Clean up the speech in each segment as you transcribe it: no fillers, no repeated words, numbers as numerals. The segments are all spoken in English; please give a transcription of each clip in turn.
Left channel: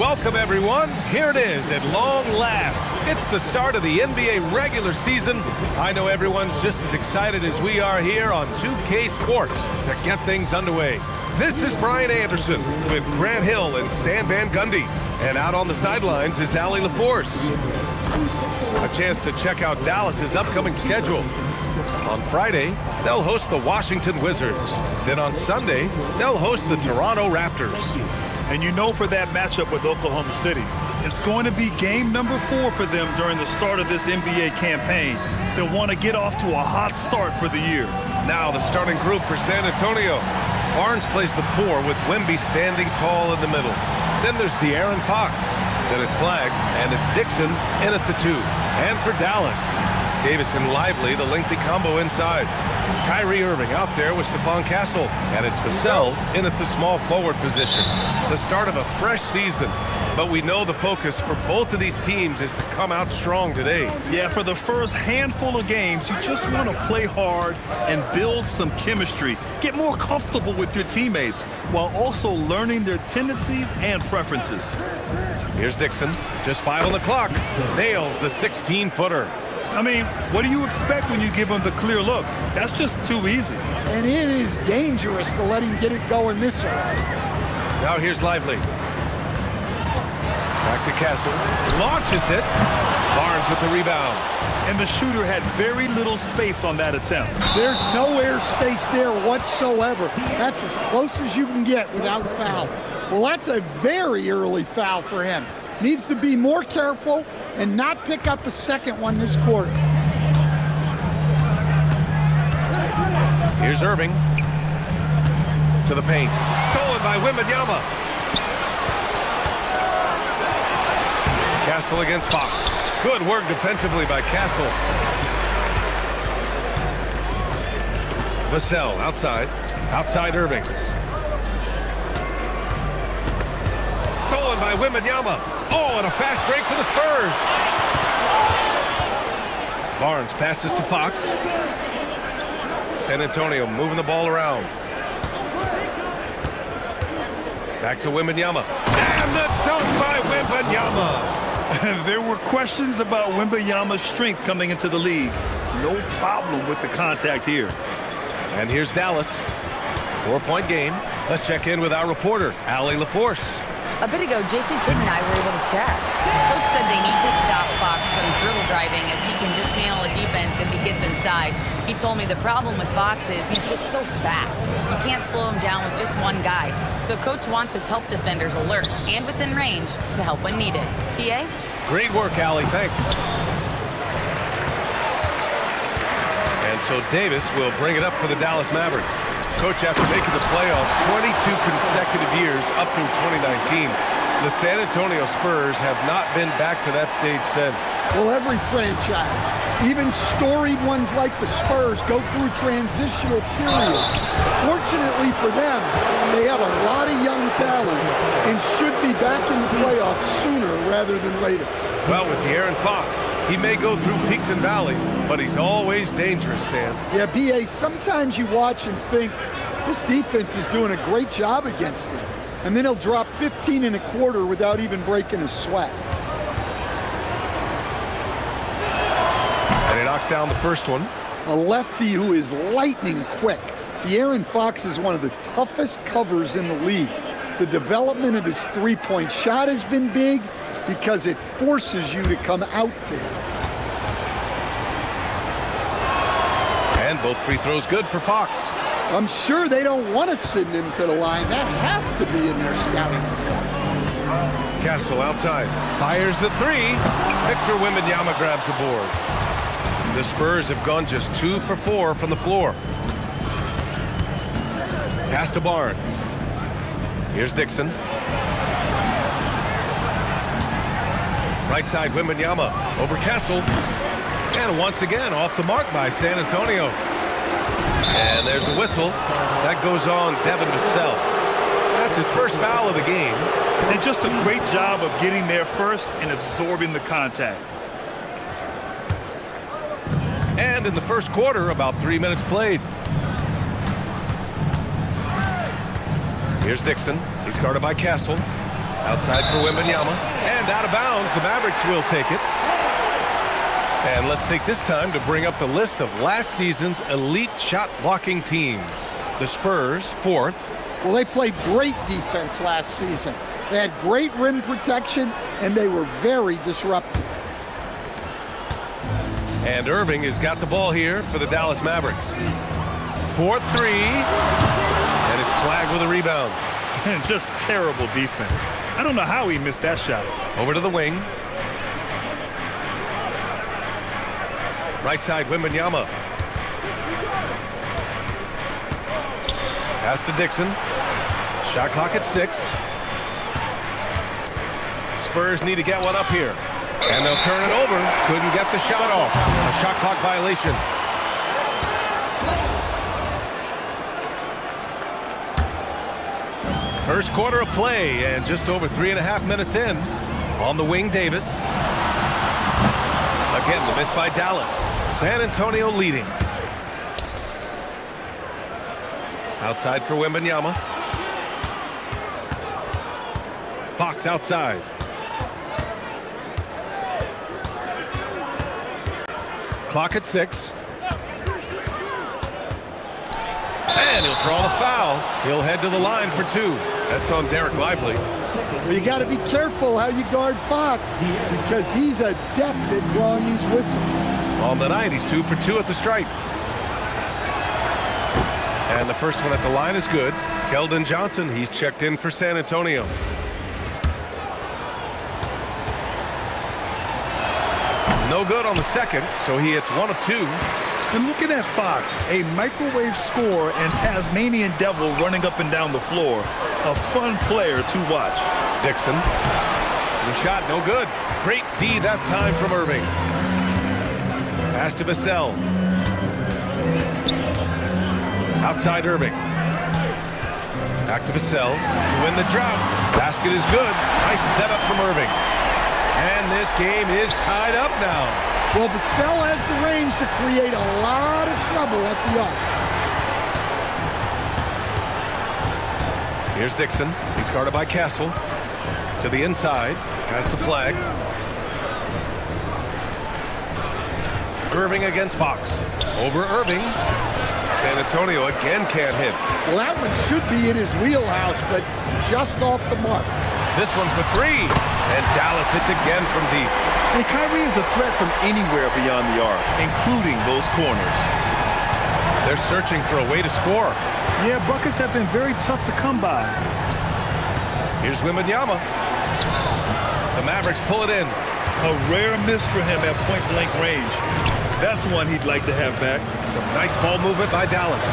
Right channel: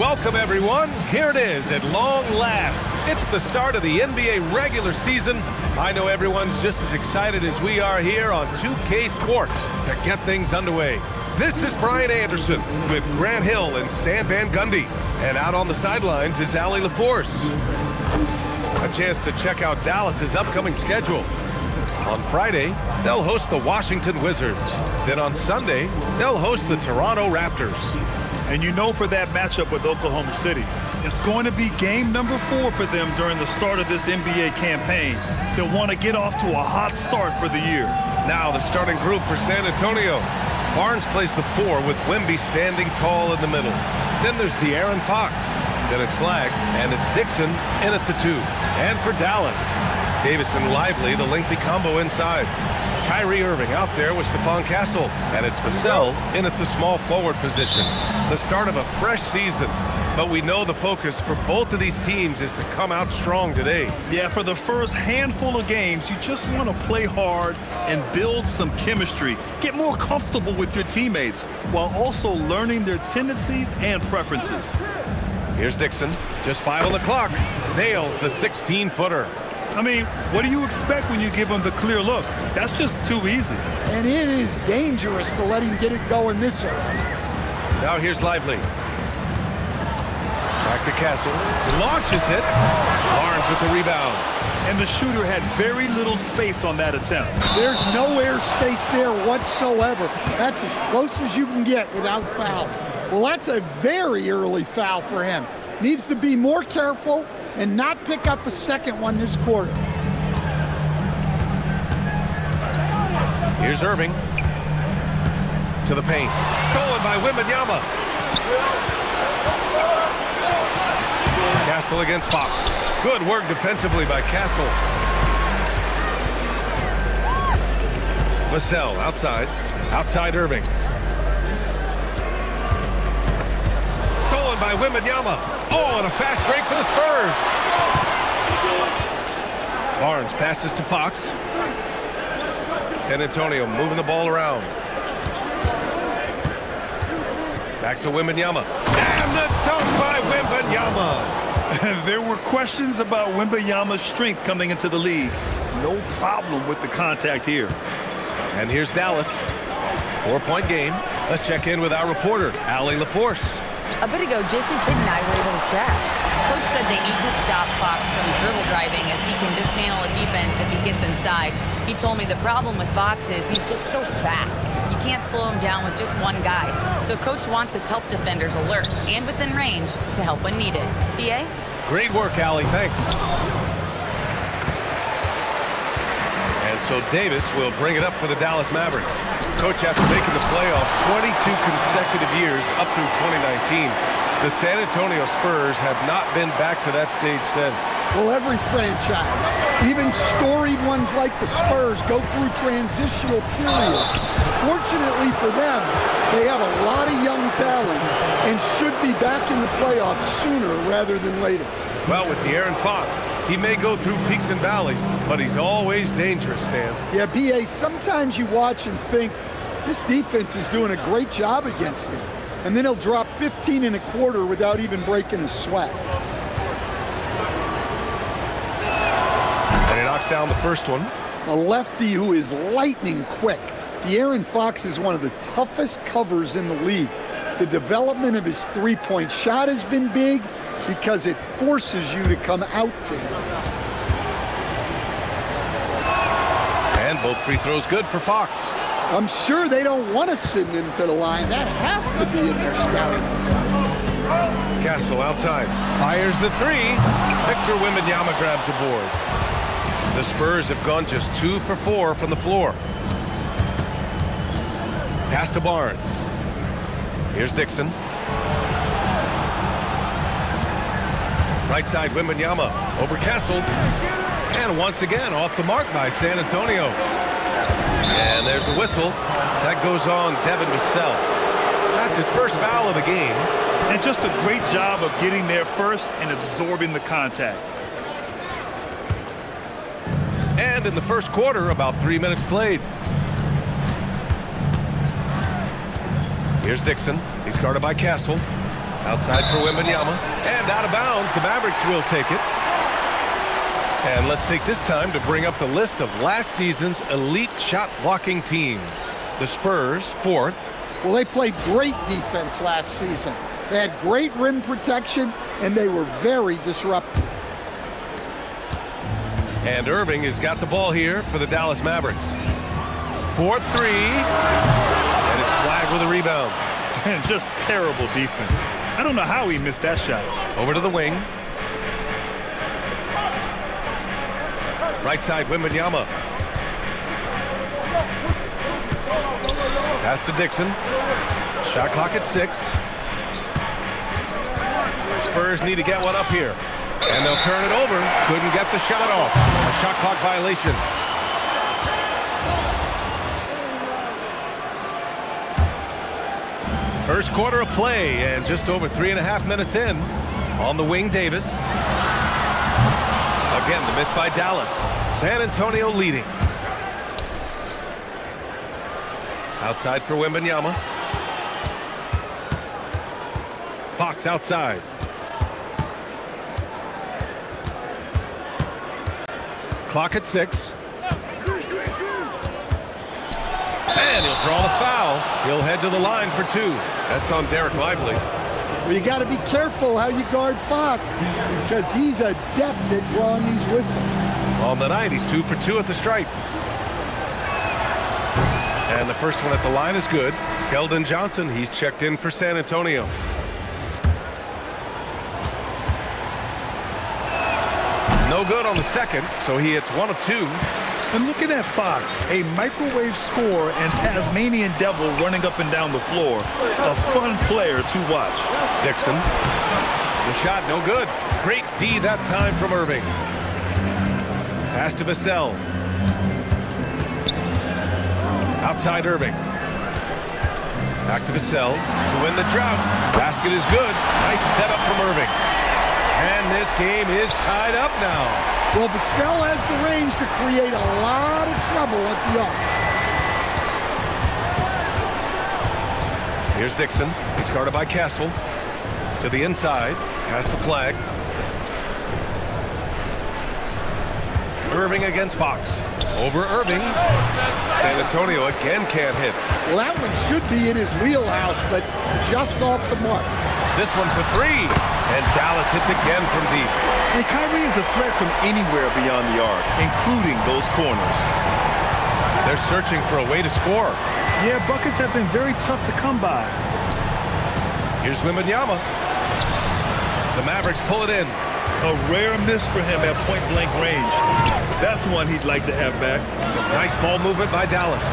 Welcome, everyone. Here it is at long last. It's the start of the NBA regular season. I know everyone's just as excited as we are here on 2K Sports to get things underway. This is Brian Anderson with Grant Hill and Stan Van Gundy. And out on the sidelines is Allie LaForce. A chance to check out Dallas's upcoming schedule. On Friday, they'll host the Washington Wizards. Then on Sunday, they'll host the Toronto Raptors. And you know, for that matchup with Oklahoma City, it's going to be game number 4 for them during the start of this NBA campaign. They'll want to get off to a hot start for the year. Now the starting group for San Antonio. Barnes plays the 4 with Wemby standing tall in the middle. Then there's De'Aaron Fox. Then it's Flagg, and it's Dixon in at the 2. And for Dallas, Davis and Lively, the lengthy combo inside. Kyrie Irving out there with Stephon Castle, and it's Vassell in at the small forward position. The start of a fresh season, but we know the focus for both of these teams is to come out strong today. Yeah, for the first handful of games, you just want to play hard and build some chemistry. Get more comfortable with your teammates while also learning their tendencies and preferences. Here's Dixon, just 5 on the clock, nails the 16-footer. I mean, what do you expect when you give him the clear look? That's just too easy. And it is dangerous to let him get it going this early. Now here's Lively. Back to Castle. Launches it. Barnes with the rebound. And the shooter had very little space on that attempt. There's no air space there whatsoever. That's as close as you can get without foul. Well, that's a very early foul for him. Needs to be more careful and not pick up a second one this quarter. Here's Irving. To the paint. Stolen by Wembanyama. Castle against Fox. Good work defensively by Castle. Vassell outside. Outside Irving. Stolen by Wembanyama. Oh, and a fast break for the Spurs. Barnes passes to Fox. San Antonio moving the ball around. Back to Wembanyama. And the dunk by Wembanyama. There were questions about Wembanyama's strength coming into the league. No problem with the contact here. And here's Dallas. 4-point game. Let's check in with our reporter, Allie LaForce. A bit ago, Jason Kidd and I were able to chat. Coach said they need to stop Fox from dribble driving as he can dismantle a defense if he gets inside. He told me the problem with Fox is he's just so fast. You can't slow him down with just one guy. So Coach wants his help defenders alert and within range to help when needed. PA? Great work, Allie. Thanks. And so Davis will bring it up for the Dallas Mavericks. Coach, after making the playoffs 22 consecutive years up through 2019, the San Antonio Spurs have not been back to that stage since. Well, every franchise, even storied ones like the Spurs, go through transitional periods. Fortunately for them, they have a lot of young talent and should be back in the playoffs sooner rather than later. Well, with De'Aaron Fox, he may go through peaks and valleys, but he's always dangerous, Stan. Yeah, B.A., sometimes you watch and think, this defense is doing a great job against him. And then he'll drop 15 in a quarter without even breaking a sweat. And he knocks down the first one. A lefty who is lightning quick. De'Aaron Fox is one of the toughest covers in the league. The development of his three-point shot has been big because it forces you to come out to him. And both free throws good for Fox. I'm sure they don't want to send him to the line. That has to be in their scouting report. Castle outside. Fires the 3. Victor Wembanyama grabs the board. The Spurs have gone just 2 for 4 from the floor. Pass to Barnes. Here's Dixon. Right side Wembanyama over Castle. And once again off the mark by San Antonio. And there's a whistle. That goes on Devin Vassell. That's his first foul of the game. And just a great job of getting there first and absorbing the contact. And in the first quarter, about 3 minutes played. Here's Dixon. He's guarded by Castle. Outside for Wembanyama. And out of bounds, the Mavericks will take it. And let's take this time to bring up the list of last season's elite shot-blocking teams. The Spurs, 4th. Well, they played great defense last season. They had great rim protection, and they were very disruptive. And Irving has got the ball here for the Dallas Mavericks. 4-3. And it's flagged with a rebound. And just terrible defense. I don't know how he missed that shot. Over to the wing. Right side, Wembanyama. Pass to Dixon. Shot clock at 6. Spurs need to get one up here. And they'll turn it over. Couldn't get the shot off. A shot clock violation. First quarter of play and just over 3.5 minutes in. On the wing, Davis. Again, the miss by Dallas. San Antonio leading. Outside for Wembanyama. Fox outside. Clock at 6. And he'll draw the foul. He'll head to the line for 2. That's on Derek Lively. Well, you got to be careful how you guard Fox because he's adept at drawing these whistles. On the night, he's 2 for 2 at the stripe. And the first one at the line is good. Keldon Johnson, he's checked in for San Antonio. No good on the second, so he hits 1 of 2. And looking at Fox, a microwave scorer and Tasmanian devil running up and down the floor. A fun player to watch. Dixon. The shot, no good. Great D that time from Irving. Pass to Vassell. Outside Irving. Back to Vassell to win the drought. Basket is good. Nice setup from Irving. And this game is tied up now. Well, Vassell has the range to create a lot of trouble at the arc. Here's Dixon. He's guarded by Castle. To the inside. Pass to Flag. Irving against Fox. Over Irving. San Antonio again can't hit. Well, that one should be in his wheelhouse, but just off the mark. This one for 3. And Dallas hits again from deep. And Kyrie is a threat from anywhere beyond the arc, including those corners. They're searching for a way to score. Yeah, buckets have been very tough to come by. Here's Wembanyama. The Mavericks pull it in. A rare miss for him at point-blank range. That's one he'd like to have back. Some nice ball movement by Dallas.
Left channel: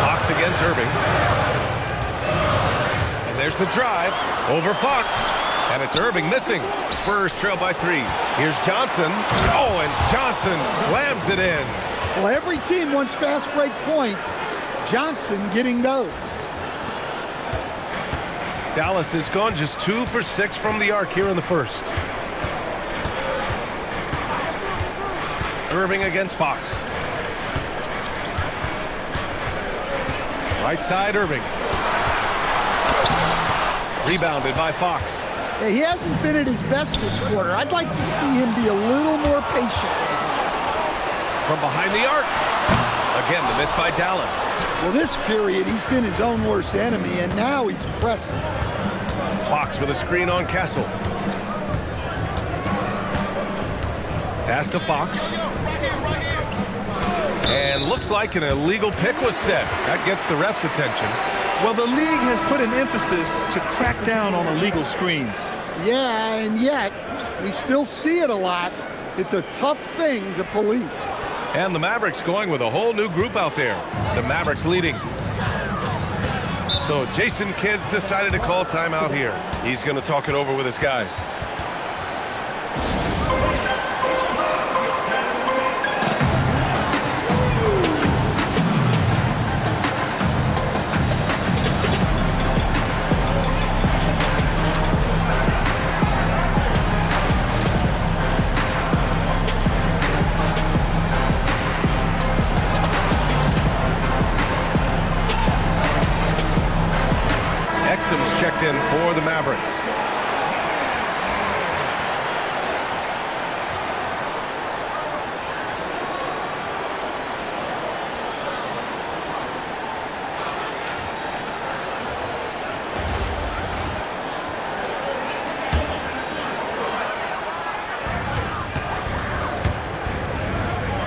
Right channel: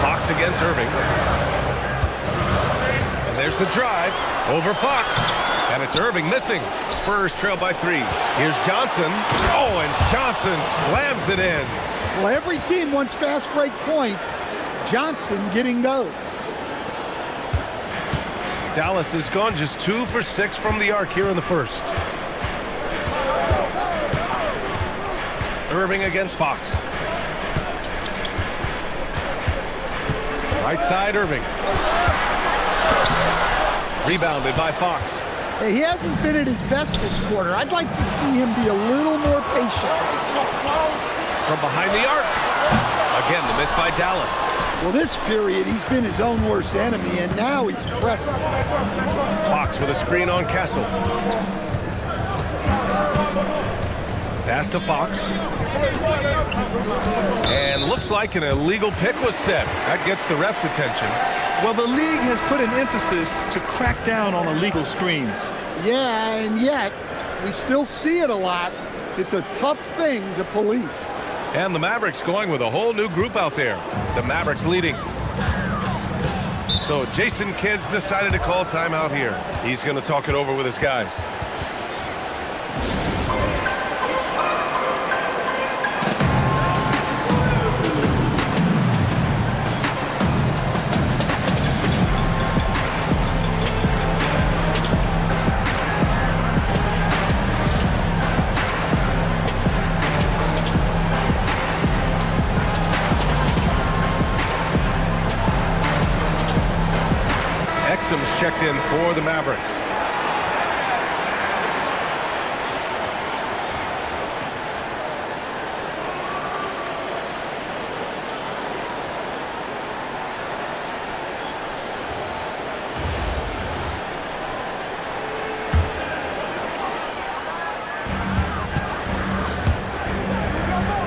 Fox against Irving. And there's the drive over Fox. And it's Irving missing. Spurs trail by 3. Here's Johnson. Oh, and Johnson slams it in. Well, every team wants fast break points. Johnson getting those. Dallas has gone just 2 for 6 from the arc here in the first. Irving against Fox. Right side, Irving. Rebounded by Fox. Hey, he hasn't been at his best this quarter. I'd like to see him be a little more patient right now. From behind the arc. Again, the miss by Dallas. Well, this period, he's been his own worst enemy, and now he's pressing. Fox with a screen on Castle. Pass to Fox. And looks like an illegal pick was set. That gets the ref's attention. Well, the league has put an emphasis to crack down on illegal screens. Yeah, and yet, we still see it a lot. It's a tough thing to police. And the Mavericks going with a whole new group out there. The Mavericks leading. So Jason Kidd's decided to call timeout here. He's going to talk it over with his guys. checked in for the Mavericks.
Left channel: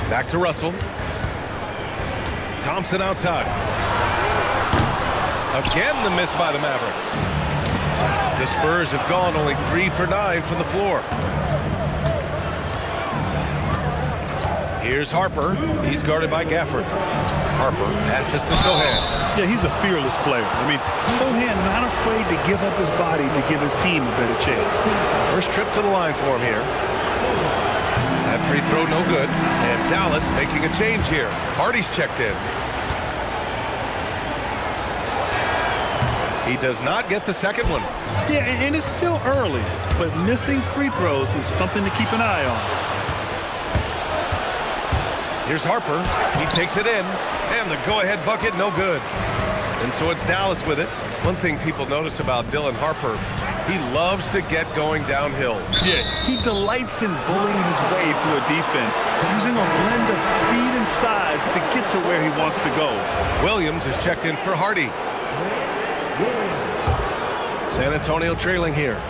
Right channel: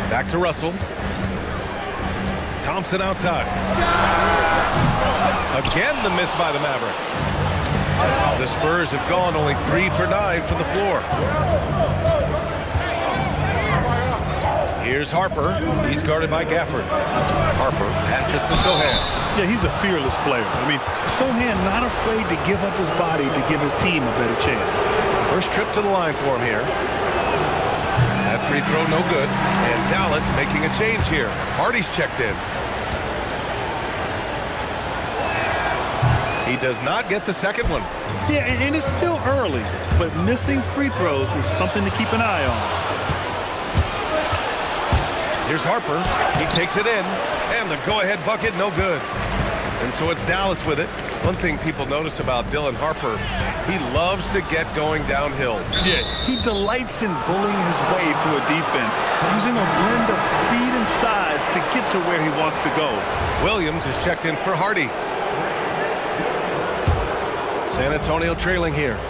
Back to Russell. Thompson outside. Again, the miss by the Mavericks. The Spurs have gone only 3 for 9 from the floor. Here's Harper. He's guarded by Gafford. Harper passes to Sohan. Yeah, he's a fearless player. I mean, Sohan not afraid to give up his body to give his team a better chance. First trip to the line for him here. That free throw no good. And Dallas making a change here. Hardy's checked in. He does not get the second one. Yeah, and it's still early, but missing free throws is something to keep an eye on. Here's Harper. He takes it in. And the go-ahead bucket, no good. And so it's Dallas with it. One thing people notice about Dylan Harper, he loves to get going downhill. Yeah, he delights in bullying his way through a defense, using a blend of speed and size to get to where he wants to go. Williams is checked in for Hardy. San Antonio trailing here.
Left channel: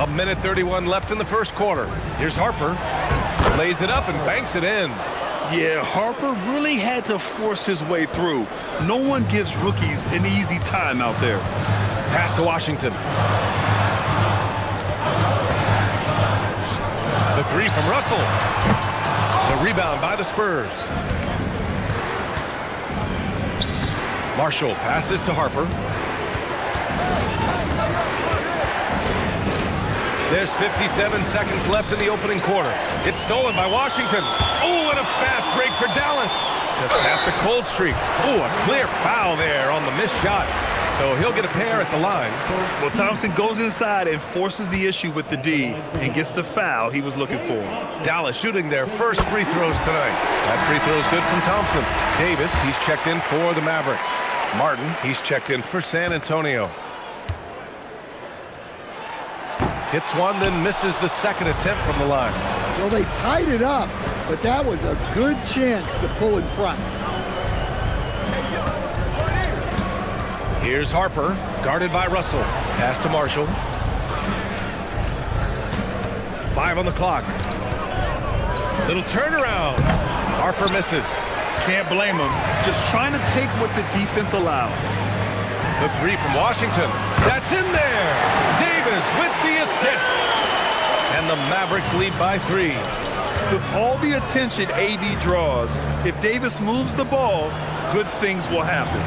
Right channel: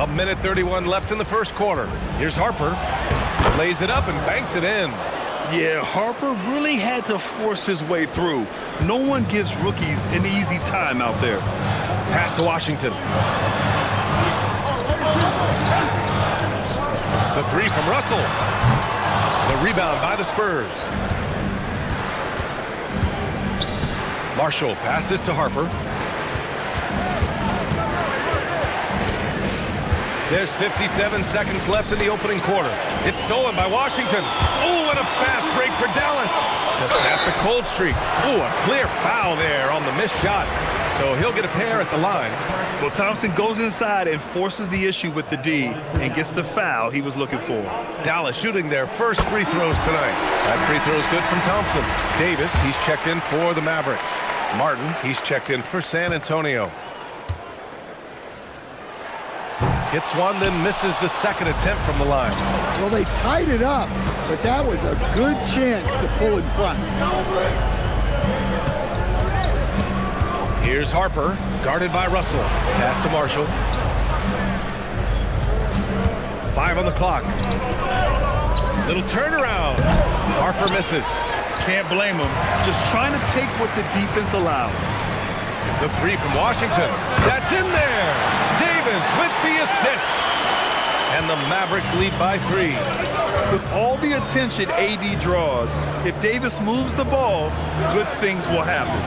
A minute 31 left in the first quarter. Here's Harper. Lays it up and banks it in. Yeah, Harper really had to force his way through. No one gives rookies an easy time out there. Pass to Washington. The three from Russell. The rebound by the Spurs. Marshall passes to Harper. There's 57 seconds left in the opening quarter. It's stolen by Washington. Oh, and a fast break for Dallas to snap the cold streak. Oh, a clear foul there on the missed shot. So he'll get a pair at the line. Well, Thompson goes inside and forces the issue with the D and gets the foul he was looking for. Dallas shooting their first free throws tonight. That free throw is good from Thompson. Davis, he's checked in for the Mavericks. Martin, he's checked in for San Antonio. Hits one, then misses the second attempt from the line. Well, they tied it up, but that was a good chance to pull in front. Here's Harper, guarded by Russell. Pass to Marshall. 5 on the clock. Little turnaround. Harper misses. Can't blame him. Just trying to take what the defense allows. The three from Washington. That's in there. Davis with the assist. And the Mavericks lead by 3. With all the attention AD draws, if Davis moves the ball, good things will happen.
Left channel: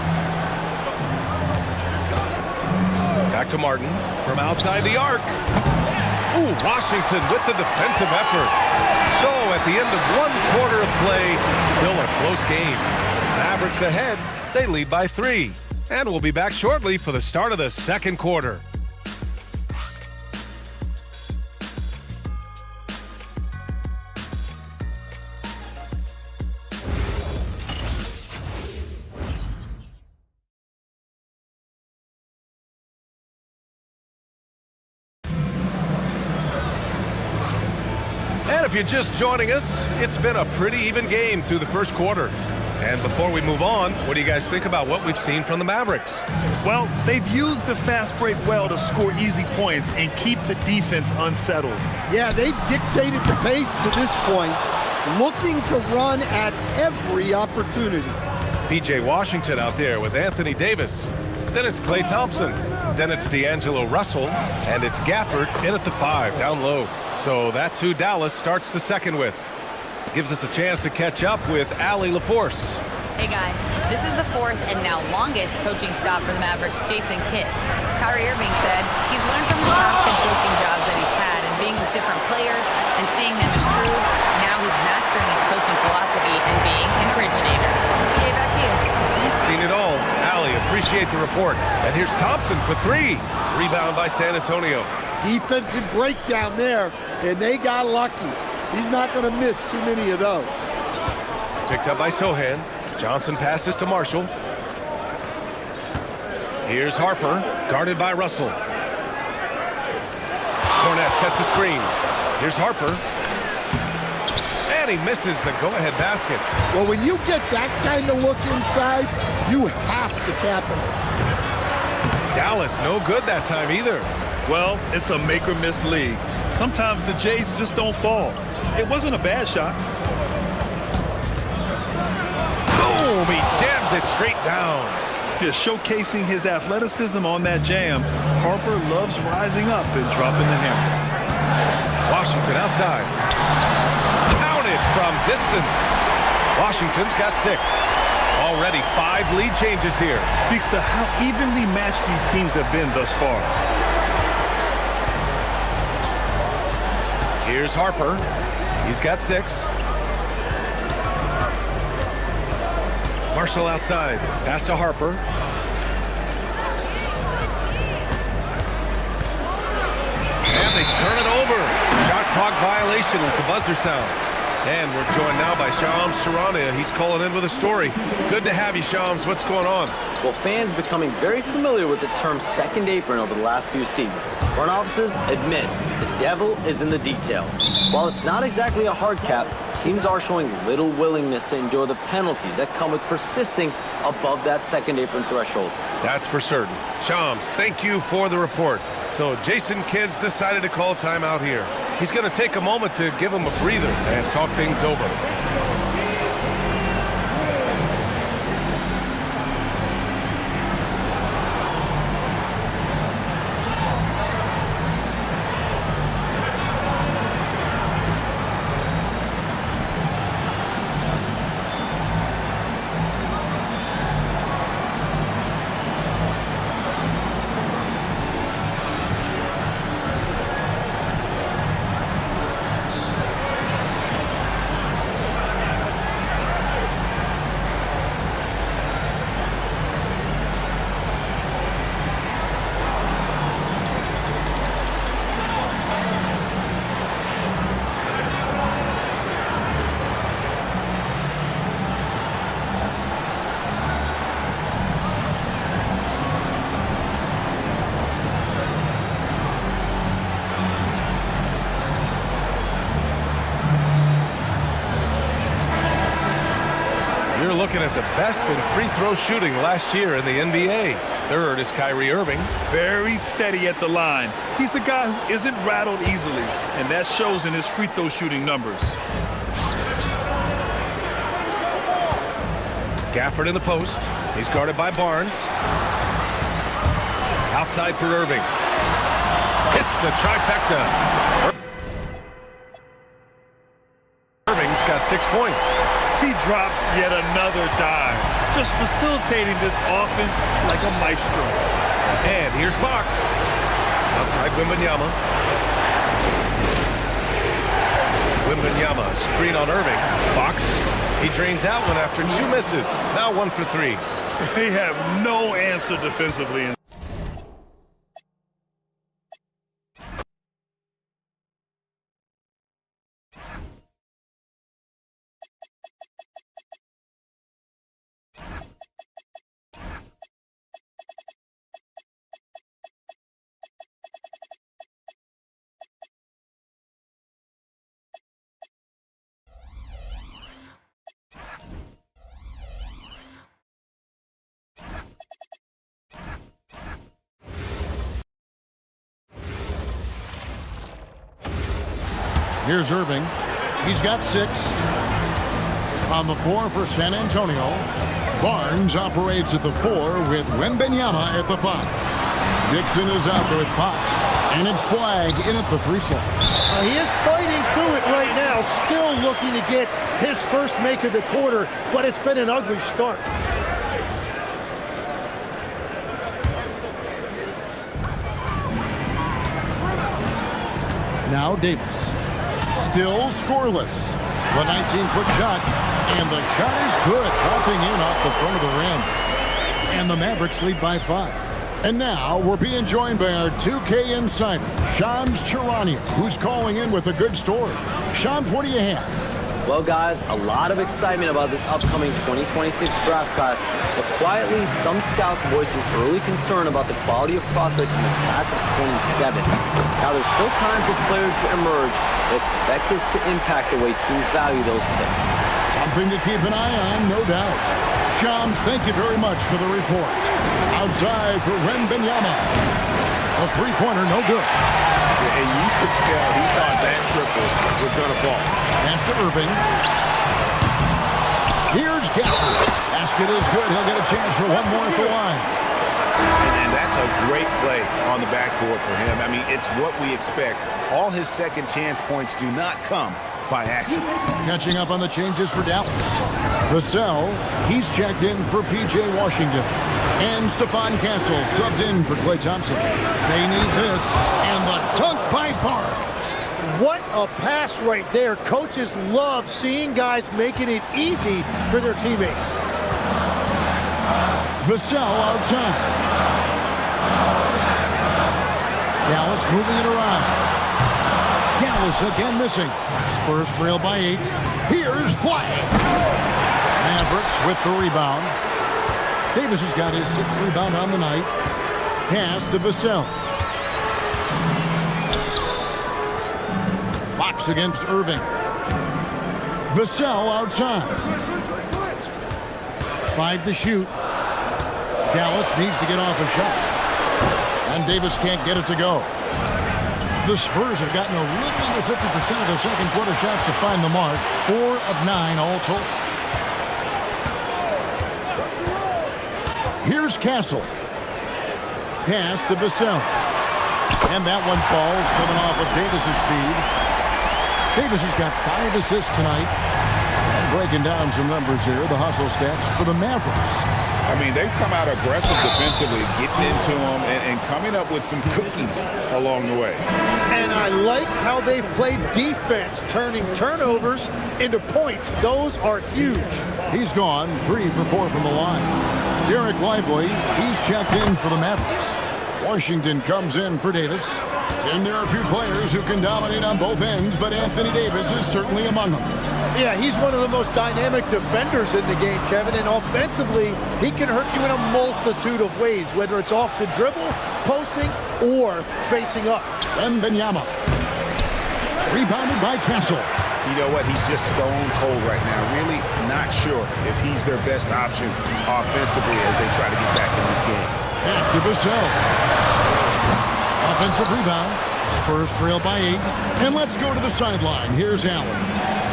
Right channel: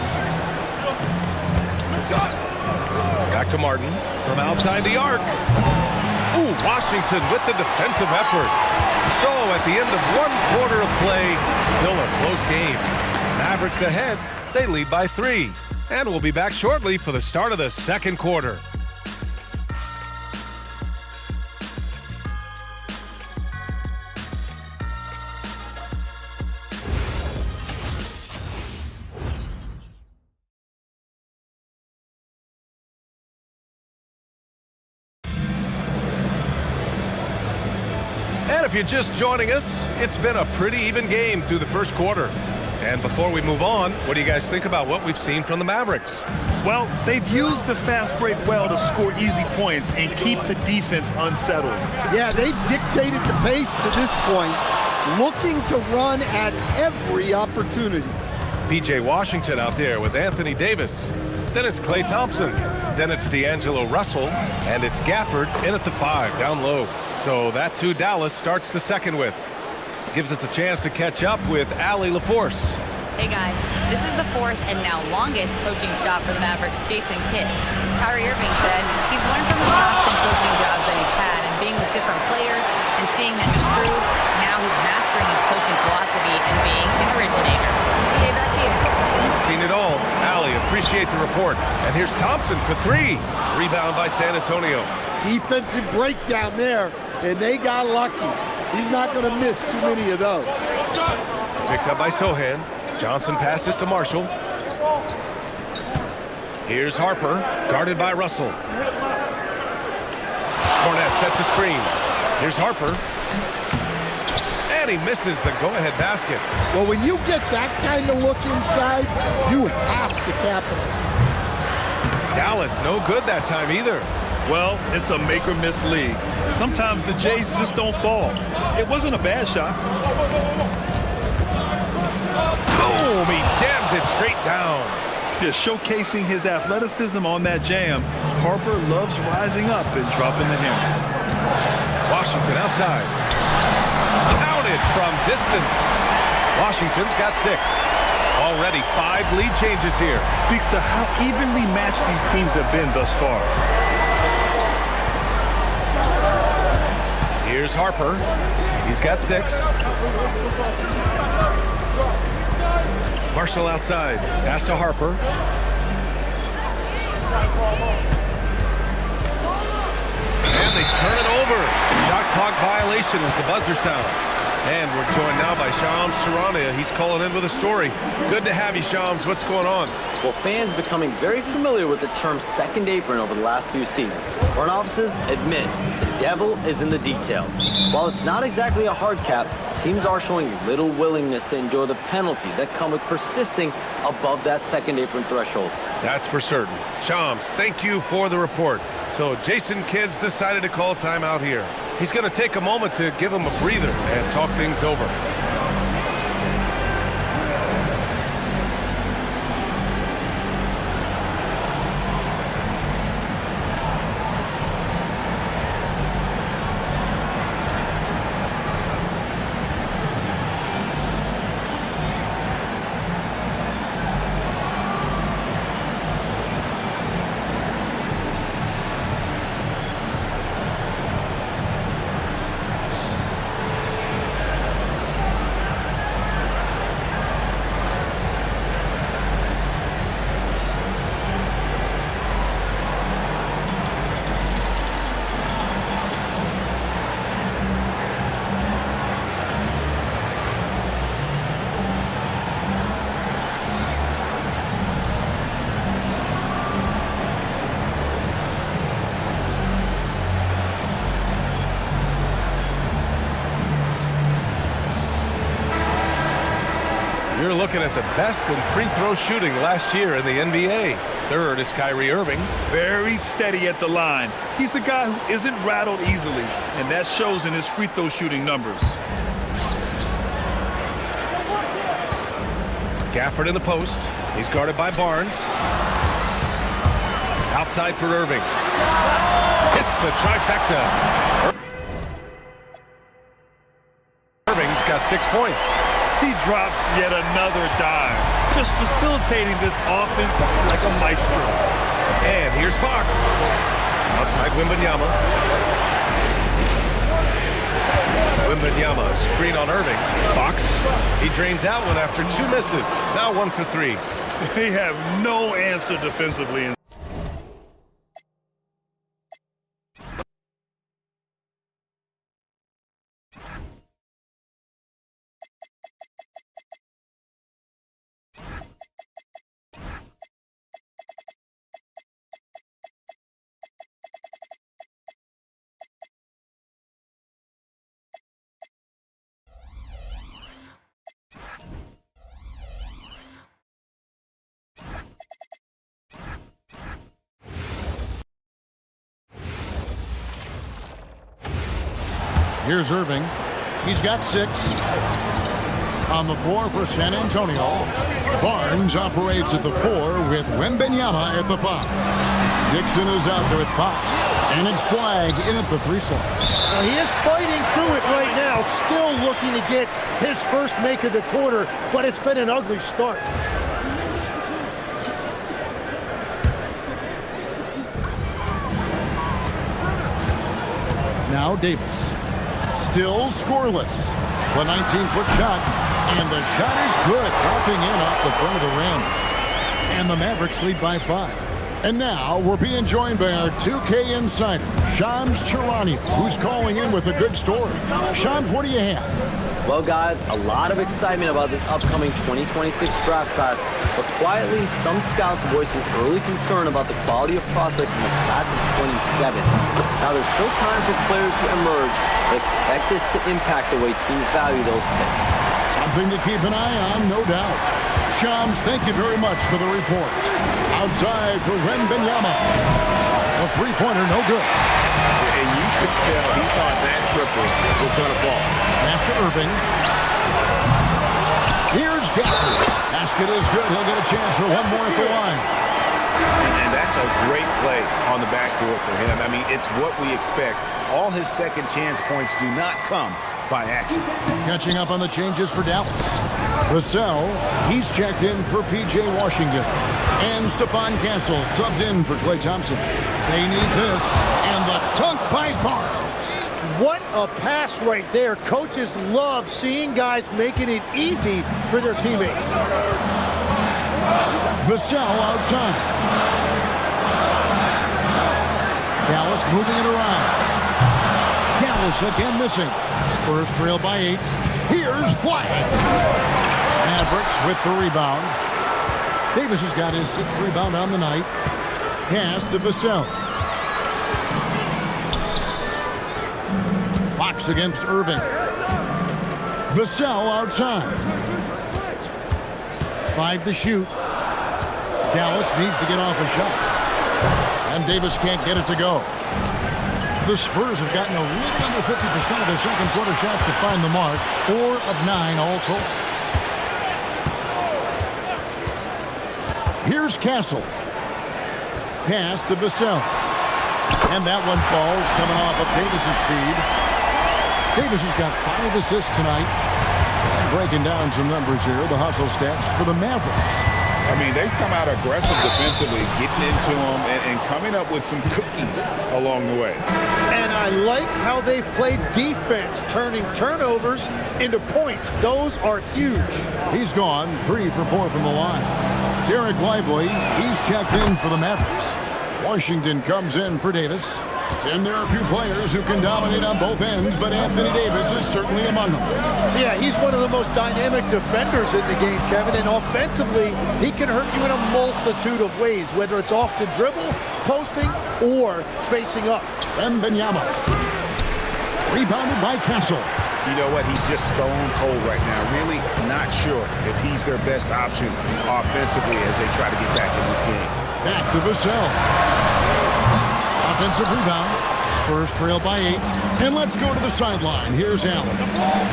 Back to Martin from outside the arc. Ooh, Washington with the defensive effort. So at the end of one quarter of play, still a close game. Mavericks ahead. They lead by 3. And we'll be back shortly for the start of the second quarter. And if you're just joining us, it's been a pretty even game through the first quarter. And before we move on, what do you guys think about what we've seen from the Mavericks? Well, they've used the fast break well to score easy points and keep the defense unsettled. Yeah, they've dictated the pace to this point, looking to run at every opportunity. P.J. Washington out there with Anthony Davis. Then it's Klay Thompson. Then it's D'Angelo Russell. And it's Gafford in at the 5, down low. So that's who Dallas starts the second with. Gives us a chance to catch up with Allie LaForce. Hey guys, this is the 4th and now longest coaching stop for the Mavericks' Jason Kidd. Kyrie Irving said he's learned from the past 10 coaching jobs that he's had and being with different players and seeing them improve. Now he's mastering his coaching philosophy and being an originator. BA, back to you. You've seen it all. Allie, appreciate the report. And here's Thompson for 3. Rebound by San Antonio. Defensive breakdown there, and they got lucky. He's not going to miss too many of those. Picked up by Sohan. Johnson passes to Marshall. Here's Harper, guarded by Russell. Cornette sets a screen. Here's Harper. And he misses the go-ahead basket. Well, when you get that kind of look inside, you have to capitalize. Dallas, no good that time either. Well, it's a make-or-miss league. Sometimes the Jays just don't fall. It wasn't a bad shot. Boom! He jams it straight down. Just showcasing his athleticism on that jam. Harper loves rising up and dropping the hammer. Washington outside. Counted from distance. Washington's got 6. Already 5 lead changes here. Speaks to how evenly matched these teams have been thus far. Here's Harper. He's got 6. Marshall outside. Pass to Harper. And they turn it over. Shot clock violation as the buzzer sounds. And we're joined now by Shams Charania. He's calling in with a story. Good to have you, Shams. What's going on? Well, fans becoming very familiar with the term second apron over the last few seasons. Front offices admit the devil is in the details. While it's not exactly a hard cap, teams are showing little willingness to endure the penalties that come with persisting above that second apron threshold. That's for certain. Shams, thank you for the report. So Jason Kidd's decided to call timeout here. He's going to take a moment to give him a breather and talk things over. You're looking at the best in free throw shooting last year in the NBA. Third is Kyrie Irving. Very steady at the line. He's the guy who isn't rattled easily, and that shows in his free throw shooting numbers. Gafford in the post. He's guarded by Barnes. Outside for Irving. Hits the trifecta. Irving's got 6 points. He drops yet another dime, just facilitating this offense like a maestro. And here's Fox. Outside Wembanyama. Wembanyama, screen on Irving. Fox, he drains out one after 2 misses. Now 1 for 3. They have no answer defensively. Here's Irving. He's got 6. On the floor for San Antonio. Barnes operates at the 4 with Wembanyama at the 5. Dixon is out there with Fox. And it's Flag in at the 3 slot. He is fighting through it right now, still looking to get his first make of the quarter, but it's been an ugly start. Now Davis. Still scoreless. The 19-foot shot, and the shot is good, dropping in off the front of the rim. And the Mavericks lead by 5. And now we're being joined by our 2K insider, Shams Charania, who's calling in with a good story. Shams, what do you have? Well, guys, a lot of excitement about this upcoming 2026 draft class, but quietly, some scouts voicing early concern about the quality of prospects in the class of 27. Now, there's still time for players to emerge, but expect this to impact the way teams value those picks. Something to keep an eye on, no doubt. Shams, thank you very much for the report. Outside for Wembanyama. A three-pointer, no good. And you could tell he thought that triple was going to fall. Pass to Irving. Here's Gafford. Basket is good. He'll get a chance for one more at the line. And that's a great play on the backboard for him. I mean, it's what we expect. All his second chance points do not come by accident. Catching up on the changes for Dallas. Vassell, he's checked in for P.J. Washington. And Stephon Castle subbed in for Klay Thompson. They need this, and the dunk by Barnes. What a pass right there. Coaches love seeing guys making it easy for their teammates. Vassell outside. Dallas moving it around. Dallas again missing. Spurs trail by 8. Here's Flag. Mavericks with the rebound. Davis has got his 6th rebound on the night. Pass to Vassell. Fox against Irving. Vassell outside. 5 to shoot. Dallas needs to get off a shot. And Davis can't get it to go. The Spurs have gotten a little under 50% of their second quarter shots to find the mark. 4 of 9 all told. Here's Castle. Pass to Vassell. And that one falls coming off of Davis's feed. Davis has got 5 assists tonight. And breaking down some numbers here, the hustle stats for the Mavericks. I mean, they've come out aggressive defensively, getting into them and coming up with some cookies along the way. And I like how they've played defense, turning turnovers into points. Those are huge. He's gone 3 for 4 from the line. Derek Lively, he's checked in for the Mavericks. Washington comes in for Davis. And there are a few players who can dominate on both ends, but Anthony Davis is certainly among them. Yeah, he's one of the most dynamic defenders in the game, Kevin, and offensively, he can hurt you in a multitude of ways, whether it's off the dribble, posting, or facing up. Wembanyama. Rebounded by Castle. You know what? He's just stone cold right now. Really not sure if he's their best option offensively as they try to get back in this game. Back to Vassell. Offensive rebound. Spurs trail by 8. And let's go to the sideline. Here's Allen.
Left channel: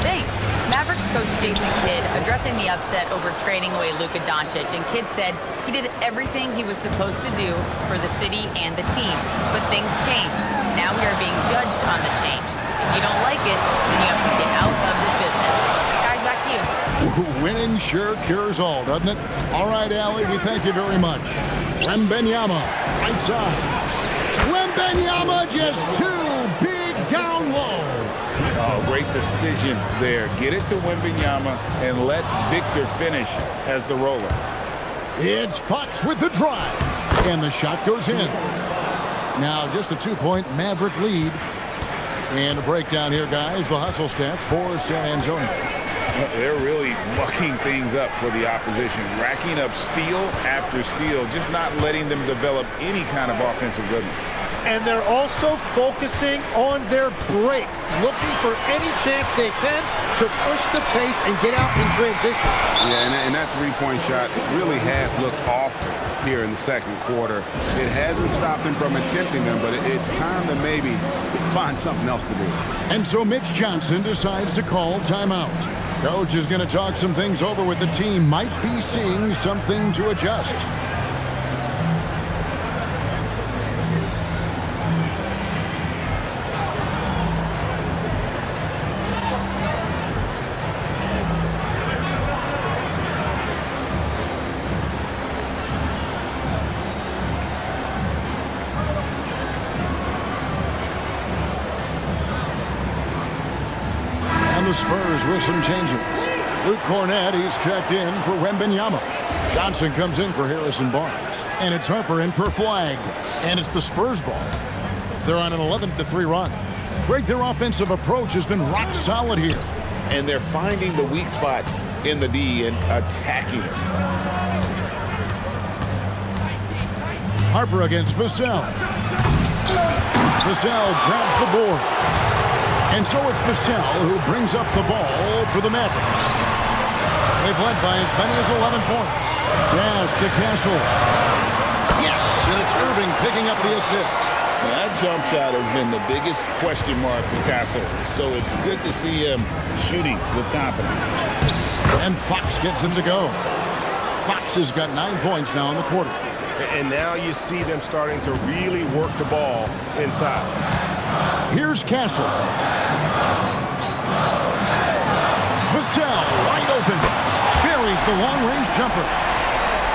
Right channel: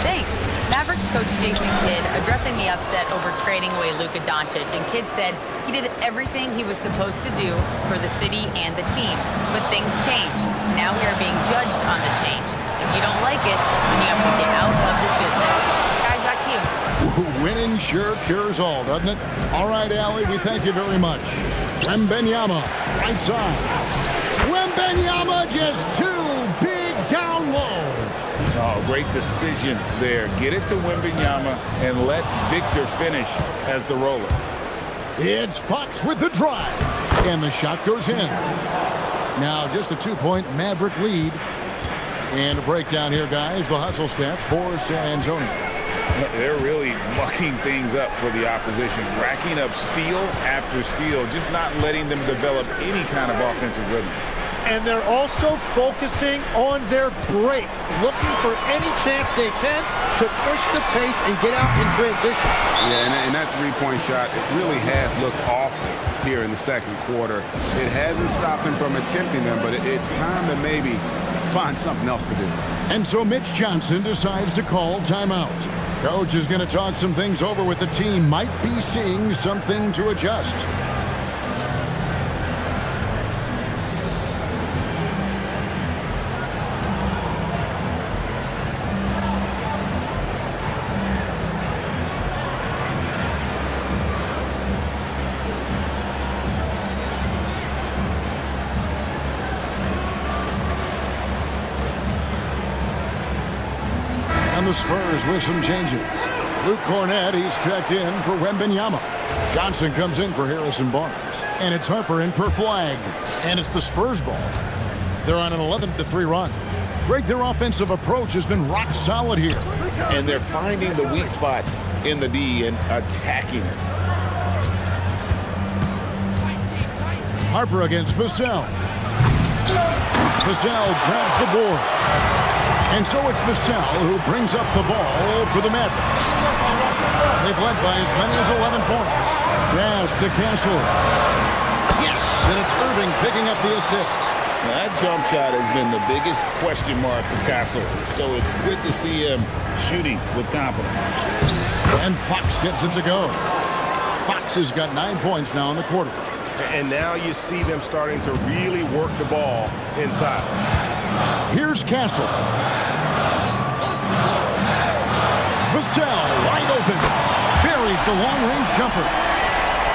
Thanks. Mavericks coach Jason Kidd addressing the upset over trading away Luka Doncic, and Kidd said he did everything he was supposed to do for the city and the team. But things change. Now we are being judged on the change. If you don't like it, then you have to get out of this business. Guys, back to you. Winning sure cures all, doesn't it? All right, Allie, we thank you very much. Wembanyama, right side. Wembanyama just too big down low. Oh, great decision there. Get it to Wembanyama and let Victor finish as the roller. It's Fox with the drive. And the shot goes in. Now just a 2-point Maverick lead. And a breakdown here, guys. The hustle stats for San Antonio. They're really mucking things up for the opposition, racking up steal after steal, just not letting them develop any kind of offensive rhythm. And they're also focusing on their break, looking for any chance they can to push the pace and get out in transition. Yeah, and that three-point shot, it really has looked awful here in the second quarter. It hasn't stopped them from attempting them, but it's time to maybe find something else to do. And so Mitch Johnson decides to call timeout. Coach is going to talk some things over with the team. Might be seeing something to adjust. And the Spurs with some changes. Luke Cornett, he's checked in for Wembanyama. Johnson comes in for Harrison Barnes. And it's Harper in for Flag. And it's the Spurs ball. They're on an 11-3 run. Greg, their offensive approach has been rock solid here. and they're finding the weak spots in the D and attacking it. Harper against Vassell. Vassell grabs the board. And so it's Vassell who brings up the ball for the Mavericks. They've led by as many as 11 points. Pass to Castle. Yes, and it's Irving picking up the assist. Now, that jump shot has been the biggest question mark for Castle, so it's good to see him shooting with confidence. And Fox gets it to go. Fox has got 9 points now in the quarter. And now you see them starting to really work the ball inside. Here's Castle. Vassell wide open. Buries the long-range jumper.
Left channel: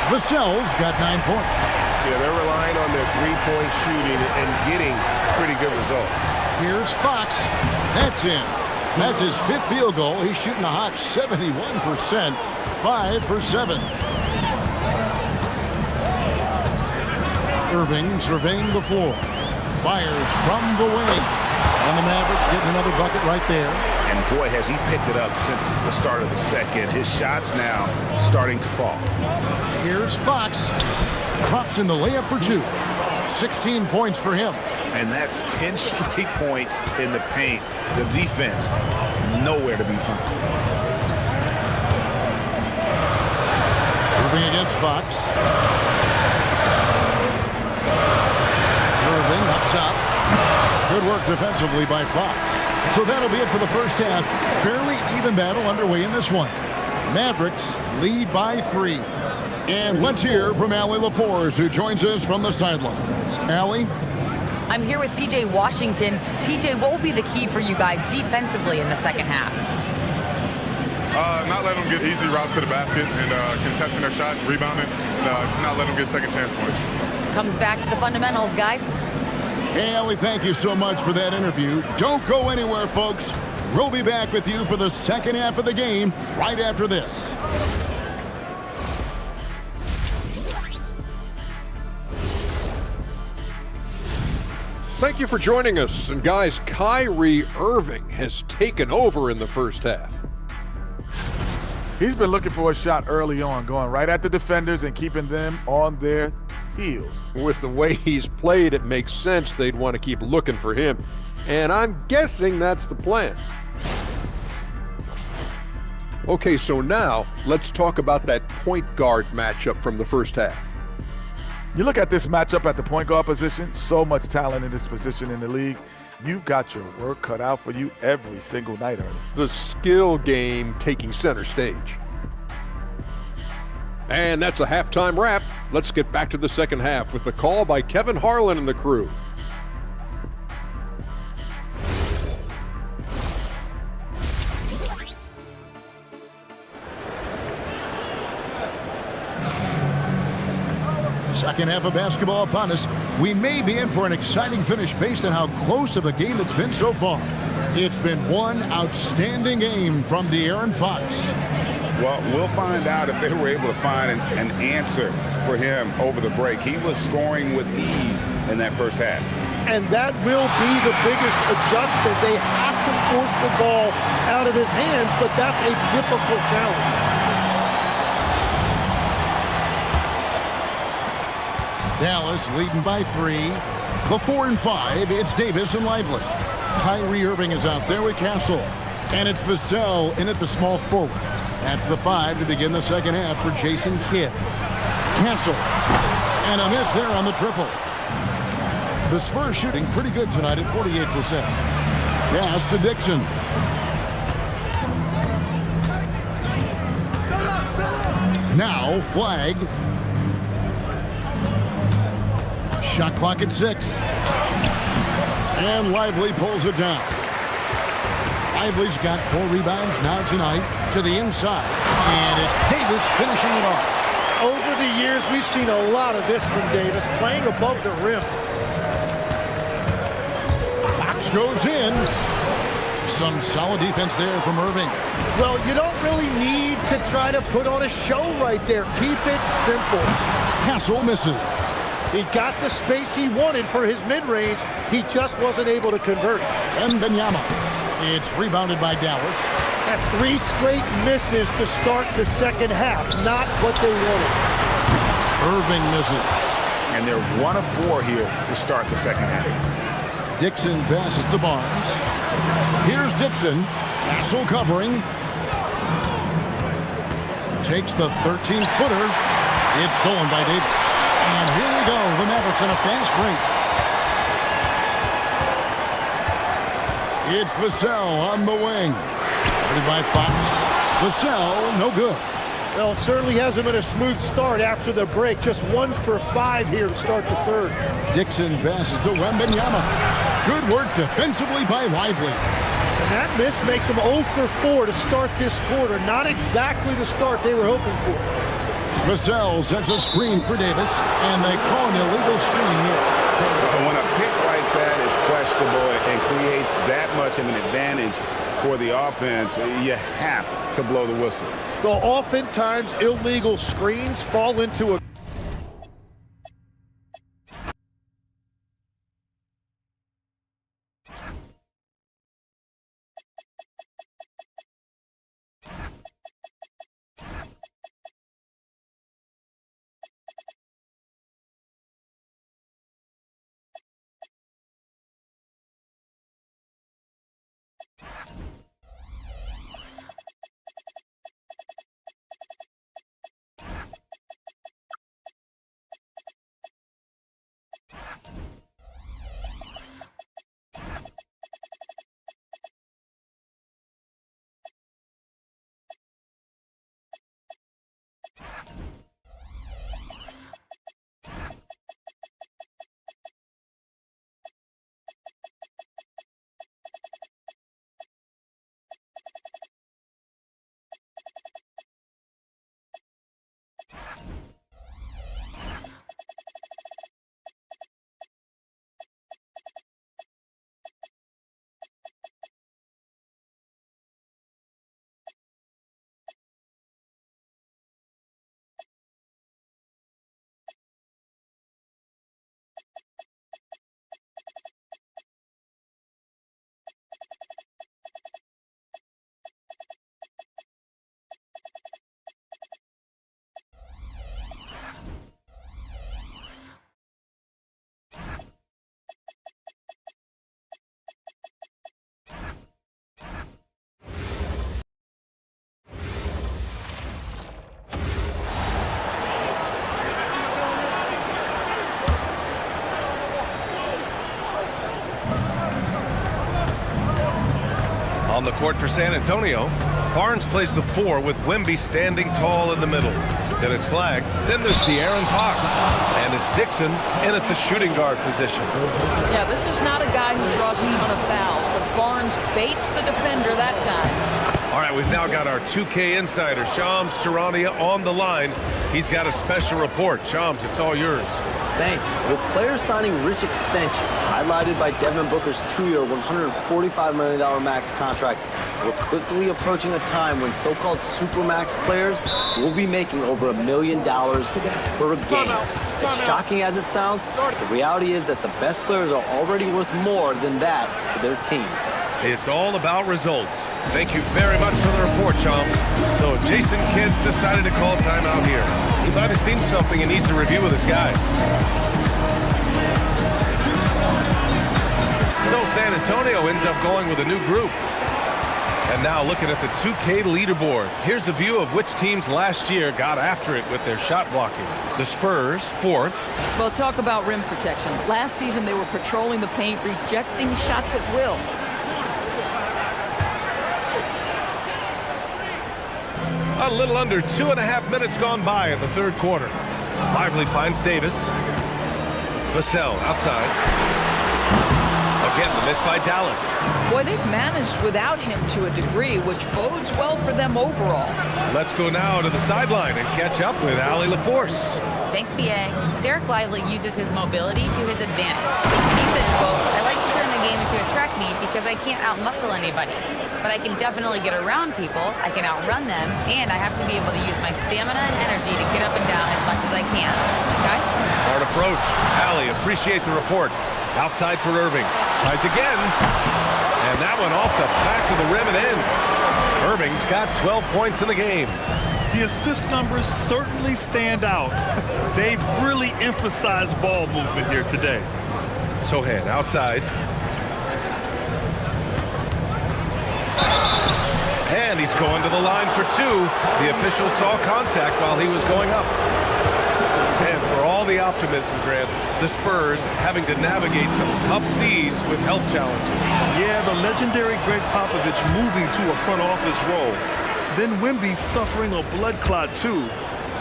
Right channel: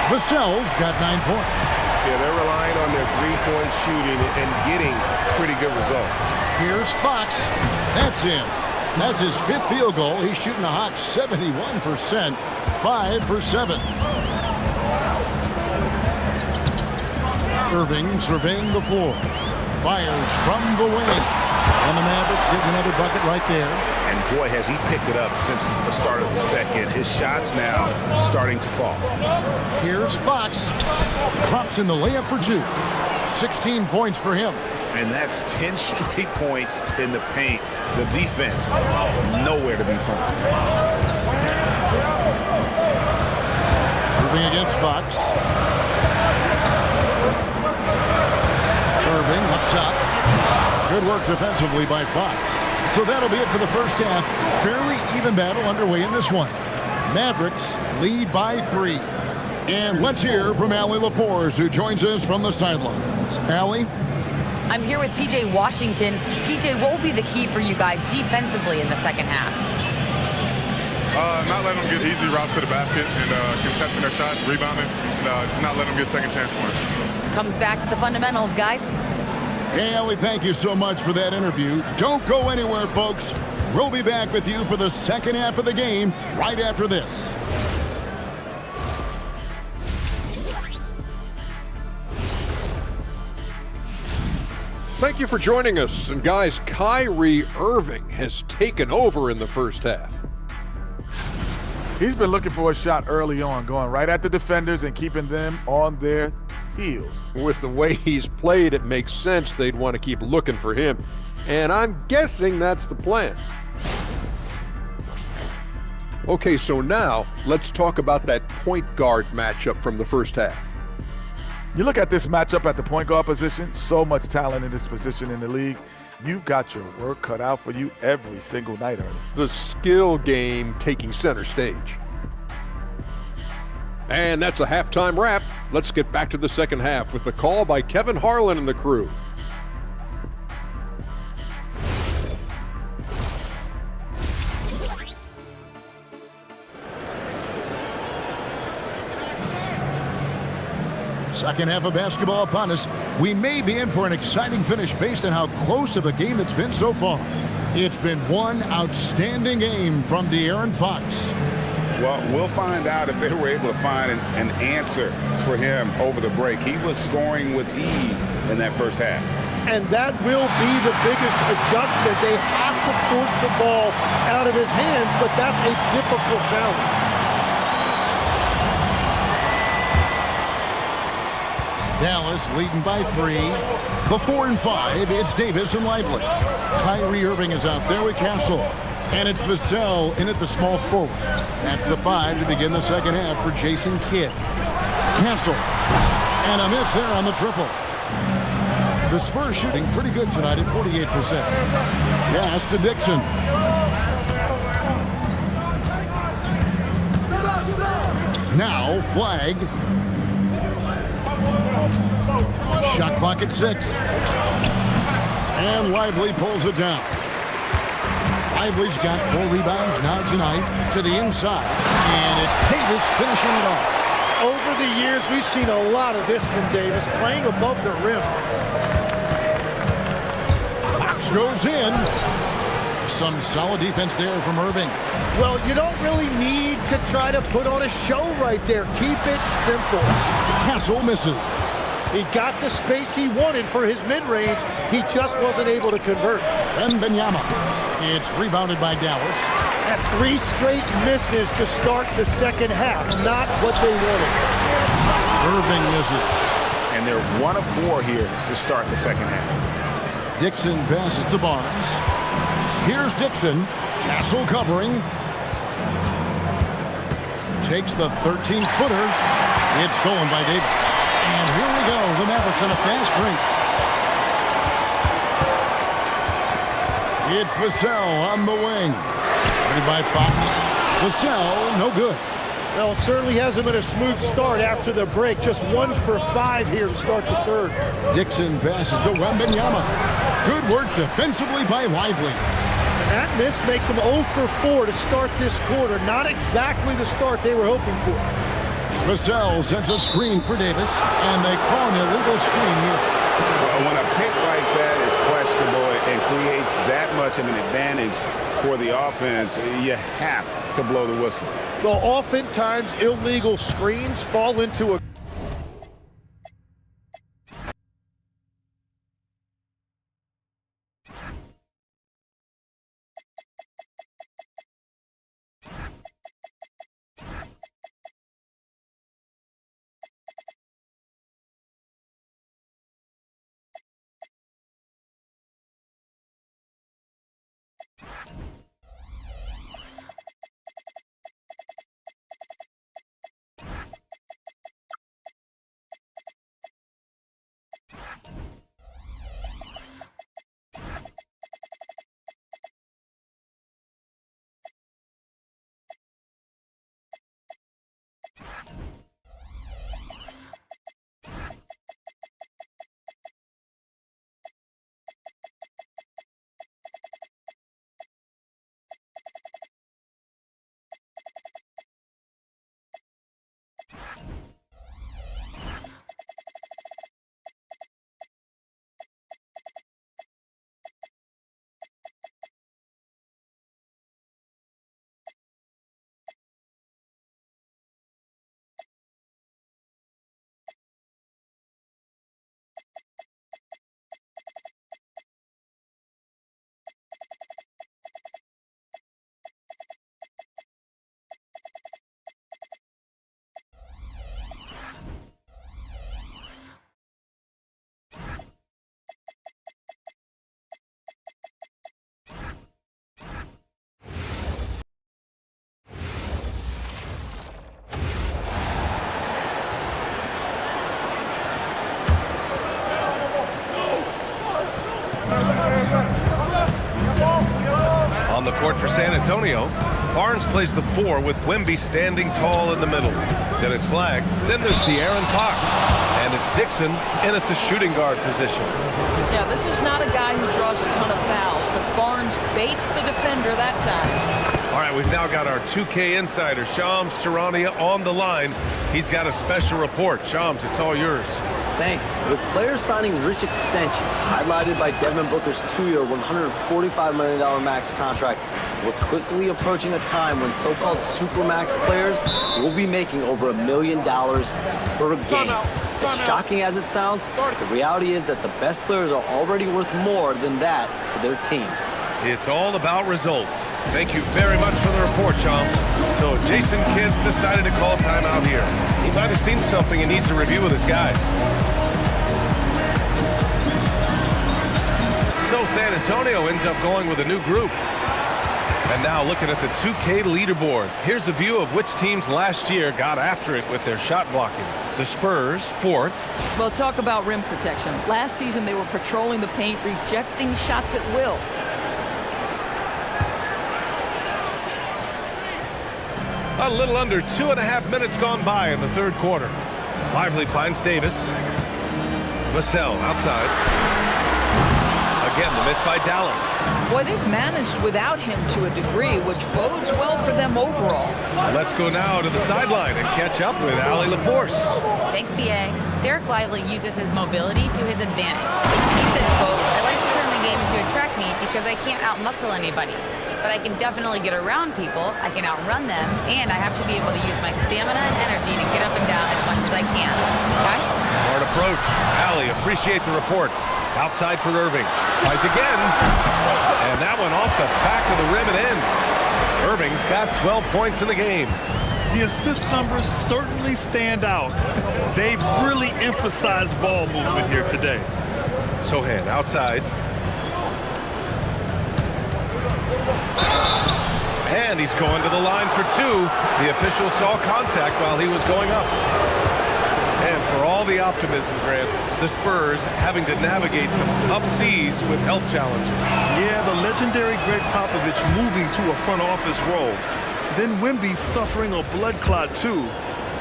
Vassell's got 9 points. Yeah, they're relying on their three-point shooting and getting pretty good results. Here's Fox. That's in. That's his 5th field goal. He's shooting a hot 71%. 5 for 7. Irving surveying the floor. Fires from the wing. And the Mavericks getting another bucket right there. And boy, has he picked it up since the start of the second. His shots now starting to fall. Here's Fox. Drops in the layup for 2. 16 points for him. And that's 10 straight points in the paint. The defense, nowhere to be found. Irving against Fox. Irving up top. Good work defensively by Fox. So that'll be it for the first half. Fairly even battle underway in this one. Mavericks lead by 3. And let's hear from Allie LaForce, who joins us from the sidelines. Allie? I'm here with PJ Washington. PJ, what will be the key for you guys defensively in the second half? Not letting them get easy routes to the basket and contesting their shots, rebounding, and not letting them get second chance points. Comes back to the fundamentals, guys. Hey, Allie, thank you so much for that interview. Don't go anywhere, folks. We'll be back with you for the second half of the game right after this. Thank you for joining us. And guys, Kyrie Irving has taken over in the first half. He's been looking for a shot early on, going right at the defenders and keeping them on their heels. With the way he's played, it makes sense they'd want to keep looking for him. And I'm guessing that's the plan. Okay, so now let's talk about that point guard matchup from the first half. You look at this matchup at the point guard position, so much talent in this position in the league. You've got your work cut out for you every single night, Ernie. The skill game taking center stage. And that's a halftime wrap. Let's get back to the second half with the call by Kevin Harlan and the crew. Second half of basketball upon us. We may be in for an exciting finish based on how close of a game it's been so far. It's been one outstanding game from De'Aaron Fox. Well, we'll find out if they were able to find an answer for him over the break. He was scoring with ease in that first half. And that will be the biggest adjustment. They have to force the ball out of his hands, but that's a difficult challenge. Dallas leading by 3. The 4 and 5, it's Davis and Lively. Kyrie Irving is out there with Castle. And it's Vassell in at the small forward. That's the 5 to begin the second half for Jason Kidd. Castle. And a miss there on the triple. The Spurs shooting pretty good tonight at 48%. Pass to Dixon. Now flag. Shot clock at 6. And Lively pulls it down. Lively's got 4 rebounds now tonight to the inside. And it's Davis finishing it off. Over the years, we've seen a lot of this from Davis, playing above the rim. Fox goes in. Some solid defense there from Irving. Well, you don't really need to try to put on a show right there. Keep it simple. Castle misses. He got the space he wanted for his mid-range. He just wasn't able to convert. MYNBA. It's rebounded by Dallas. That's 3 straight misses to start the second half. Not what they wanted. Irving misses. And they're 1 of 4 here to start the second half. Dixon passes to Barnes. Here's Dixon. Castle covering. Takes the 13-footer. It's stolen by Davis. And here we go. The Mavericks on a fast break. It's Vassell on the wing. Guarded by Fox. Vassell, no good. Well, it certainly hasn't been a smooth start after the break. Just 1 for 5 here to start the third. Dixon passes to Wembanyama. Good work defensively by Lively. And that miss makes them 0 for 4 to start this quarter. Not exactly the start they were hoping for. Vassell sends a screen for Davis, and they call an illegal screen here. Well, when a pick like that is questionable and creates that much of an advantage for the offense, you have to blow the whistle. Well, oftentimes illegal screens fall into a On the court for San Antonio, Barnes plays the 4 with Wemby standing tall in the middle. Then it's flagged. Then there's De'Aaron Fox. And it's Dixon in at the shooting guard position. Yeah, this is not a guy who draws a ton of fouls, but Barnes baits the defender that time. All right, we've now got our 2K insider, Shams Charania, on the line. He's got a special report. Shams, it's all yours. Thanks. With players signing rich extensions, highlighted by Devin Booker's 2-year, $145 million max contract, we're quickly approaching a time when so-called supermax players will be making over $1 million per game. As shocking as it sounds, the reality is that the best players are already worth more than that to their teams. It's all about results. Thank you very much for the report, Shams. So Jason Kidd's decided to call timeout here. He might have seen something and needs to review with his guys. So San Antonio ends up going with a new group. And now looking at the 2K leaderboard, here's a view of which teams last year got after it with their shot blocking. The Spurs, 4th. Well, talk about rim protection. Last season, they were patrolling the paint, rejecting shots at will. A little under 2.5 minutes gone by in the third quarter. Lively finds Davis. Vassell outside. Again, the miss by Dallas. Boy, they've managed without him to a degree, which bodes well for them overall. Let's go now to the sideline and catch up with Allie LaForce. Thanks, B.A. Derek Lively uses his mobility to his advantage. He said, quote, "I like to turn the game into a track meet because I can't outmuscle anybody. But I can definitely get around people, I can outrun them, and I have to be able to use my stamina and energy to get up and down as much as I can." Guys? Smart approach. Allie, appreciate the report. Outside for Irving. Tries again. And that one off the back of the rim and in. Irving's got 12 points in the game. The assist numbers certainly stand out. They've really emphasized ball movement here today. Sohan outside. And he's going to the line for two. The official saw contact while he was going up. And for all the optimism, Grant, the Spurs having to navigate some tough seas with health challenges. Yeah, the legendary Greg Popovich moving to a front office role. Then MYNBA suffering a blood clot too.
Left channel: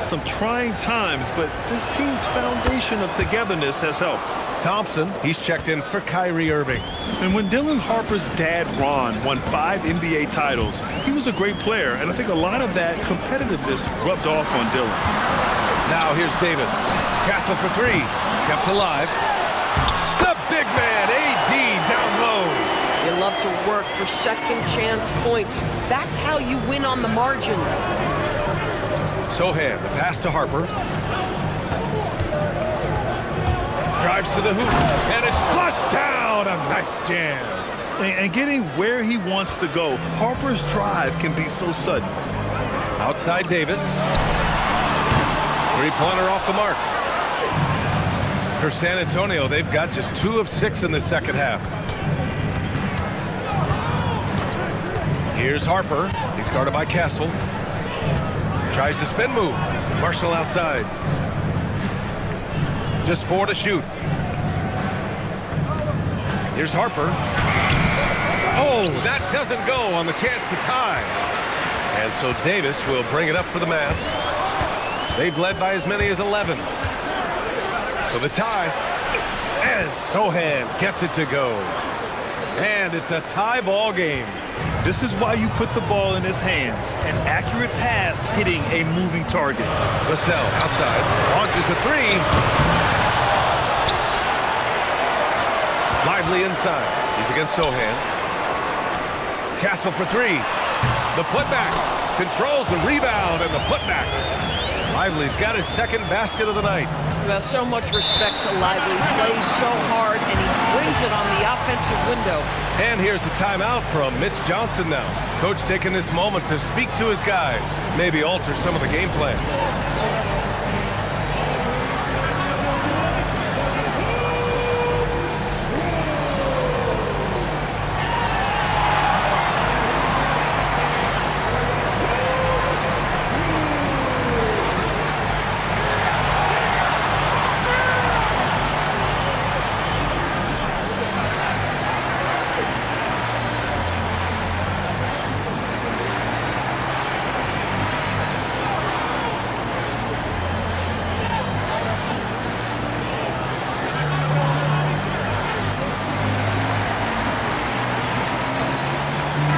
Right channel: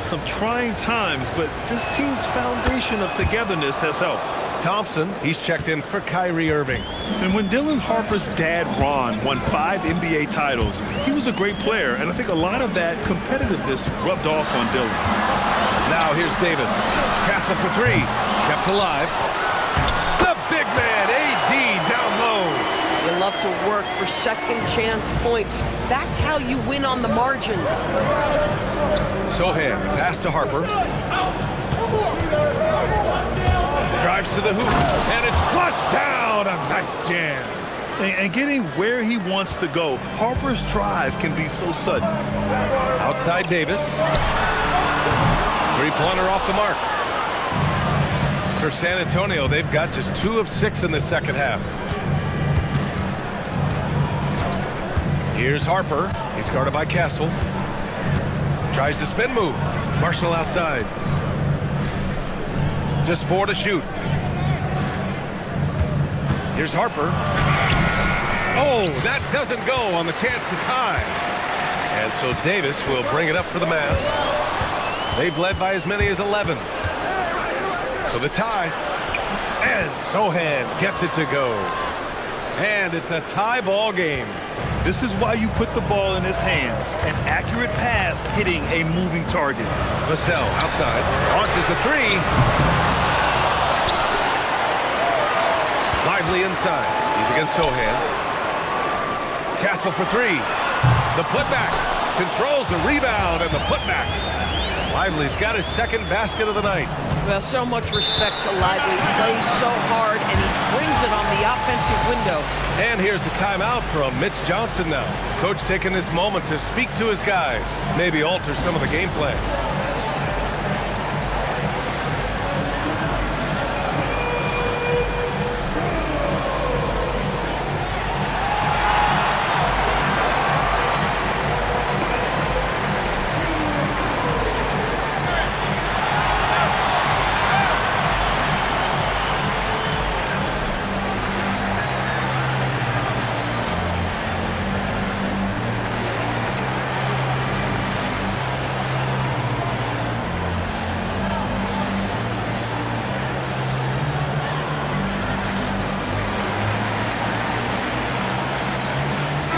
Some trying times, but this team's foundation of togetherness has helped. Thompson, he's checked in for Kyrie Irving. And when Dylan Harper's dad, Ron, won 5 NBA titles, he was a great player, and I think a lot of that competitiveness rubbed off on Dylan. Now here's Davis. Castle for three. Kept alive. The big man, AD, down low. You love to work for second chance points. That's how you win on the margins. Sohan, the pass to Harper. Drives to the hoop, and it's flushed down. A nice jam. And getting where he wants to go, Harper's drive can be so sudden. Outside Davis. Three-pointer off the mark. For San Antonio, they've got just 2 of 6 in the second half. Here's Harper. He's guarded by Castle. Tries the spin move. Marshall outside. Just 4 to shoot. Here's Harper. Oh, that doesn't go on the chance to tie. And so Davis will bring it up for the Mavs. They've led by as many as 11. So the tie. And Sohan gets it to go. And it's a tie ball game. This is why you put the ball in his hands. An accurate pass hitting a moving target. Vassell outside. Launches a three. Lively inside. He's against Sohan. Castle for three. The putback. Controls the rebound and the putback. Lively's got his second basket of the night. Well, so much respect to Lively. He plays so hard, and he brings it on the offensive window. And here's the timeout from Mitch Johnson now. Coach taking this moment to speak to his guys. Maybe alter some of the game plan.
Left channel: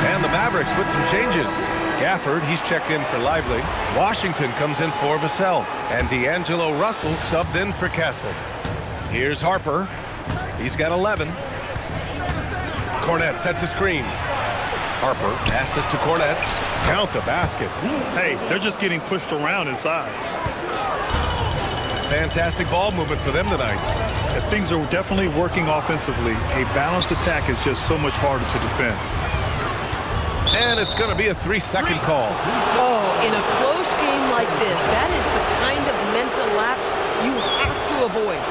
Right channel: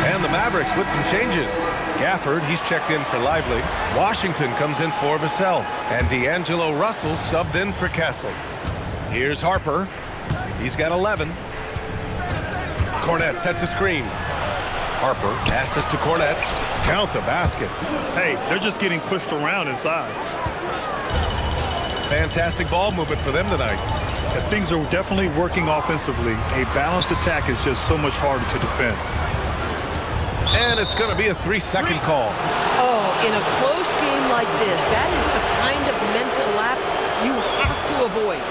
And the Mavericks with some changes. Gafford, he's checked in for Lively. Washington comes in for Vassell. And D'Angelo Russell subbed in for Castle. Here's Harper. He's got 11. Cornette sets a screen. Harper passes to Cornette. Count the basket. Hey, they're just getting pushed around inside. Fantastic ball movement for them tonight. If things are definitely working offensively, a balanced attack is just so much harder to defend. And it's going to be a 3-second call. Oh, in a close game like this, that is the kind of mental lapse you have to avoid.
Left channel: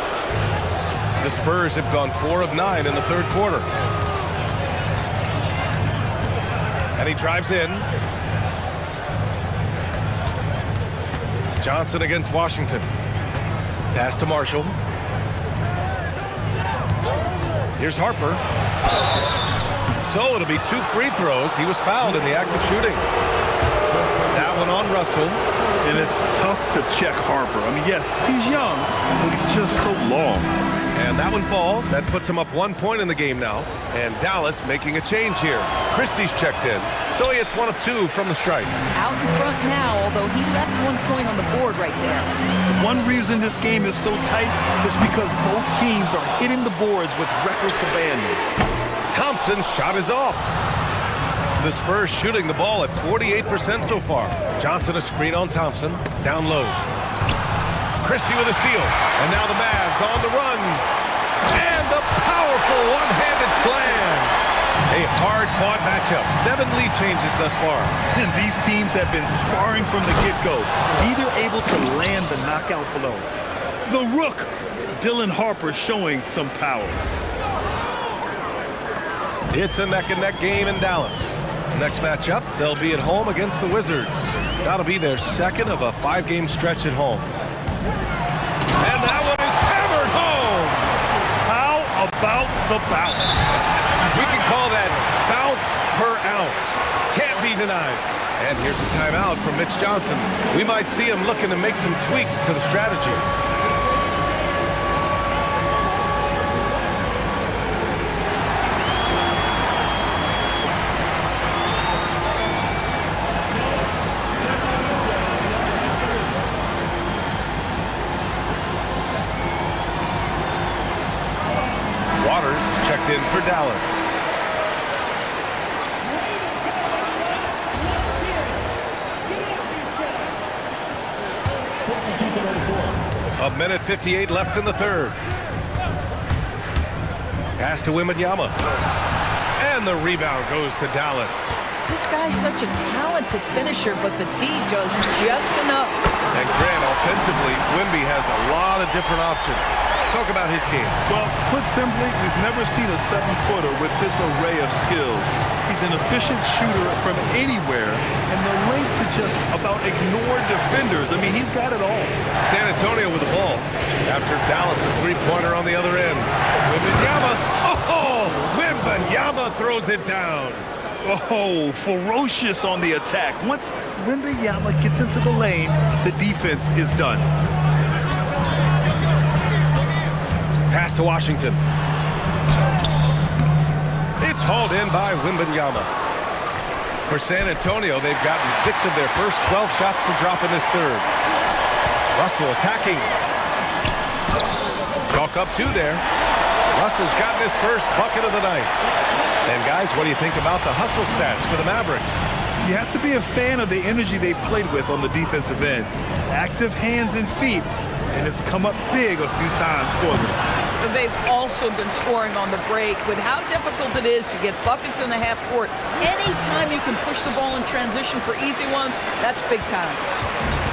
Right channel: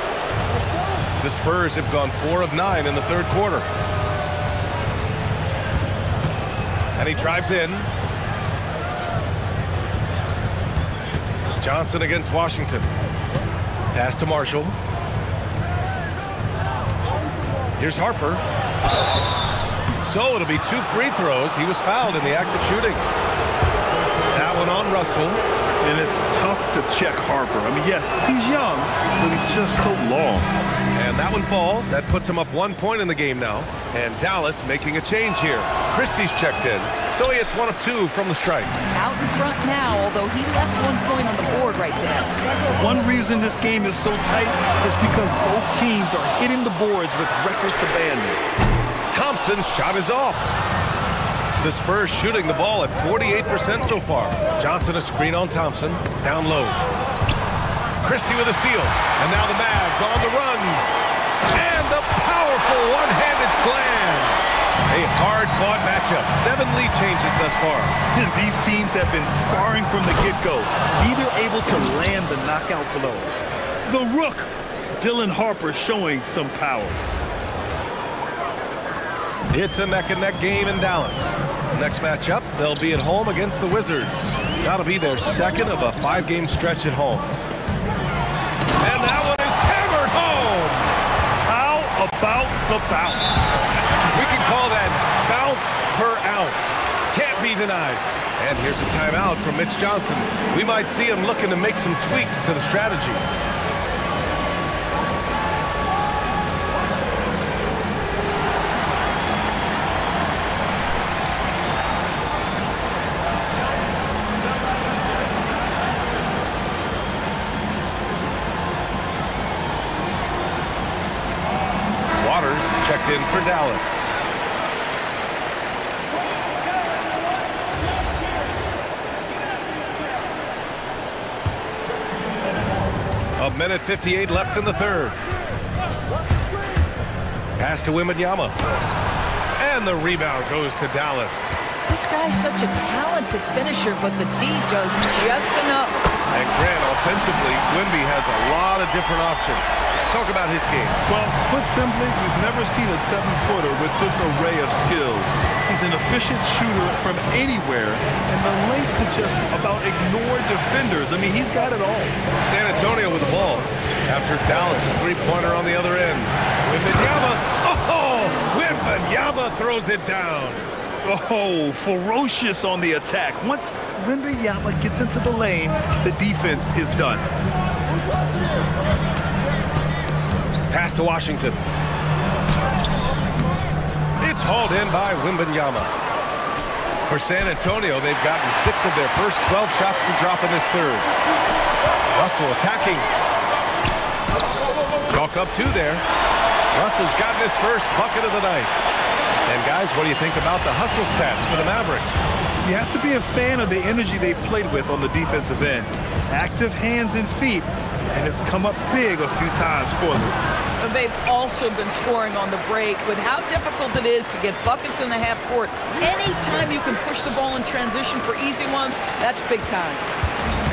The Spurs have gone 4 of 9 in the third quarter. And he drives in. Johnson against Washington. Pass to Marshall. Here's Harper. So it'll be 2 free throws. He was fouled in the act of shooting. That one on Russell. And it's tough to check Harper. I mean, yeah, he's young, but he's just so long. And that one falls. That puts him up 1 point in the game now. And Dallas making a change here. Christie's checked in. So he hits 1 of 2 from the strike. Out in front now, although he left 1 point on the board right there. One reason this game is so tight is because both teams are hitting the boards with reckless abandon. Thompson's shot is off. The Spurs shooting the ball at 48% so far. Johnson a screen on Thompson. Down low. Christie with a steal. And now the Mavs on the run. And the powerful one-handed slam. A hard-fought matchup. 7 lead changes thus far. And these teams have been sparring from the get-go. Neither able to land the knockout blow. The Rook, Dylan Harper, showing some power. It's a neck-and-neck game in Dallas. Next matchup, they'll be at home against the Wizards. That'll be their second of a 5-game stretch at home. And that one is hammered home. How about the bounce? We can call that bounce per ounce. Can't be denied. And here's a timeout from Mitch Johnson. We might see him looking to make some tweaks to the strategy. Waters checked in for Dallas. A minute 58 left in the third. Pass to Wembanyama. And the rebound goes to Dallas. This guy's such a talented finisher, but the D does just enough. And Grant, offensively, Wemby has a lot of different options. Talk about his game. Well, put simply, we've never seen a 7-footer with this array of skills. He's an efficient shooter from anywhere, and the length to just about ignore defenders. I mean, he's got it all. San Antonio with the ball after Dallas' three-pointer on the other end. Wembanyama. Oh, Wembanyama throws it down. Oh, ferocious on the attack. Once Wembanyama gets into the lane, the defense is done. Pass to Washington. It's hauled in by Wembanyama. For San Antonio, they've gotten 6 of their first 12 shots to drop in this third. Russell attacking. Chalk up 2 there. Russell's gotten his first bucket of the night. And guys, what do you think about the hustle stats for the Mavericks? You have to be a fan of the energy they've played with on the defensive end. Active hands and feet, and it's come up big a few times for them. They've also been scoring on the break. With how difficult it is to get buckets in the half court, anytime you can push the ball in transition for easy ones, that's big time.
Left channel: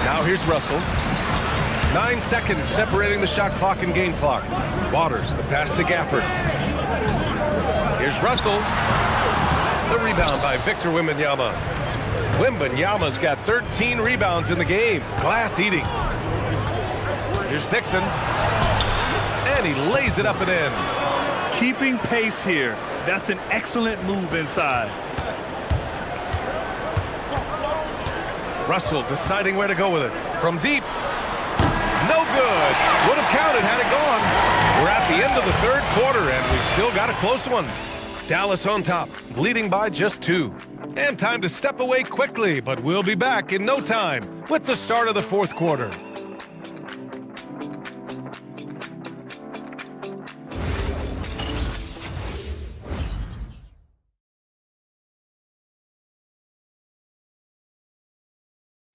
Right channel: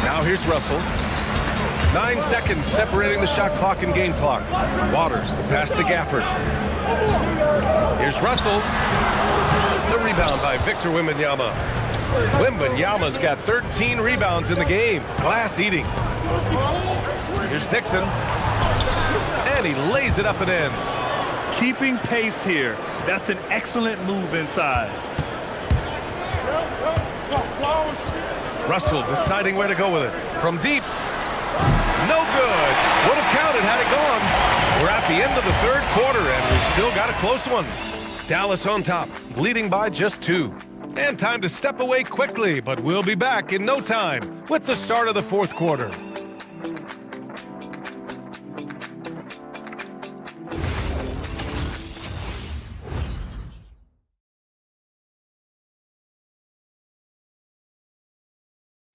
Now here's Russell. 9 seconds separating the shot clock and game clock. Waters, the pass to Gafford. Here's Russell. The rebound by Victor Wembanyama. Wembanyama's got 13 rebounds in the game. Glass eating. Here's Dixon. And he lays it up and in. Keeping pace here. That's an excellent move inside. Russell deciding where to go with it. From deep. No good. Would have counted had it gone. We're at the end of the third quarter, and we've still got a close one. Dallas on top, leading by just 2. And time to step away quickly, but we'll be back in no time with the start of the fourth quarter.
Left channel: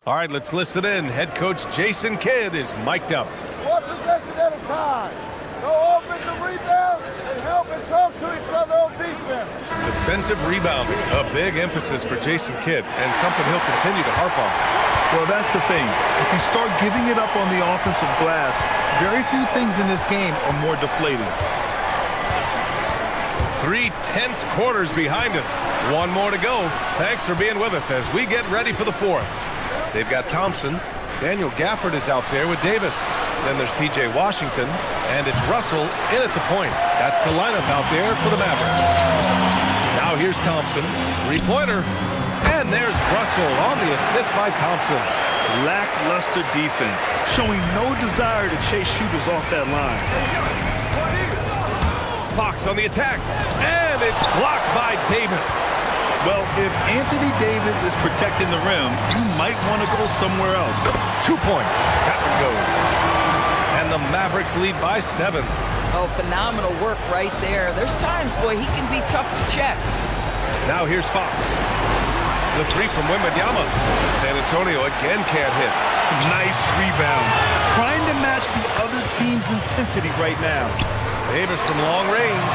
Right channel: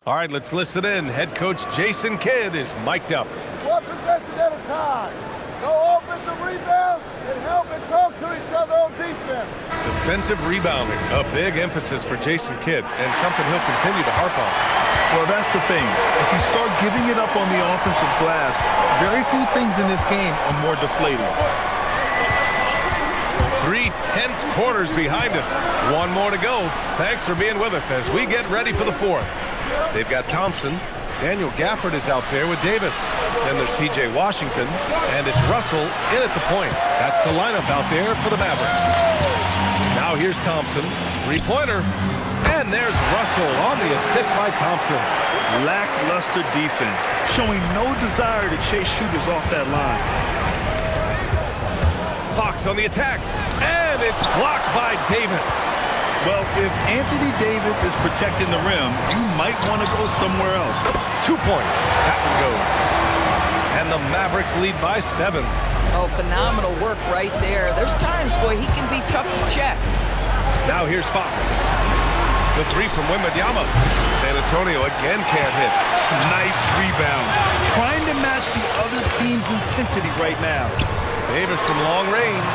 All right, let's listen in. Head coach Jason Kidd is mic'd up. One possession at a time. No offensive rebounds and help and talk to each other on defense. Defensive rebounding, a big emphasis for Jason Kidd, and something he'll continue to harp on. Well, that's the thing. If you start giving it up on the offensive glass, very few things in this game are more deflating. 3 tense quarters behind us. 1 more to go. Thanks for being with us as we get ready for the fourth. They've got Thompson. Daniel Gafford is out there with Davis. Then there's P.J. Washington, and it's Russell in at the point. That's the lineup out there for the Mavericks. Now here's Thompson, 3-pointer, and there's Russell on the assist by Thompson. Lackluster defense, showing no desire to chase shooters off that line. Fox on the attack, and it's blocked by Davis. Well, if Anthony Davis is protecting the rim, you might want to go somewhere else. 2 points. That one goes. And the Mavericks lead by 7. Oh, phenomenal work right there. There's times, boy, he can be tough to check. Now here's Fox. The 3 from Wembanyama. San Antonio again can't hit. Nice rebound. Trying to match the other team's intensity right now. Davis from long range.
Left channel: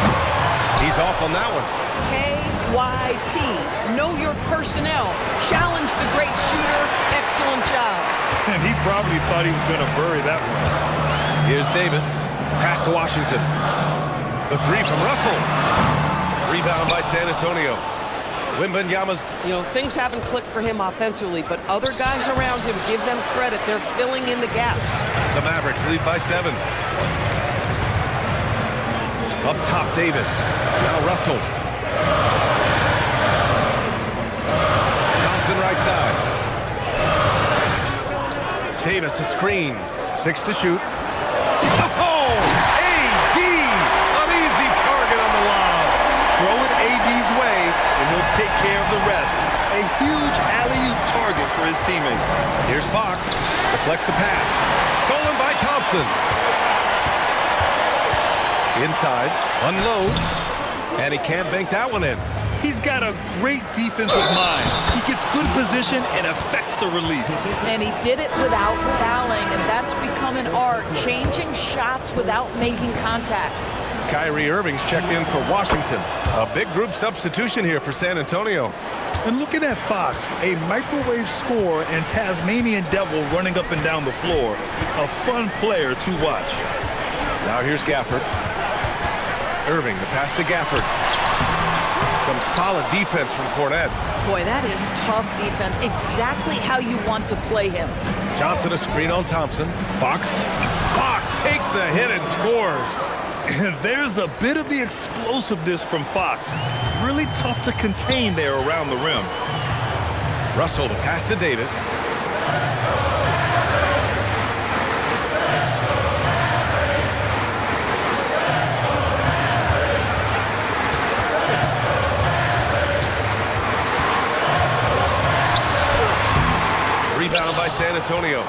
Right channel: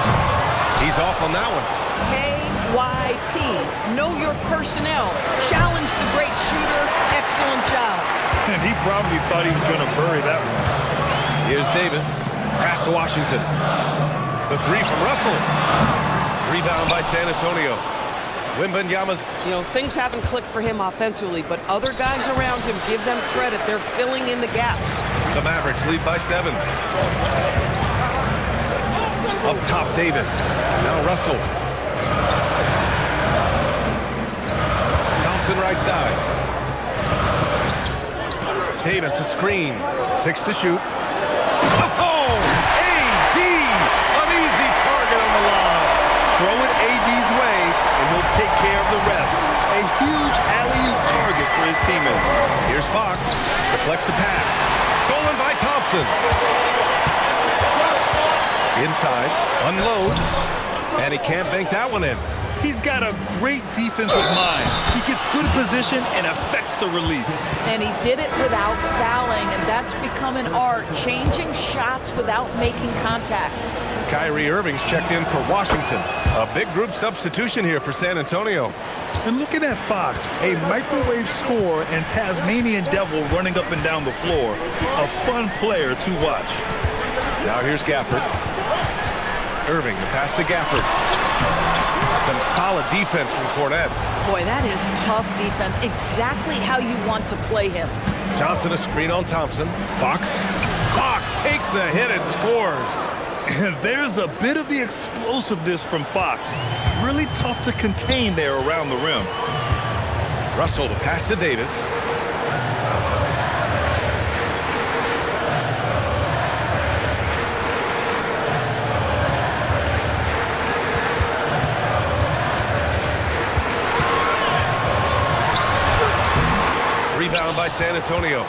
He's off on that one. Hey, NYP. Know your personnel. Challenge the great shooter. Excellent job. And he probably thought he was going to bury that one. Here's Davis. Pass to Washington. The three from Russell. Rebound by San Antonio. Wembanyama's. You know, things haven't clicked for him offensively, but other guys around him, give them credit. They're filling in the gaps. The Mavericks lead by 7. Up top, Davis. Now Russell. Thompson right side. Davis a screen. 6 to shoot. Oh! AD! An easy target on the lob. Throw it AD's way, and he'll take care of the rest. A huge alley-oop target for his teammates. Here's Fox. Deflects the pass. Stolen by Thompson. Inside. Unloads. And he can't bank that one in. He's got a great defensive mind. He gets good position and affects the release. And he did it without fouling, and that's become an art. Changing shots without making contact. Kyrie Irving's checked in for Washington. A big group substitution here for San Antonio. And looking at Fox, a microwave scorer and Tasmanian devil running up and down the floor. A fun player to watch. Now here's Gafford. Irving, the pass to Gafford. Some solid defense from Cornette. Boy, that is tough defense. Exactly how you want to play him. Johnson a screen on Thompson. Fox. Fox takes the hit and scores. There's a bit of the explosiveness from Fox. Really tough to contain there around the rim. Russell, the pass to Davis. Rebound by San Antonio.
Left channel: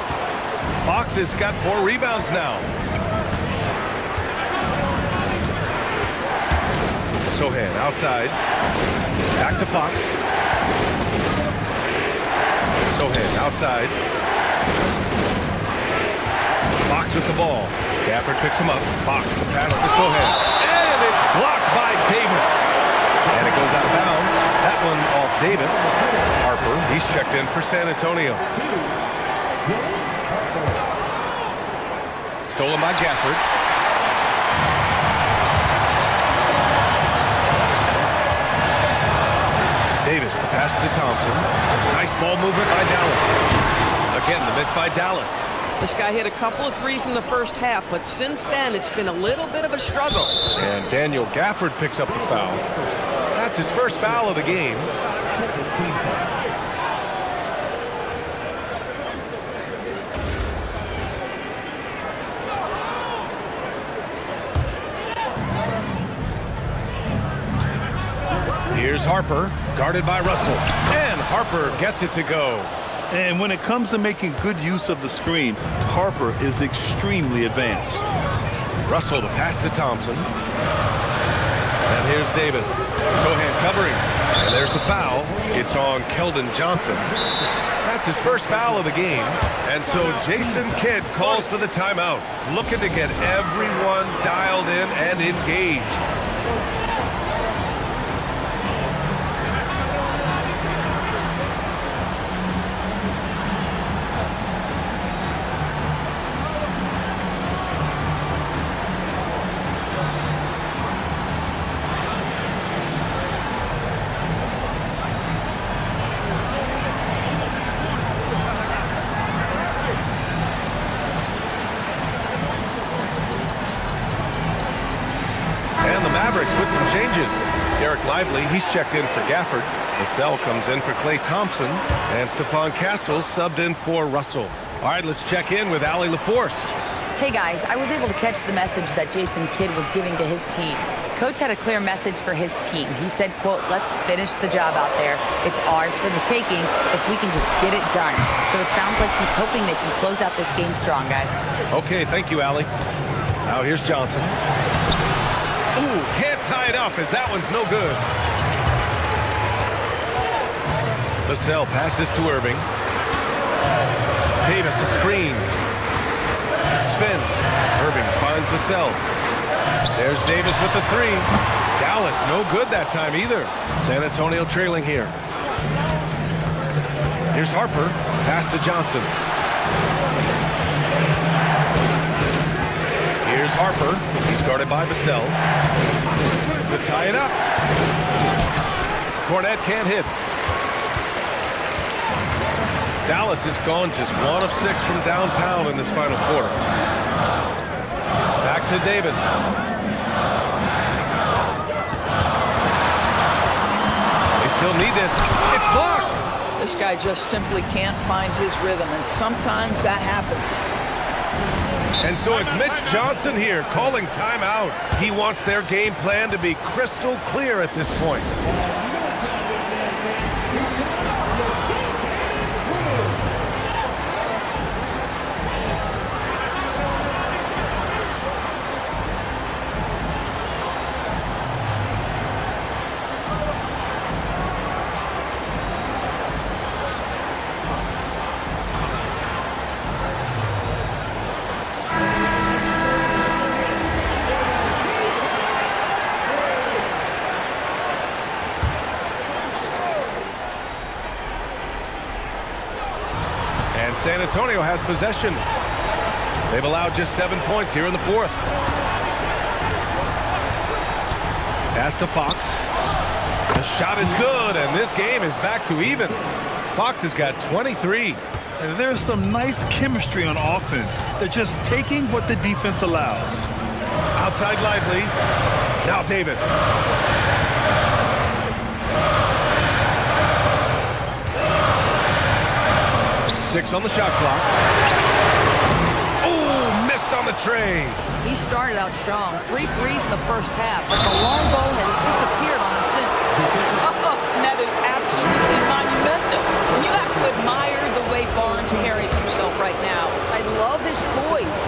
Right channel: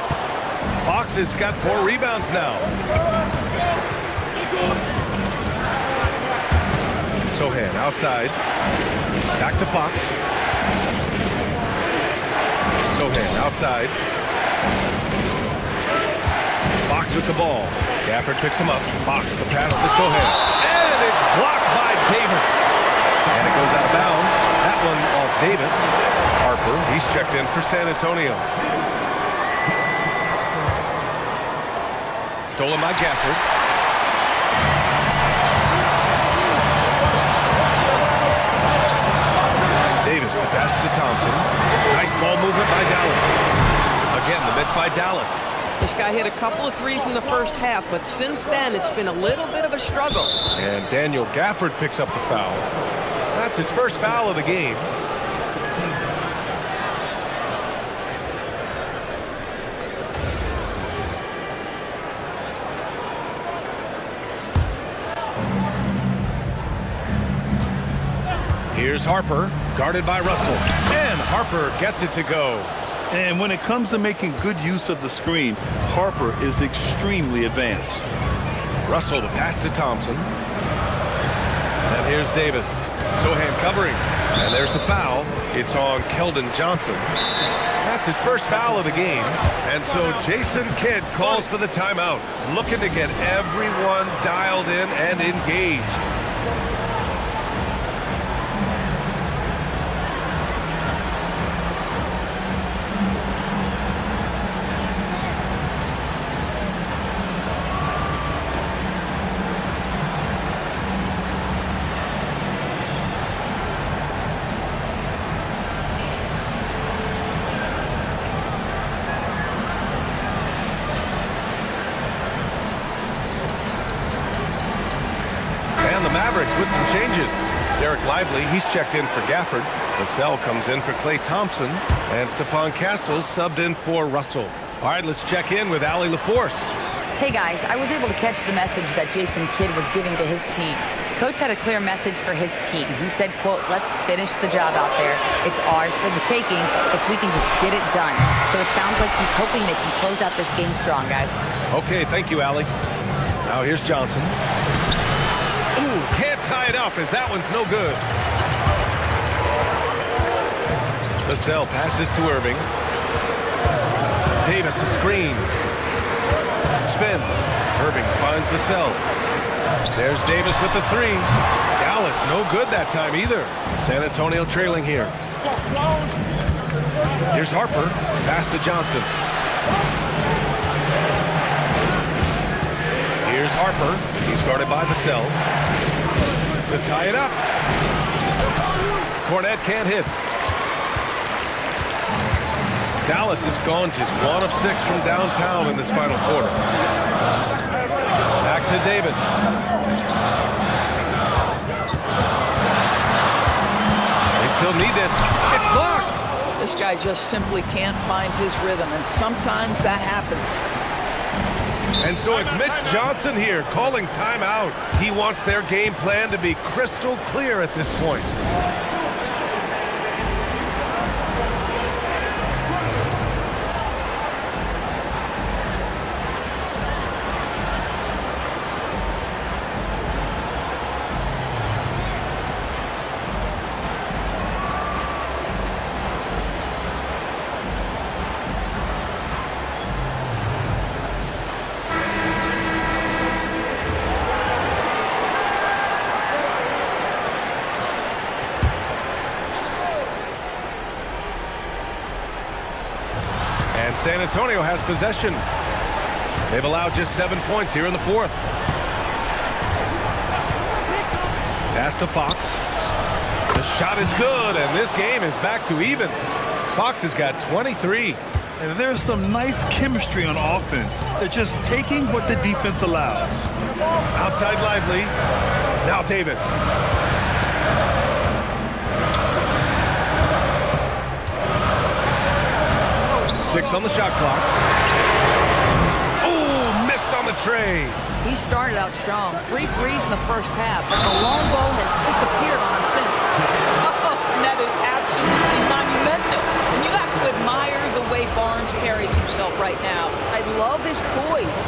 Fox has got 4 rebounds now. Sohan outside. Back to Fox. Sohan outside. Fox with the ball. Gafford picks him up. Fox, the pass to Sohan. And it's blocked by Davis. And it goes out of bounds. That one off Davis. Harper, he's checked in for San Antonio. Stolen by Gafford. Davis, the pass to Thompson. Nice ball movement by Dallas. Again, the miss by Dallas. This guy hit a couple of threes in the first half, but since then, it's been a little bit of a struggle. And Daniel Gafford picks up the foul. That's his first foul of the game. Here's Harper, guarded by Russell. And Harper gets it to go. And when it comes to making good use of the screen, Harper is extremely advanced. Russell, the pass to Thompson. And here's Davis. Sohan covering. And there's the foul. It's on Keldon Johnson. That's his first foul of the game. And so Jason Kidd calls for the timeout, looking to get everyone dialed in and engaged. And the Mavericks with some changes. Derek Lively, he's checked in for Gafford. Vassell comes in for Klay Thompson. And Stephon Castles subbed in for Russell. All right, let's check in with Allie LaForce. Hey guys, I was able to catch the message that Jason Kidd was giving to his team. Coach had a clear message for his team. He said, quote, "Let's finish the job out there. It's ours for the taking if we can just get it done." So it sounds like he's hoping they can close out this game strong, guys. Okay, thank you, Allie. Now here's Johnson. Ooh, can't tie it up as that one's no good. Vassell passes to Irving. Davis a screen. Spins. Irving finds Vassell. There's Davis with the 3. Down Dallas, no good that time either. San Antonio trailing here. Here's Harper, pass to Johnson. Here's Harper, he's guarded by Vassell. To tie it up. Cornette can't hit. Dallas has gone just 1 of 6 from downtown in this final quarter. Back to Davis. They still need this. It's blocked. This guy just simply can't find his rhythm, and sometimes that happens. And so it's Mitch Johnson here calling timeout. He wants their game plan to be crystal clear at this point. And San Antonio has possession. They've allowed just 7 points here in the fourth. Pass to Fox. The shot is good, and this game is back to even. Fox has got 23. And there's some nice chemistry on offense. They're just taking what the defense allows. Outside Lively. Now Davis. Six on the shot clock. Oh, missed on the tray. He started out strong. 3 threes in the first half, but the long ball has disappeared on him since. Oh, and that is absolutely monumental. And you have to admire the way Barnes carries himself right now. I love his poise.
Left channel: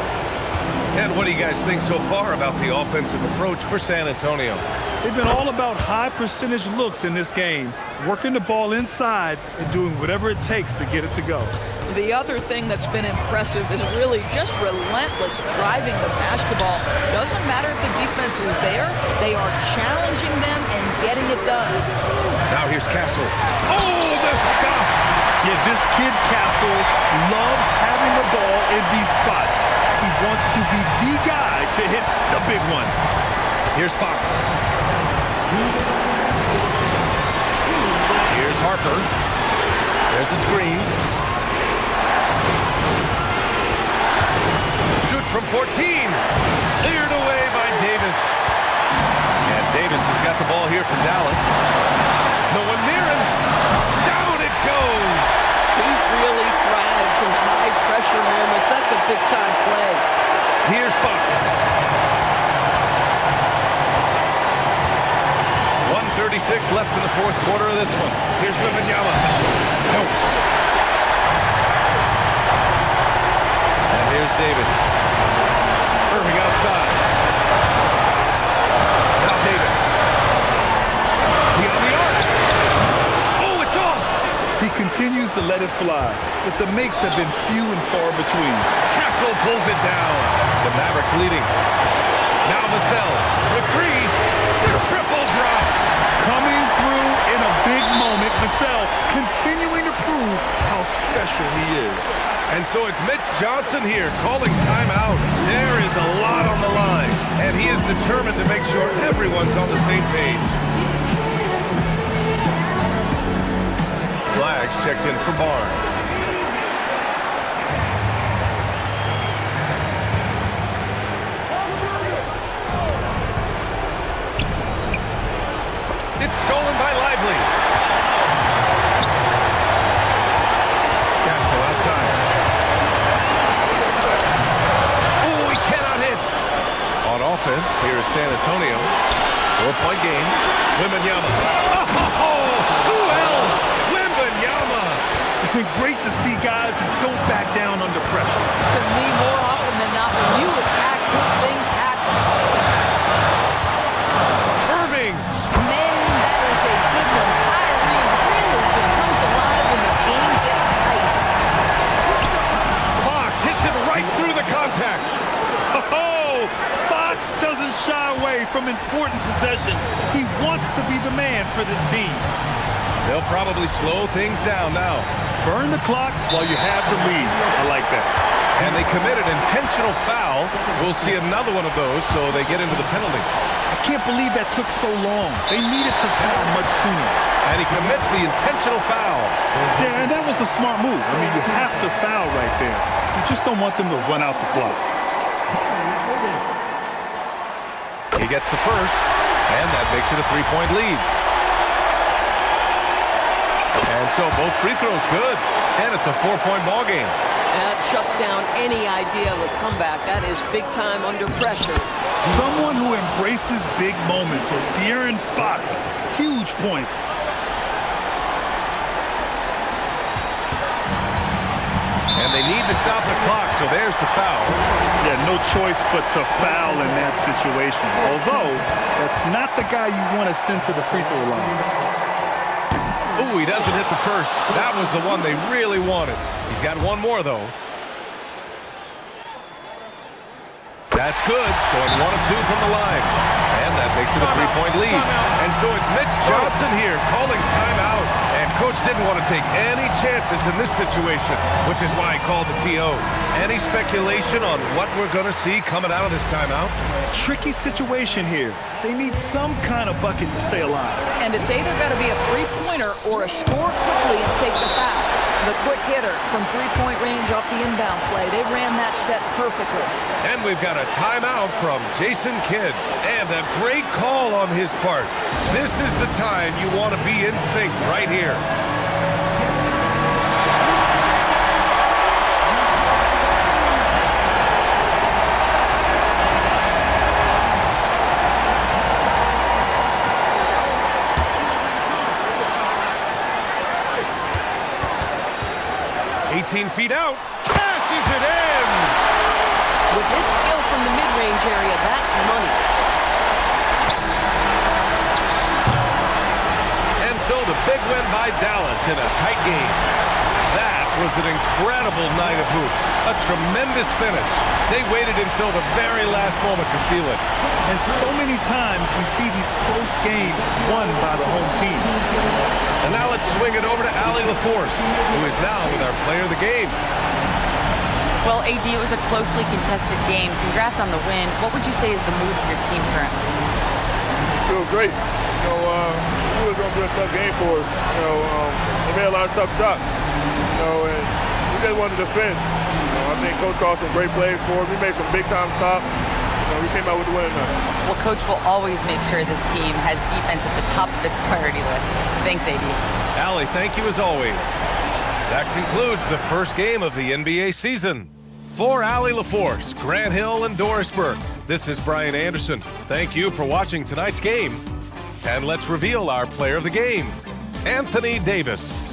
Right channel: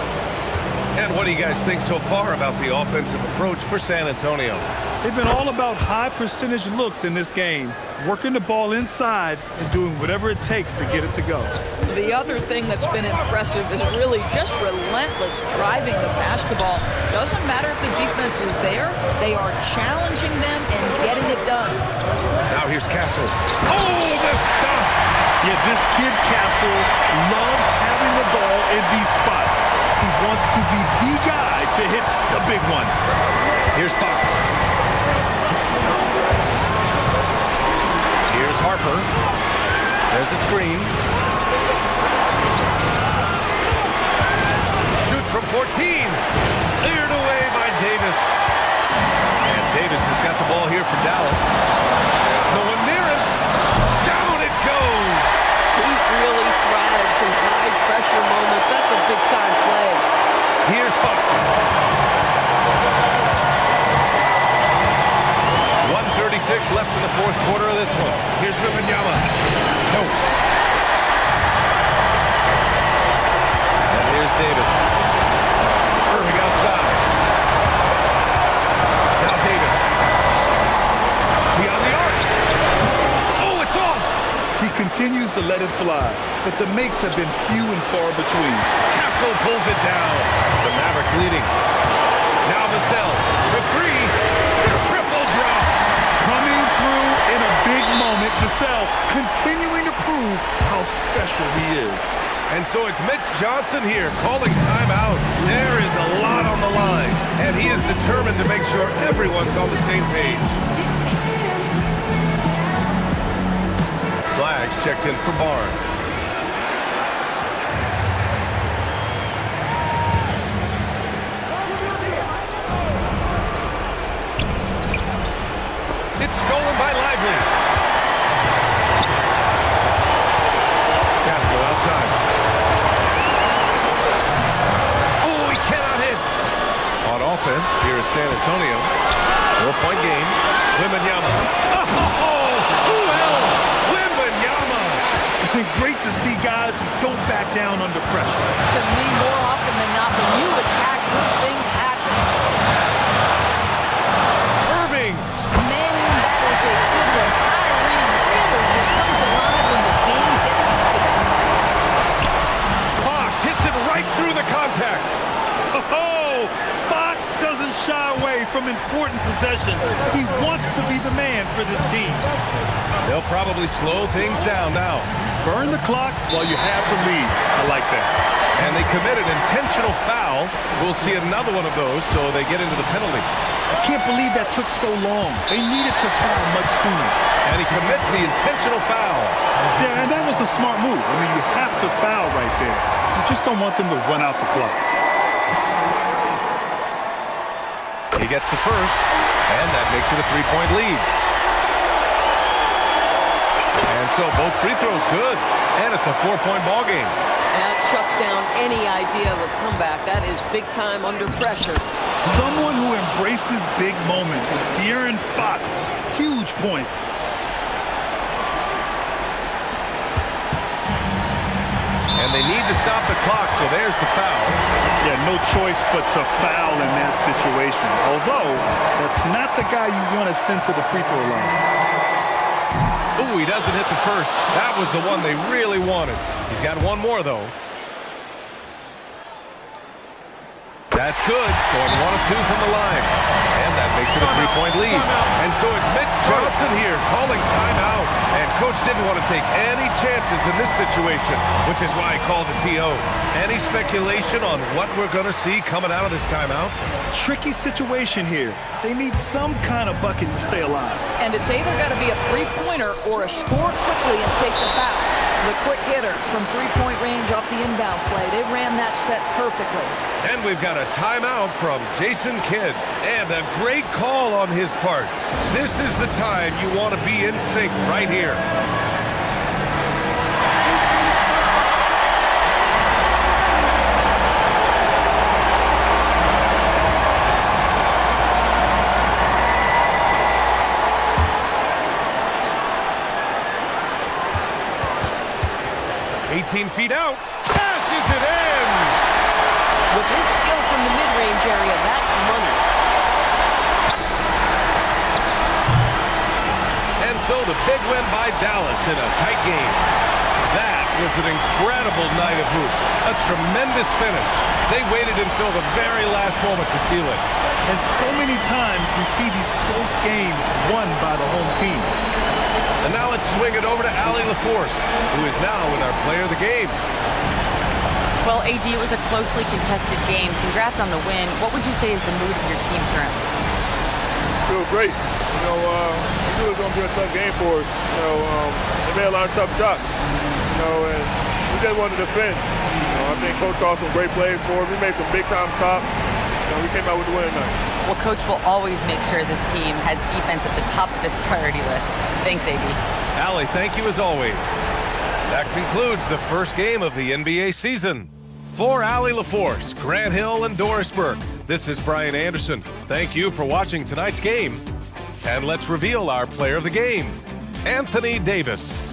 And what do you guys think so far about the offensive approach for San Antonio? They've been all about high percentage looks in this game, working the ball inside and doing whatever it takes to get it to go. The other thing that's been impressive is really just relentless driving the basketball. Doesn't matter if the defense is there, they are challenging them and getting it done. Now here's Castle. Oh, the stuff! Yeah, this kid Castle loves having the ball in these spots. He wants to be the guy to hit the big one. Here's Fox. Here's Harper. There's a screen. Shoot from 14. Cleared away by Davis. And Davis has got the ball here for Dallas. No one near him. Down it goes. He really thrives in high-pressure moments. That's a big-time play. Here's Fox. 1:36 left in the fourth quarter of this one. Here's Wembanyama. No. And here's Davis. Irving outside. Now Davis. Beyond the arc. Oh, it's off. He continues to let it fly, but the makes have been few and far between. Castle pulls it down. The Mavericks leading. Now Vassell for 3. The triple drops. Coming through in a big moment, Vassell continuing to prove how special he is. And so it's Mitch Johnson here calling timeout. There is a lot on the line, and he is determined to make sure everyone's on the same page. Flags checked in for Barnes. It's stolen by Lively. Castle outside. Oh, he cannot hit. On offense, here is San Antonio. 4-point game. Wembanyama. Oh, who else? Wembanyama. Great to see guys who don't back down under pressure. To me, more often than not, when you attack, good things happen. Irving. Man, that is a good one. Kyrie really just comes alive when the game gets tight. Fox hits it right through the contact. Oh, Oh, Fox doesn't shy away from important possessions. He wants to be the man for this team. They'll probably slow things down now. Burn the clock while you have the lead. I like that. And they committed intentional foul. We'll see another one of those, so they get into the penalty. I can't believe that took so long. They needed to foul much sooner. And he commits the intentional foul. Yeah, and that was a smart move. I mean, you have to foul right there. You just don't want them to run out the clock. He gets the first, and that makes it a 3-point lead. And so both free throws good, and it's a 4-point ball game. That shuts down any idea of a comeback. That is big time under pressure. Someone who embraces big moments. De'Aaron Fox, huge points. And they need to stop the clock, so there's the foul. Yeah, no choice but to foul in that situation. Although, that's not the guy you want to send to the free throw line. Ooh, he doesn't hit the first. That was the one they really wanted. He's got one more, though. That's good. Going 1 of 2 from the line. And that makes it a 3-point lead. And so it's Mitch Johnson here calling timeout. And Coach didn't want to take any chances in this situation, which is why he called the TO. Any speculation on what we're going to see coming out of this timeout? Tricky situation here. They need some kind of bucket to stay alive. And it's either got to be a three-pointer or a score quickly and take the foul. The quick hitter from three-point range off the inbound play. They ran that set perfectly. And we've got a timeout from Jason Kidd. And a great call on his part. This is the time you want to be in sync right here. Feet out, cashes it in. With his skill from the mid-range area, that's money. And so the big win by Dallas in a tight game. That was an incredible night of hoops. A tremendous finish. They waited until the very last moment to seal it. And so many times we see these close games won by the home team. And now let's swing it over to Allie LaForce, who is now with our player of the game. Well, AD, it was a closely contested game. Congrats on the win. What would you say is the mood of your team currently? Feel great. You know, we knew it was going to be a tough game for us. You know, they made a lot of tough shots. You know, and we just wanted to defend. You know, I think Coach called some great plays for us. We made some big-time stops. You know, we came out with the win tonight. Well, Coach will always make sure this team has defense at the top of its priority list. Thanks, AD. Allie, thank you as always. That concludes the first game of the NBA season. For Allie LaForce, Grant Hill, and Doris Burke, this is Brian Anderson. Thank you for watching tonight's game. And let's reveal our player of the game, Anthony Davis.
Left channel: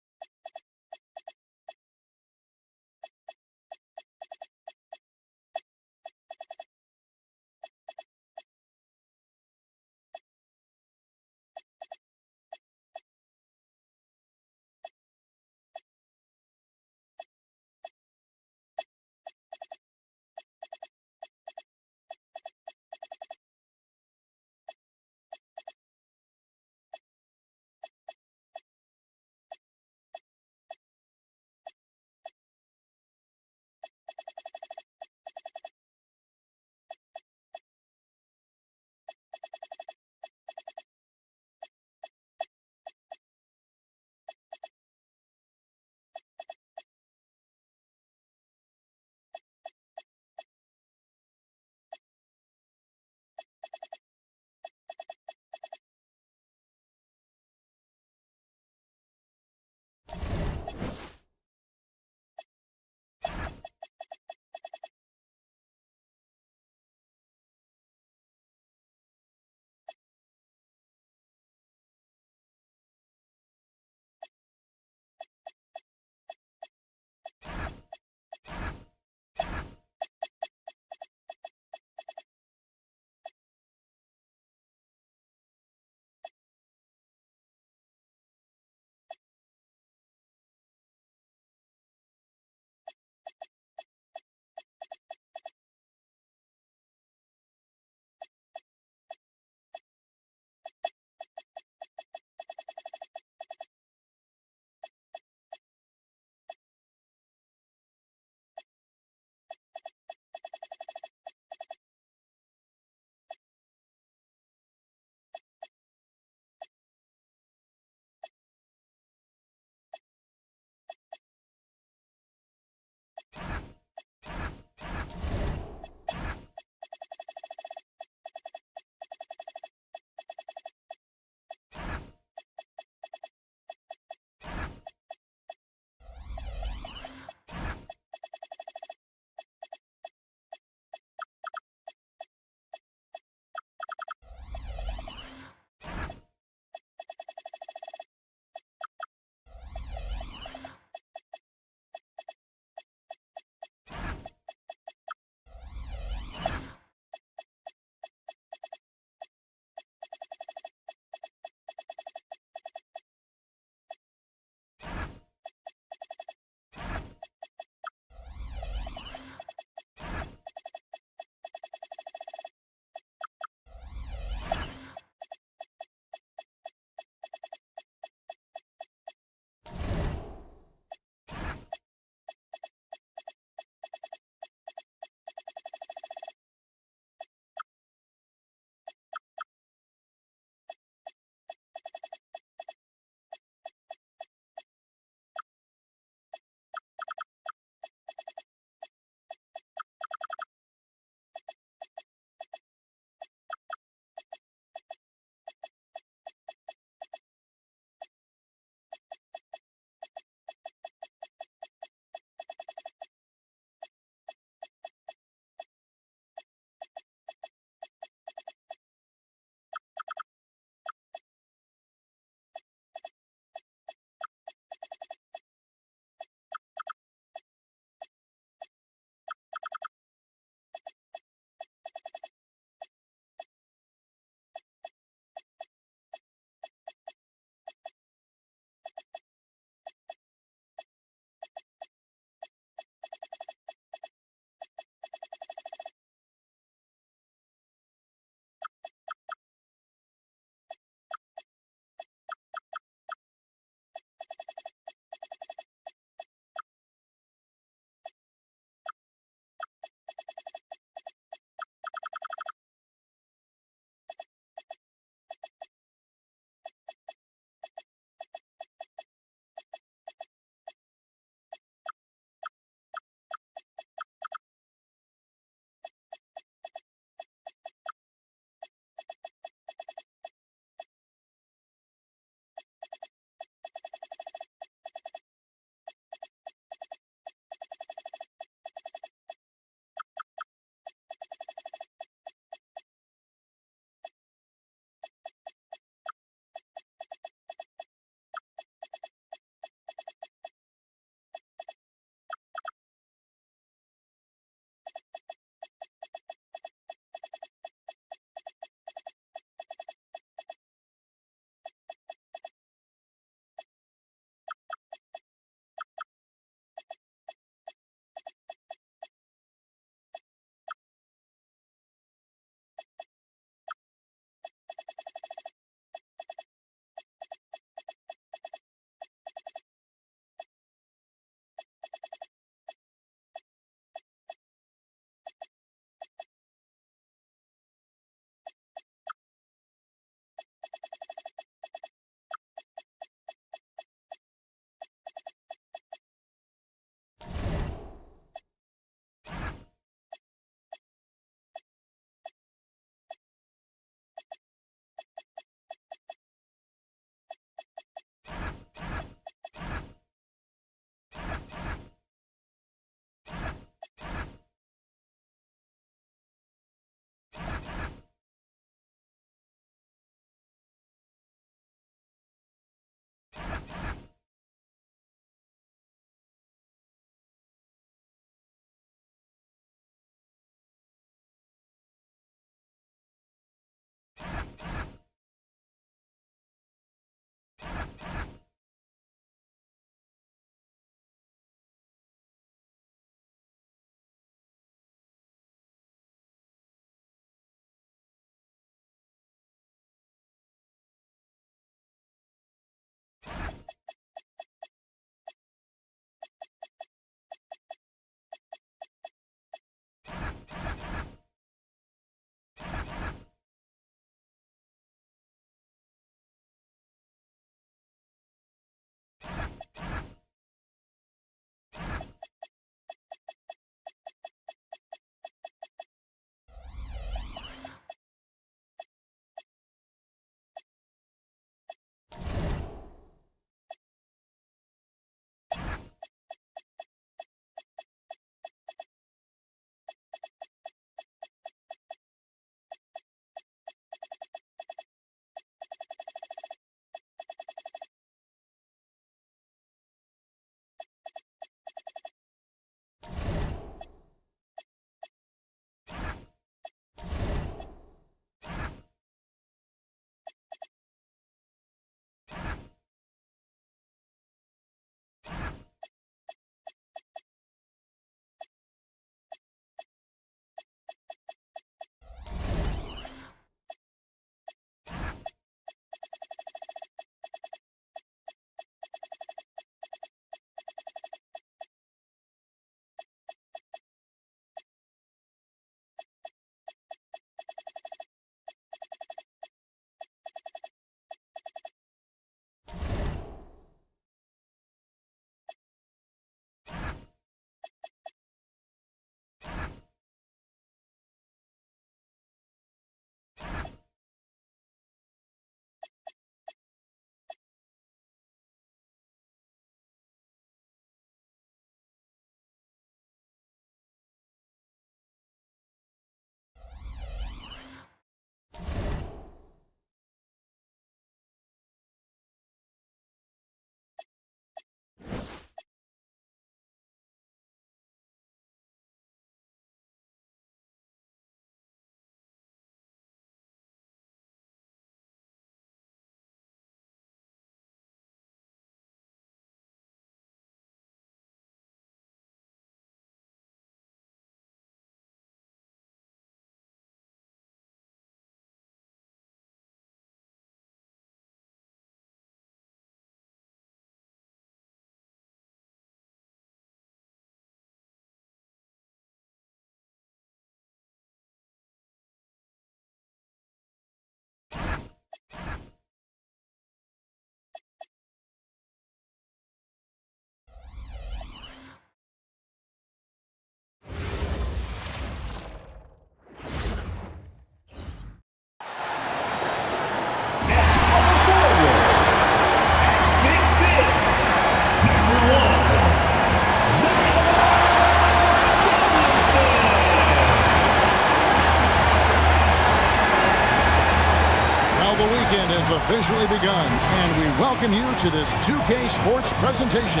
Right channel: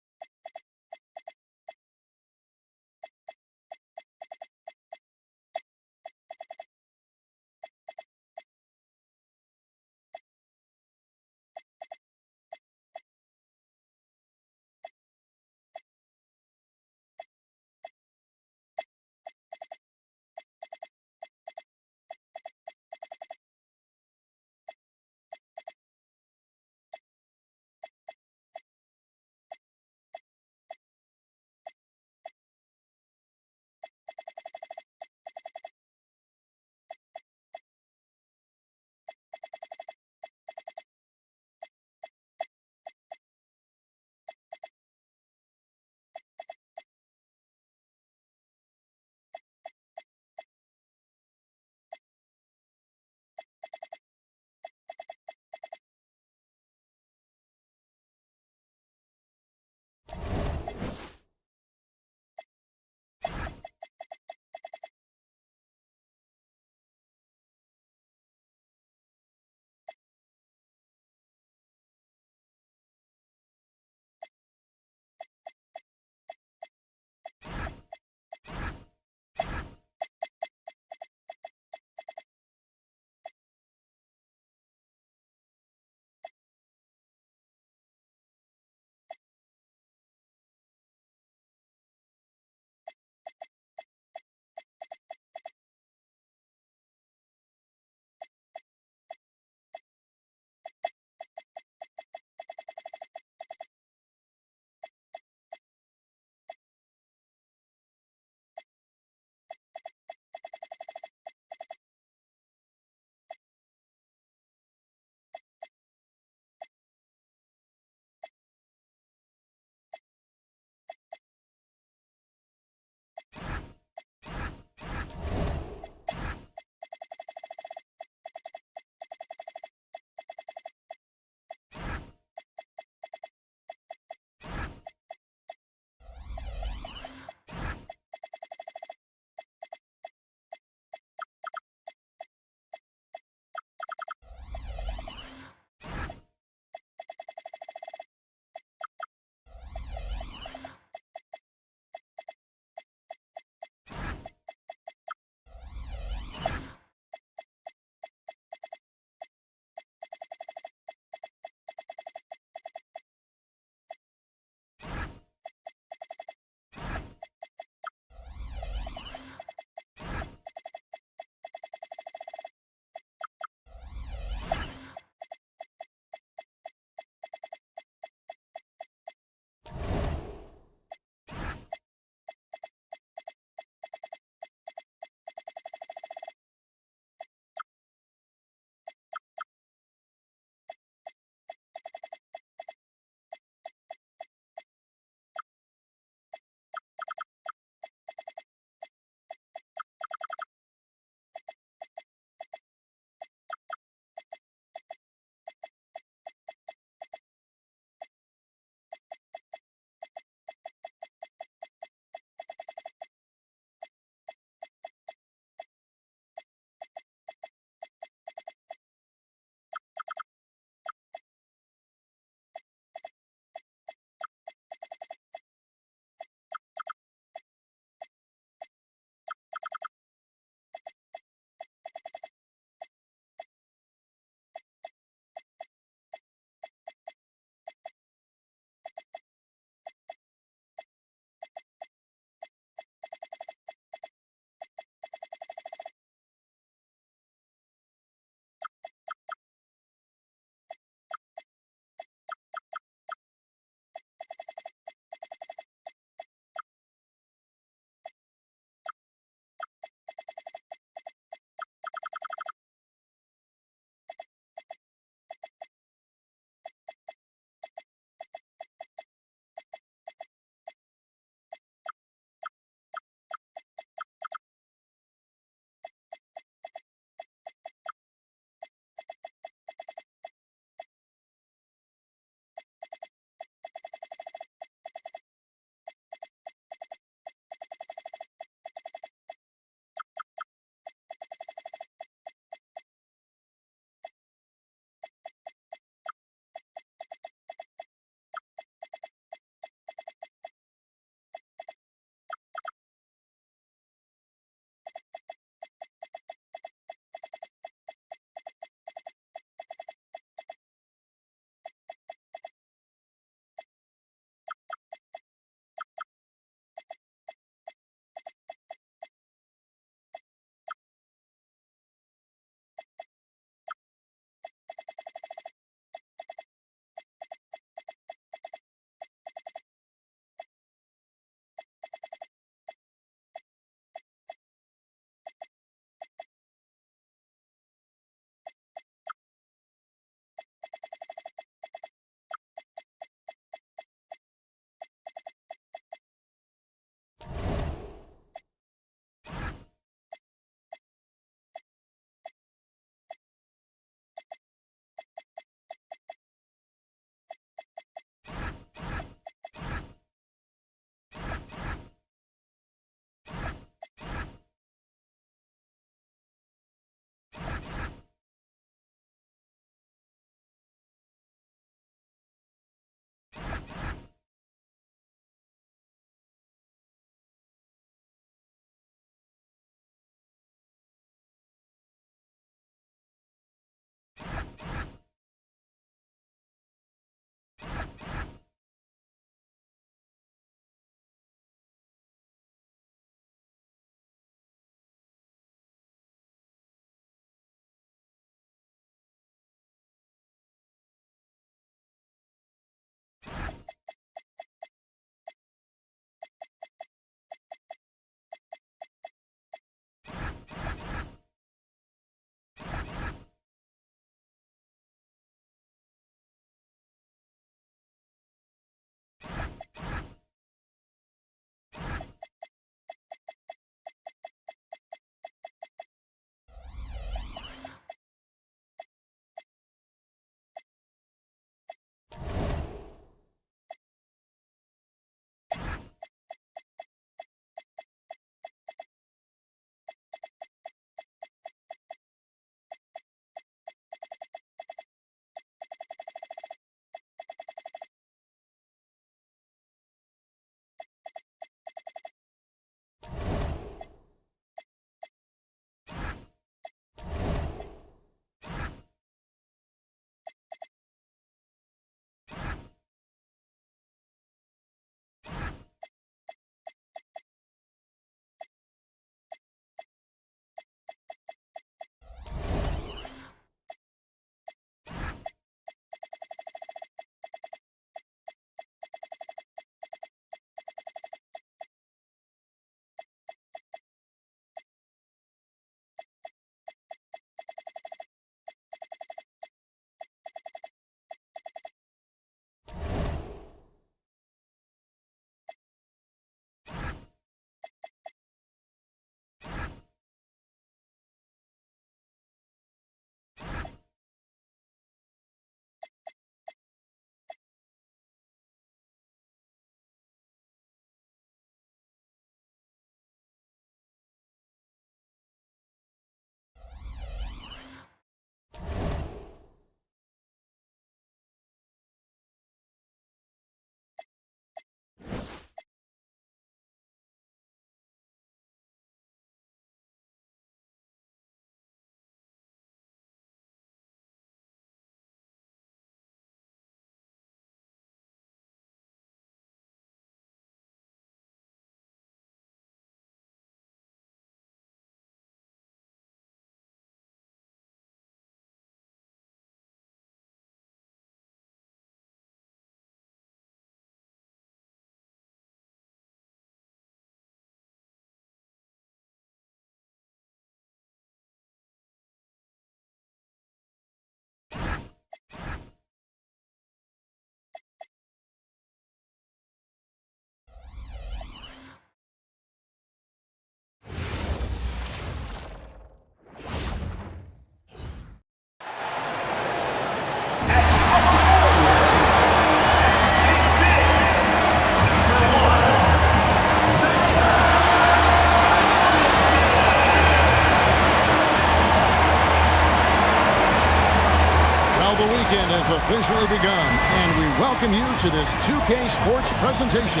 Well, the weekend has officially begun, and we welcome you to this 2K Sports presentation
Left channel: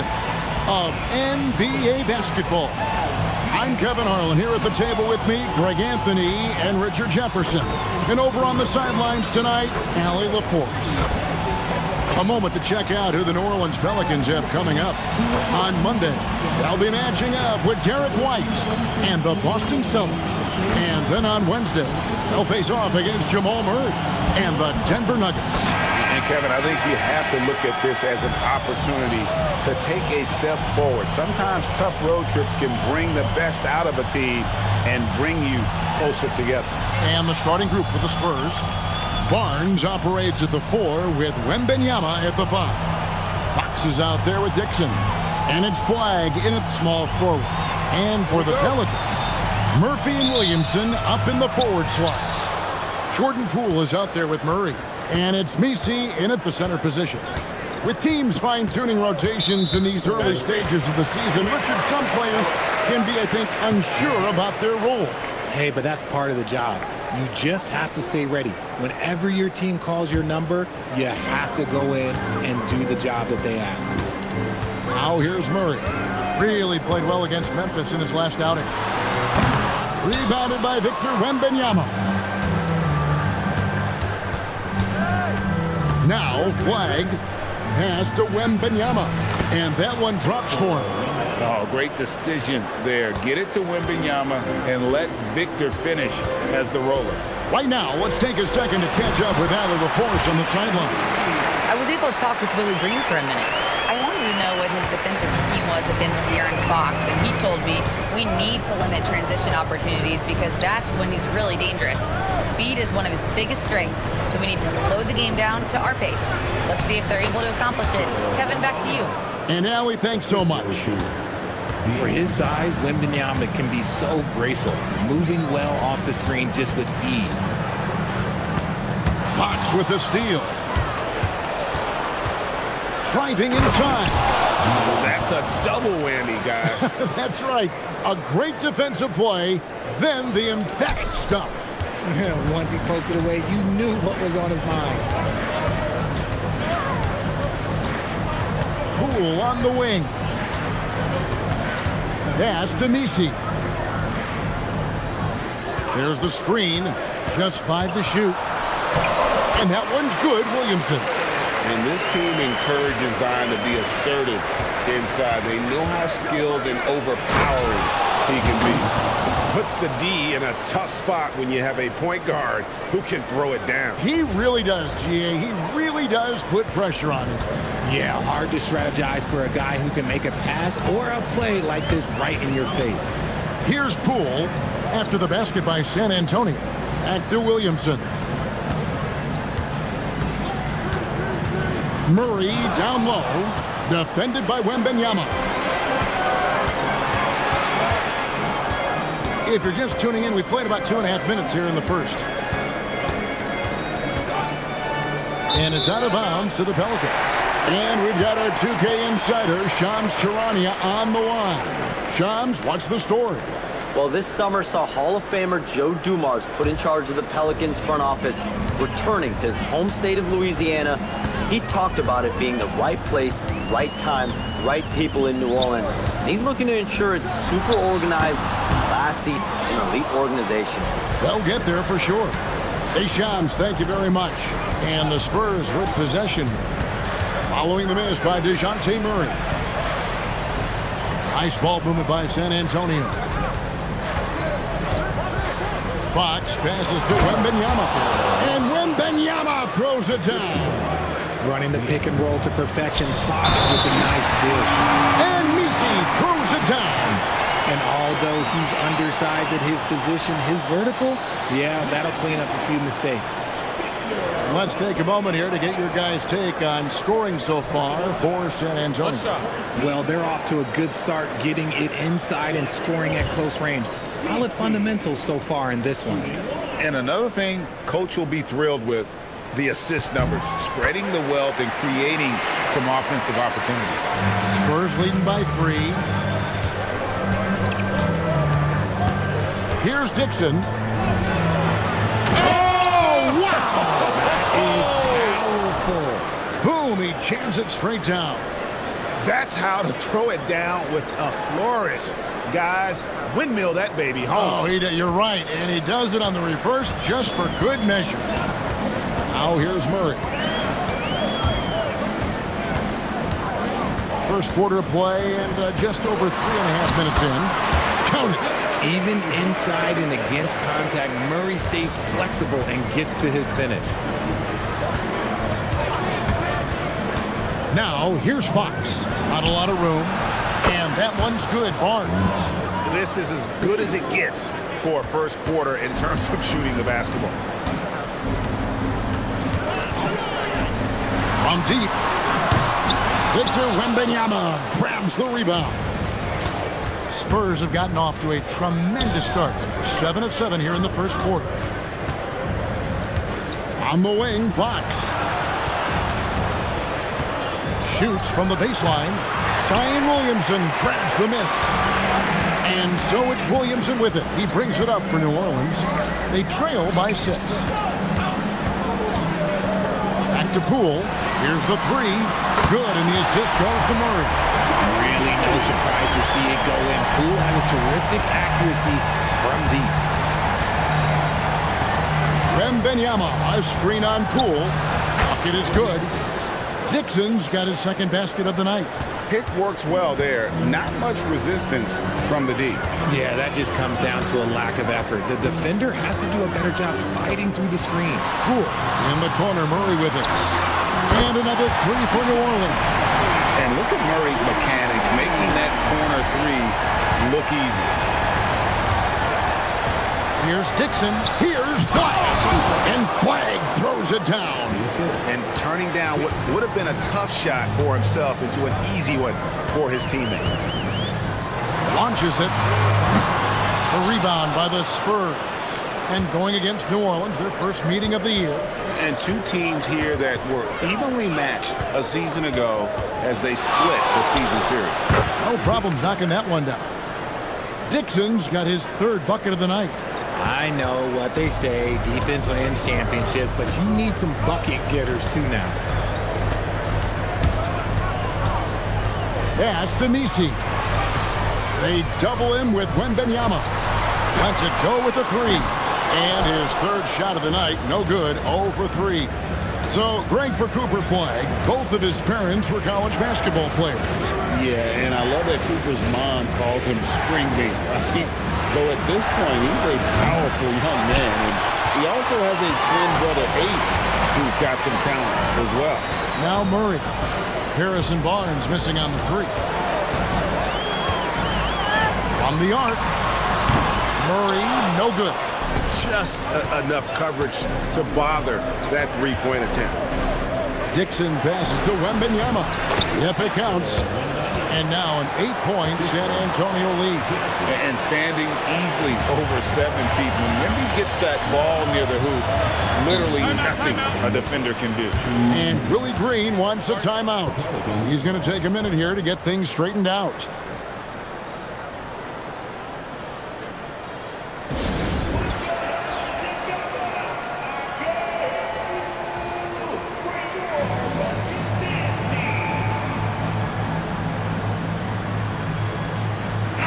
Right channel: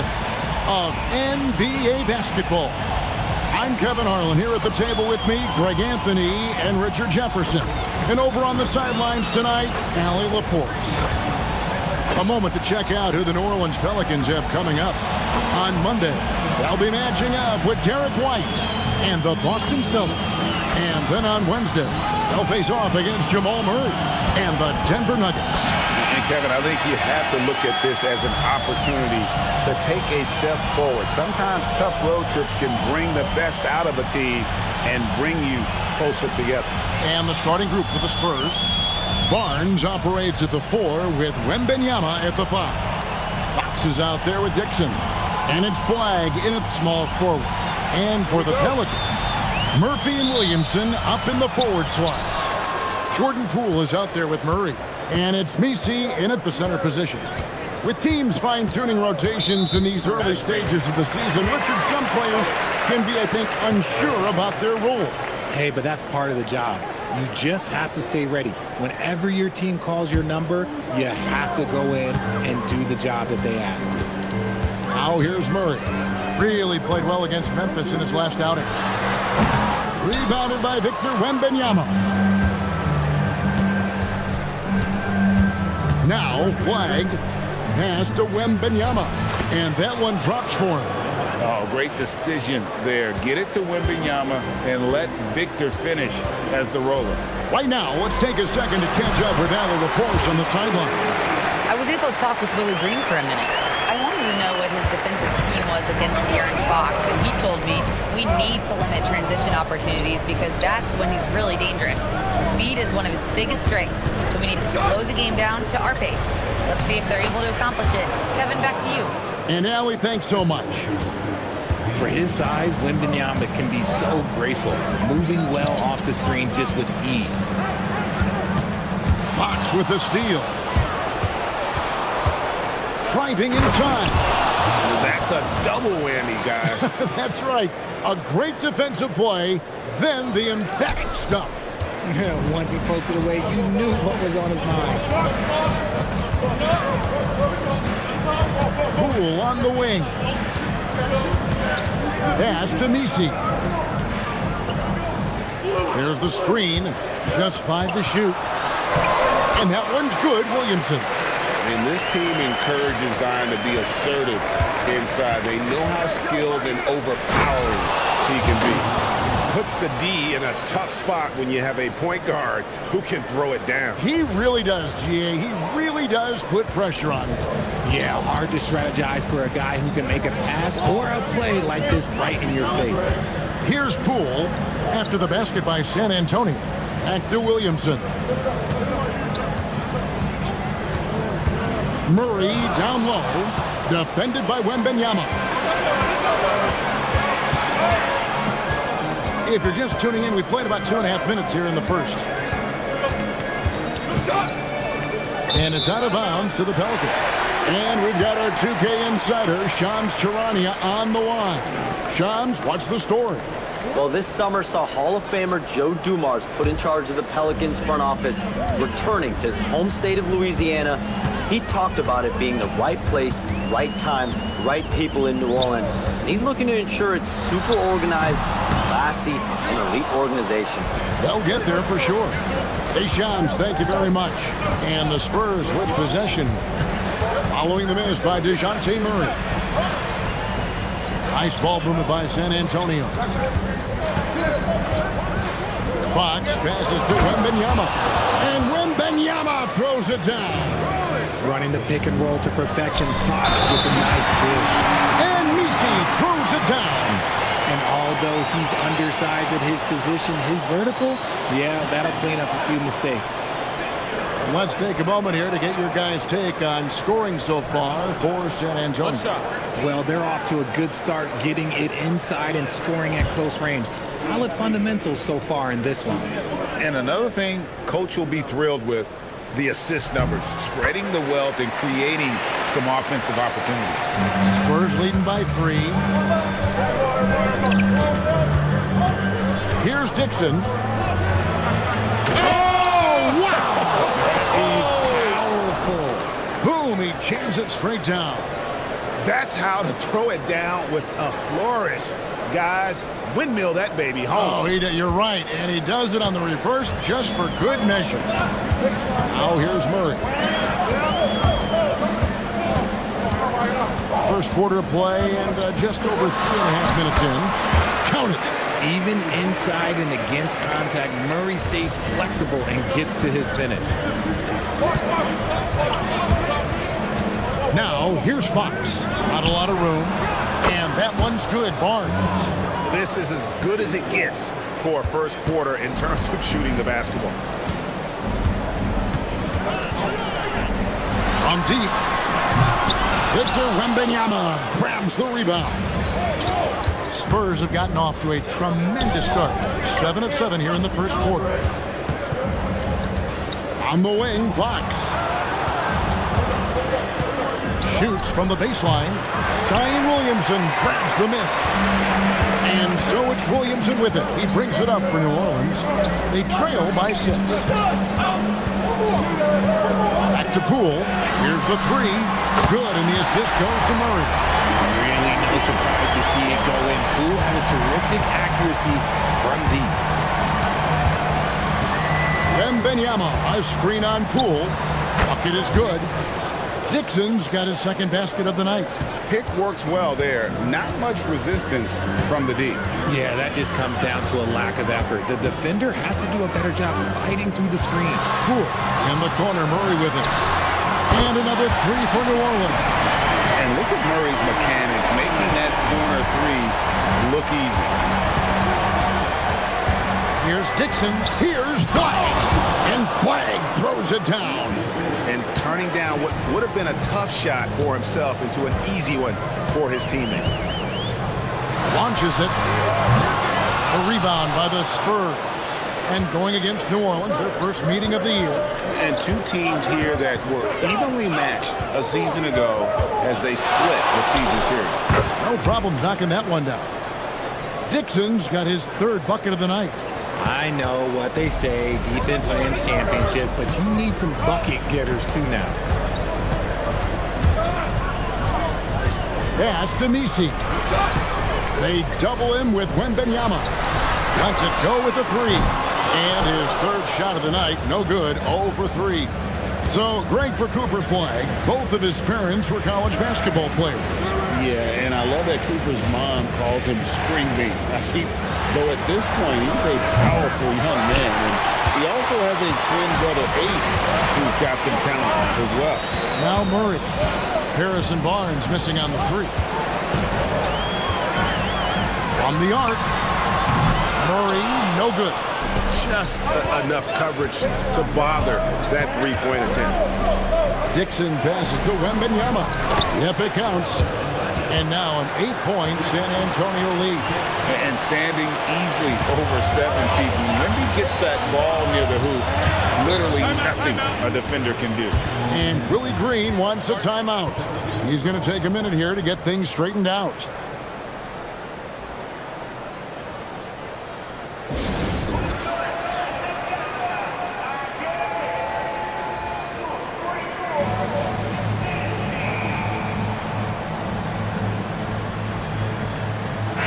of NBA basketball. I'm Kevin Harlan, here at the table with me, Greg Anthony and Richard Jefferson. And over on the sidelines tonight, Allie LaForce. A moment to check out who the New Orleans Pelicans have coming up. On Monday, they'll be matching up with Derek White and the Boston Celtics. And then on Wednesday, they'll face off against Jamal Murray and the Denver Nuggets. And Kevin, I think you have to look at this as an opportunity to take a step forward. Sometimes tough road trips can bring the best out of a team and bring you closer together. And the starting group for the Spurs. Barnes operates at the 4 with Wembanyama at the 5. Fox is out there with Dixon. And it's Flagg in at small forward. And for the Pelicans, Murphy and Williamson up in the forward slots. Jordan Poole is out there with Murray. And it's Messi in at the center position. With teams fine-tuning rotations in these early stages of the season, Richard, some players can be, I think, unsure about their role. Hey, but that's part of the job. You just have to stay ready. Whenever your team calls your number, you have to go in and do the job that they ask. Now here's Murray. Really played well against Memphis in his last outing. Rebounded by Victor Wembanyama. Now Flagg pass to Wembanyama. And that one drops for him. Oh, great decision there. Get it to Wembanyama and let Victor finish as the roller. Right now, let's take a second to catch up with Allie LaForce on the sideline. I was able to talk with Willie Green for a minute. I wanted to know what his defensive scheme was against De'Aaron Fox, and he told me we need to limit transition opportunities because that's when he's really dangerous. Speed is one of his biggest strengths, so we need to slow the game down to our pace. Let's see if they're able to accomplish it. Kevin, back to you. And Allie, thanks so much. For his size, Wembanyama can be so graceful, moving well off the screen just with ease. Fox with the steal. Driving inside. That's a double whammy, guys. That's right. A great defensive play, then the emphatic stuff. Once he poked it away, you knew what was on his mind. Poole on the wing. Pass to Messi. There's the screen. Just 5 to shoot. And that one's good, Williamson. And this team encourages Zion to be assertive inside. They know how skilled and overpowering he can be. Puts the D in a tough spot when you have a point guard who can throw it down. He really does, GA. He really does put pressure on him. Yeah, hard to strategize for a guy who can make a pass or a play like this right in your face. Here's Poole after the basket by San Antonio. Back to Williamson. Murray down low, defended by Wembanyama. If you're just tuning in, we played about 2.5 minutes here in the first. And it's out of bounds to the Pelicans. And we've got our 2K insider, Shams Charania, on the line. Shams, what's the story? Well, this summer saw Hall of Famer Joe Dumars put in charge of the Pelicans front office, returning to his home state of Louisiana. He talked about it being the right place, right time, right people in New Orleans. And he's looking to ensure it's super organized, classy, and elite organization. They'll get there for sure. Hey, Shams, thank you very much. And the Spurs with possession. Following the miss by DeJounte Murray. Nice ball movement by San Antonio. Fox passes to Wembanyama. And Wembanyama throws it down. Running the pick and roll to perfection. Fox with a nice dish. And Messi throws it down. And although he's undersized at his position, his vertical, yeah, that'll clean up a few mistakes. And let's take a moment here to get your guys' take on scoring so far for San Antonio. What's up? Well, they're off to a good start getting it inside and scoring at close range. Solid fundamentals so far in this one. And another thing Coach will be thrilled with, the assist numbers, spreading the wealth and creating some offensive opportunities. Spurs leading by 3. Here's Dixon. Oh, wow! That is powerful. Boom, he jams it straight down. That's how to throw it down with a flourish. Guys, windmill that baby home. Oh, you're right, and he does it on the reverse just for good measure. Now here's Murray. First quarter of play and just over 3.5 minutes in. Count it. Even inside and against contact, Murray stays flexible and gets to his finish. Now, here's Fox. Not a lot of room. And that one's good, Barnes. This is as good as it gets for a first quarter in terms of shooting the basketball. From deep, Victor Wembanyama grabs the rebound. Spurs have gotten off to a tremendous start. 7 of 7 here in the first quarter. On the wing, Fox. Shoots from the baseline. Zion Williamson grabs the miss. And so it's Williamson with it. He brings it up for New Orleans. They trail by 6. Back to Poole. Here's the 3. Good, and the assist goes to Murray. Really no surprise to see it go in. Poole has a terrific accuracy from deep. Wembanyama, a screen on Poole. Bucket is good. Dixon's got his second basket of the night. Pick works well there. Not much resistance from the deep. Yeah, that just comes down to a lack of effort. The defender has to do a better job fighting through the screen. Poole in the corner, Murray with it. And another 3 for New Orleans. And look at Murray's mechanics, making that corner 3 look easy. Here's Dixon. Here's Flagg. And Flagg throws it down. And turning down what would have been a tough shot for himself into an easy one for his teammate. Launches it. A rebound by the Spurs. And going against New Orleans, their first meeting of the year. And two teams here that were evenly matched a season ago as they split the season series. No problems knocking that one down. Dixon's got his 3rd bucket of the night. I know what they say, defense wins championships, but you need some bucket getters too now. Pass to Nisi. They double him with Wembanyama. Lets it go with a 3. And his 3rd shot of the night, no good, 0 for 3. So, great for Cooper Flagg. Both of his parents were college basketball players. Yeah, and I love that Cooper's mom calls him String Bean, right? Though at this point, he's a powerful young man. And he also has a twin brother, Ace, who's got some talent as well. Now Murray. Harrison Barnes missing on the 3. From the arc. Murray, no good. Just enough coverage to bother that 3-point attempt. Dixon passes to Wembanyama. Yep, it counts. And now an 8-point San Antonio lead. And standing easily over 7 feet. When Wemby gets that ball near the hoop, literally nothing a defender can do. And Willie Green wants a timeout. He's going to take a minute here to get things straightened out.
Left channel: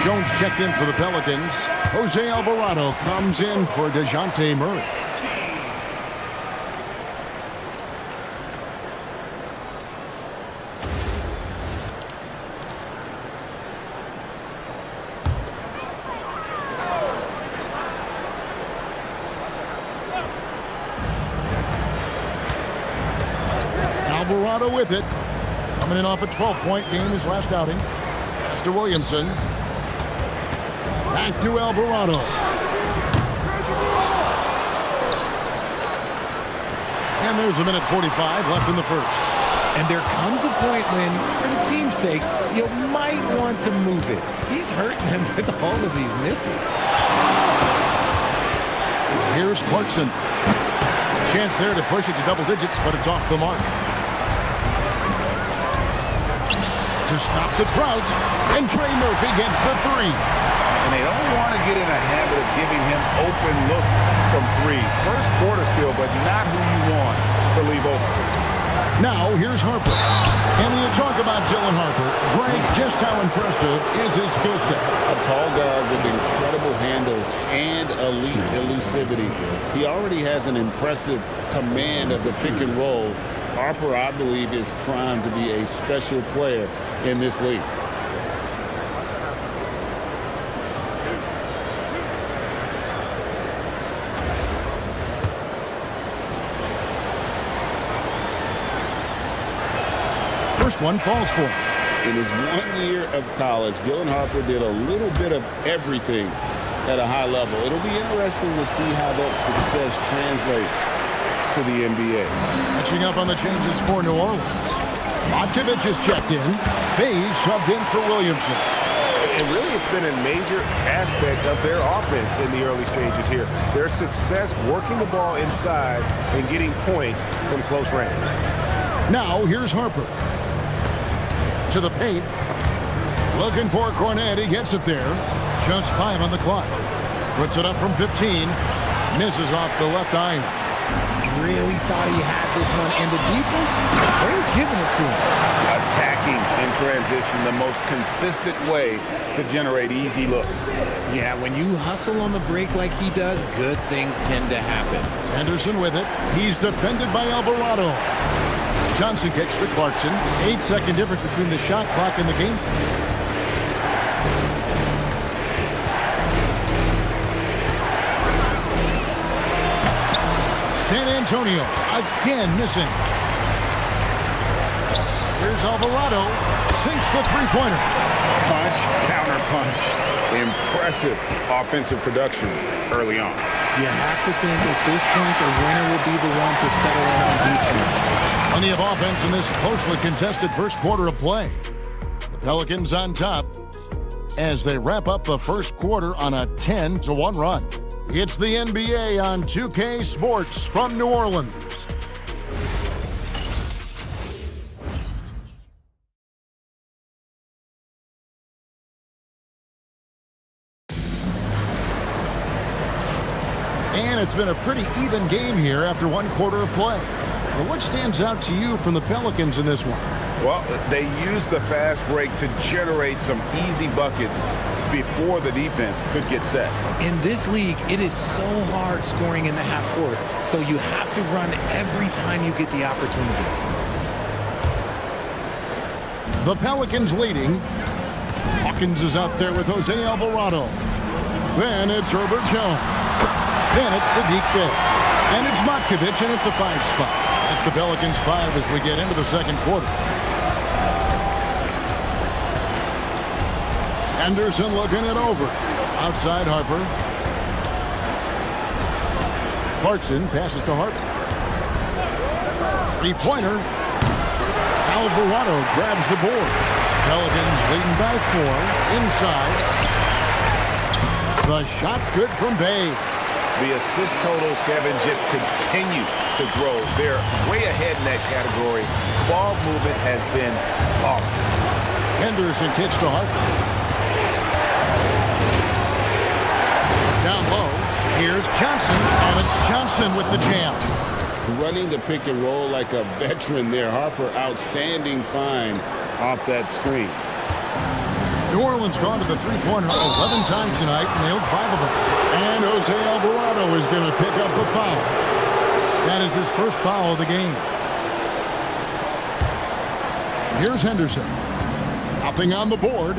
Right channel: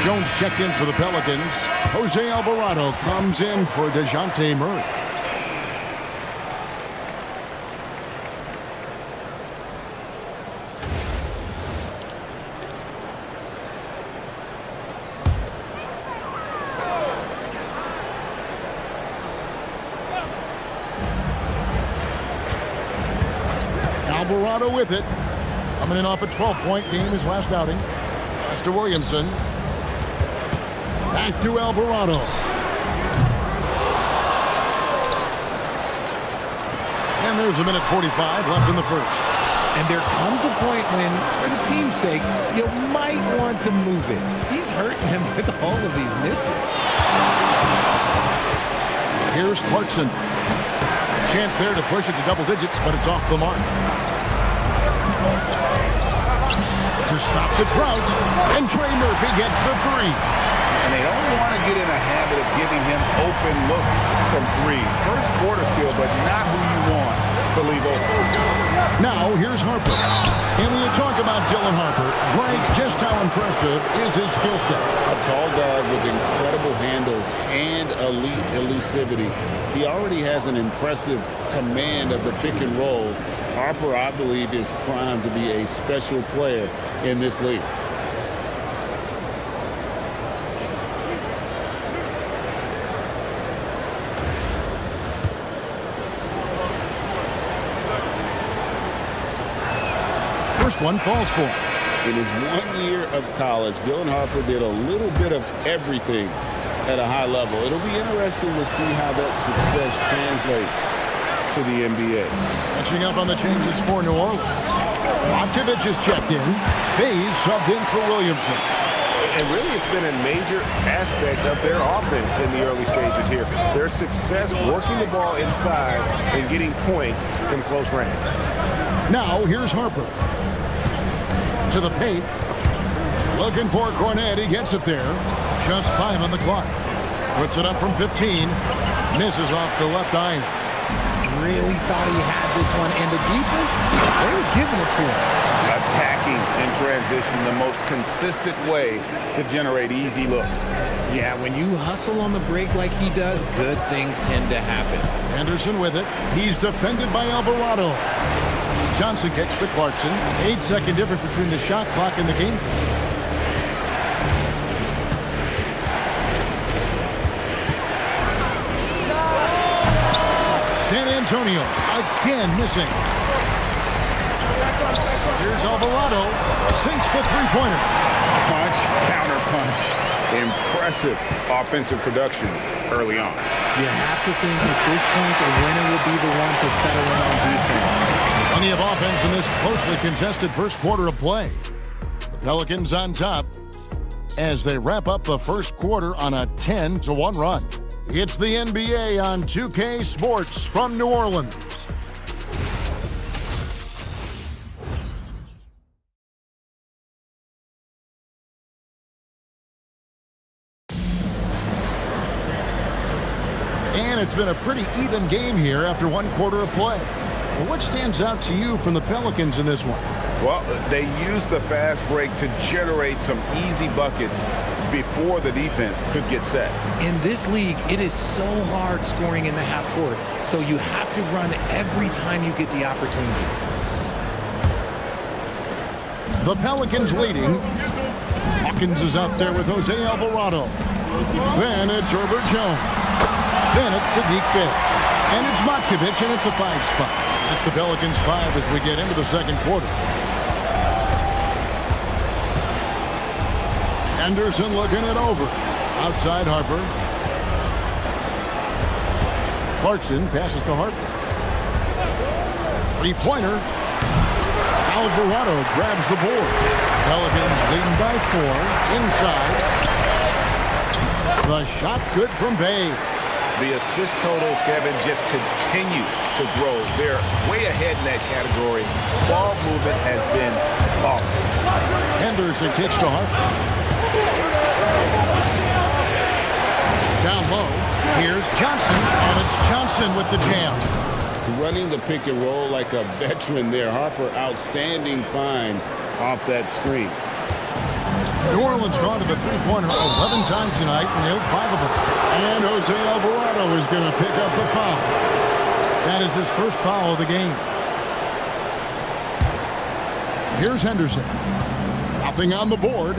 Jones checked in for the Pelicans. Jose Alvarado comes in for DeJounte Murray. Alvarado with it. Coming in off a 12-point game his last outing. Pass to Williamson. Back to Alvarado. And there's a minute 45 left in the first. And there comes a point when, for the team's sake, you might want to move it. He's hurting them with all of these misses. Here's Clarkson. A chance there to push it to double digits, but it's off the mark. To stop the drought, and Trey Murphy gets the 3. And they don't want to get in a habit of giving him open looks from three. First quarter still, but not who you want to leave open. Now, here's Harper. And when you talk about Dylan Harper, Greg, just how impressive is his skill set? A tall guard with incredible handles and elite elusivity. He already has an impressive command of the pick and roll. Harper, I believe, is primed to be a special player in this league. First one falls for him. In his 1 year of college, Dylan Harper did a little bit of everything at a high level. It'll be interesting to see how that success translates to the NBA. Catching up on the changes for New Orleans. Montkovich is checked in. Hayes subbed in for Williamson. And really, it's been a major aspect of their offense in the early stages here. Their success working the ball inside and getting points from close range. Now, here's Harper. To the paint. Looking for Cornet. He gets it there. Just 5 on the clock. Puts it up from 15. Misses off the left iron. Really thought he had this one, and the defense, they were giving it to him. Attacking in transition, the most consistent way to generate easy looks. Yeah, when you hustle on the break like he does, good things tend to happen. Anderson with it. He's defended by Alvarado. Johnson kicks to Clarkson. 8-second difference between the shot clock and the game clock. San Antonio again missing. Here's Alvarado. Sinks the three-pointer. Punch, counter punch. Impressive offensive production early on. You have to think at this point the winner will be the one to settle in on defense. Plenty of offense in this closely contested first quarter of play. The Pelicans on top as they wrap up the first quarter on a 10-1 run. It's the NBA on 2K Sports from New Orleans. And it's been a pretty even game here after 1 quarter of play. And what stands out to you from the Pelicans in this one? Well, they used the fast break to generate some easy buckets before the defense could get set. In this league, it is so hard scoring in the half court, so you have to run every time you get the opportunity. The Pelicans leading. Hawkins is out there with Jose Alvarado. Then it's Herbert Jones. Then it's Sadiq Bey. And it's Montkovich in at the 5 spot. That's the Pelicans 5 as we get into the second quarter. Anderson looking it over. Outside Harper. Clarkson passes to Harper. Three-pointer. Alvarado grabs the board. Pelicans leading by 4. Inside. The shot's good from Bey. The assist totals, Kevin, just continue to grow. They're way ahead in that category. Ball movement has been flawless. Henderson kicks to Harper. Down low, here's Johnson, and it's Johnson with the jam. Running the pick and roll like a veteran there. Harper, outstanding find off that screen. New Orleans gone to the three-pointer 11 times tonight, nailed 5 of them. And Jose Alvarado is going to pick up the foul. That is his first foul of the game. Here's Henderson. Nothing on the board.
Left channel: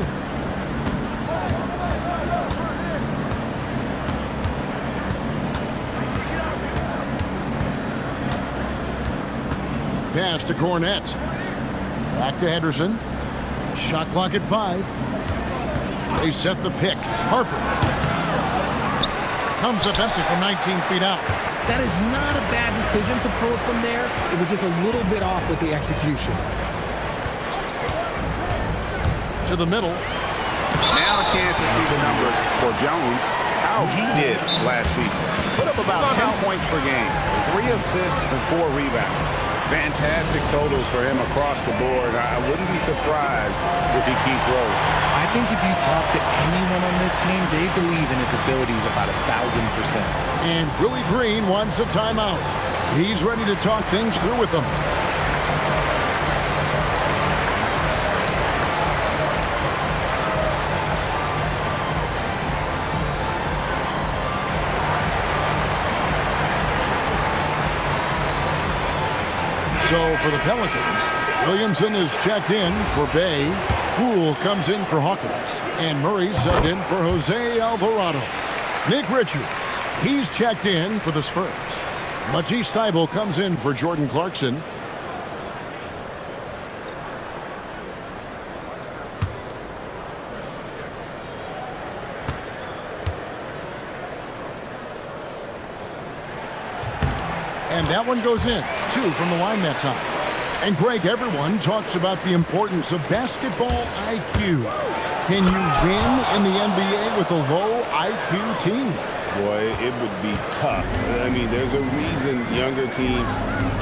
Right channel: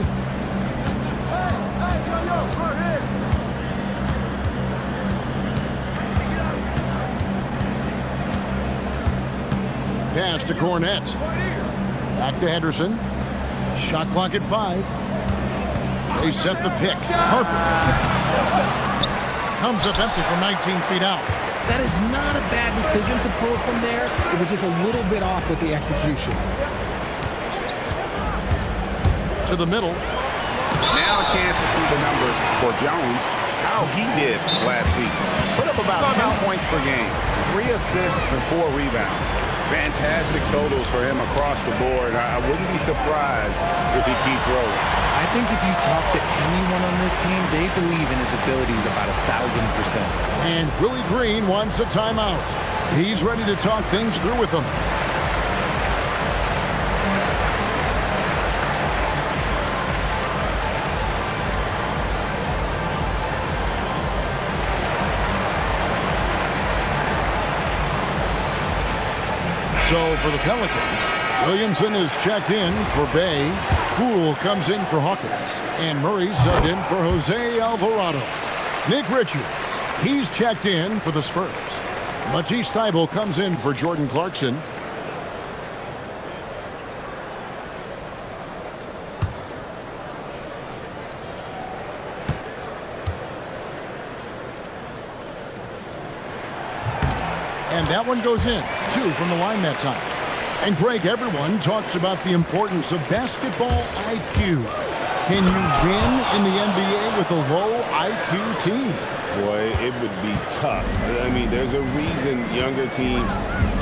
Pass to Cornet. Back to Henderson. Shot clock at 5. They set the pick. Harper comes up empty from 19 feet out. That is not a bad decision to pull it from there. It was just a little bit off with the execution. To the middle. Now a chance to see the numbers for Jones, how he did last season. Put up about 10 points per game, 3 assists and 4 rebounds. Fantastic totals for him across the board. I wouldn't be surprised if he keeps rolling. I I think if you talk to anyone on this team, they believe in his abilities about 1,000%. And Willie Green wants a timeout. He's ready to talk things through with them. So for the Pelicans, Williamson is checked in for Bay. Poole comes in for Hawkins. And Murray subbed in for Jose Alvarado. Nick Richards, he's checked in for the Spurs. Matisse Thybulle comes in for Jordan Clarkson. And that one goes in. 2 from the line that time. And Greg, everyone talks about the importance of basketball IQ. Can you win in the NBA with a low IQ team? Boy, it would be tough. I mean, there's a reason younger teams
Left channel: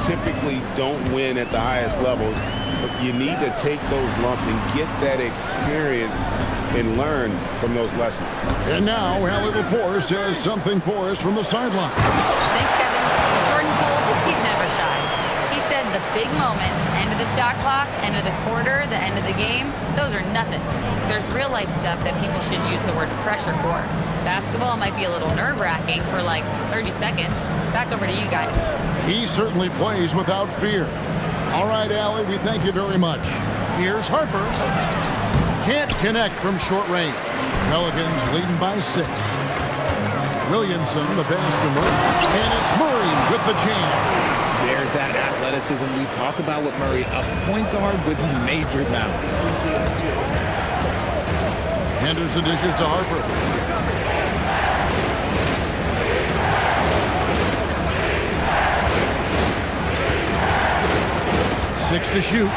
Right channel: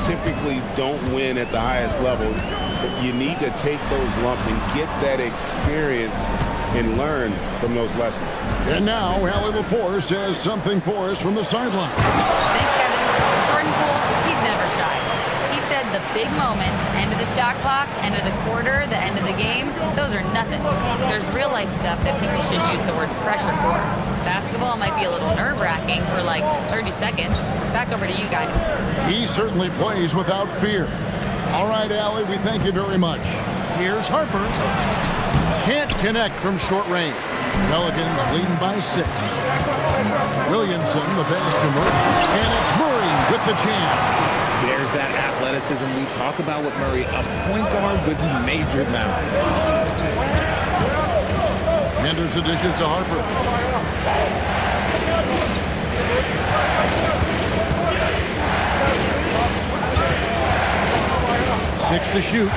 typically don't win at the highest level. But you need to take those lumps and get that experience and learn from those lessons. And now, Hallie LaForce has something for us from the sideline. Thanks, Kevin. Jordan Poole, he's never shy. He said the big moments, end of the shot clock, end of the quarter, the end of the game, those are nothing. There's real life stuff that people should use the word pressure for. Basketball might be a little nerve-wracking for like 30 seconds. Back over to you guys. He certainly plays without fear. All right, Allie, we thank you very much. Here's Harper. Can't connect from short range. Pelicans leading by 6. Williamson, the pass to Murray. And it's Murray with the jam. There's that athleticism we talk about with Murray, a point guard with major mouths. Henderson dishes to Harper. Six to shoot.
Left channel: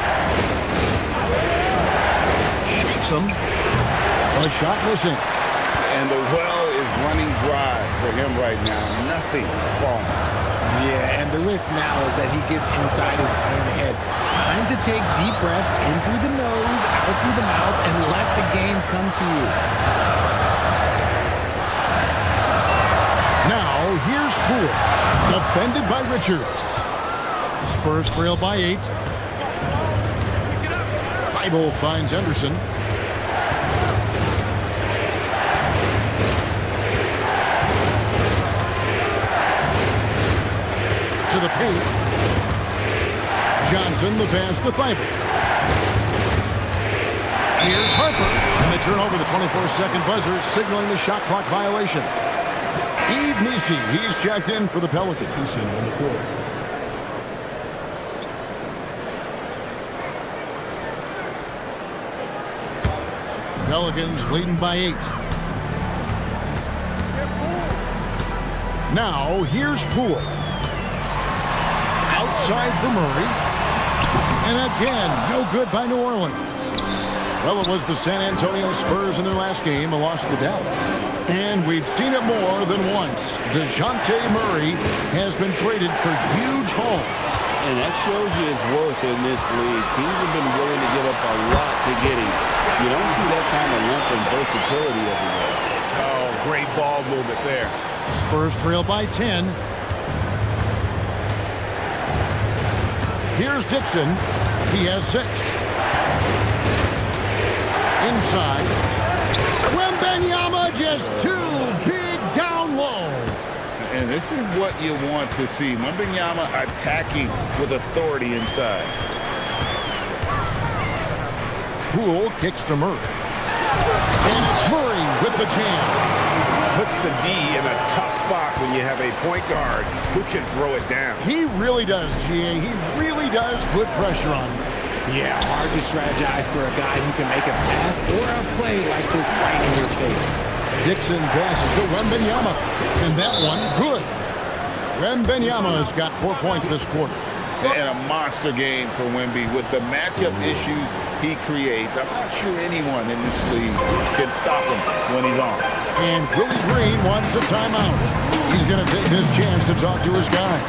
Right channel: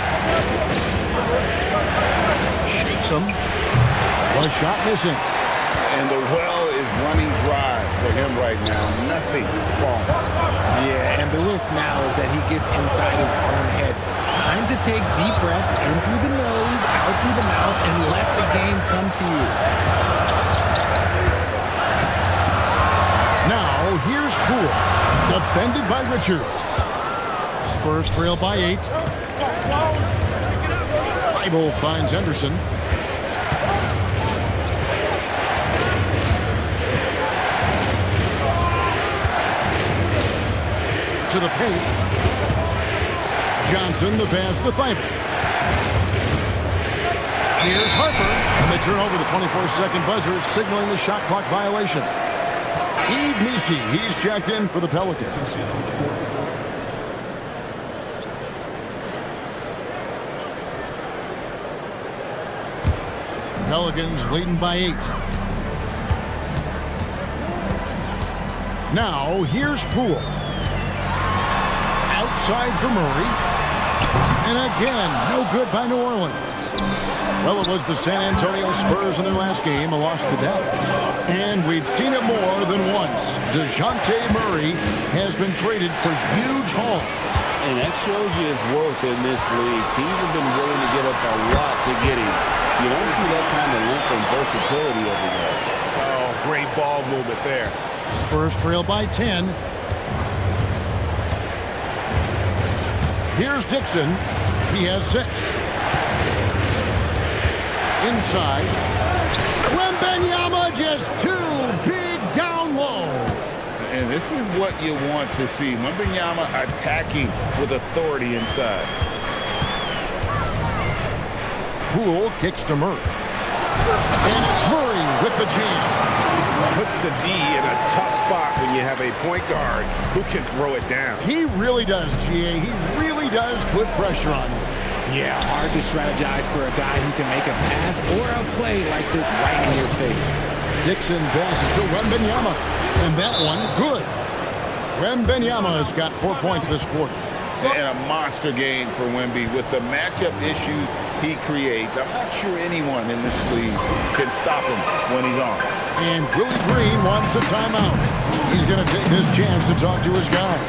Shakes him. The shot missing. And the well is running dry for him right now. Nothing falling. Yeah, and the risk now is that he gets inside his own head. Time to take deep breaths in through the nose, out through the mouth, and let the game come to you. Now, here's Poole. Defended by Richards. Spurs trail by 8. Thybulle finds Henderson. To the paint. Johnson, the pass to Thybulle. Here's Harper. And they turn over the 24-second buzzer, signaling the shot clock violation. Yves Missi, he's checked in for the Pelicans. Pelicans leading by 8. Now, here's Poole. Outside for Murray. And again, no good by New Orleans. Well, it was the San Antonio Spurs in their last game, a loss to Dallas. And we've seen it more than once. DeJounte Murray has been traded for huge hauls. And that shows you his worth in this league. Teams have been willing to give up a lot to get him. You don't see that kind of length and versatility over there. Oh, great ball movement there. Spurs trail by 10. Here's Dixon. He has 6. Inside. Wembanyama just too big down low. And this is what you want to see. Wembanyama attacking with authority inside. Poole kicks to Murray. And it's Murray with the jam. Puts the D in a tough spot when you have a point guard who can throw it down. He really does, GA. He really does put pressure on him. Yeah, hard to strategize for a guy who can make a pass or a play like this right in your face. Dixon passes to Wembanyama. And that one, good. Wembanyama has got 4 points this quarter. And a monster game for Wemby with the matchup issues he creates. I'm not sure anyone in this league can stop him when he's on. And Willie Green wants a timeout. He's going to take this chance to talk to his guy.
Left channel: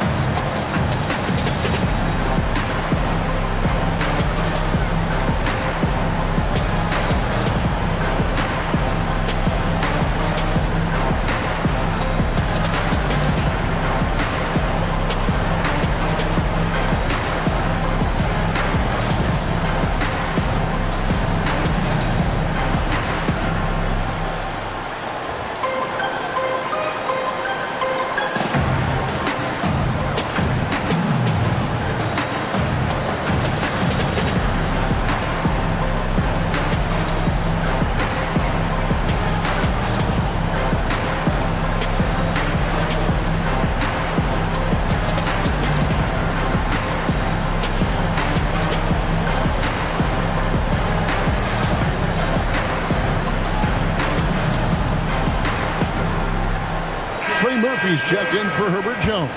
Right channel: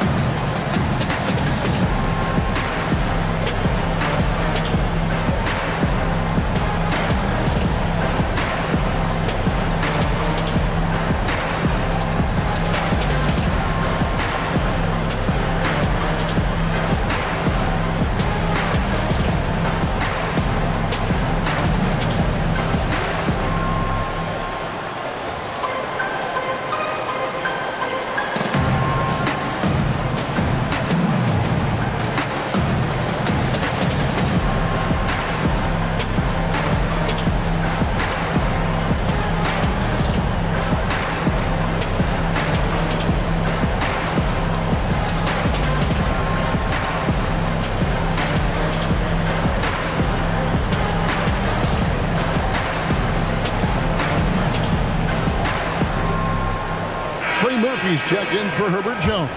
Trey Murphy's checked in for Herbert Jones.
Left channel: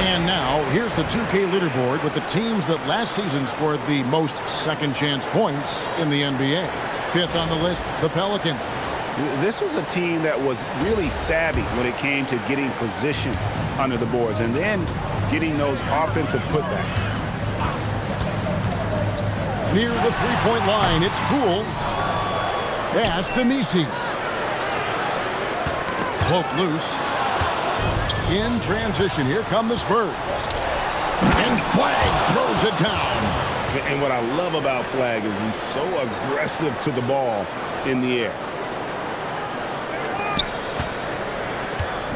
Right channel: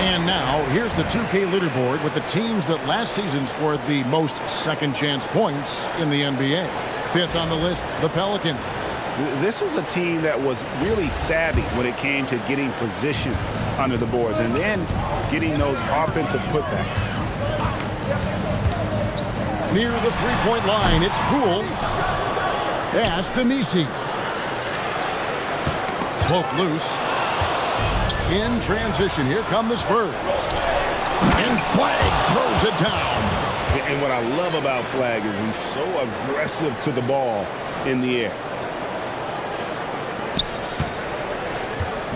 And now, here's the 2K leaderboard with the teams that last season scored the most second-chance points in the NBA. Fifth on the list, the Pelicans. This was a team that was really savvy when it came to getting position under the boards and then getting those offensive putbacks. Near the three-point line, it's Poole. Pass to Messi. Poke loose. In transition, here come the Spurs. And Flag throws it down. And what I love about Flag is he's so aggressive to the ball in the air.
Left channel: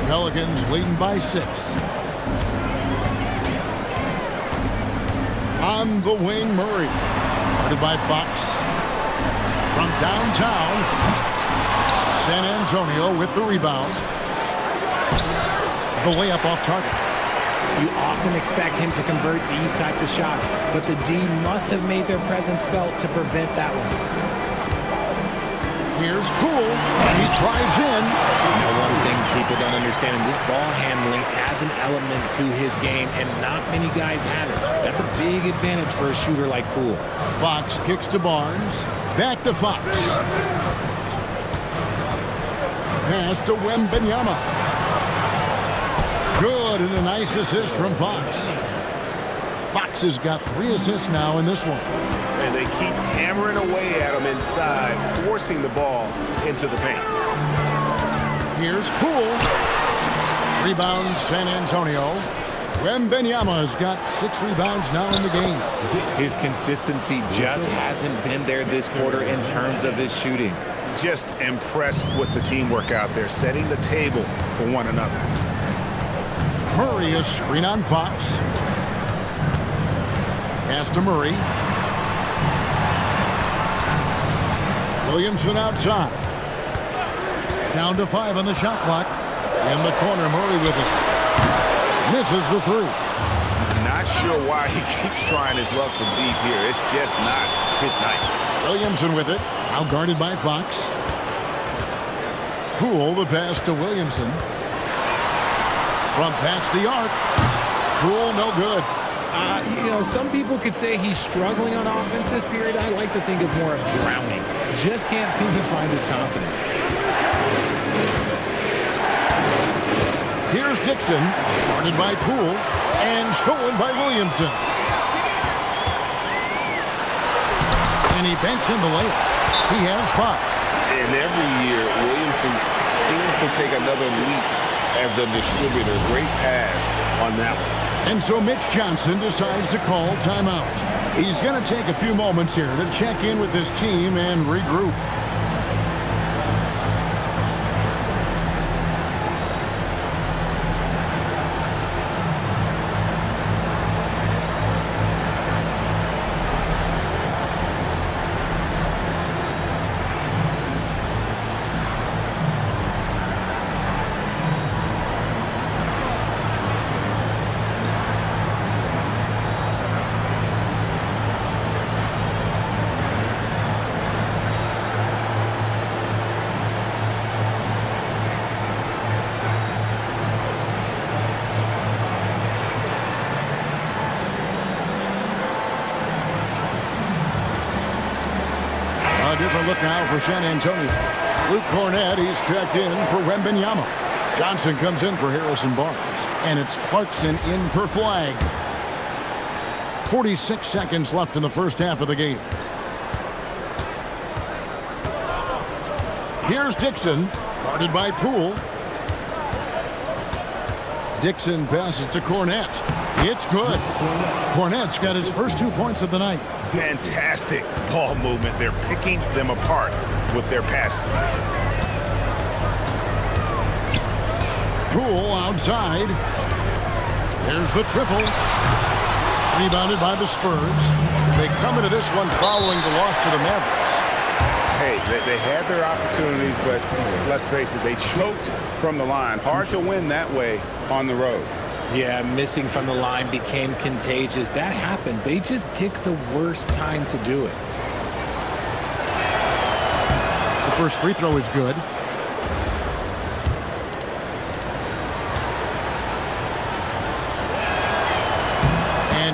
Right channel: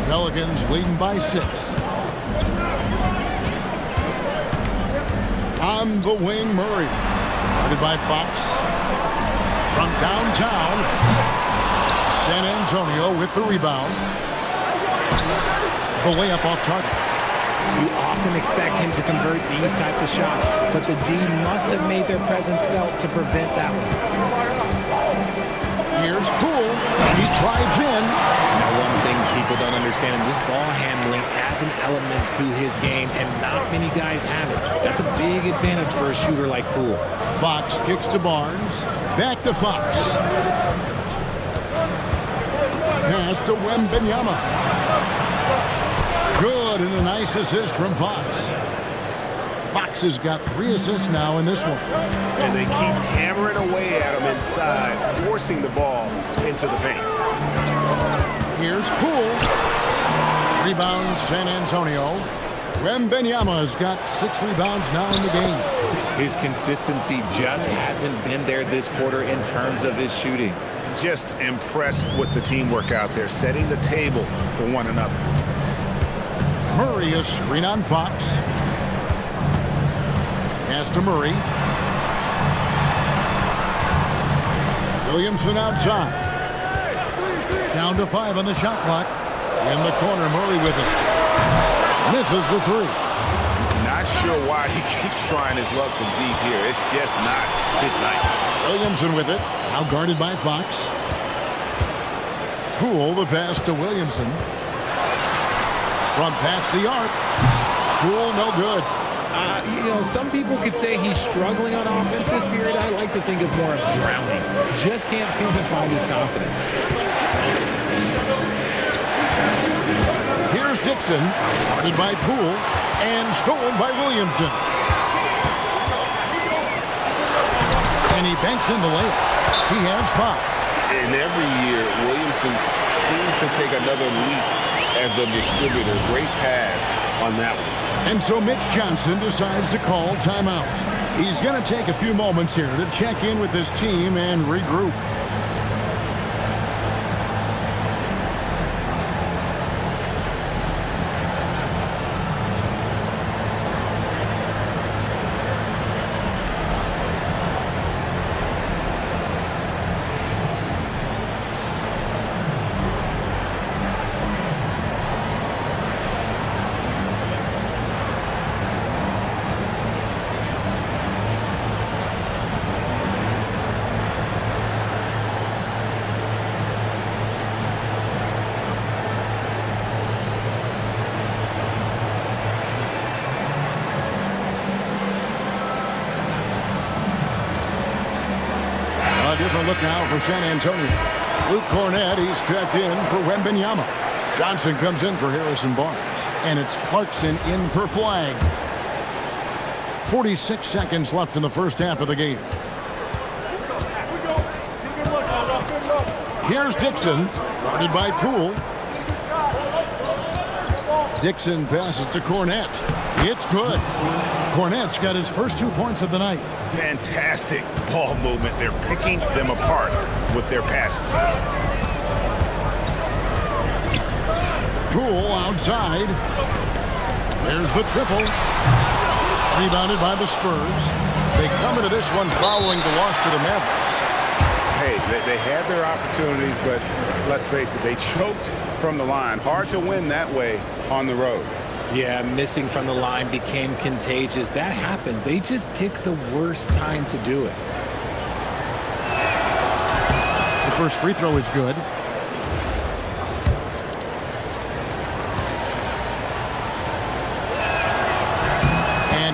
Pelicans leading by 6. On the wing, Murray. Guarded by Fox. From downtown, San Antonio with the rebound. The layup off target. You often expect him to convert these types of shots, but the D must have made their presence felt to prevent that one. Here's Poole, and he drives in. Now, one thing people don't understand, and this ball handling adds an element to his game, and not many guys have it. That's a big advantage for a shooter like Poole. Fox kicks to Barnes. Back to Fox. Pass to Wembanyama. Good, and a nice assist from Fox. Fox has got 3 assists now in this one. And they keep hammering away at him inside, forcing the ball into the paint. Here's Poole. Rebound, San Antonio. Wembanyama has got 6 rebounds now in the game. His consistency just hasn't been there this quarter in terms of his shooting. Just impressed with the teamwork out there, setting the table for one another. Murray, a screen on Fox. Pass to Murray. Williamson outside. Down to 5 on the shot clock. In the corner, Murray with it. Misses the 3. Not sure why he keeps trying his luck from deep here. It's just not his night. Williamson with it. Now guarded by Fox. Poole, the pass to Williamson. From past the arc. Poole, no good. You know, some people could say he's struggling on offense this period. I like to think of more of drowning. Just can't seem to find his confidence. Here's Dixon, guarded by Poole, and stolen by Williamson. And he banks in the layup. He has 5. And every year, Williamson seems to take another leap as a distributor. Great pass on that one. And so Mitch Johnson decides to call timeout. He's going to take a few moments here to check in with his team and regroup. A different look now for San Antonio. Luke Cornett, he's checked in for Wembanyama. Johnson comes in for Harrison Barnes. And it's Clarkson in for Flag. 46 seconds left in the first half of the game. Here's Dixon, guarded by Poole. Dixon passes to Cornett. It's good. Cornett's got his first 2 points of the night. Fantastic ball movement. They're picking them apart with their passing. Poole outside. There's the triple. Rebounded by the Spurs. They come into this one following the loss to the Mavericks. Hey, they had their opportunities, but let's face it, they choked from the line. Hard to win that way on the road. Yeah, missing from the line became contagious. That happens. They just pick the worst time to do it. The first free throw is good.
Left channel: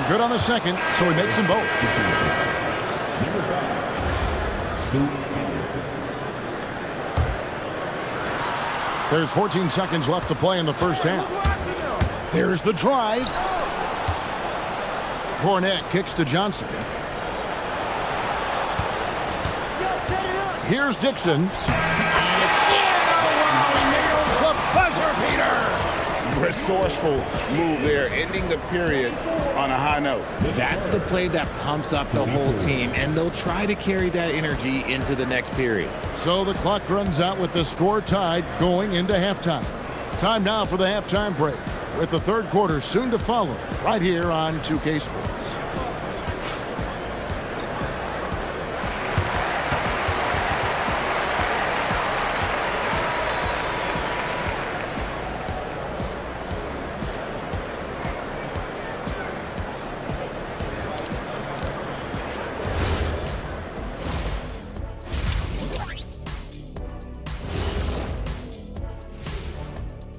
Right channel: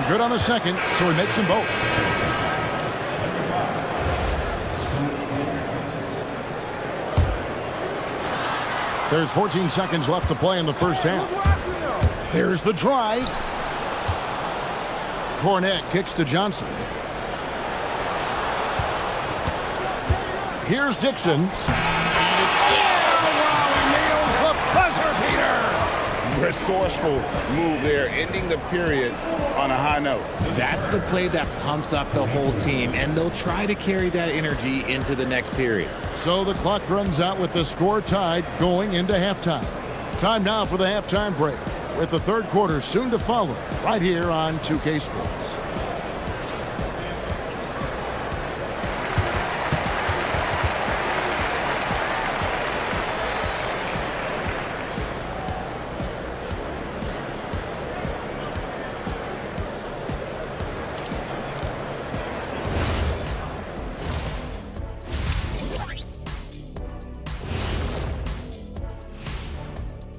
good on the second, so he makes them both. There's 14 seconds left to play in the first half. There's the drive. Cornette kicks to Johnson. Here's Dixon. And it's in. Oh, wow, he nails the buzzer beater. Resourceful move there, ending the period on a high note. That's the play that pumps up the whole team, and they'll try to carry that energy into the next period. So the clock runs out with the score tied going into halftime. Time now for the halftime break, with the third quarter soon to follow, right here on 2K Sports.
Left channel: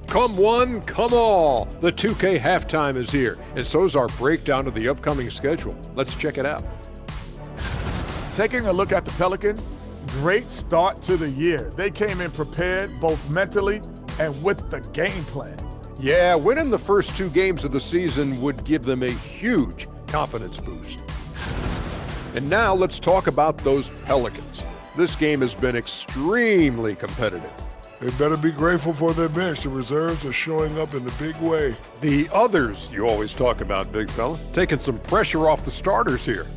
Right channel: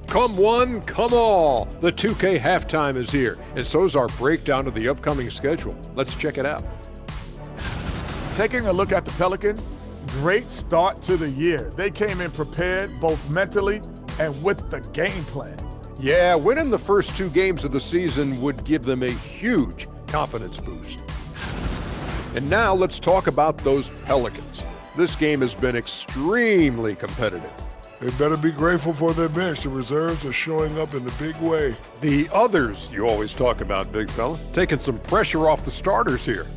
Come one, come all. The 2K halftime is here, and so's our breakdown of the upcoming schedule. Let's check it out. Taking a look at the Pelicans, great start to the year. They came in prepared both mentally and with the game plan. Yeah, winning the first 2 games of the season would give them a huge confidence boost. And now let's talk about those Pelicans. This game has been extremely competitive. They better be grateful for their bench. The reserves are showing up in a big way. The others you always talk about, big fella, taking some pressure off the starters here.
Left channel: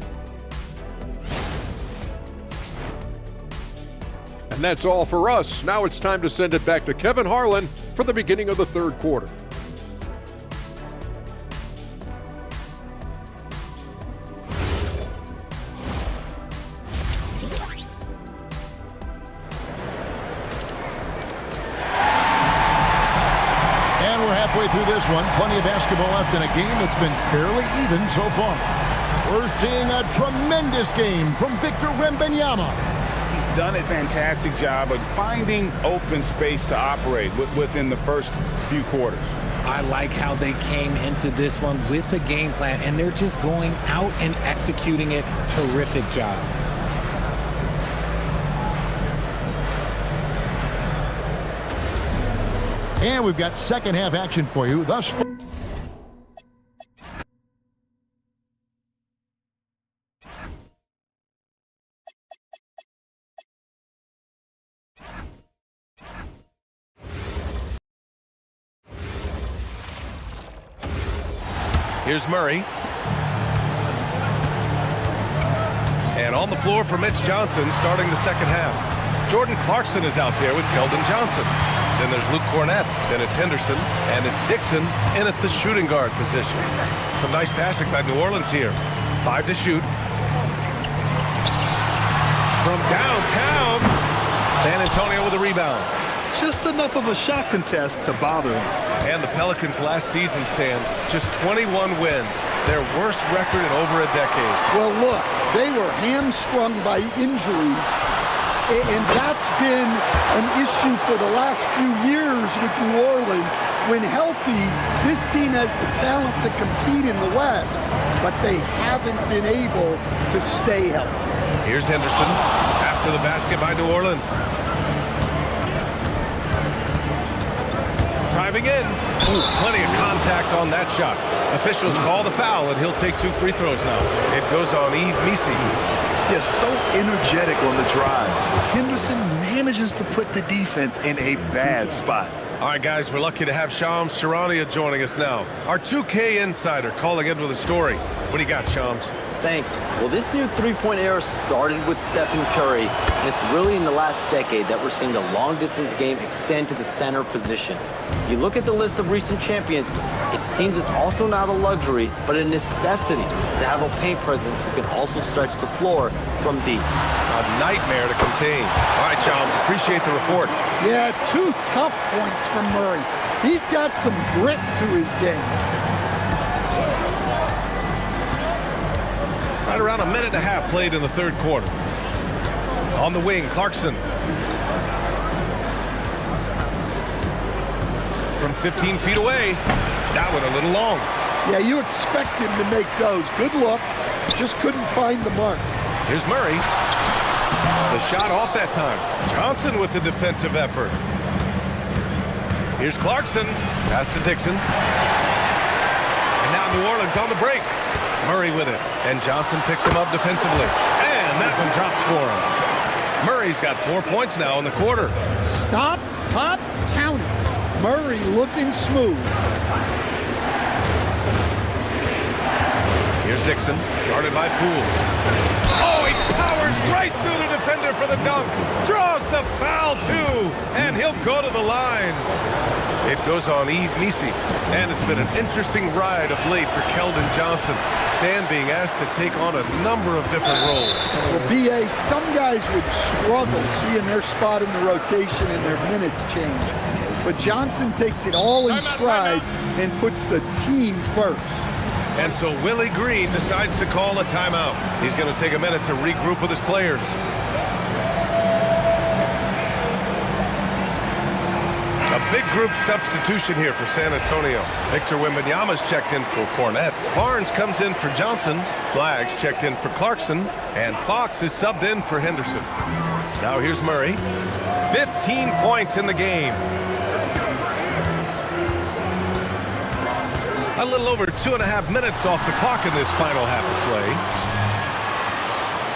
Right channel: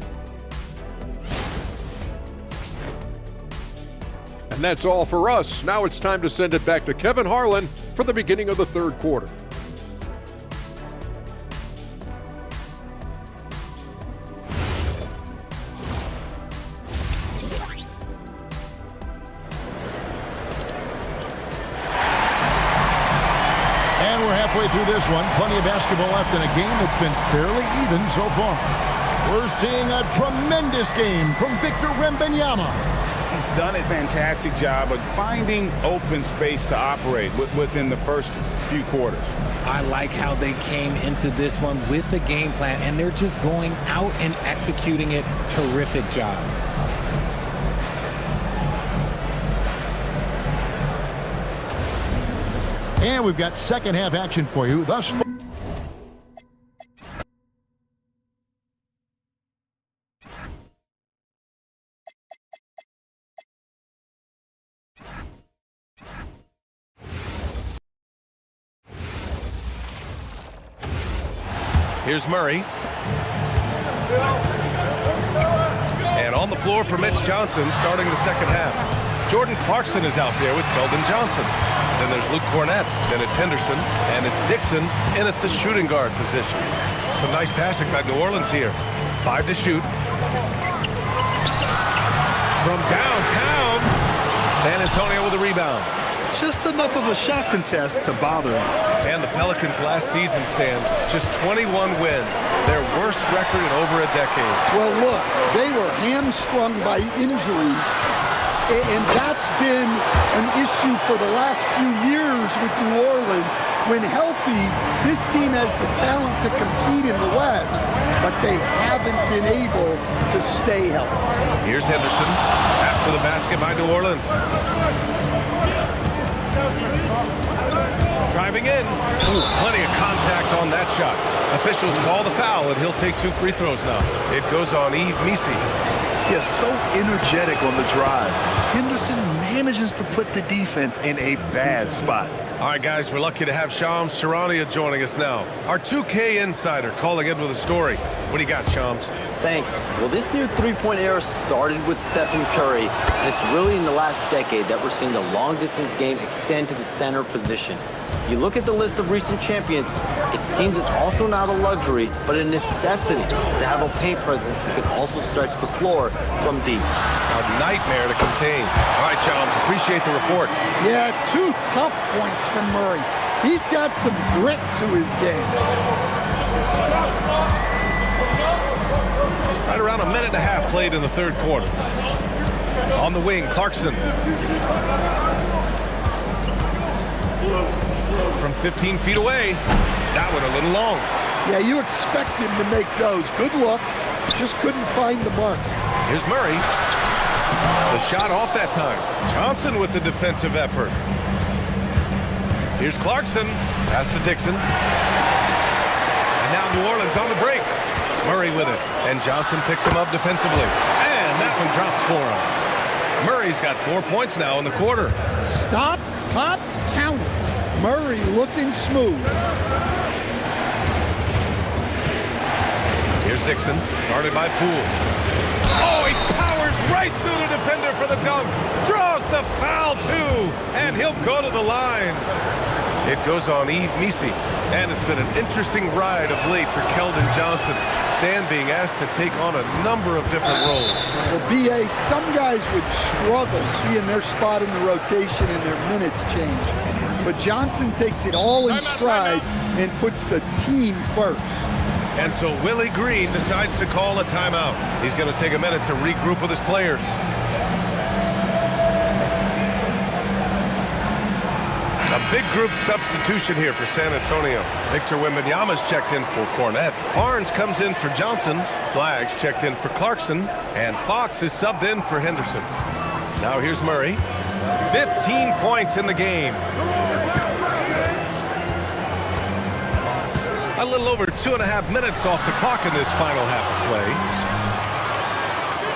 And that's all for us. Now it's time to send it back to Kevin Harlan for the beginning of the third quarter. And we're halfway through this one. Plenty of basketball left in a game that's been fairly even so far. We're seeing a tremendous game from Victor Wembanyama. He's done a fantastic job of finding open space to operate within the first few quarters. I like how they came into this one with the game plan, and they're just going out and executing it. Terrific job. And we've got second half action for you thus far. Here's Murray. And on the floor for Mitch Johnson starting the second half. Jordan Clarkson is out there with Keldon Johnson. Then there's Luke Cornette. Then it's Henderson. And it's Dixon in at the shooting guard position. Some nice passing by New Orleans here. 5 to shoot. From downtown, San Antonio with a rebound. Just enough of a shot contest to bother him. And the Pelicans last season, Stan, just 21 wins. Their worst record in over a decade. Well, look, they were hamstrung by injuries. And that's been an issue for the last few years with New Orleans. When healthy, this team has the talent to compete in the West, but they haven't been able to stay healthy. Here's Henderson after the basket by New Orleans. Driving in. Ooh, plenty of contact on that shot. Officials call the foul, and he'll take 2 free throws now. It goes on Yves Missi. Yes, so energetic on the drive. Henderson manages to put the defense in a bad spot. All right, guys, we're lucky to have Shams Charania joining us now. Our 2K insider calling in with a story. What do you got, Shams? Thanks. Well, this new three-point era started with Stephen Curry, and it's really in the last decade that we're seeing the long-distance game extend to the center position. You look at the list of recent champions, it seems it's also not a luxury, but a necessity to have a paint presence who can also stretch the floor from deep. A nightmare to contain. All right, Shams, appreciate the report. Yeah, 2 tough points from Murray. He's got some grit to his game. Right around a minute and a half played in the third quarter. On the wing, Clarkson. From 15 feet away. That one a little long. Yeah, you expect him to make those. Good look. Just couldn't find the mark. Here's Murray. The shot off that time. Johnson with the defensive effort. Here's Clarkson. Pass to Dixon. And now New Orleans on the break. Murray with it. And Johnson picks him up defensively. And that one drops for him. Murray's got 4 points now in the quarter. Stop, pop, count it. Murray looking smooth. Here's Dixon, guarded by Poole. Oh, he powers right through the defender for the dunk. Draws the foul, too. And he'll go to the line. It goes on Yves Missi. And it's been an interesting ride of late for Keldon Johnson. Stan being asked to take on a number of different roles. Well, B.A., some guys would struggle seeing their spot in the rotation and their minutes change. But Johnson takes it all in stride and puts the team first. And so Willie Green decides to call a timeout. He's going to take a minute to regroup with his players. A big group substitution here for San Antonio. Victor Wembanyama's checked in for Cornette. Barnes comes in for Johnson. Flaggs checked in for Clarkson. And Fox is subbed in for Henderson. Now here's Murray. 15 points in the game. A little over 2.5 minutes off the clock in this final half of play.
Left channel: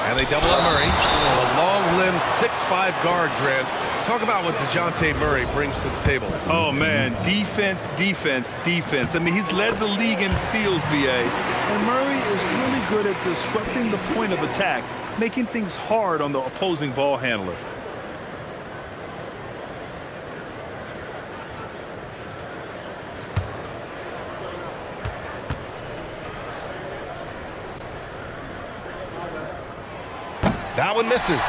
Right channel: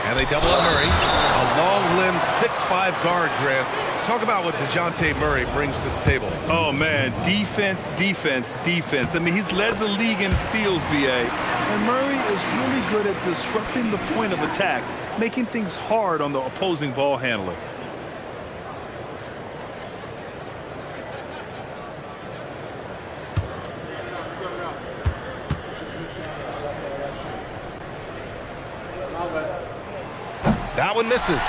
And they double up Murray. A long-limbed 6'5" guard, Grant. Talk about what DeJounte Murray brings to the table. Oh, man, defense, defense, defense. I mean, he's led the league in steals, B.A. And Murray is really good at disrupting the point of attack, making things hard on the opposing ball handler. That one misses.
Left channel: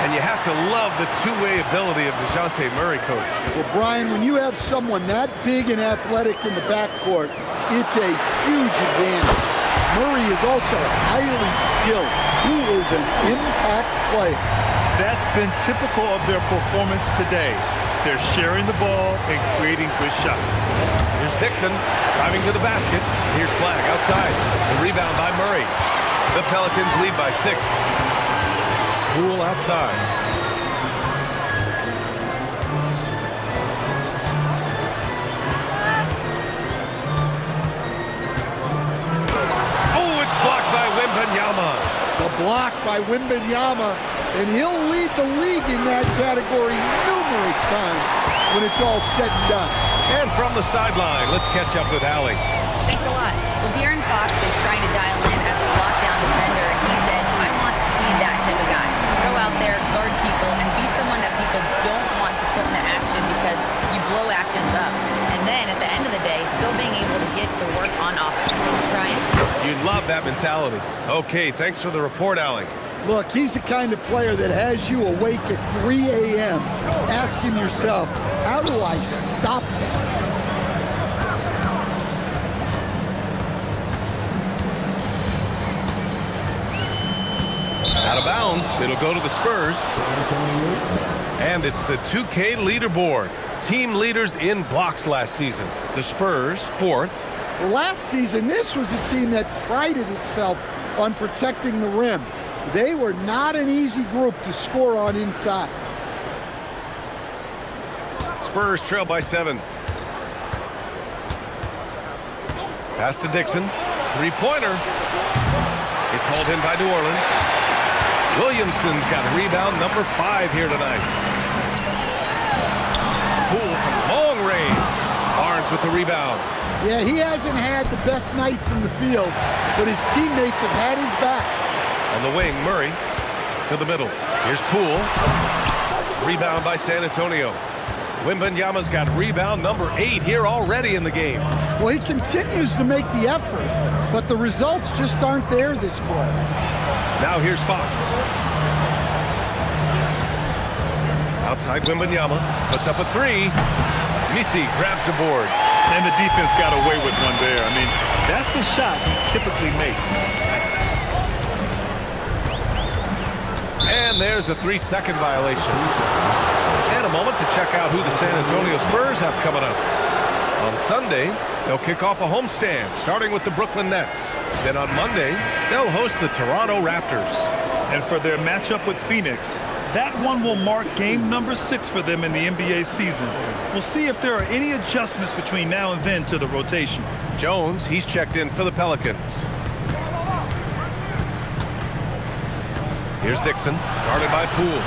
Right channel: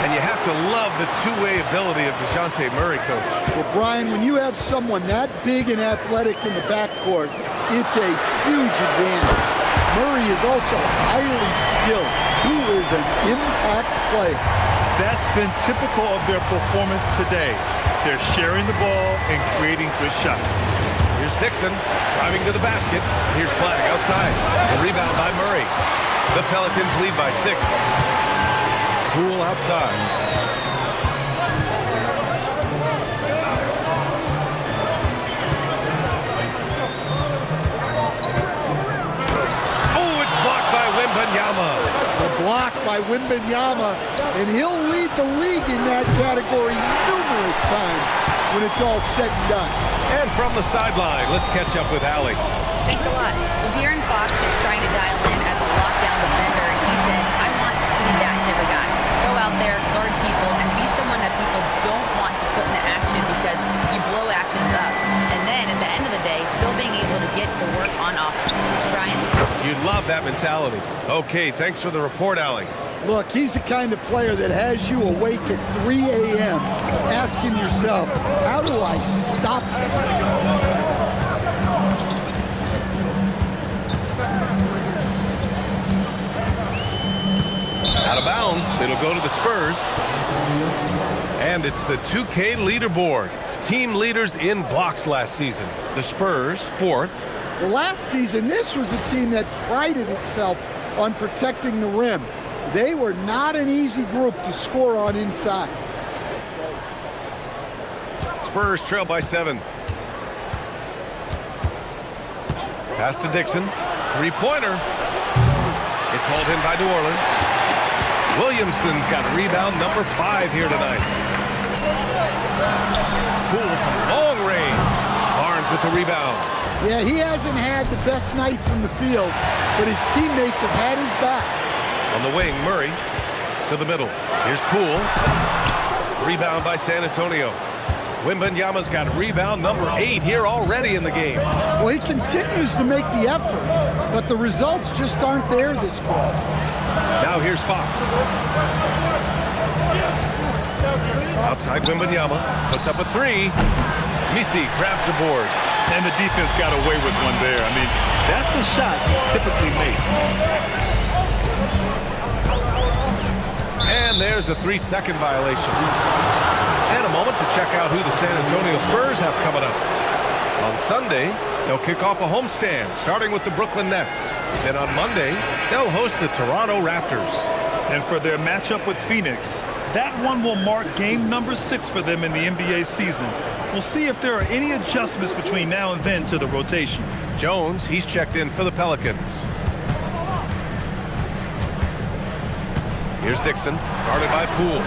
And you have to love the two-way ability of DeJounte Murray, Coach. Well, Brian, when you have someone that big and athletic in the backcourt, it's a huge advantage. Murray is also highly skilled. He is an impact player. That's been typical of their performance today. They're sharing the ball and creating good shots. Here's Dixon driving to the basket. And here's Flagg outside. The rebound by Murray. The Pelicans lead by 6. Poole outside. Oh, it's blocked by Wembanyama. The block by Wembanyama, and he'll lead the league in that category numerous times when it's all said and done. And from the sideline, let's catch up with Allie. Thanks a lot. Well, De'Aaron Fox is trying to dial in as a lockdown defender, and he said, I want to be that type of guy. Go out there, guard people, and be someone that people don't want to put in the action because you blow actions up. And then at the end of the day, still being able to get to work on offense. Brian? You love that mentality. Okay, thanks for the report, Allie. Look, he's the kind of player that has you awake at 3 a.m. asking yourself, how do I stop that? Out of bounds, it'll go to the Spurs. And it's the 2K leaderboard. Team leaders in blocks last season. The Spurs, 4th. Well, last season, this was a team that prided itself on protecting the rim. They were not an easy group to score on inside. Spurs trail by 7. Pass to Dixon. Three-pointer. It's hauled in by New Orleans. Williamson's got a rebound, number 5 here tonight. Poole from long range. Barnes with the rebound. Yeah, he hasn't had the best night from the field, but his teammates have had his back. On the wing, Murray to the middle. Here's Poole. Rebound by San Antonio. Wembanyama's got rebound number 8 here already in the game. Well, he continues to make the effort, but the results just aren't there this quarter. Now here's Fox. Outside Wembanyama. Puts up a 3. Missi grabs the board. And the defense got away with one there. I mean, that's a shot he typically makes. And there's a 3-second violation. And a moment to check out who the San Antonio Spurs have coming up. On Sunday, They'll kick off a homestand, starting with the Brooklyn Nets. Then on Monday, they'll host the Toronto Raptors. And for their matchup with Phoenix, that one will mark game number 6 for them in the NBA season. We'll see if there are any adjustments between now and then to the rotation. Jones, he's checked in for the Pelicans. Here's Dixon, guarded by Poole.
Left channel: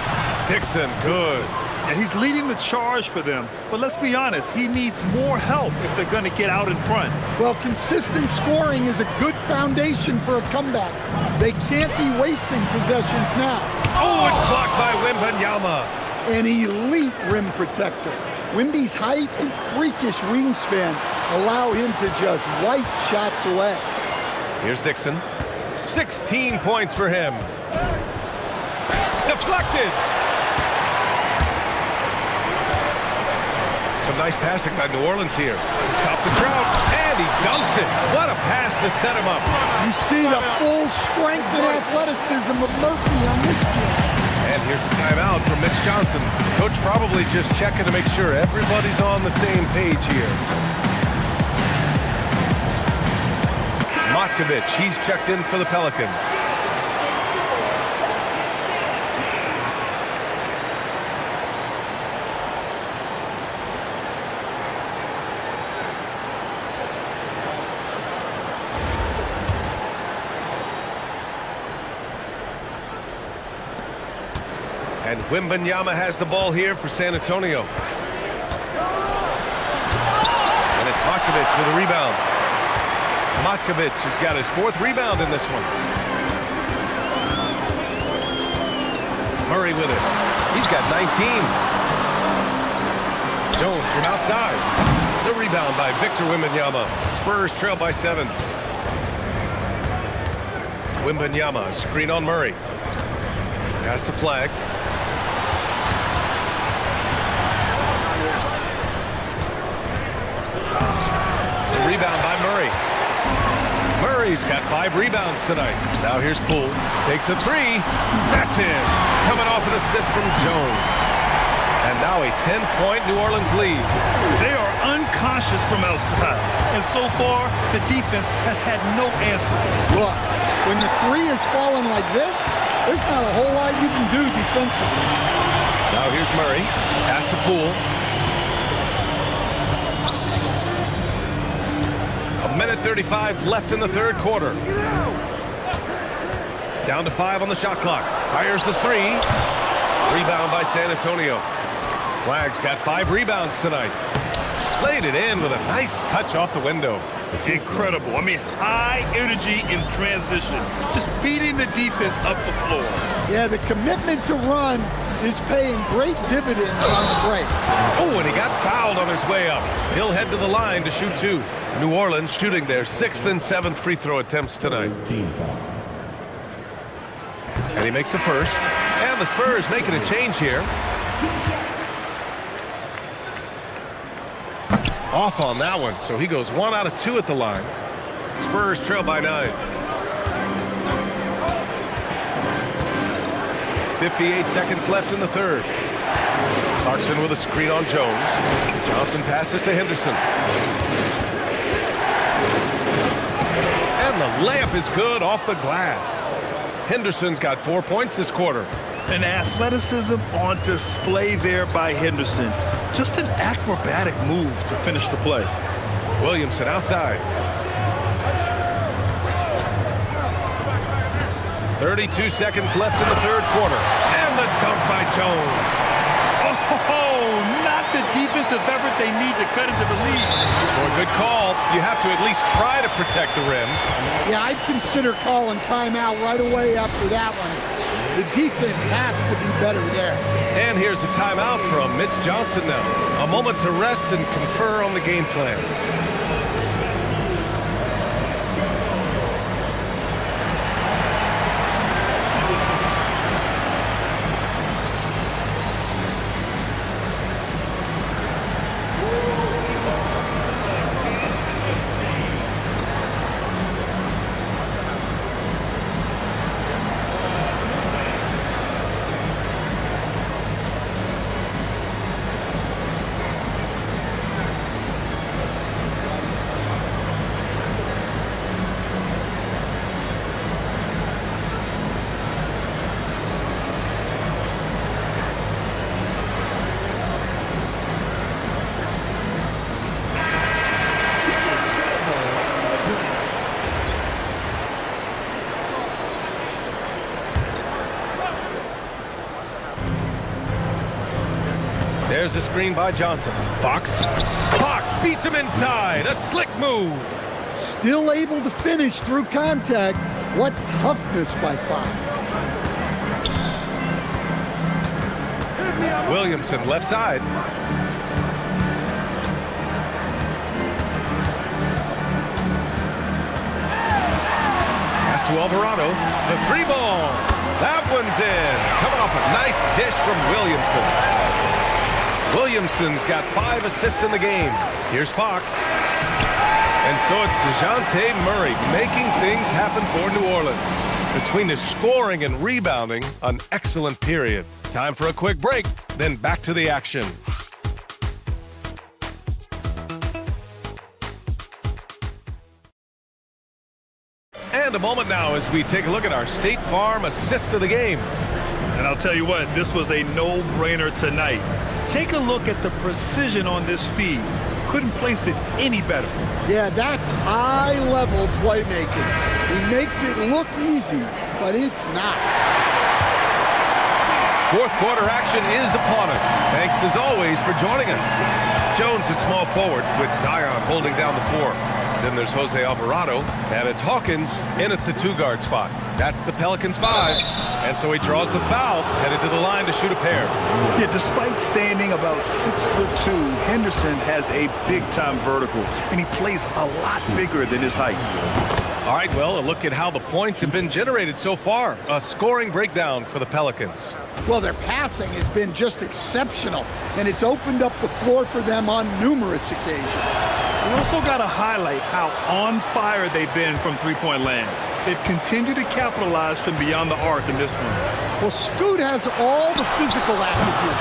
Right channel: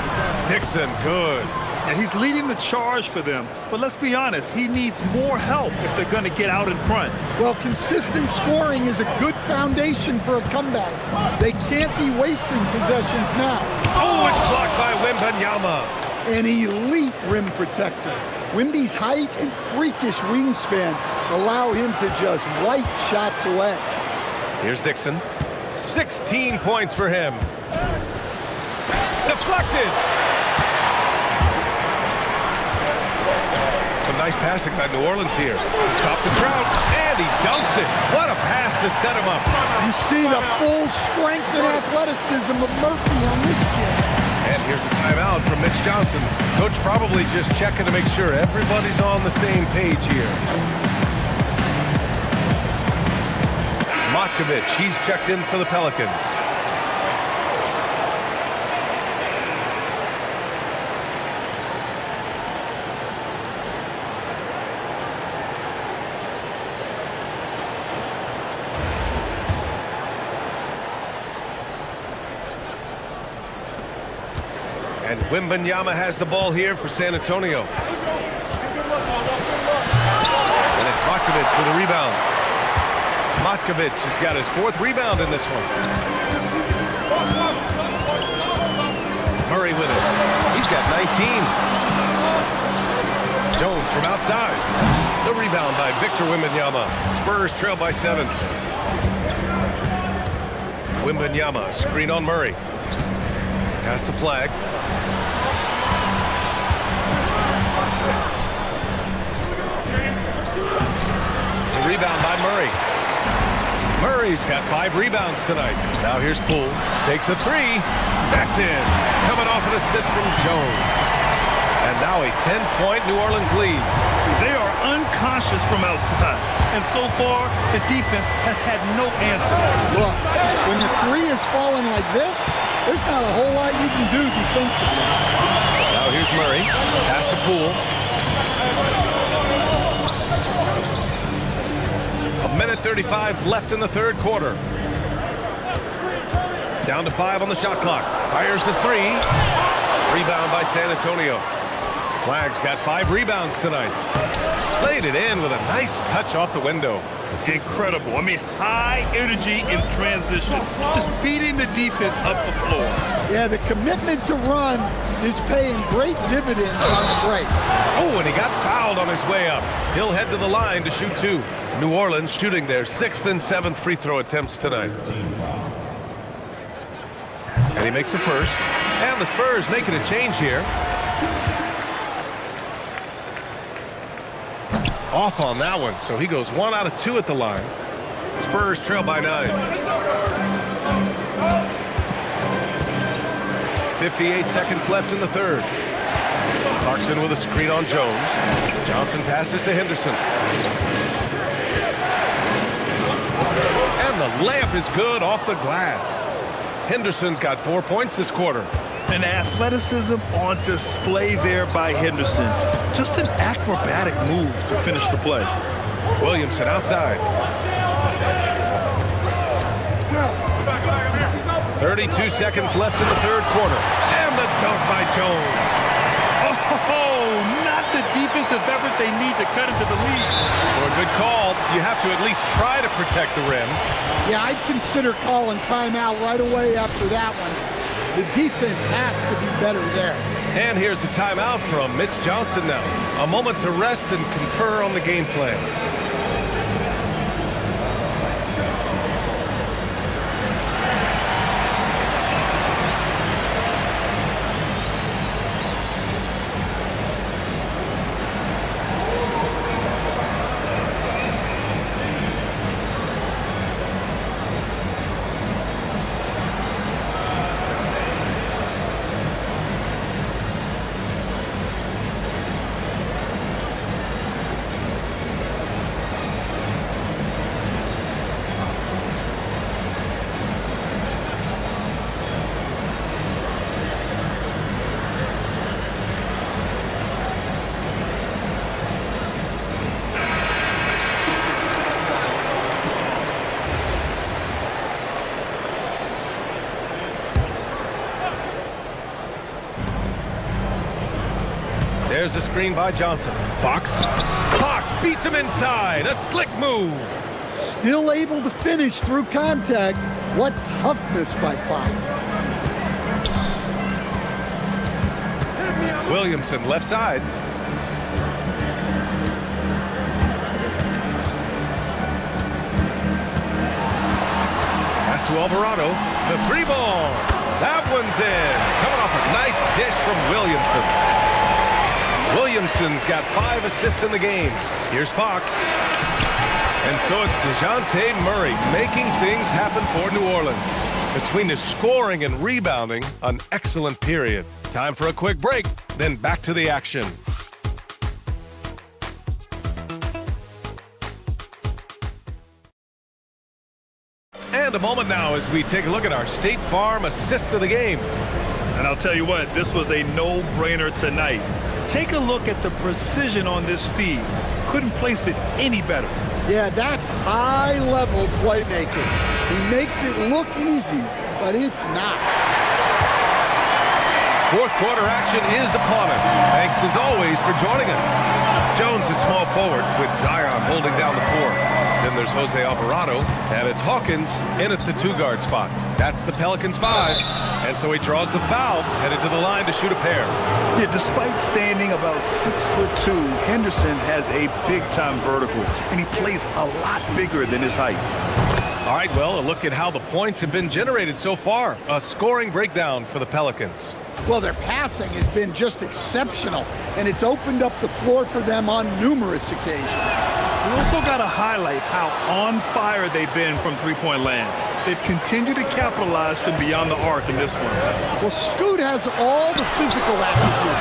Dixon, good. Yeah, he's leading the charge for them, but let's be honest, he needs more help if they're going to get out in front. Well, consistent scoring is a good foundation for a comeback. They can't be wasting possessions now. Oh, it's blocked by Wembanyama. An elite rim protector. Wemby's height and freakish wingspan allow him to just wipe shots away. Here's Dixon. 16 points for him. Deflected. Some nice passing by New Orleans here. Stop the drought, and he dunks it. What a pass to set him up. You see the full strength and athleticism of Murphy on this jam. And here's a timeout from Mitch Johnson. Coach probably just checking to make sure everybody's on the same page here. Matkovic, he's checked in for the Pelicans. And Wembanyama has the ball here for San Antonio. And it's Matkovic with a rebound. Matkovic has got his 4th rebound in this one. Murray with it. He's got 19. Jones from outside. The rebound by Victor Wembanyama. Spurs trail by 7. Wembanyama, screen on Murray. Pass to Flag. Rebound by Murray. Murray's got 5 rebounds tonight. Now here's Poole. Takes a 3. That's in. Coming off an assist from Jones. And now a 10-point New Orleans lead. They are unconscious from outside. And so far, the defense has had no answer. Look, when the 3 is falling like this, there's not a whole lot you can do defensively. Now here's Murray. Pass to Poole. Minute 35 left in the 3rd quarter. Down to 5 on the shot clock. Fires the 3. Rebound by San Antonio. Flag's got 5 rebounds tonight. Laid it in with a nice touch off the window. Incredible. I mean, high energy in transition. Just beating the defense up the floor. Yeah, the commitment to run is paying great dividends on the break. Oh, and he got fouled on his way up. He'll head to the line to shoot 2. New Orleans shooting their 6th and 7th free throw attempts tonight. And he makes a 1st. And the Spurs making a change here. Off on that one, so he goes 1 out of 2 at the line. Spurs trail by 9. 58 seconds left in the 3rd. Clarkson with a screen on Jones. Johnson passes to Henderson. And the layup is good off the glass. Henderson's got 4 points this quarter. And athleticism on display there by Henderson. Just an acrobatic move to finish the play. Williamson outside. 32 seconds left in the 3rd quarter. And the dunk by Jones. Oh, not the defensive effort they need to cut into the lead. Well, good call. You have to at least try to protect the rim. Yeah, I'd consider calling timeout right away after that one. The defense has to be better there. And here's the timeout from Mitch Johnson now. A moment to rest and confer on the game plan. There's a screen by Johnson. Fox beats him inside. A slick move. Still able to finish through contact. What toughness by Fox. Williamson left side. Pass to Alvarado. The 3-ball. That one's in. Coming off a nice dish from Williamson. Williamson's got 5 assists in the game. Here's Fox. And so it's DeJounte Murray making things happen for New Orleans. Between his scoring and rebounding, an excellent period. Time for a quick break, then back to the action. And a moment now as we take a look at our State Farm assist of the game. And I'll tell you what, this was a no-brainer tonight. Take a look at the precision on this feed. Couldn't place it any better. Yeah, that's high-level playmaking. He makes it look easy, but it's not. Fourth quarter action is upon us. Thanks as always for joining us. Jones at small forward with Zion holding down the 4. Then there's Jose Alvarado, and it's Hawkins in at the 2-guard spot. That's the Pelicans' 5, and so he draws the foul, headed to the line to shoot a pair. Yeah, despite standing about 6'2", Henderson has a big-time vertical, and he plays a lot bigger than his height. All right, well, a look at how the points have been generated so far. A scoring breakdown for the Pelicans. Well, their passing has been just exceptional, and it's opened up the floor for them on numerous occasions. We also got to highlight how on fire they've been from three-point land. They've continued to capitalize from beyond the arc in this one. Well, Scoot has all the physical acumen.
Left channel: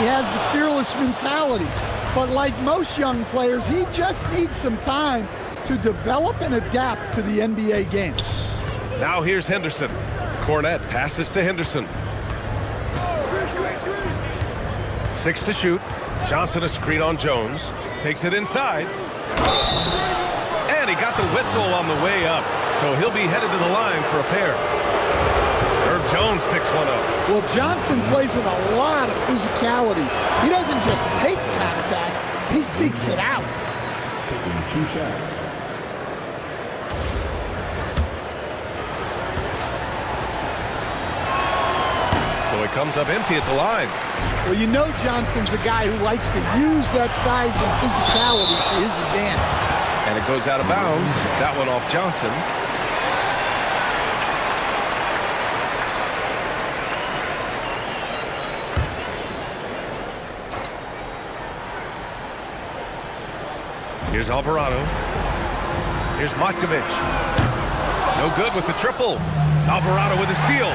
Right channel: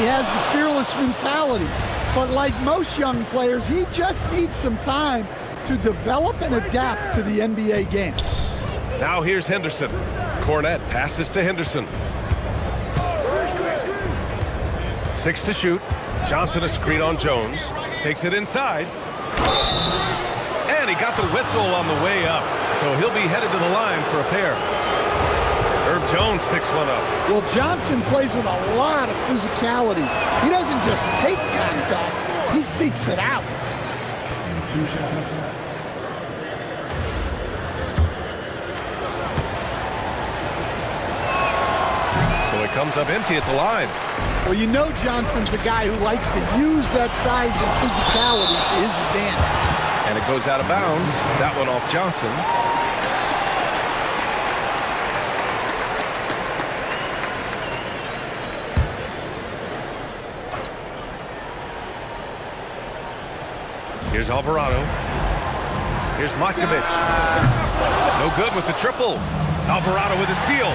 He has the fearless mentality. But like most young players, he just needs some time to develop and adapt to the NBA game. Now here's Henderson. Cornette passes to Henderson. 6 to shoot. Johnson a screen on Jones. Takes it inside. And he got the whistle on the way up. So he'll be headed to the line for a pair. Herb Jones picks one up. Well, Johnson plays with a lot of physicality. He doesn't just take contact, he seeks it out. 2 shots. So he comes up empty at the line. Well, you know Johnson's a guy who likes to use that size and physicality to his advantage. And it goes out of bounds. That one off Johnson. Here's Alvarado. Here's Matkovic. No good with the triple. Alvarado with a steal.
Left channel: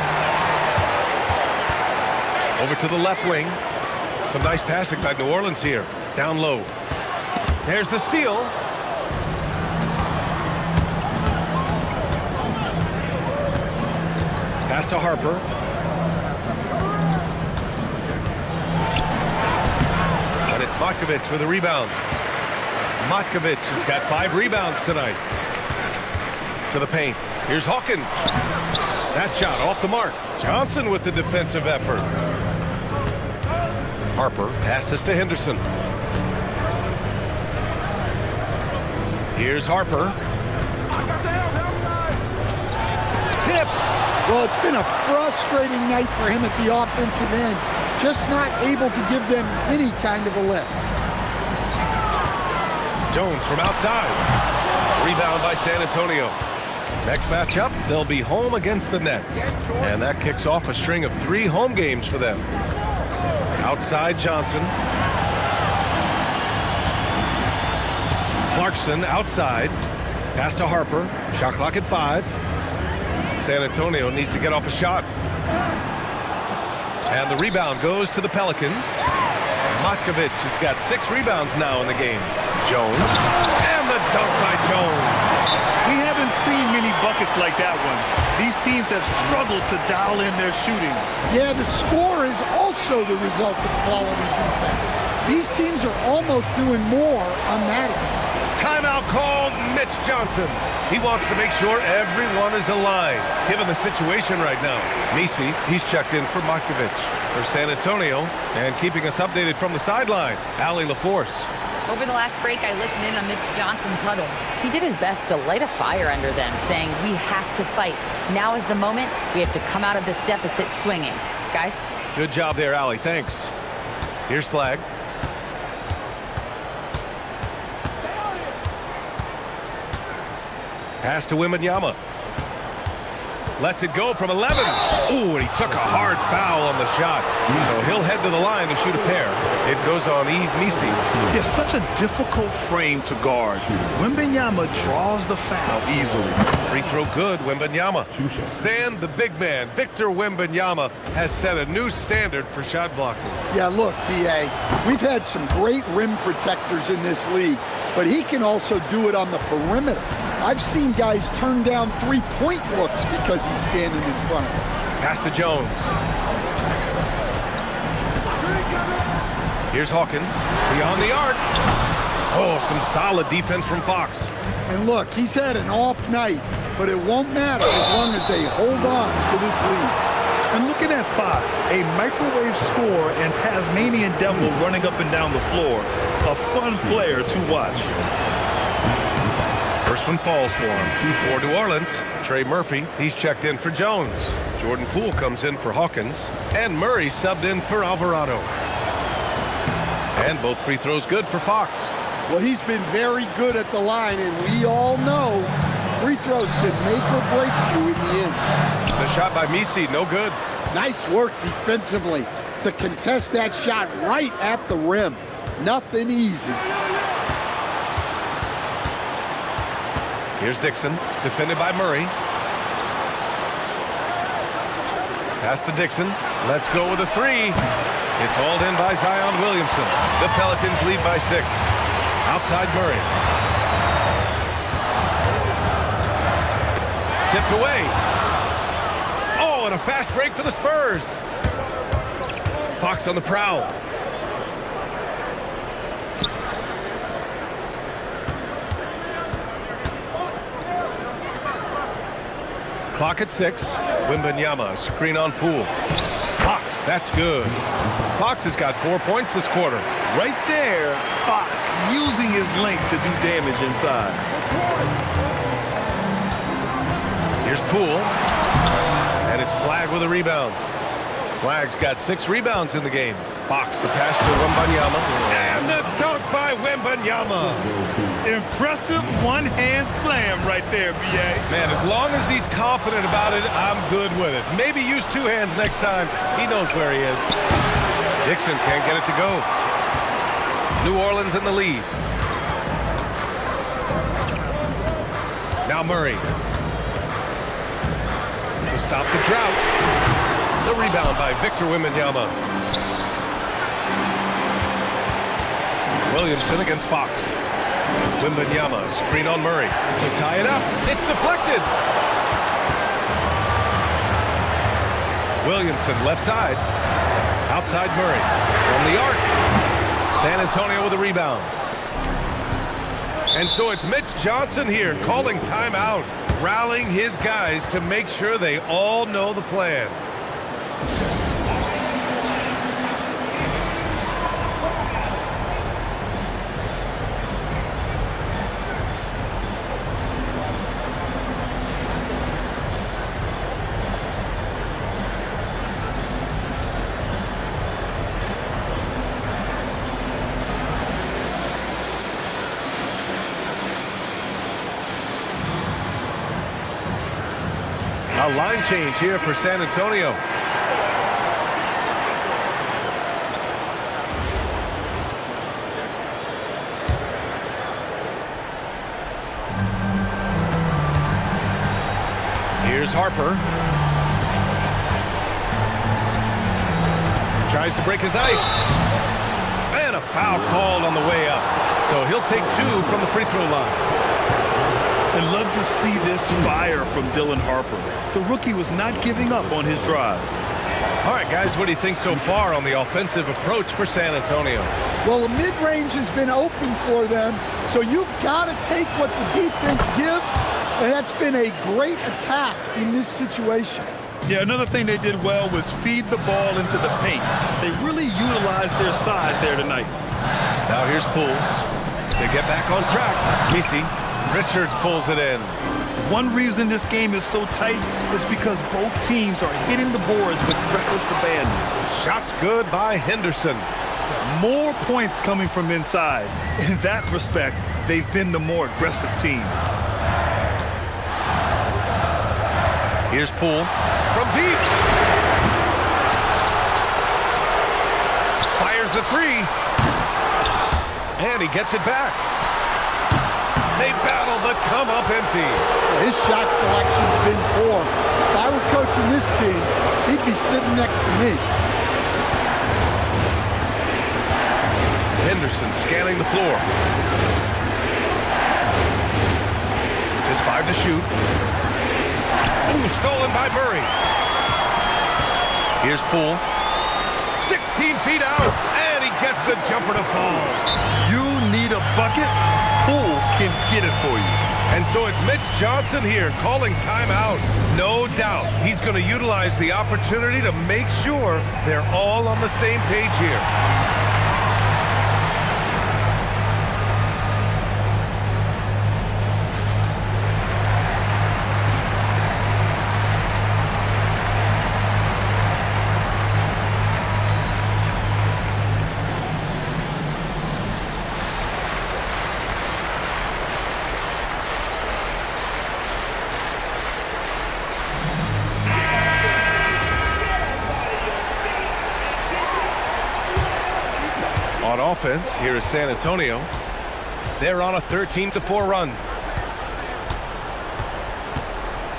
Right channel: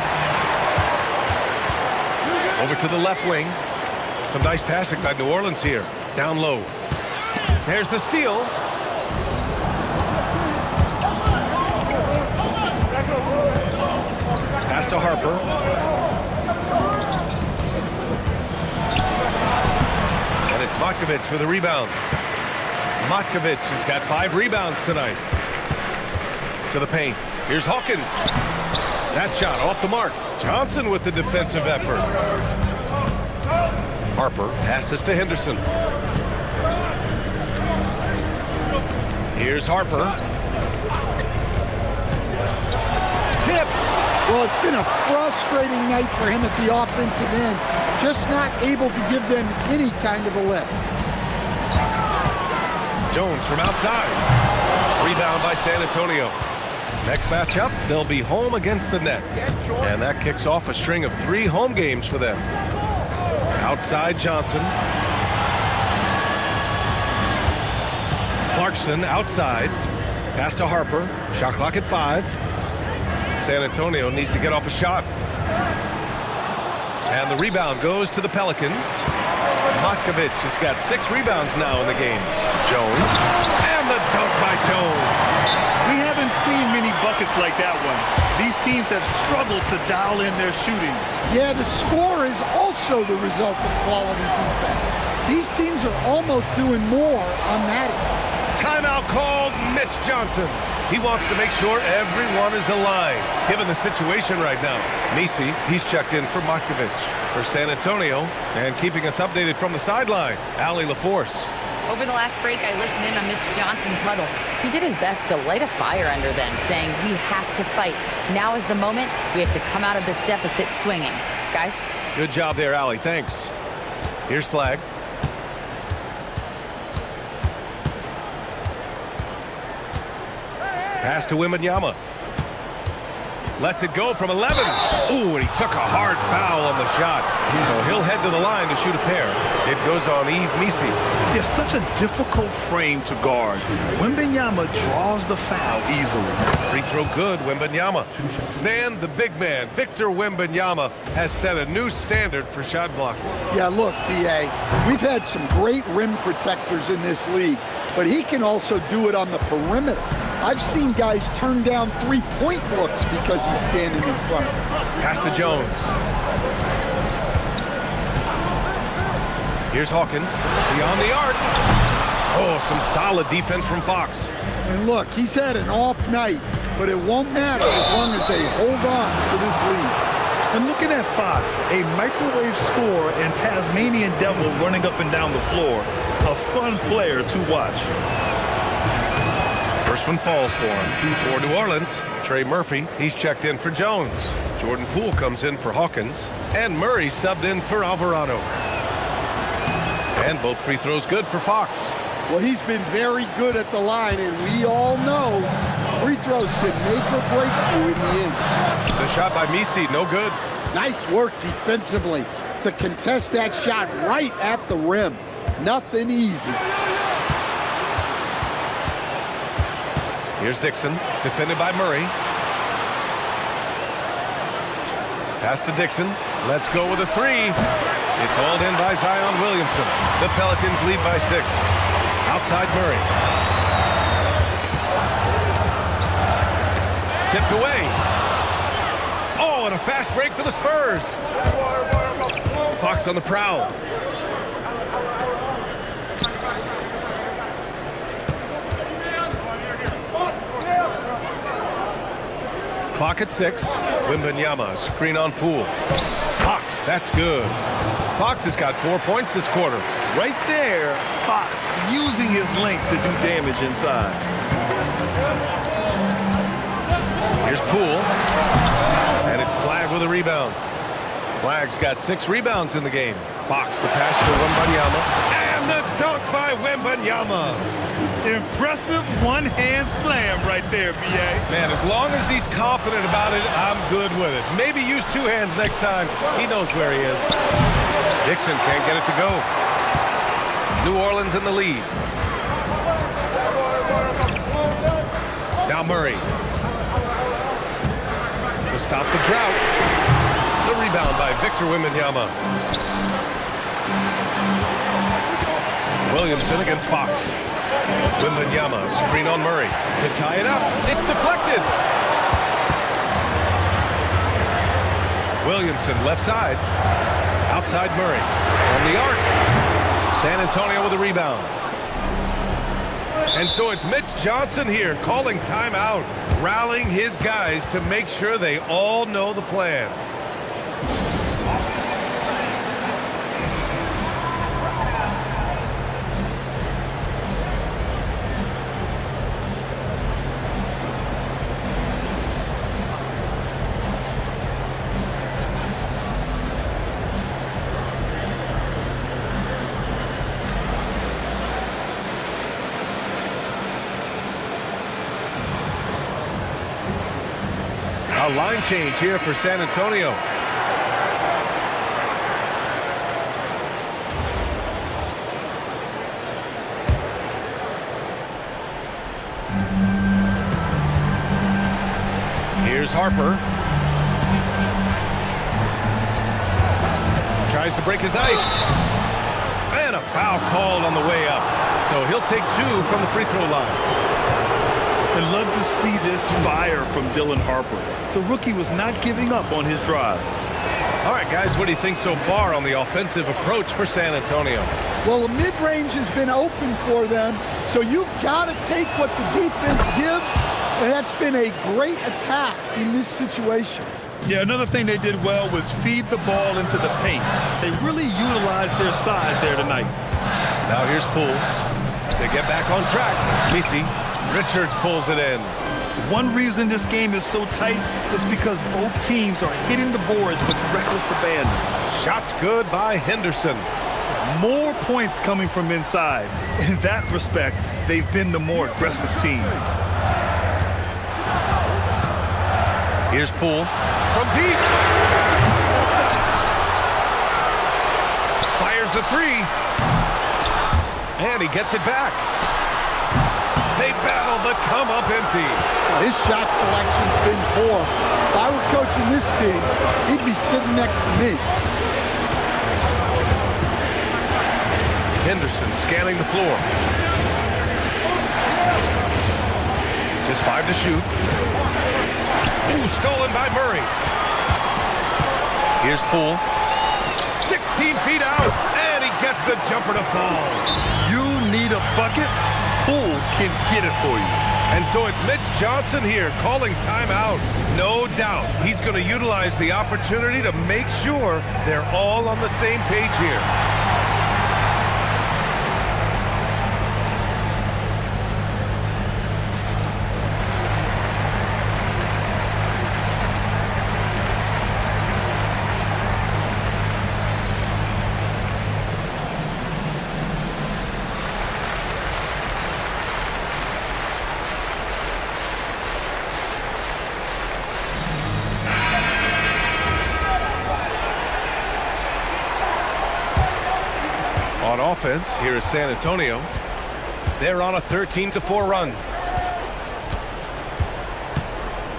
Over to the left wing. Some nice passing by New Orleans here. Down low. There's the steal. Pass to Harper. And it's Matkovic with a rebound. Matkovic has got 5 rebounds tonight. To the paint. Here's Hawkins. That shot off the mark. Johnson with the defensive effort. Harper passes to Henderson. Here's Harper. Tipped. Well, it's been a frustrating night for him at the offensive end. Just not able to give them any kind of a lift. Jones from outside. Rebound by San Antonio. Next matchup, they'll be home against the Nets. And that kicks off a string of 3 home games for them. Outside Johnson. Clarkson outside. Pass to Harper. Shot clock at 5. San Antonio needs to get off a shot. And the rebound goes to the Pelicans. Matkovic has got 6 rebounds now in the game. Jones. And the dunk by Jones. We haven't seen many buckets like that one. These teams have struggled to dial in their shooting. Yeah, the score is also the result of quality defense. These teams are almost doing more on that end. Timeout called. Mitch Johnson. He wants to make sure everyone is aligned, given the situation right now. Misi, he's checked in for Markovic for San Antonio, and keeping us updated from the sideline, Ali LaForce. Over the last break, I listened in on Mitch Johnson's huddle. He did his best to light a fire under them, saying, we have to fight. Now is the moment. We have to come out of this deficit swinging. Guys? Good job there, Ali. Thanks. Here's flag. Pass to Wembanyama. Lets it go from 11. Ooh, and he took a hard foul on the shot. So he'll head to the line to shoot a pair. It goes on Yves Misi. It's such a difficult frame to guard. Wembanyama draws the foul easily. Free throw good, Wembanyama. Stan, the big man, Victor Wembanyama, has set a new standard for shot blocking. Yeah, look, B.A., we've had some great rim protectors in this league, but he can also do it on the perimeter. I've seen guys turn down three-point looks because he's standing in front of them. Pass to Jones. Here's Hawkins. Beyond the arc. Oh, some solid defense from Fox. And look, he's had an off night, but it won't matter as long as they hold on to this lead. And looking at Fox, a microwave scorer and Tasmanian devil running up and down the floor. A fun player to watch. First one falls for him. For New Orleans, Trey Murphy, he's checked in for Jones. Jordan Poole comes in for Hawkins. And Murray subbed in for Alvarado. And both free throws good for Fox. Well, he's been very good at the line, and we all know free throws can make or break you in the end. The shot by Misi, no good. Nice work defensively to contest that shot right at the rim. Nothing easy. Here's Dixon, defended by Murray. Pass to Dixon. Let's go with a three. It's hauled in by Zion Williamson. The Pelicans lead by 6. Outside Murray. Tipped away. Oh, and a fast break for the Spurs. Fox on the prowl. Clock at 6. Wembanyama, screen on Poole. Fox, that's good. Fox has got 4 points this quarter. Right there, Fox using his length to do damage inside. Here's Poole. And it's Flag with a rebound. Flag's got 6 rebounds in the game. Fox, the pass to Wembanyama. And the dunk by Wembanyama. Impressive one-hand slam right there, B.A. Man, as long as he's confident about it, I'm good with it. Maybe use 2 hands next time. He knows where he is. Dixon can't get it to go. New Orleans in the lead. Now Murray. To stop the drought. The rebound by Victor Wembanyama. Williamson against Fox. Wembanyama, screen on Murray. To tie it up, it's deflected. Williamson, left side. Outside Murray. From the arc. San Antonio with a rebound. And so it's Mitch Johnson here calling timeout, rallying his guys to make sure they all know the plan. A line change here for San Antonio. Here's Harper. Tries to break his ice. And a foul called on the way up. So he'll take 2 from the free throw line. And love to see this fire from Dylan Harper. The rookie was not giving up on his drive. All right, guys, what do you think so far on the offensive approach for San Antonio? Well, the mid-range has been open for them, so you've got to take what the defense gives And that's been a great attack in this situation. Yeah, another thing they did well was feed the ball into the paint. They really utilized their size there tonight. Now here's Poole to get back on track. Misi, Richards pulls it in. One reason this game is so tight is because both teams are hitting the boards with reckless abandon. Shots good by Henderson. More points coming from inside. In that respect, they've been the more aggressive team. Here's Poole from deep. Fires the three. And he gets it back. They battle but come up empty. Well, his shot selection's been poor. If I were coaching this team, he'd be sitting next to me. Henderson scanning the floor. Just 5 to shoot. Ooh, stolen by Murray. Here's Poole. 16 feet out, and he gets the jumper to fall. You need a bucket? Poole can get it for you. And so it's Mitch Johnson here calling timeout. No doubt he's going to utilize the opportunity to make sure they're all on the same page here. On offense, here is San Antonio. They're on a 13-4 run.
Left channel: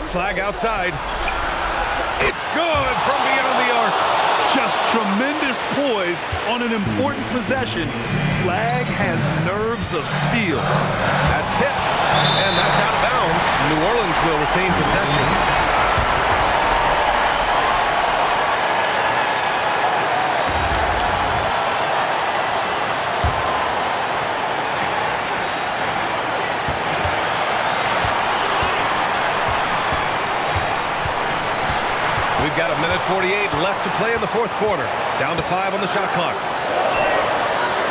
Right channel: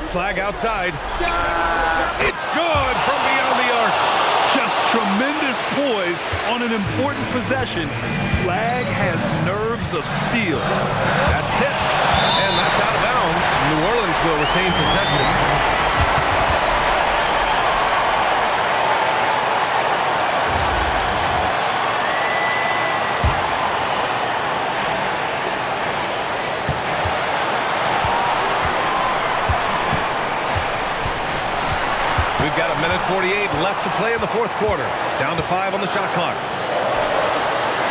Flag outside. It's good from beyond the arc. Just tremendous poise on an important possession. Flag has nerves of steel. That's tipped, and that's out of bounds. New Orleans will retain possession. We've got 1:48 left to play in the fourth quarter. Down to 5 on the shot clock.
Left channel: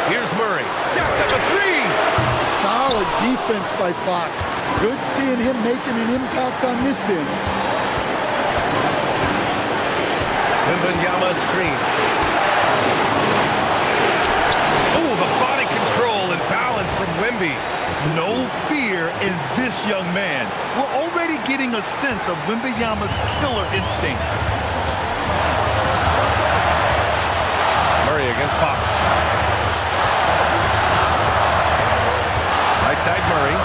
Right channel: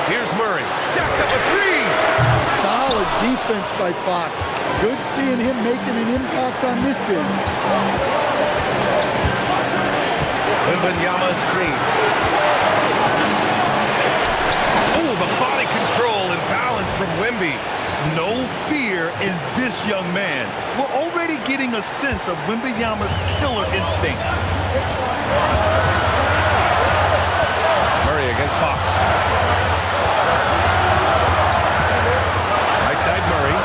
Here's Murray. Jacks up a three. Solid defense by Fox. Good seeing him making an impact on this end. MYNBA screen. Oh, the body control and balance from Wemby. No fear in this young man. We're already getting a sense of Wembanyama's killer instinct. Murray against Fox. Right side Murray.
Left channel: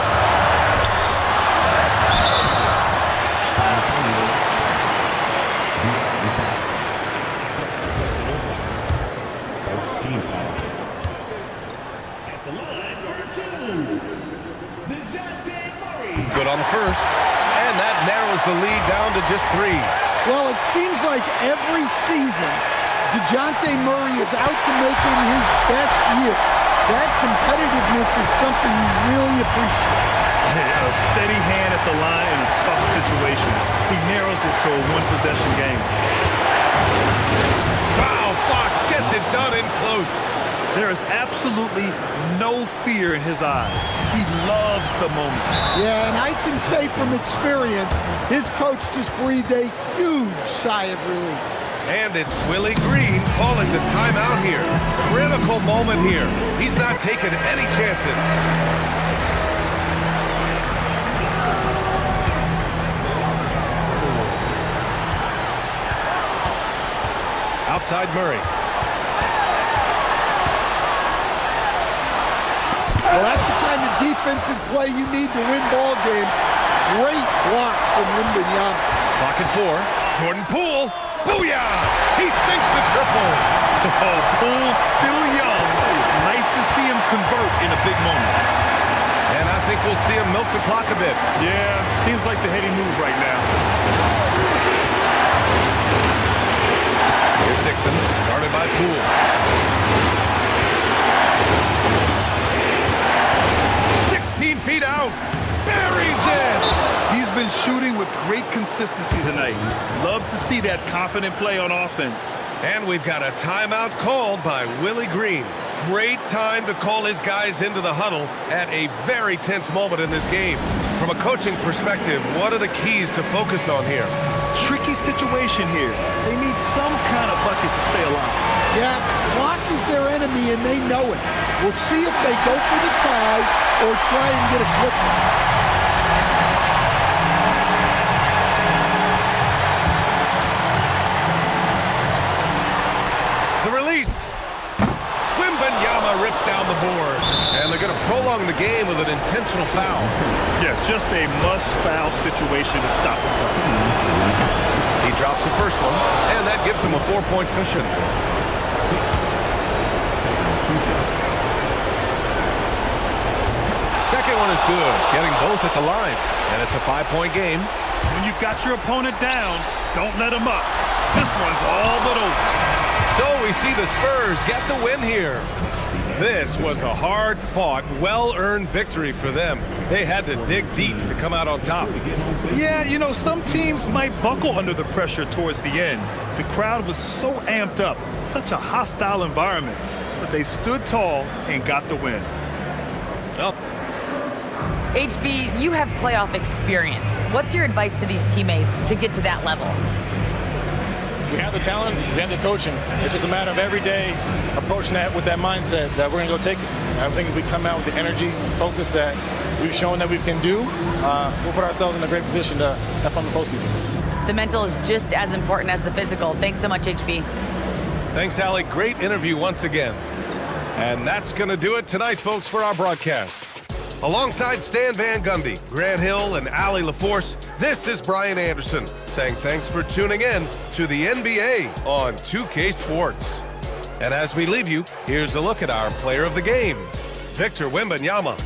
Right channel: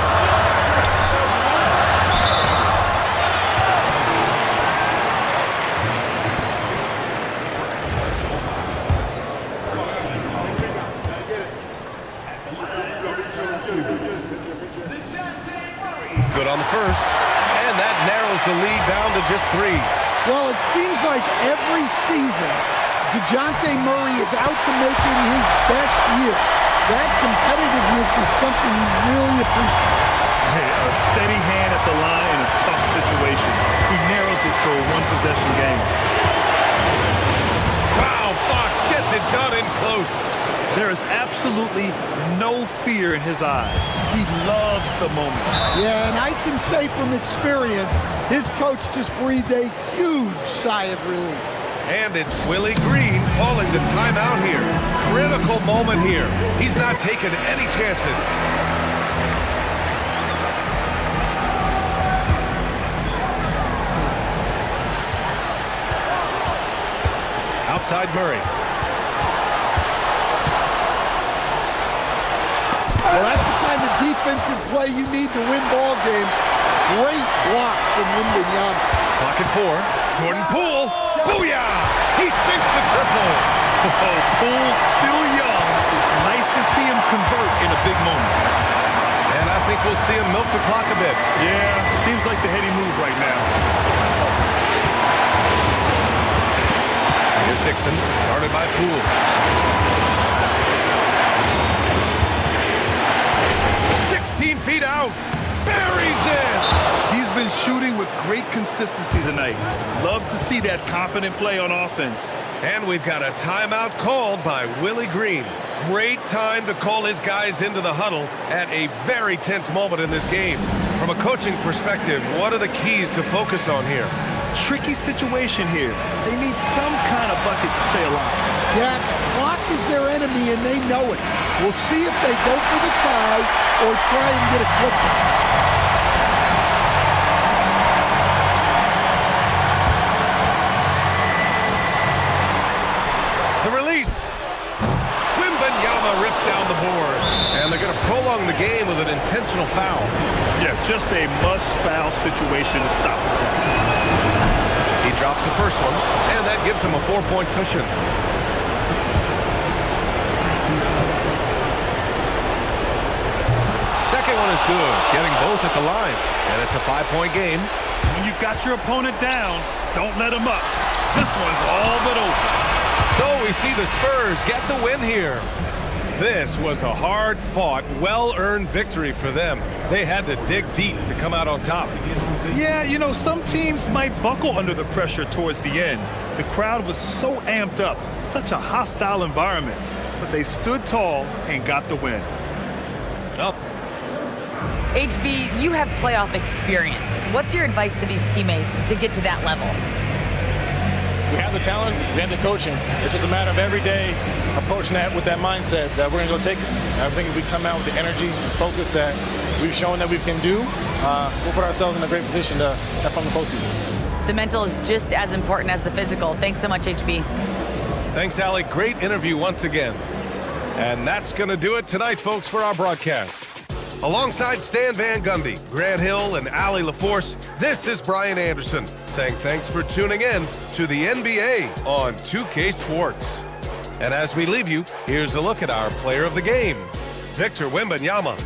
Good on the first, and that narrows the lead down to just 3. Well, it seems like every season, DeJounte Murray is out to make it his best year. That competitiveness is something you really appreciate. Hey, a steady hand at the line in a tough situation. He narrows it to a one-possession game. Wow, Fox gets it done in close. There is absolutely no fear in his eyes. He loves the moment. Yeah, and I can say from experience, his coach just breathed a huge sigh of relief. And it's Willie Green calling the timeout here. Critical moment here. He's not taking any chances. Outside Murray. Well, that's the kind of defensive play you need to win ball games. Great block from Wembanyama. Clock at 4. Jordan Poole. Booyah! He sinks the triple. Oh, Poole still young. Nice to see him convert in a big moment. And I think we'll see him milk the clock a bit. Yeah, seems like the heady move right now. Here's Dixon, guarded by Poole. Feet out, buries it. been shooting with great consistency tonight. Love to see that confident play on offense. And we've got a timeout called by Willie Green. Great time to call his guys into the huddle at a very tense moment in this game. From a coaching perspective, what are the keys to focus on here? Tricky situation here. They need some kind of bucket to stay alive. Yeah, the clock is their enemy, and they know it. We'll see if they go for the tie or try and get a quick one. The release. Wembanyama rips down the board. And they're going to prolong the game with an intentional foul. Yeah, just a must-foul situation to stop the clock. He drops the first one, and that gives him a 4-point cushion. Second one is good, getting both at the line. And it's a 5-point game. When you've got your opponent down, don't let him up. This one's all but over. So we see the Spurs get the win here. This was a hard-fought, well-earned victory for them. They had to dig deep to come out on top. Yeah, you know, some teams might buckle under the pressure towards the end. The crowd was so amped up, such a hostile environment. But they stood tall and got the win. Oh. HB, you have playoff experience. What's your advice to these teammates to get to that level? We have the talent, we have the coaching. It's just a matter of every day approaching that with that mindset that we're going to go take it. I think if we come out with the energy and focus that we've shown that we can do, we'll put ourselves in a great position to have fun in the postseason. The mental is just as important as the physical. Thanks so much, HB. Thanks, Allie. Great interview once again. And that's going to do it tonight, folks, for our broadcast. Alongside Stan Van Gundy, Grant Hill, and Allie LaForce, this is Brian Anderson saying thanks for tuning in to the NBA on 2K Sports. And as we leave you, here's a look at our player of the game, Victor Wembanyama.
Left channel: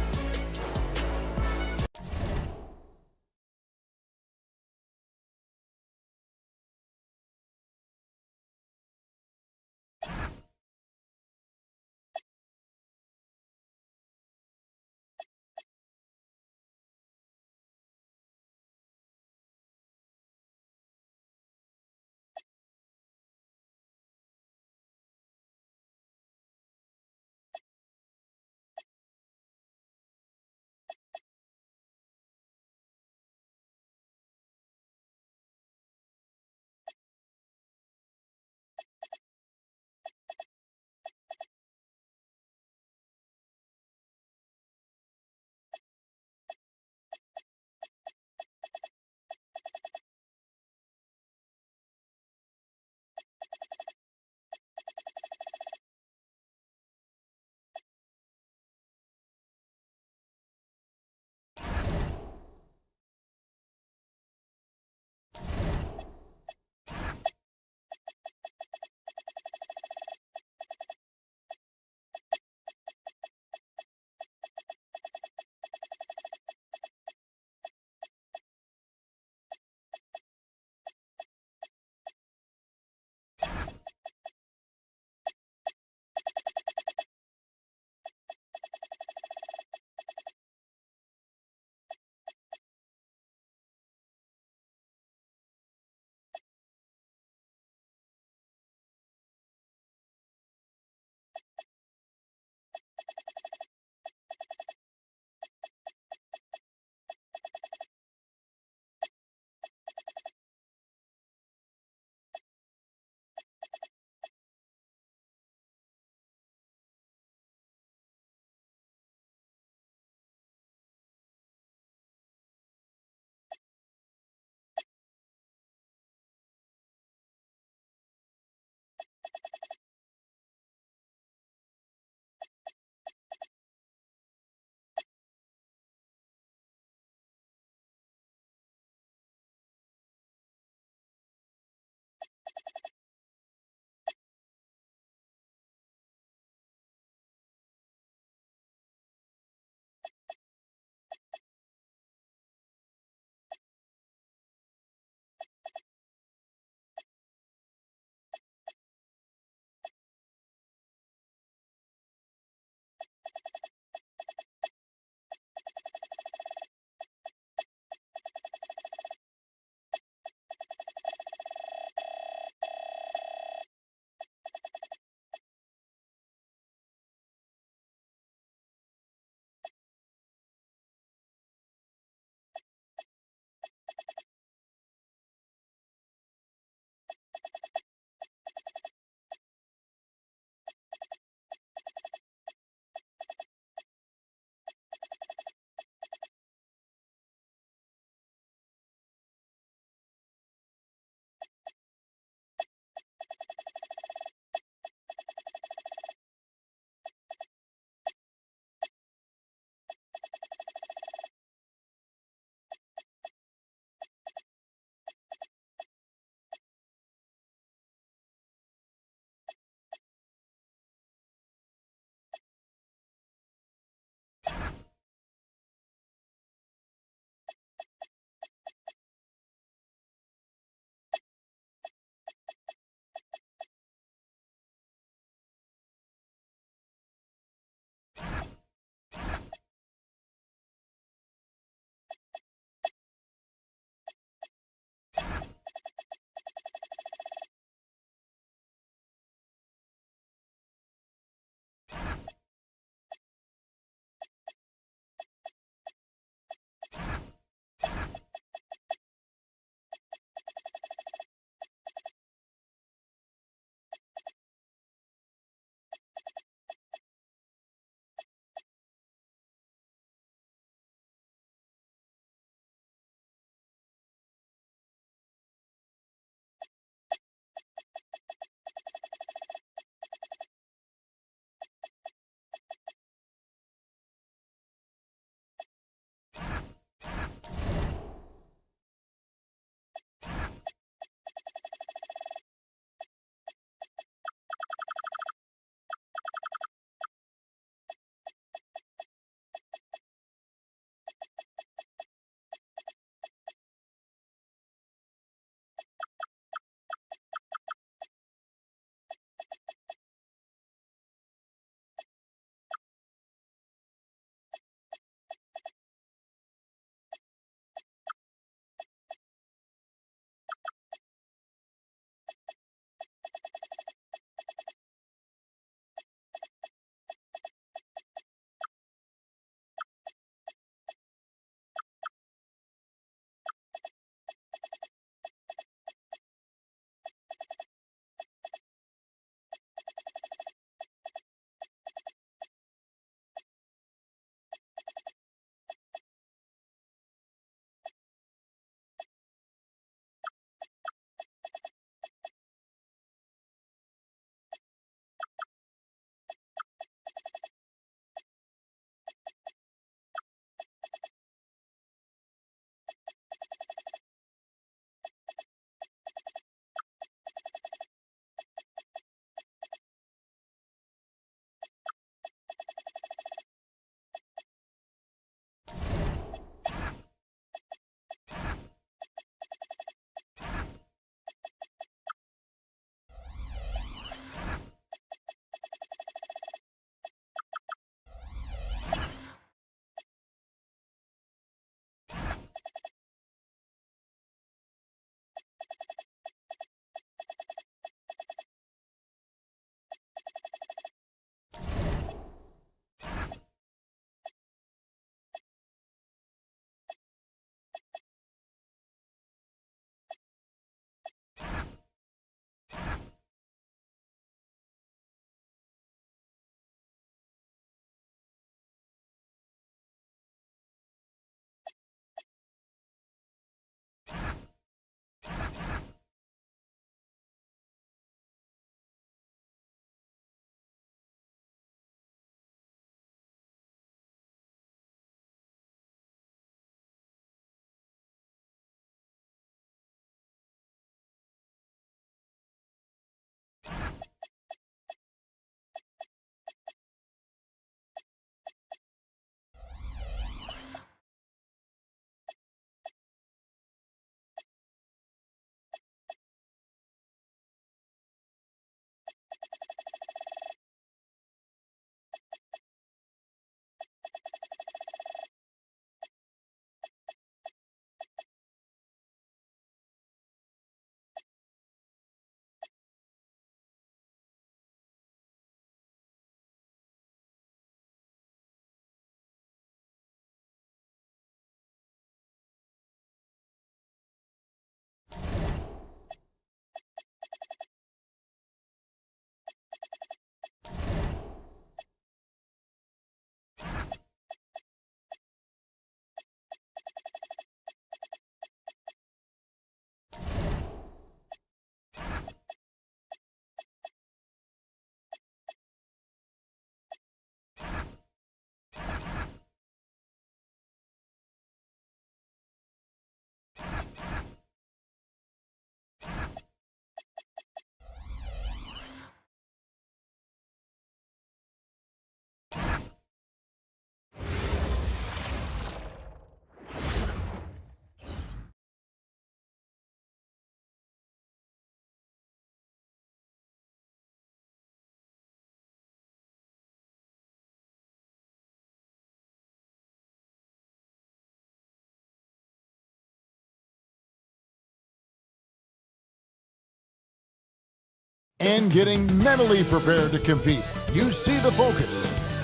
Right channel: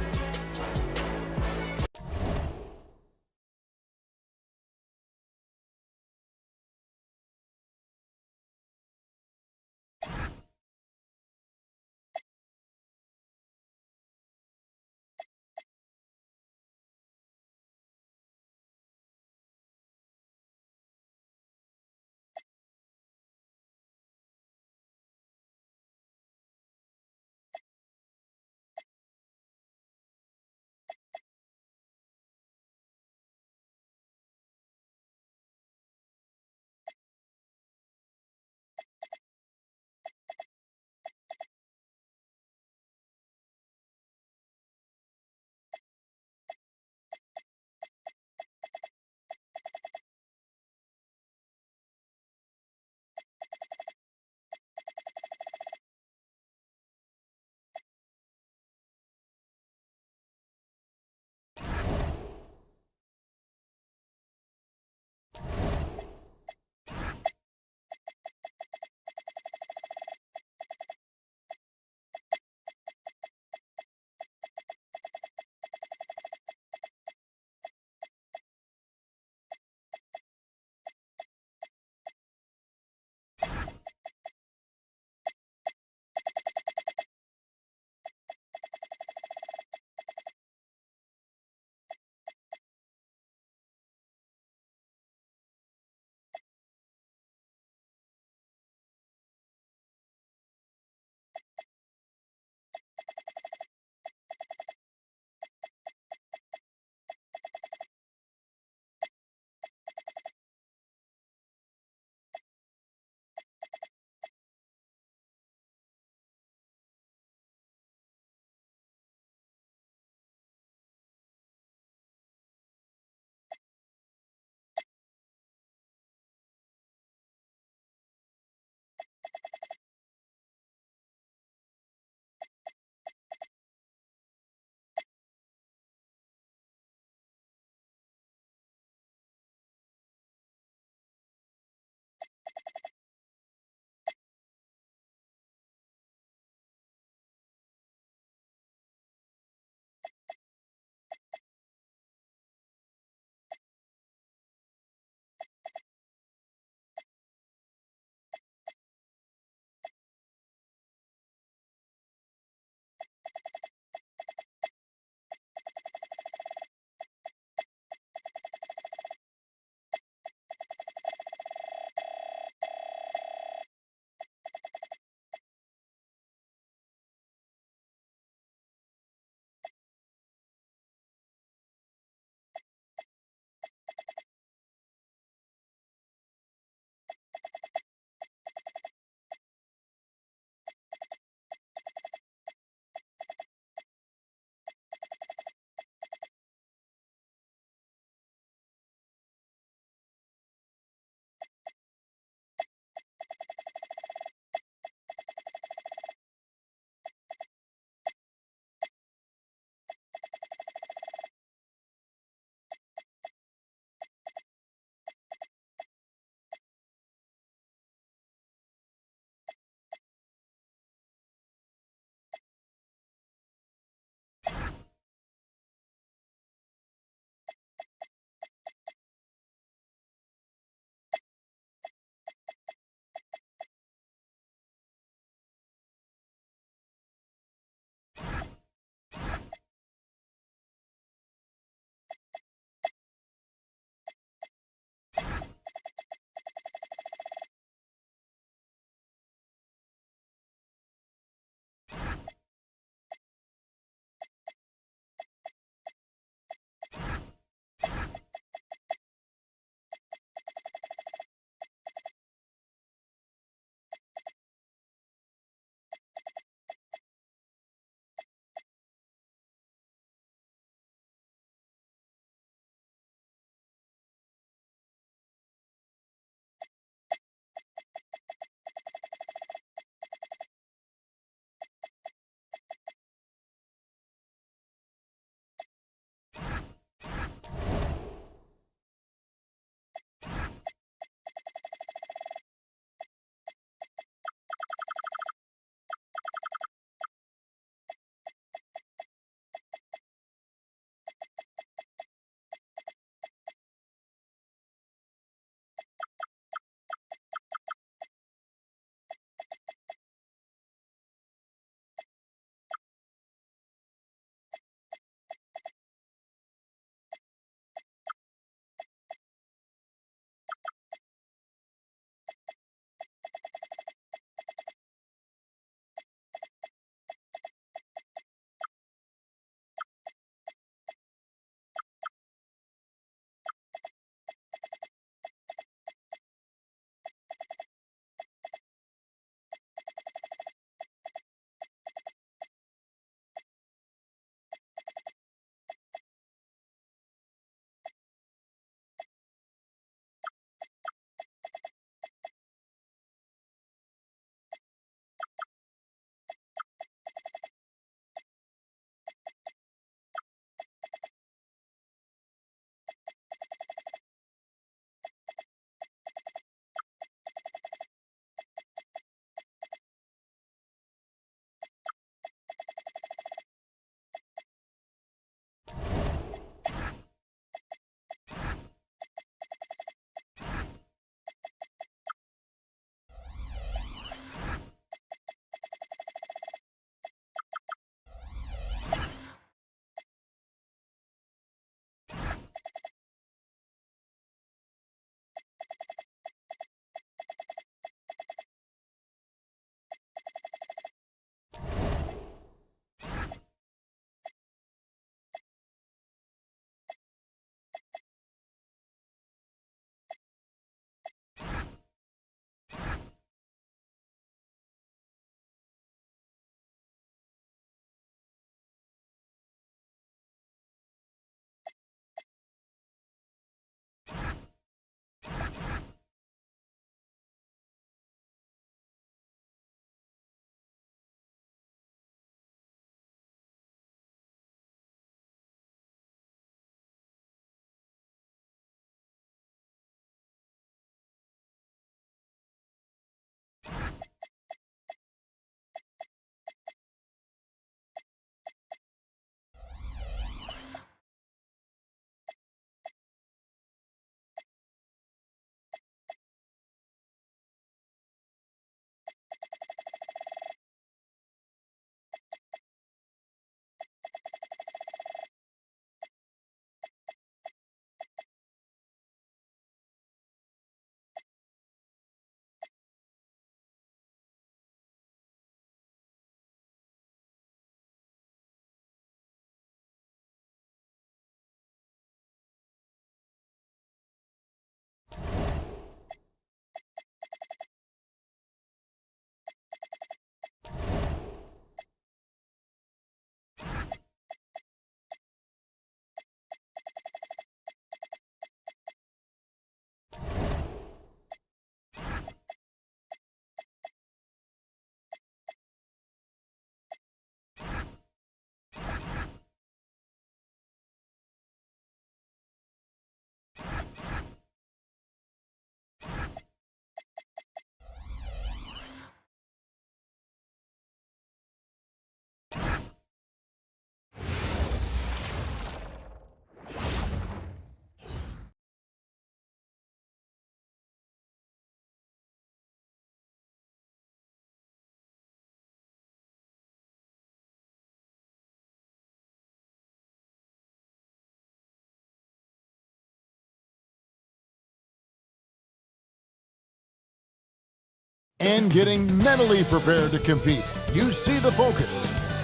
and getting mentally prepared to compete. You see the focus.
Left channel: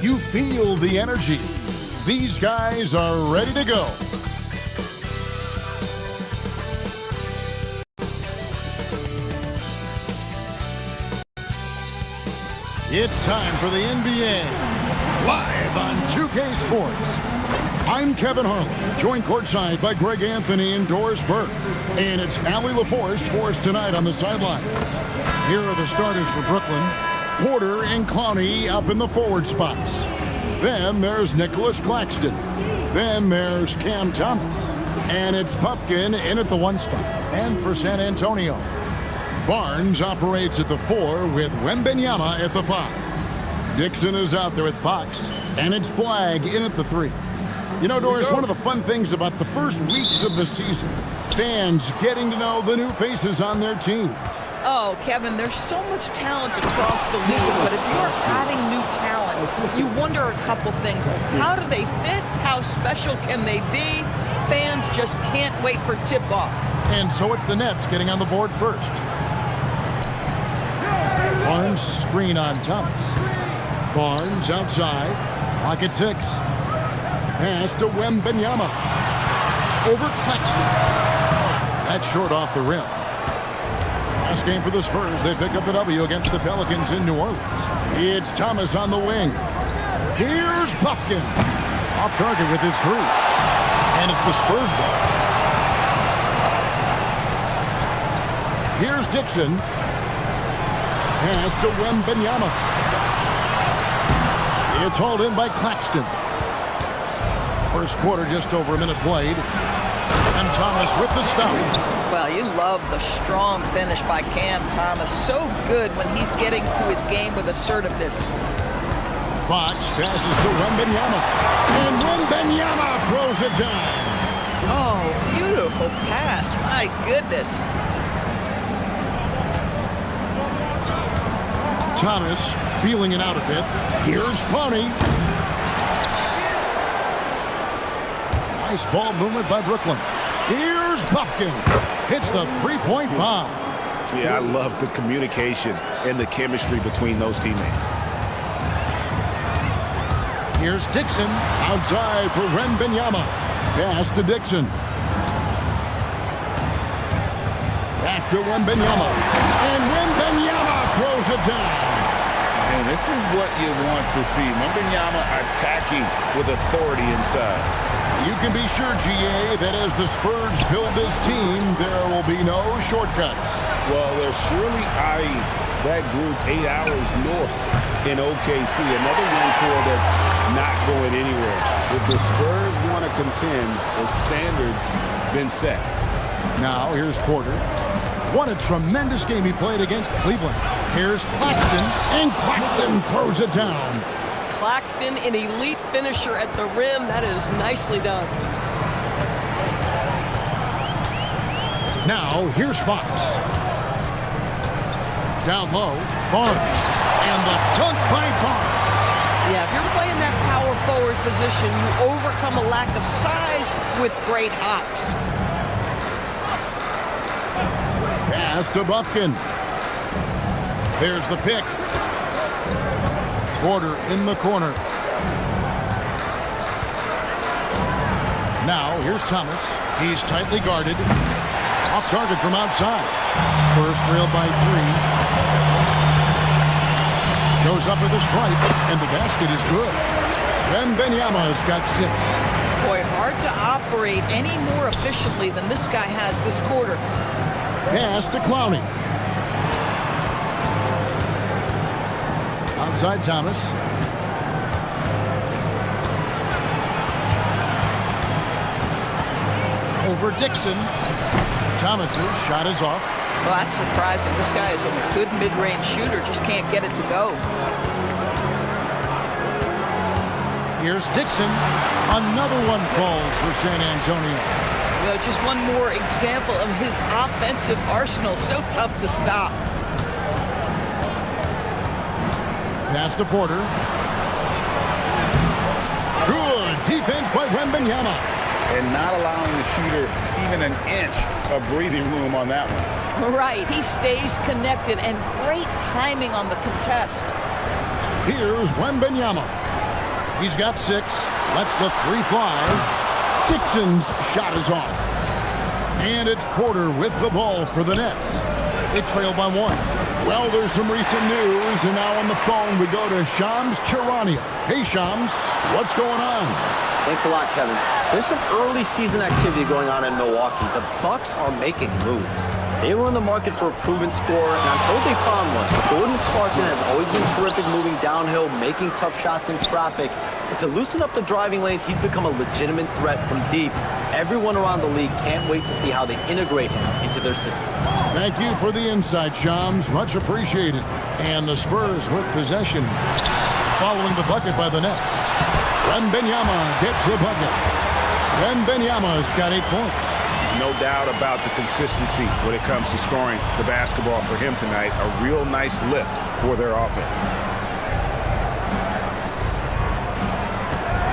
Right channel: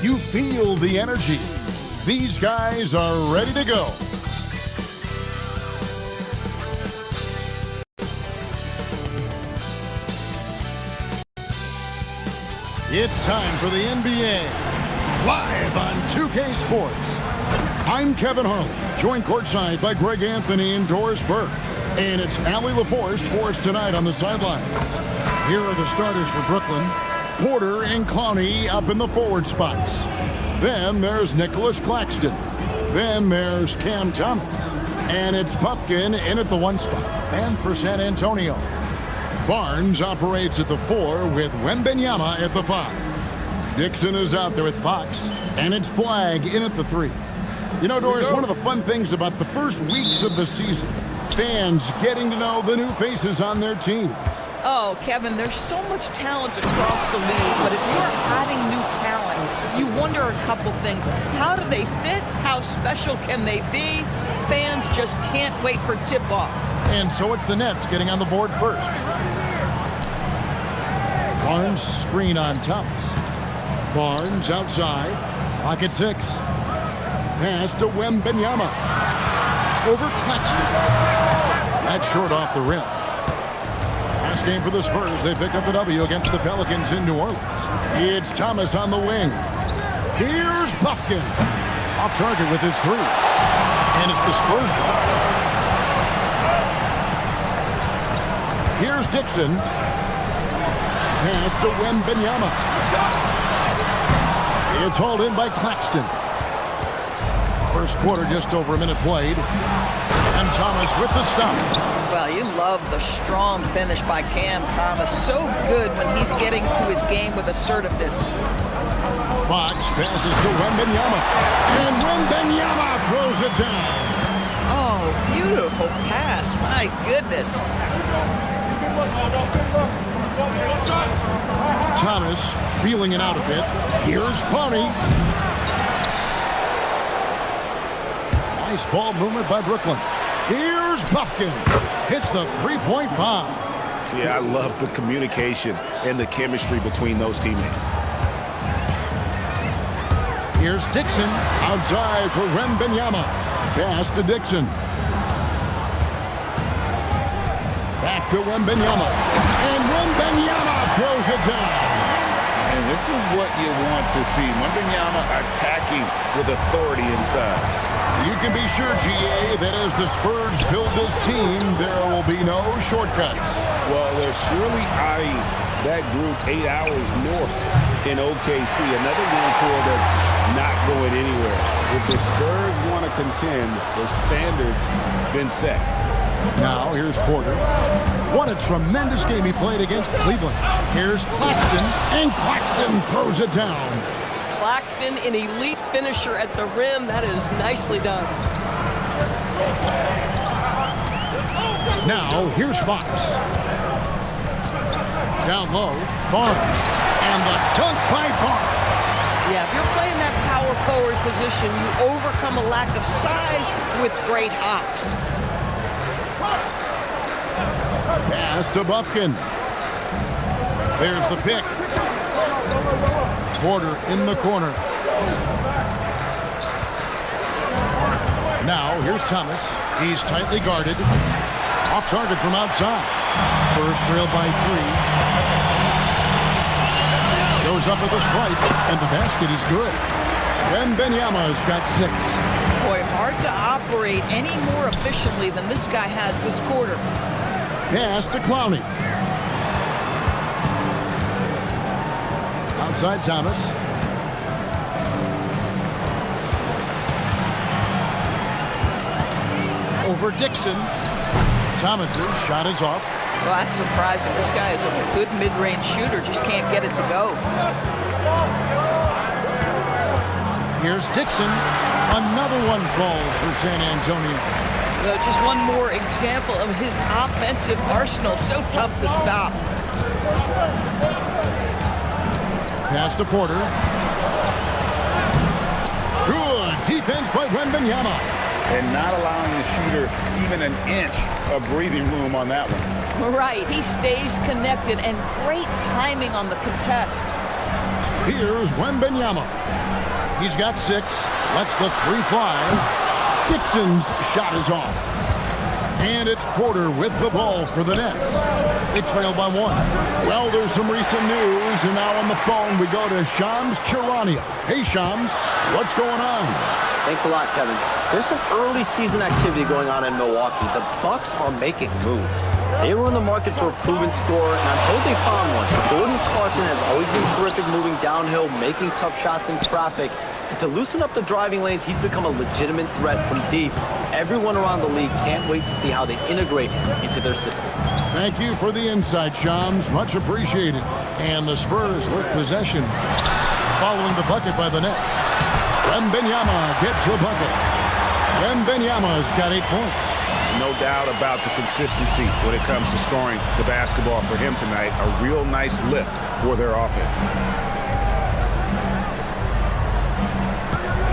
You feel the energy. These guys are ready to go. It's time for the NBA, live on 2K Sports. I'm Kevin Harlan, joined courtside by Greg Anthony and Doris Burke. And it's Allie LaForce for us tonight on the sidelines. Here are the starters for Brooklyn. Porter and Clowney up in the forward spots. Then there's Nicholas Claxton. Then there's Cam Thomas. And it's Puffkin in at the 1 spot. And for San Antonio, Barnes operates at the 4 with Wembanyama at the 5. Dixon is out there with Fox, and it's Flagg in at the 3. You know, Doris, one of the fun things about the first weeks of the season, fans getting to know the new faces on their teams. Oh, Kevin, there's so much talent across the league, but if you're adding new talent, you wonder a couple things. How do they fit? How special can they be? Fans just can't wait for tip-off. And so it's the Nets getting on the board first. Barnes screen on Thomas. Barnes outside. Clock at 6. Pass to Wembanyama. Over Claxton. That's short off the rim. Last game for the Spurs. They picked up the W against the Pelicans in New Orleans. It's Thomas on the wing. Here's Puffkin. Off target with his 3. And it's the Spurs ball. Here's Dixon. Pass to Wembanyama. It's hauled in by Claxton. First quarter, just over a minute played. And Thomas with the stop. Well, you love the strong finish by Cam Thomas. So good when he's getting to his game with assertiveness. Fox passes to Wembanyama. And Wembanyama throws it down. Oh, beautiful pass. My goodness. Thomas feeling it out a bit. Here's Clowney. Nice ball movement by Brooklyn. Here's Puffkin. Hits the 3-point bomb. Yeah, I love the communication and the chemistry between those teammates. Here's Dixon. Outside for Wembanyama. Pass to Dixon. Back to Wembanyama. And Wembanyama throws it down. And this is what you want to see. Wembanyama attacking with authority inside. You can be sure, GA, that as the Spurs build this team, there will be no shortcuts. Well, they're surely eyeing that group 8 hours north in OKC. Another young core that's not going anywhere. If the Spurs want to contend, the standard's been set. Now, here's Porter. What a tremendous game he played against Cleveland. Here's Claxton, and Claxton throws it down. Claxton, an elite finisher at the rim. That is nicely done. Now, here's Fox. Down low, Barnes. And the dunk by Barnes. Yeah, if you're playing that power forward position, you overcome a lack of size with great hops. Pass to Buffkin. There's the pick. Porter in the corner. Now, here's Thomas. He's tightly guarded. Off target from outside. Spurs trail by 3. Goes up with a stripe, and the basket is good. Wembanyama's got 6. Boy, hard to operate any more efficiently than this guy has this quarter. Pass to Clowney. Outside Thomas. Over Dixon. Thomas's shot is off. Well, that's surprising. This guy is a good mid-range shooter, just can't get it to go. Here's Dixon. Another one falls for San Antonio. You know, just one more example of his offensive arsenal. So tough to stop. Pass to Porter. Good defense by Wembanyama. And not allowing the shooter even an inch of breathing room on that one. Right, he stays connected and great timing on the contest. Here's Wembanyama. He's got 6, lets the 3 fly. Dixon's shot is off. And it's Porter with the ball for the Nets. They trail by 1. Well, there's some recent news, and now on the phone we go to Shams Charania. Hey, Shams, what's going on? Thanks a lot, Kevin. There's some early season activity going on in Milwaukee. The Bucks are making moves. They were in the market for a proven scorer, and I'm told they found one. Jordan Clarkson has always been terrific moving downhill, making tough shots in traffic. And to loosen up the driving lanes, he's become a legitimate threat from deep. Everyone around the league can't wait to see how they integrate him into their system. Thank you for the insight, Shams. Much appreciated. And the Spurs with possession following the bucket by the Nets. Wembanyama gets the bucket. Wembanyama's got 8 points. No doubt about the consistency when it comes to scoring the basketball for him tonight. A real nice lift for their offense.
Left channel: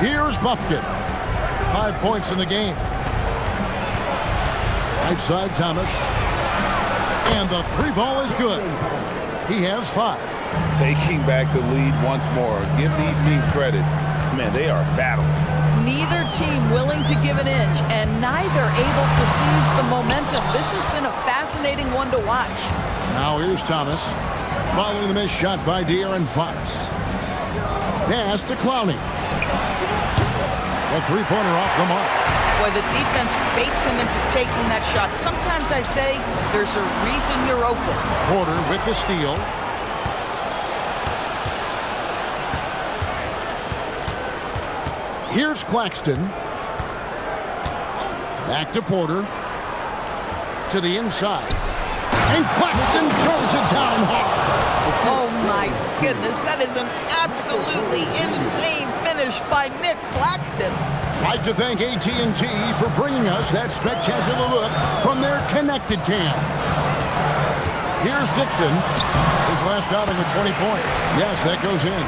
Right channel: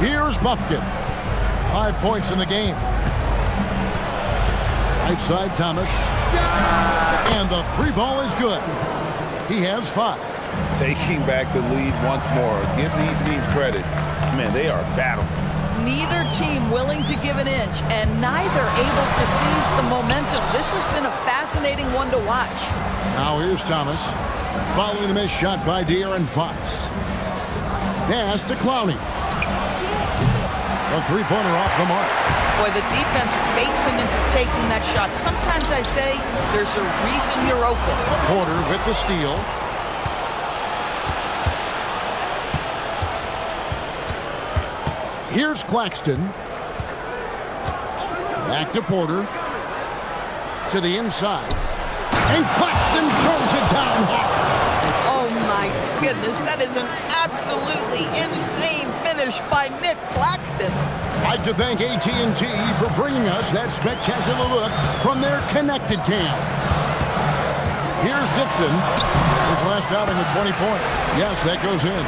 Here's Buffkin. 5 points in the game. Right side, Thomas. And the 3 ball is good. He has 5. Taking back the lead once more. Give these teams credit. Man, they are battling. Neither team willing to give an inch, and neither able to seize the momentum. This has been a fascinating one to watch. Now here's Thomas. Following the missed shot by De'Aaron Fox. Pass to Clowney. The 3-pointer off the mark. Boy, the defense baits him into taking that shot. Sometimes I say there's a reason you're open. Porter with the steal. Here's Claxton. Back to Porter. To the inside. And Claxton throws it down hard. Oh my goodness, that is an absolutely insane finish by Nick Claxton. I'd like to thank AT&T for bringing us that spectacular look from their connected cam. Here's Dixon. His last outing with 20 points. Yes, that goes in.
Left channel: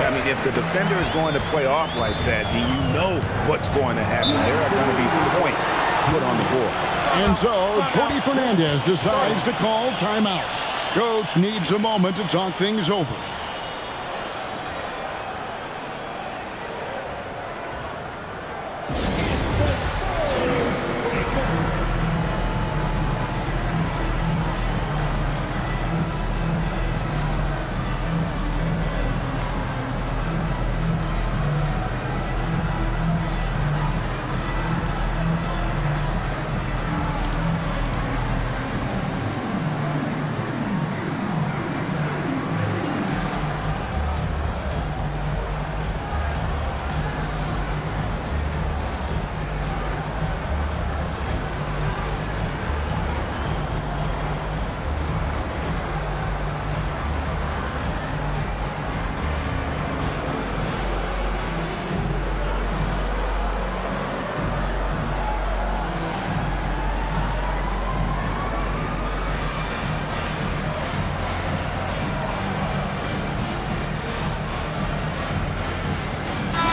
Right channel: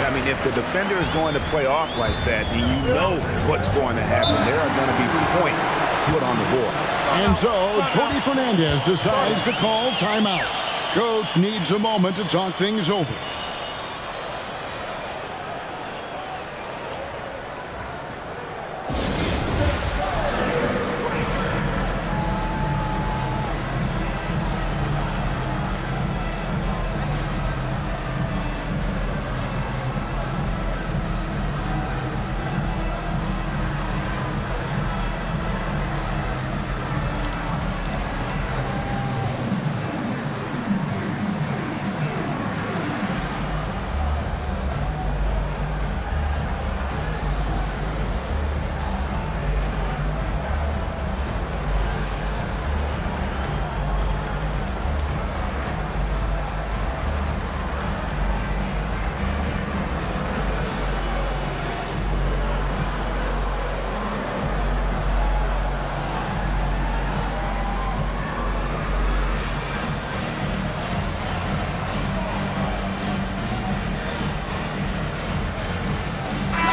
I mean, if the defender is going to play off like that, then you know what's going to happen. There are going to be points put on the board. And so, Jordi Fernandez decides to call timeout. Coach needs a moment to talk things over.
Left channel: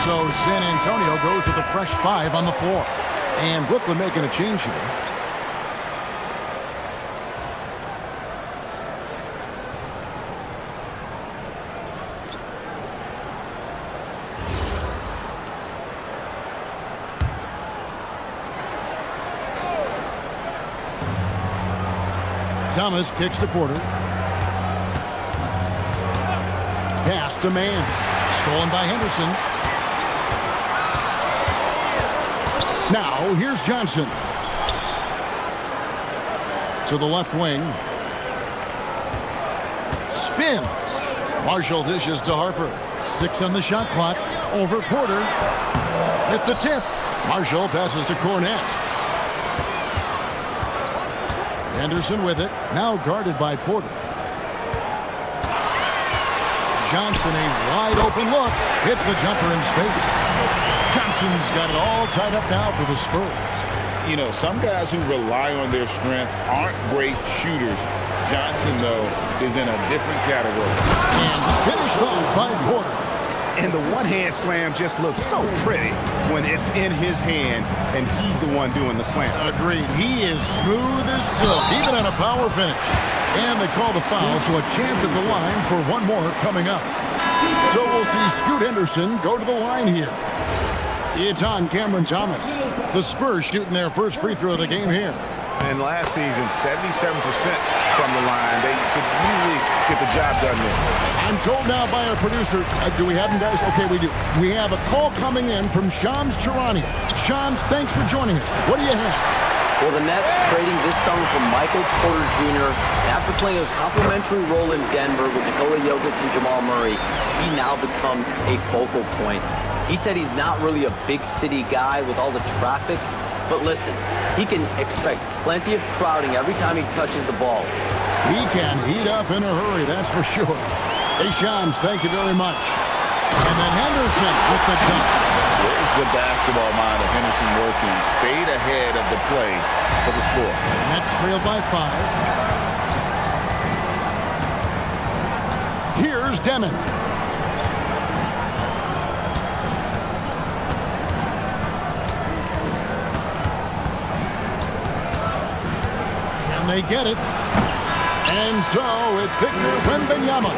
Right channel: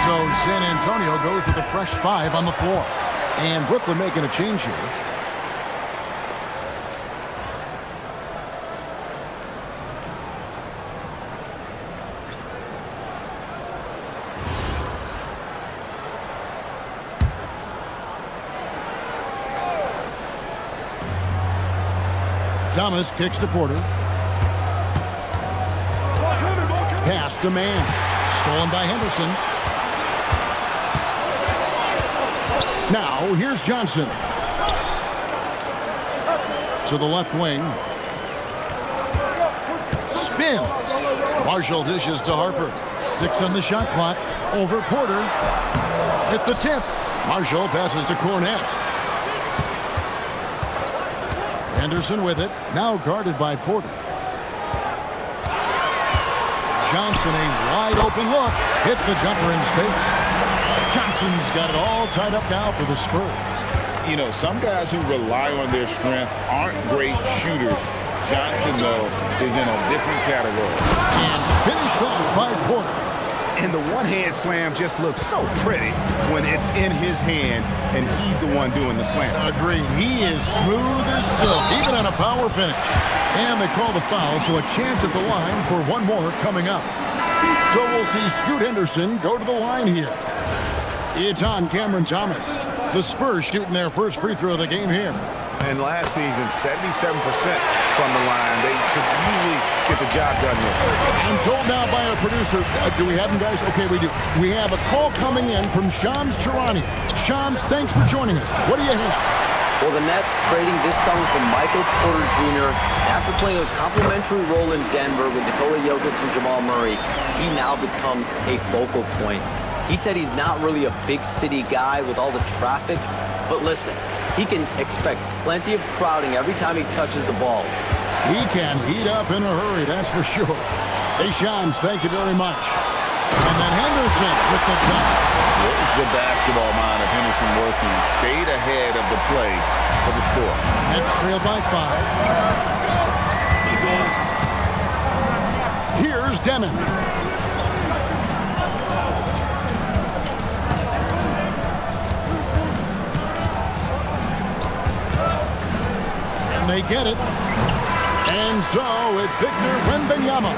So San Antonio goes with a fresh 5 on the floor. And Brooklyn making a change here. Thomas kicks to Porter. Pass to Mann. Stolen by Henderson. Now, here's Johnson. To the left wing. Spins. Marshall dishes to Harper. 6 on the shot clock. Over Porter. With the tip. Marshall passes to Cornette. Anderson with it. Now guarded by Porter. Johnson, a wide open look. Hits the jumper in space. Johnson's got it all tied up now for the Spurs. You know, some guys who rely on their strength aren't great shooters. Johnson, though, is in a different category. And finished off by Porter. And the one-hand slam just looks so pretty when it's in his hand and he's the one doing the slam. Agreed. He is smooth as silk, even on a power finish. And they call the foul, so a chance at the line for one more coming up. So we'll see Scoot Henderson go to the line here. It's on Cameron Thomas. The Spurs shooting their first free throw of the game here. And last season, 77% from the line. They could usually get the job done there. I'm told now by our producer, do we have him, guys? Okay, we do. We have a call coming in from Shams Charania. Shams, thanks for joining us. What do you have? Well, the Nets trading this summer for Michael Porter Jr. And after playing a complimentary role in Denver with Nikola Jokic and Jamal Murray, he now becomes a focal point. He said he's not really a big city guy with all the traffic, but listen, he can expect plenty of crowding every time he touches the ball. He can heat up in a hurry, that's for sure. Hey, Shams, thank you very much. And then Henderson with the dunk. There's the basketball mind of Henderson working. Stayed ahead of the play for the score. Nets trailed by 5. Here's Demon. They get it. And so it's Victor Wembanyama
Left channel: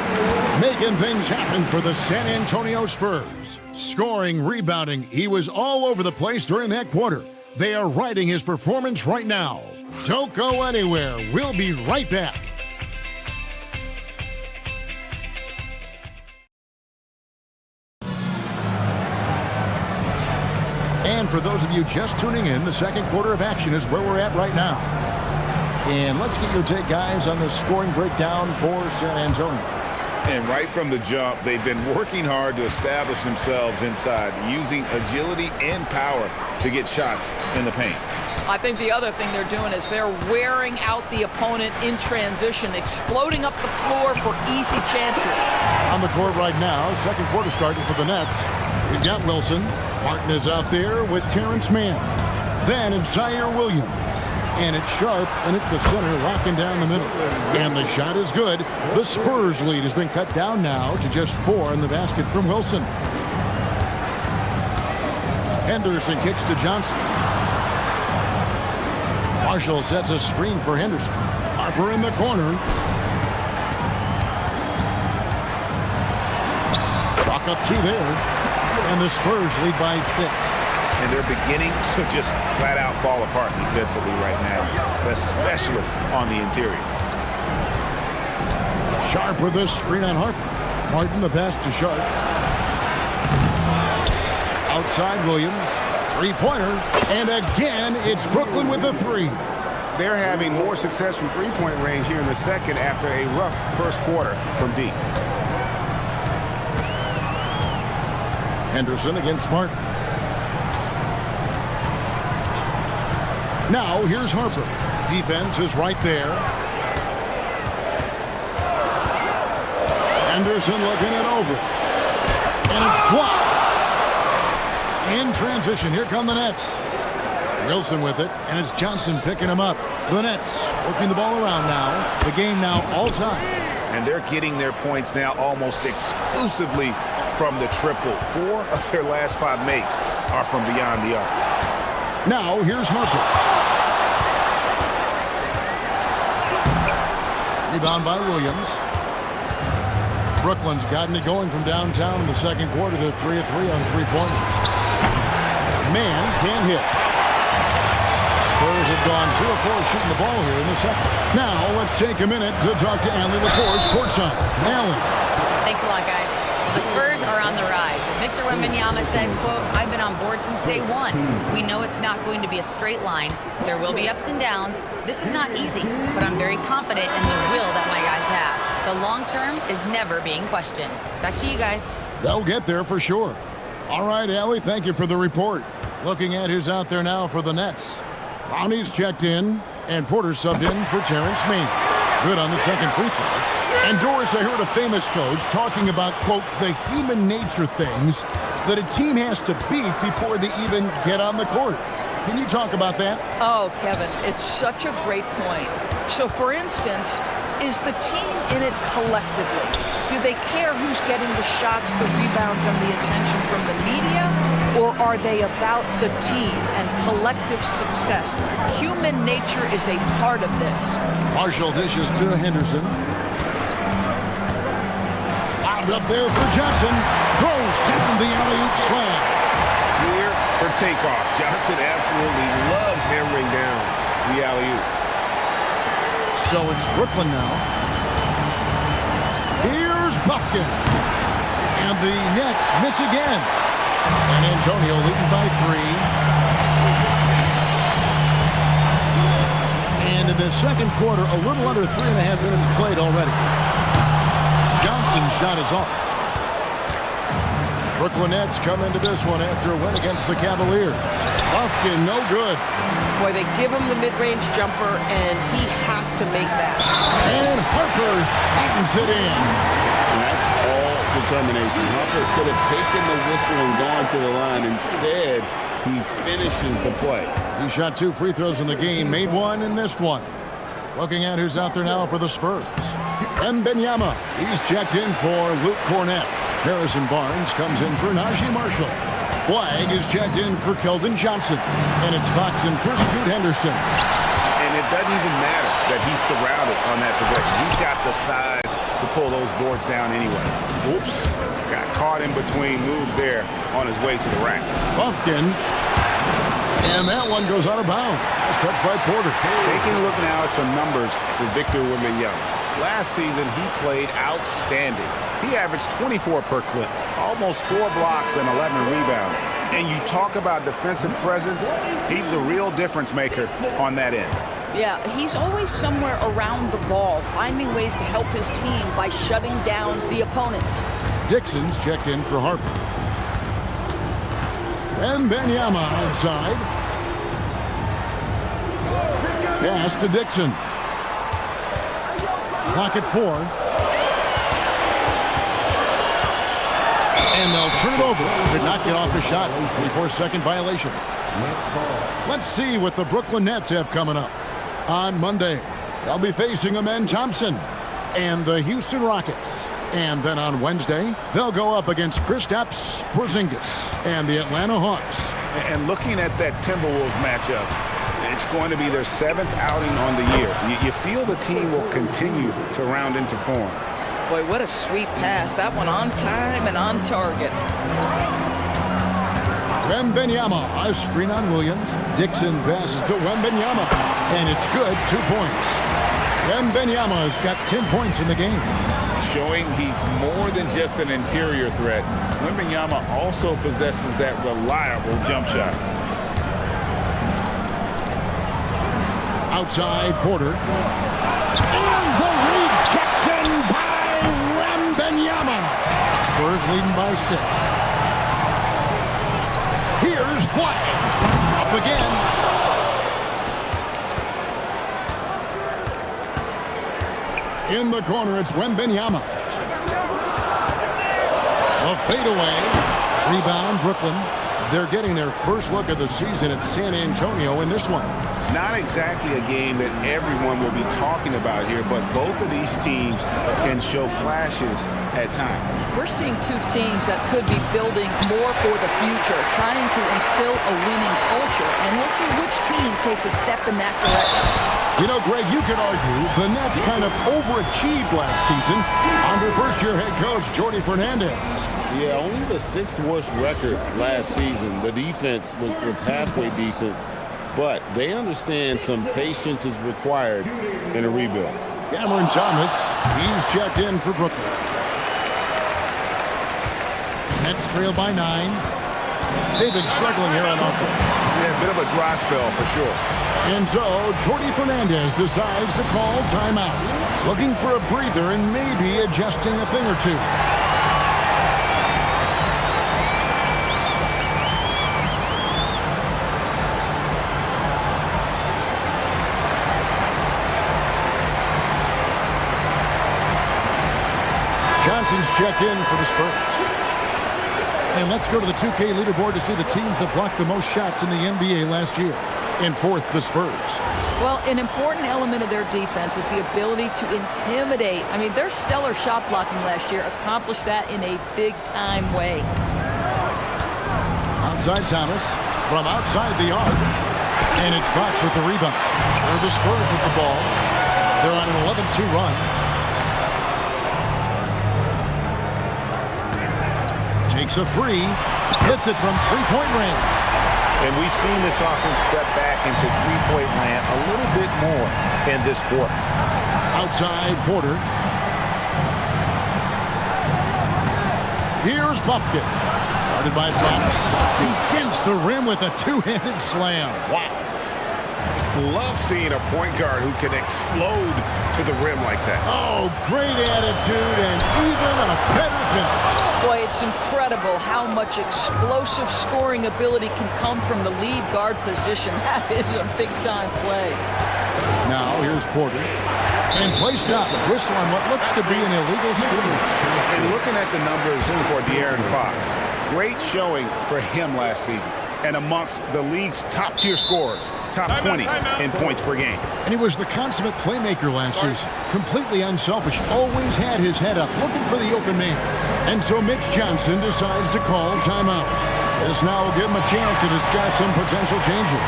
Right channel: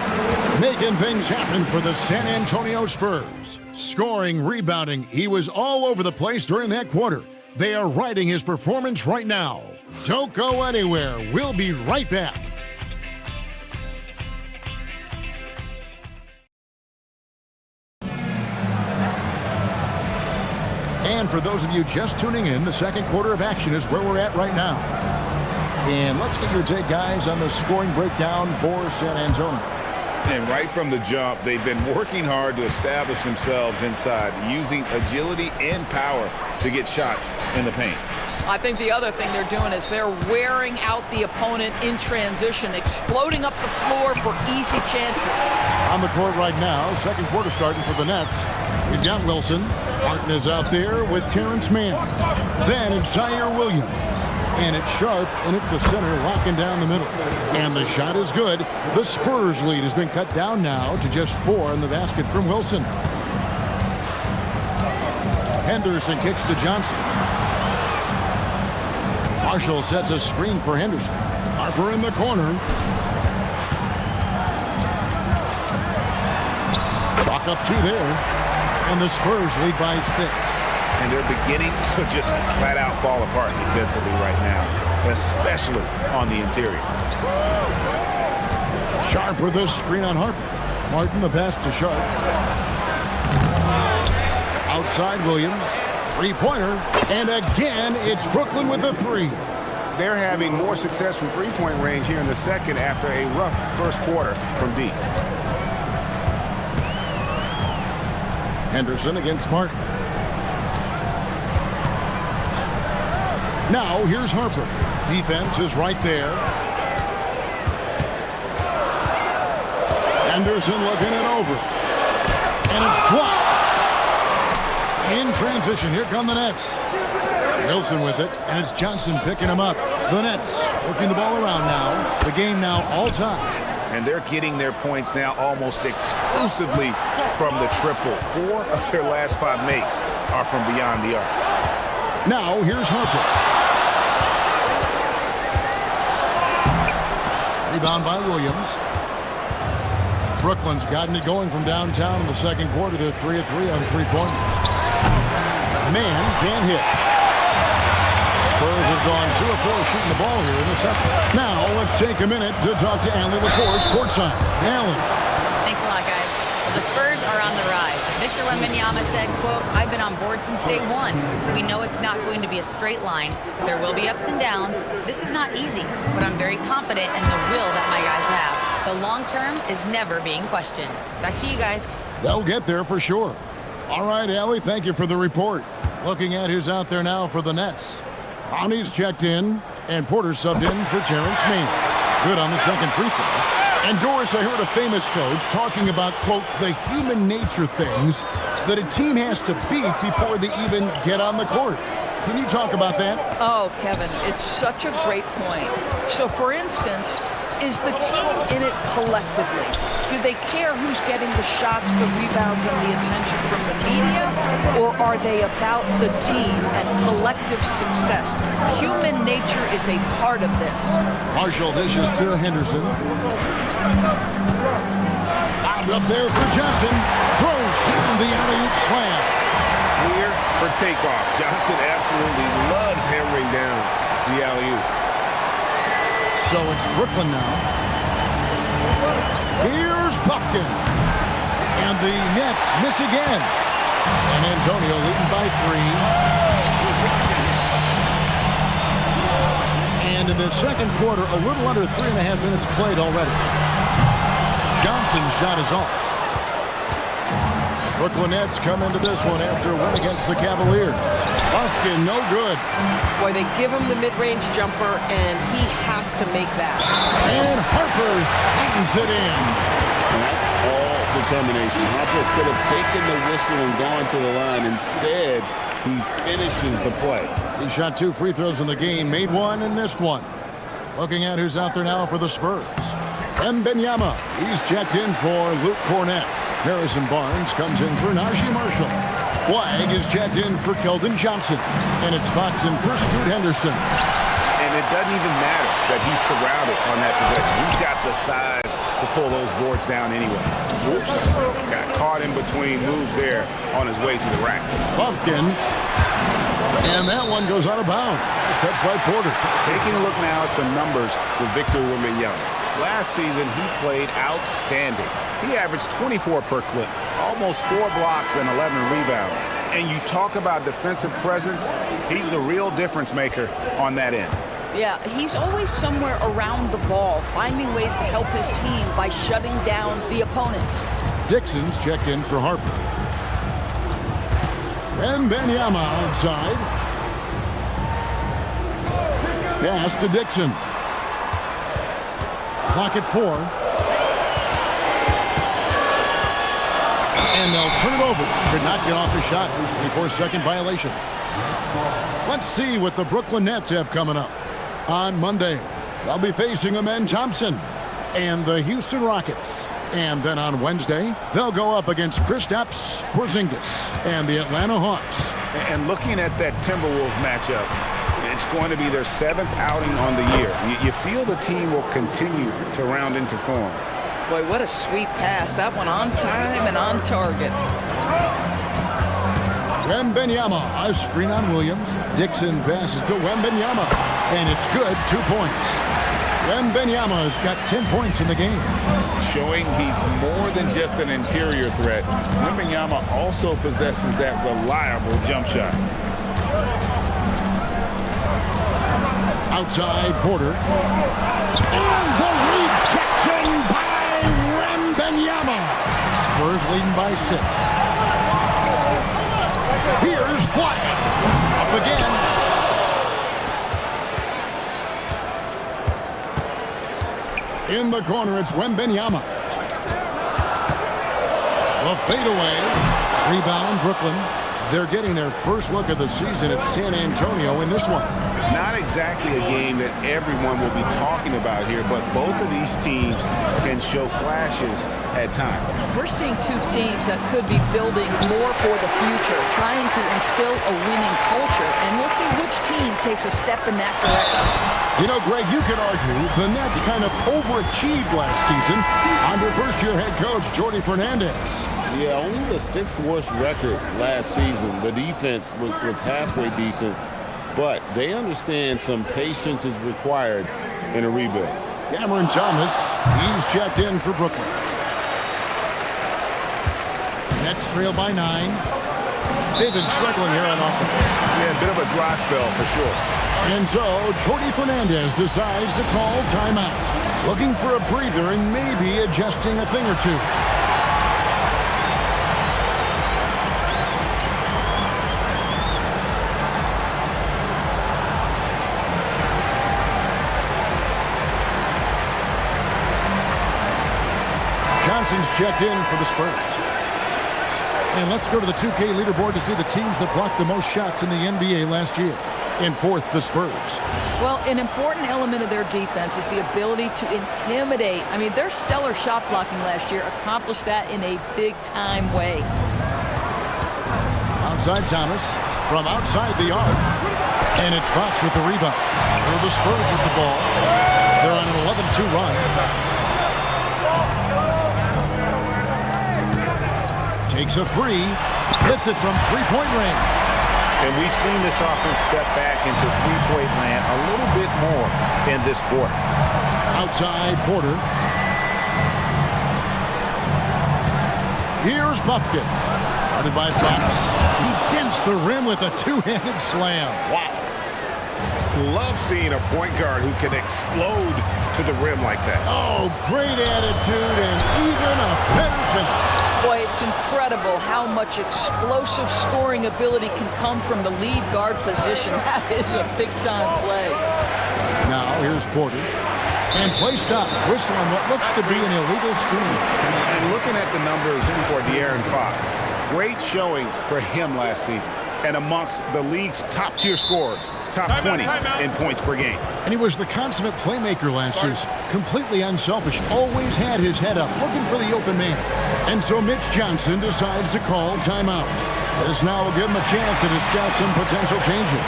making things happen for the San Antonio Spurs. Scoring, rebounding, he was all over the place during that quarter. They are riding his performance right now. Don't go anywhere. We'll be right back. And for those of you just tuning in, the second quarter of action is where we're at right now. And let's get your take, guys, on the scoring breakdown for San Antonio. And right from the jump, they've been working hard to establish themselves inside, using agility and power to get shots in the paint. I think the other thing they're doing is they're wearing out the opponent in transition, exploding up the floor for easy chances. On the court right now, second quarter starting for the Nets. We've got Wilson. Martin is out there with Terrence Mann. Then it's Zaire Williams. And it's Sharp and at the center, locking down the middle. And the shot is good. The Spurs lead has been cut down now to just 4 in the basket from Wilson. Henderson kicks to Johnson. Marshall sets a screen for Henderson. Harper in the corner. Chalk up 2 there. And the Spurs lead by 6. And they're beginning to just flat out fall apart defensively right now, especially on the interior. Sharp with a screen on Harper. Martin the pass to Sharp. Outside Williams. Three-pointer. And again, it's Brooklyn with a 3. They're having more success from three-point range here in the second after a rough first quarter from deep. Henderson against Martin. Now, here's Harper. Defense is right there. Henderson looking it over. And it's blocked. In transition, here come the Nets. Wilson with it, and it's Johnson picking him up. The Nets working the ball around now. The game now all time. And they're getting their points now almost exclusively from the triple. 4 of their last 5 makes are from beyond the arc. Now, here's Harper. Rebound by Williams. Brooklyn's gotten it going from downtown in the second quarter. They're 3 of 3 on three-pointers. Man can't hit. Spurs have gone 2 of 4 shooting the ball here in the second. Now let's take a minute to talk to Allie LaForce courtside. Allie. Thanks a lot, guys. Well, the Spurs are on the rise. Victor Wembanyama said, quote, "I've been on board since day one. We know it's not going to be a straight line. There will be ups and downs. This is not easy, but I'm very confident in the will that my guys have. The long term is never being questioned." Back to you guys. They'll get there for sure. All right, Allie, thank you for the report. Looking at who's out there now for the Nets. Clowney's checked in, and Porter subbed in for Terrence Mann. Good on the second free throw. And Doris, I heard a famous coach talking about, quote, the human nature things that a team has to beat before they even get on the court. Can you talk about that? Oh, Kevin, it's such a great point. So, for instance, Is the team in it collectively? Do they care who's getting the shots, the rebounds, and the attention from the media? Or are they about the team and collective success? Human nature is a part of this. Marshall dishes to Henderson. Lobbed up there for Johnson. Throws down the alley-oop slam. Clear for takeoff. Johnson absolutely loves hammering down the alley-oop. So it's Brooklyn now. Here's Buffkin. And the Nets miss again. San Antonio leading by 3. And in the second quarter, a little under 3.5 minutes played already. Johnson's shot is off. Brooklyn Nets come into this one after a win against the Cavaliers. Buffkin, no good. Boy, they give him the mid-range jumper, and he has to make that. And Harper slams it in. That's all determination. Harper could have taken the whistle and gone to the line. Instead, he finishes the play. He shot 2 free throws in the game, made 1 and missed 1. Looking at who's out there now for the Spurs. Wembanyama, he's checked in for Luke Cornett. Harrison Barnes comes in for Najee Marshall. Flag is checked in for Keldon Johnson. And it's Foxen for Scoot Henderson. And it doesn't even matter that he's surrounded on that possession. He's got the size to pull those boards down anyway. Whoops. Got caught in between moves there on his way to the rack. Buffkin. And that one goes out of bounds. That's touched by Porter. Taking a look now at some numbers for Victor Wembanyama. Last season, he played outstanding. He averaged 24 per clip, almost 4 blocks and 11 rebounds. And you talk about defensive presence, he's the real difference maker on that end. Yeah, he's always somewhere around the ball, finding ways to help his team by shutting down the opponents. Dixon's checked in for Harper. Wembanyama outside. Pass to Dixon. Clock at 4. And they'll turn it over. Could not get off his shot. 24-second violation. Let's see what the Brooklyn Nets have coming up. On Monday, they'll be facing Amen Thompson and the Houston Rockets. And then on Wednesday, they'll go up against Kristaps Porzingis and the Atlanta Hawks. And looking at that Timberwolves matchup, it's going to be their 7th outing on the year. You feel the team will continue to round into form. Boy, what a sweet pass. That one on time and on target. Wembanyama, a screen on Williams. Dixon passes to Wembanyama, and it's good, 2 points. Wembanyama's got 10 points in the game. Showing he's more than just an interior threat. Wembanyama also possesses that reliable jump shot. Outside Porter. And the rejection by Wembanyama. Spurs leading by 6. Here's Flag. Up again. In the corner, it's Wembanyama. The fadeaway. Rebound, Brooklyn. They're getting their first look of the season at San Antonio in this one. Not exactly a game that everyone will be talking about here, but both of these teams can show flashes at times. We're seeing 2 teams that could be building more for the future, trying to instill a winning culture, and we'll see which team takes a step in that direction. You know, Greg, you could argue the Nets kind of overachieved last season under first-year head coach Jordi Fernandez. Yeah, only the 6th worst record last season. The defense was halfway decent, but they understand some patience is required in a rebuild. Cameron Thomas, he's checked in for Brooklyn. Nets trail by 9. They've been struggling here on offense. Yeah, a bit of a dry spell for sure. And so, Jordi Fernandez decides to call timeout. Looking for a breather and maybe adjusting a thing or two. Johnson's checked in for the Spurs. And let's go to the 2K leaderboard to see the teams that blocked the most shots in the NBA last year. In fourth, the Spurs. Well, an important element of their defense is the ability to intimidate. I mean, their stellar shot blocking last year accomplished that in a big-time way. Outside Thomas from outside the arc. And it's Fox with the rebound. They're the Spurs with the ball. They're on an 11-2 run. Takes a three. Hits it from three-point range. And we've seen this offense step back into three-point land a little bit more in this quarter. Outside Porter. Here's Buffkin. Guarded by Fox. He dents the rim with a two-handed slam. Wow. Love seeing a point guard who can explode to the rim like that. Oh, great attitude and even a better finish. Boy, it's incredible how much explosive scoring ability can come from the lead guard position. That is a big-time play. Now, here's Porter. And play stops. Whistle on what looks to be an illegal screen. And looking at the numbers for De'Aaron Fox, great showing for him last season. And amongst the league's top-tier scorers, top 20 in points per game. And he was the consummate playmaker last season. Completely unselfish. Always had his head up, looking for the open man. And so Mitch Johnson decides to call timeout. This now will give him a chance to discuss some potential changes.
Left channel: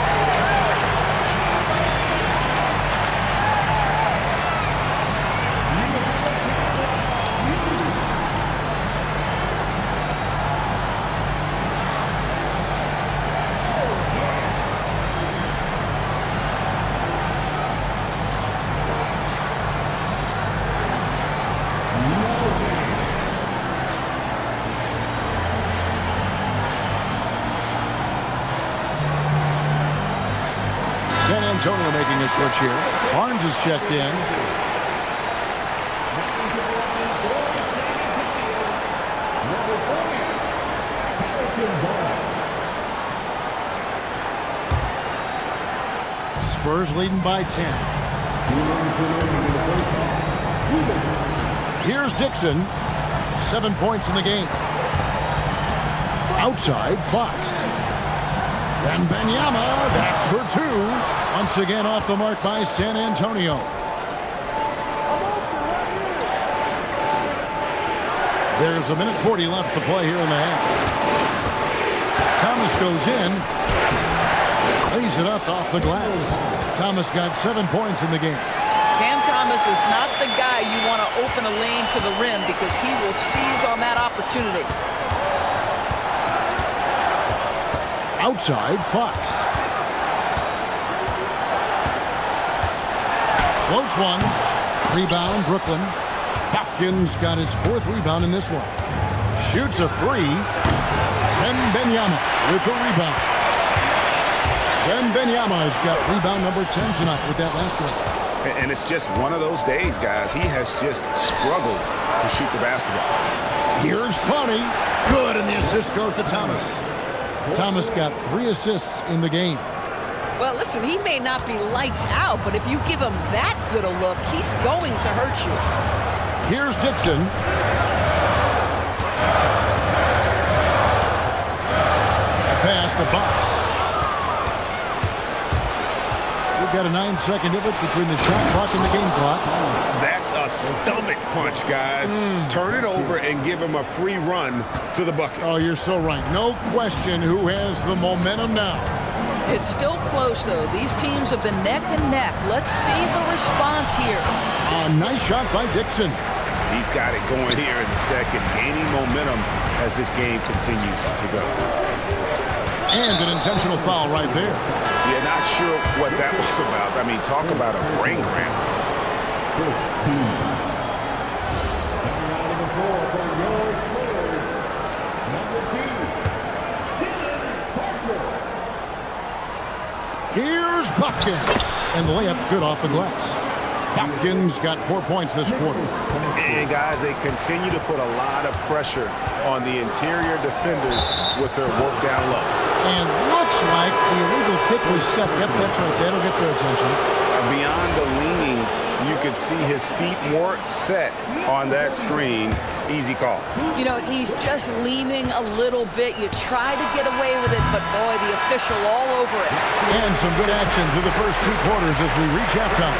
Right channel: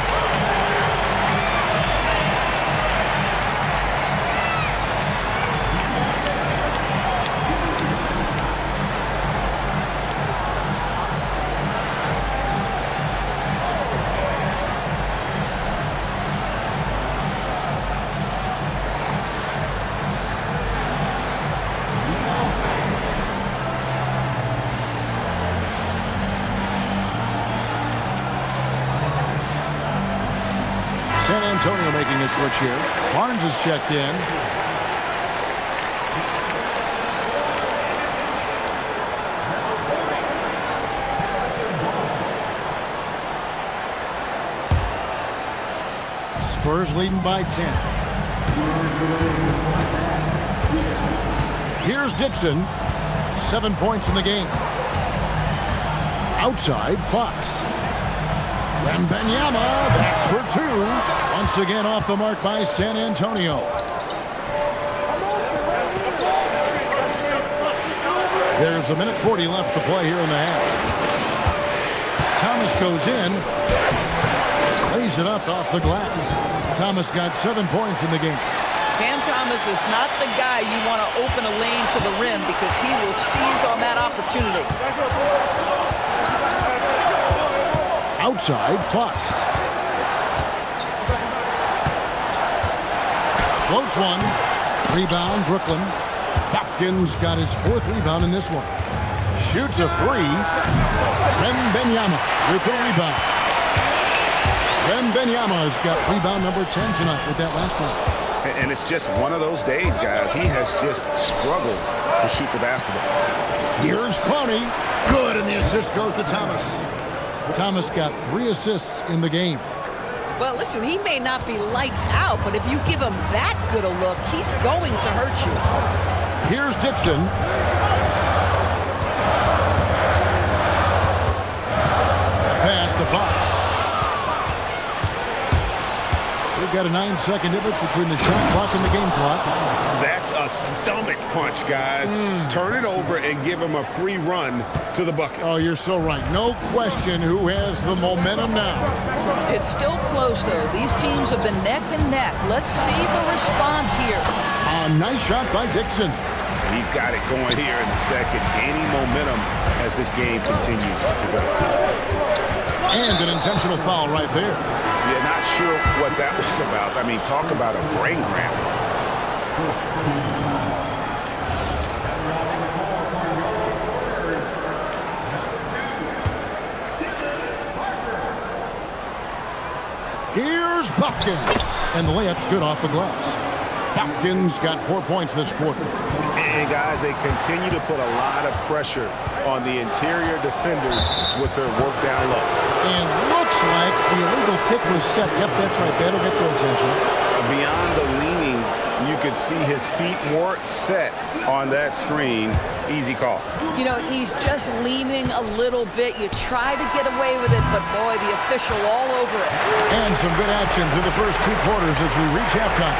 San Antonio making a switch here. Barnes is checked in. Spurs leading by 10. Here's Dixon. 7 points in the game. Outside, Fox. Wembanyama, that's for two. Once again off the mark by San Antonio. There's a minute 40 left to play here in the half. Thomas goes in. Lays it up off the glass. Thomas got 7 points in the game. Cam Thomas is not the guy you want to open a lane to the rim because he will seize on that opportunity. Outside, Fox. Floats one. Rebound, Brooklyn. Buffkin's got his 4th rebound in this one. Shoots a three. Wembanyama with the rebound. Wembanyama has got rebound number 10 tonight with that last one. And it's just one of those days, guys. He has just struggled to shoot the basketball. Here's Clowney. Good, and the assist goes to Thomas. Thomas got 3 assists in the game. Well, listen, he may not be lights out, but if you give him that good a look, he's going to hurt you. Here's Dixon. A pass to Fox. We've got a 9-second difference between the shot clock and the game clock. That's a stomach punch, guys. Turn it over and give him a free run to the bucket. Oh, you're so right. No question who has the momentum now. It's still close, though. These teams have been neck and neck. Let's see the response here. A nice shot by Dixon. He's got it going here in the second, gaining momentum as this game continues to go. And an intentional foul right there. Yeah, not sure what that was about. I mean, talk about a brain cramp. Here's Buffkin. And the layup's good off the glass. Buffkin's got 4 points this quarter. And guys, they continue to put a lot of pressure on the interior defenders with their work down low. And looks like the illegal pick was set. Yep, that's right. That'll get their attention. Beyond the leaning, you could see his feet more set on that screen. Easy call. You know, he's just leaning a little bit. You try to get away with it, but boy, the official all over it. And some good action through the first 2 quarters as we reach halftime.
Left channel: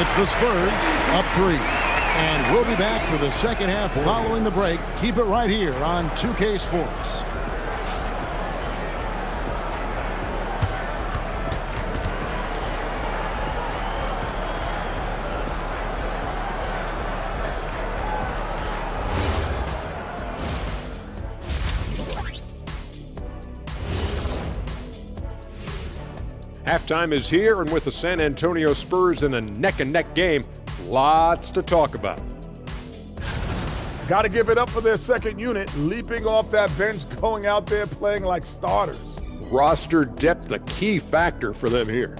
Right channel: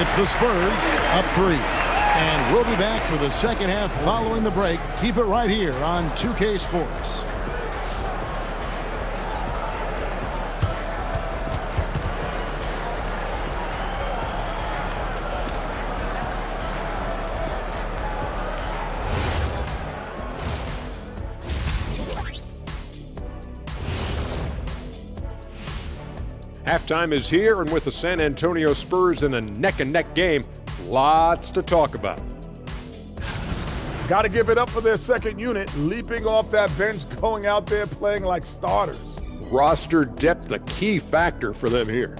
It's the Spurs up 3. And we'll be back for the second half following the break. Keep it right here on 2K Sports. Halftime is here, and with the San Antonio Spurs in a neck-and-neck game, lots to talk about. Got to give it up for their second unit, leaping off that bench, going out there playing like starters. Roster depth, a key factor for them here.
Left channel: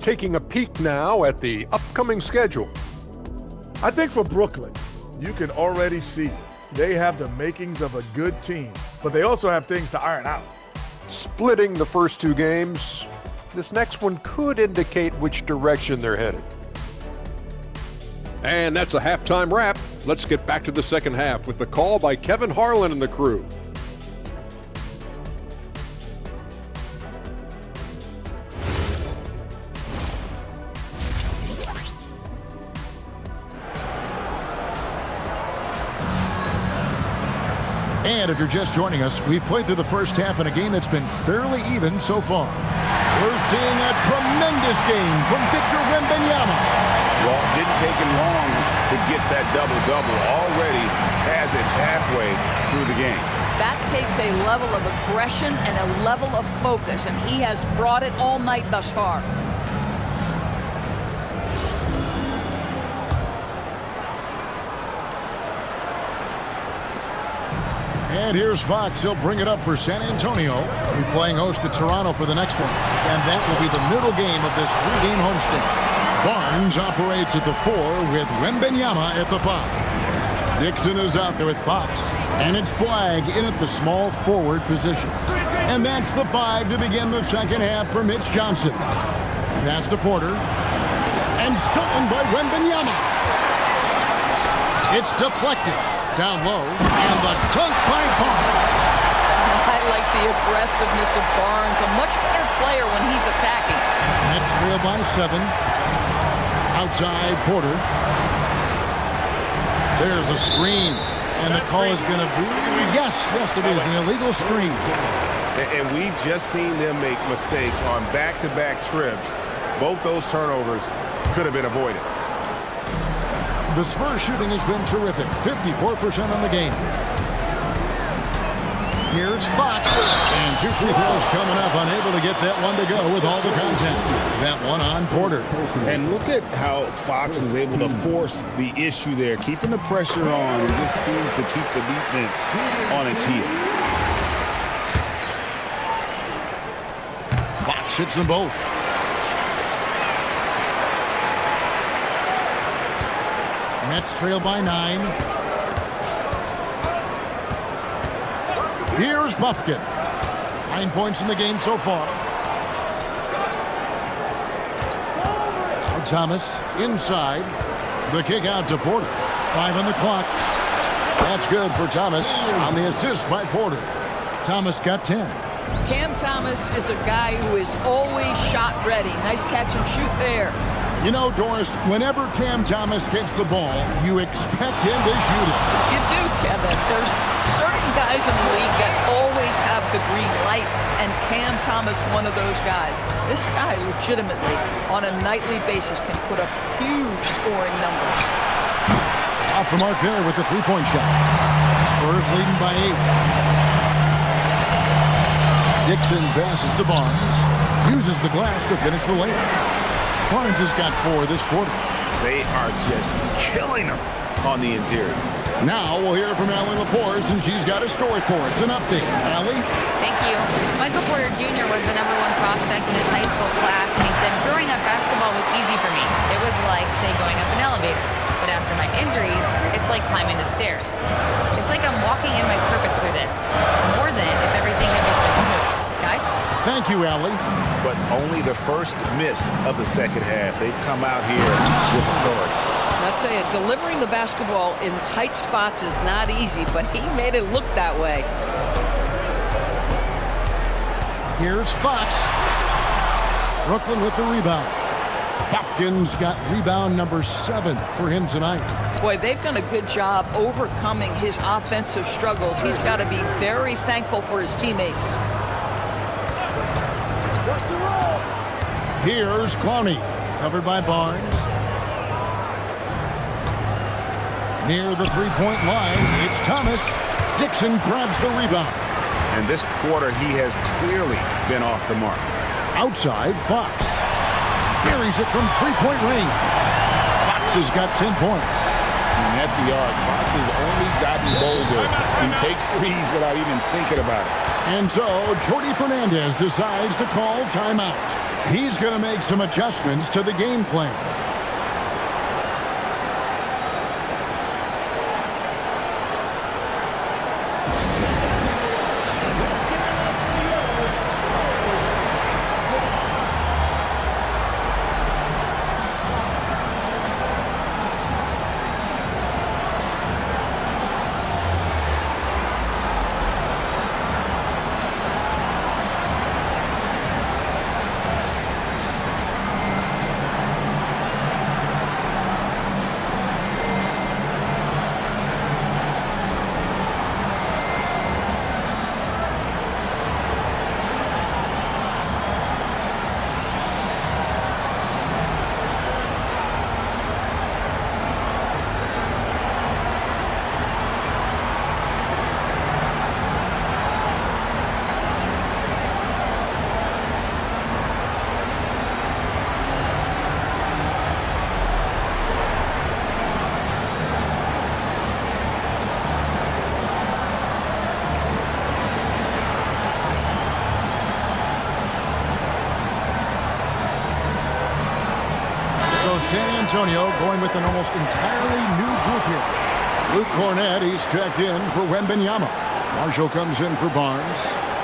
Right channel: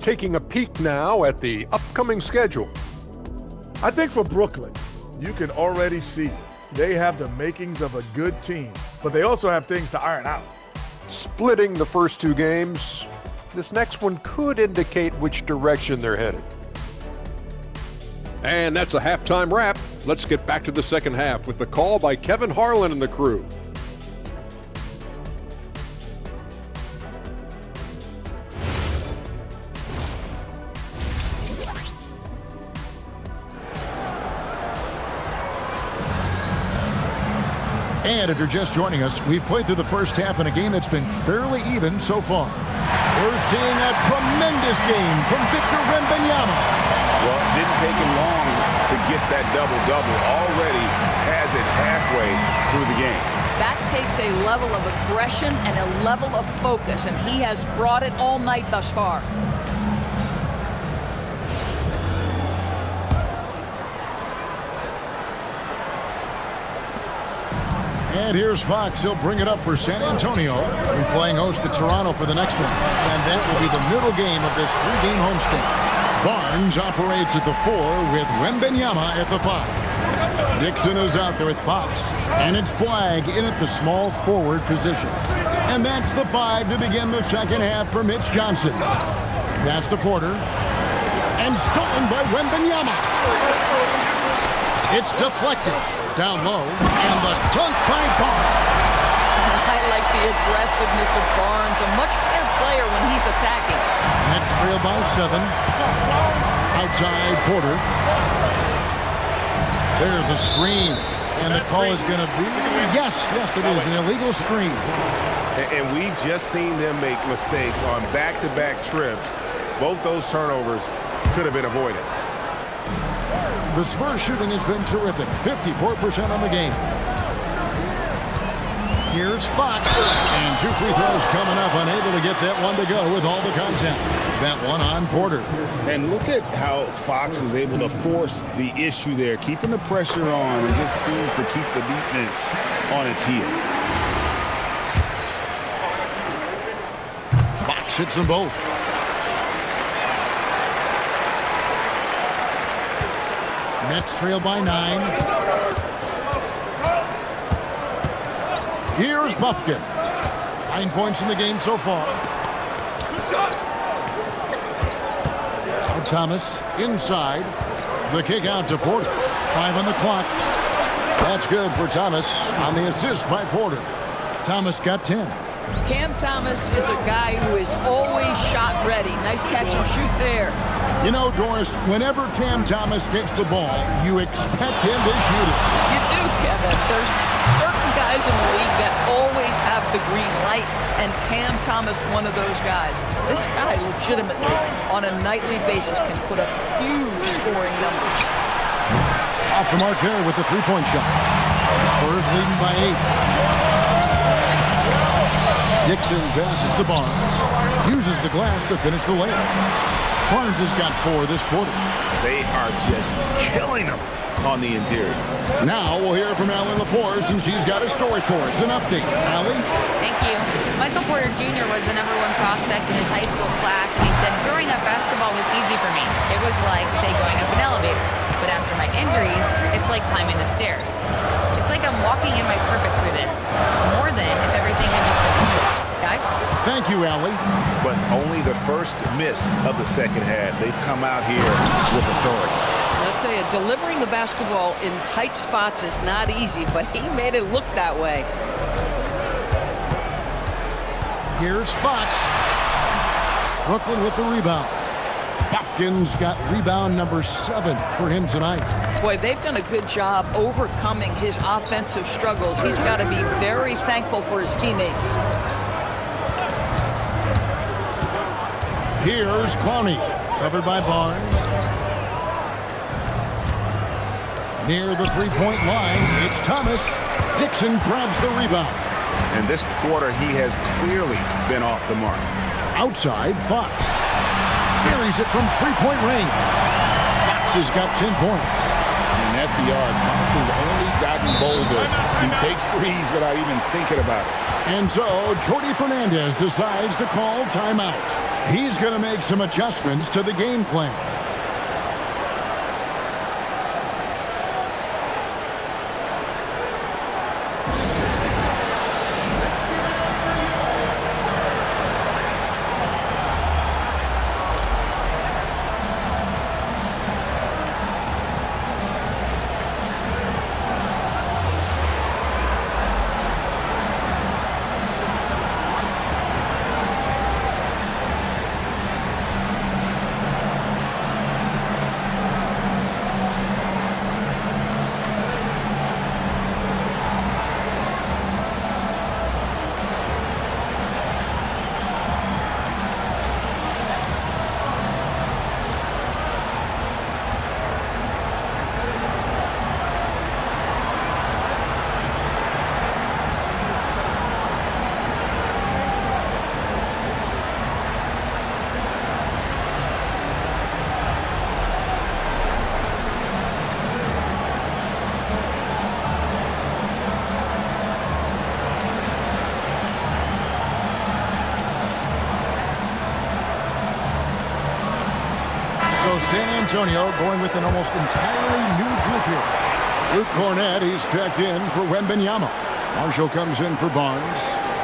Taking a peek now at the upcoming schedule. I think for Brooklyn, you can already see they have the makings of a good team, but they also have things to iron out. Splitting the first 2 games, this next one could indicate which direction they're headed. And that's a halftime wrap. Let's get back to the second half with the call by Kevin Harlan and the crew. And if you're just joining us, we've played through the first half in a game that's been fairly even so far. We're seeing a tremendous game from Victor Wembanyama. Well, it didn't take him long to get that double-double. Already has it halfway through the game. That takes a level of aggression and a level of focus, and he has brought it all night thus far. And here's Fox. He'll bring it up for San Antonio. We'll be playing host to Toronto for the next one. And that will be the middle game of this 3-game homestand. Barnes operates at the 4 with Wembanyama at the 5. Dixon is out there with Fox. And it's Flag in at the small forward position. And that's the 5 to begin the second half for Mitch Johnson. Pass to Porter. And stolen by Wembanyama. It's deflected. Down low, and the dunk by Barnes. I like the aggressiveness of Barnes, a much better player when he's attacking. Nets trail by 7. Outside Porter. There's a screen, and the call is going to be, yes, it is, an illegal screen. And we've just seen them make mistakes on back-to-back trips. Both those turnovers could have been avoided. The Spurs shooting has been terrific, 54% on the game. Here's Fox, and 2 free throws coming up, unable to get that one to go with all the contact. That one on Porter. And look at how Fox is able to force the issue there, keeping the pressure on, and just seems to keep the defense on its heel. Fox hits them both. Nets trail by 9. Here's Buffkin. 9 points in the game so far. Now Thomas inside. The kick out to Porter. 5 on the clock. That's good for Thomas on the assist by Porter. Thomas got 10. Cam Thomas is a guy who is always shot ready. Nice catch and shoot there. You know, Doris, whenever Cam Thomas gets the ball, you expect him to shoot it. You do, Kevin. There's certain guys in the league that always have the green light, and Cam Thomas one of those guys. This guy legitimately, on a nightly basis, can put up huge scoring numbers. Off the mark there with the 3-point shot. Spurs leading by 8. Dixon passes to Barnes. Uses the glass to finish the layup. Barnes has got 4 this quarter. They are just killing them on the interior. Now we'll hear from Allie LaForce, and she's got a story for us. An update. Allie? Thank you. Michael Porter Jr. was the #1 prospect in his high school class, and he said, growing up, basketball was easy for me. It was like, say, going up an elevator. But after my injuries, it's like climbing the stairs. It's like I'm walking in my purpose through this, more than if everything had just been smooth. Guys? Thank you, Allie. But only the first miss of the second half. They've come out here with authority. And I'll tell you, delivering the basketball in tight spots is not easy, but he made it look that way. Here's Fox. Brooklyn with the rebound. Hopkins got rebound number 7 for him tonight. Boy, they've done a good job overcoming his offensive struggles. He's got to be very thankful for his teammates. Here's Clowney, covered by Barnes. Near the three-point line, it's Thomas. Dixon grabs the rebound. And this quarter, he has clearly been off the mark. Outside, Fox. Buries it from three-point range. Fox has got 10 points. And at the arc, Fox has only gotten bolder. He takes threes without even thinking about it. And so, Jordi Fernandez decides to call timeout. He's going to make some adjustments to the game plan. So San Antonio going with an almost entirely new group here. Luke Cornett, he's checked in for Wembanyama. Marshall comes in for Barnes.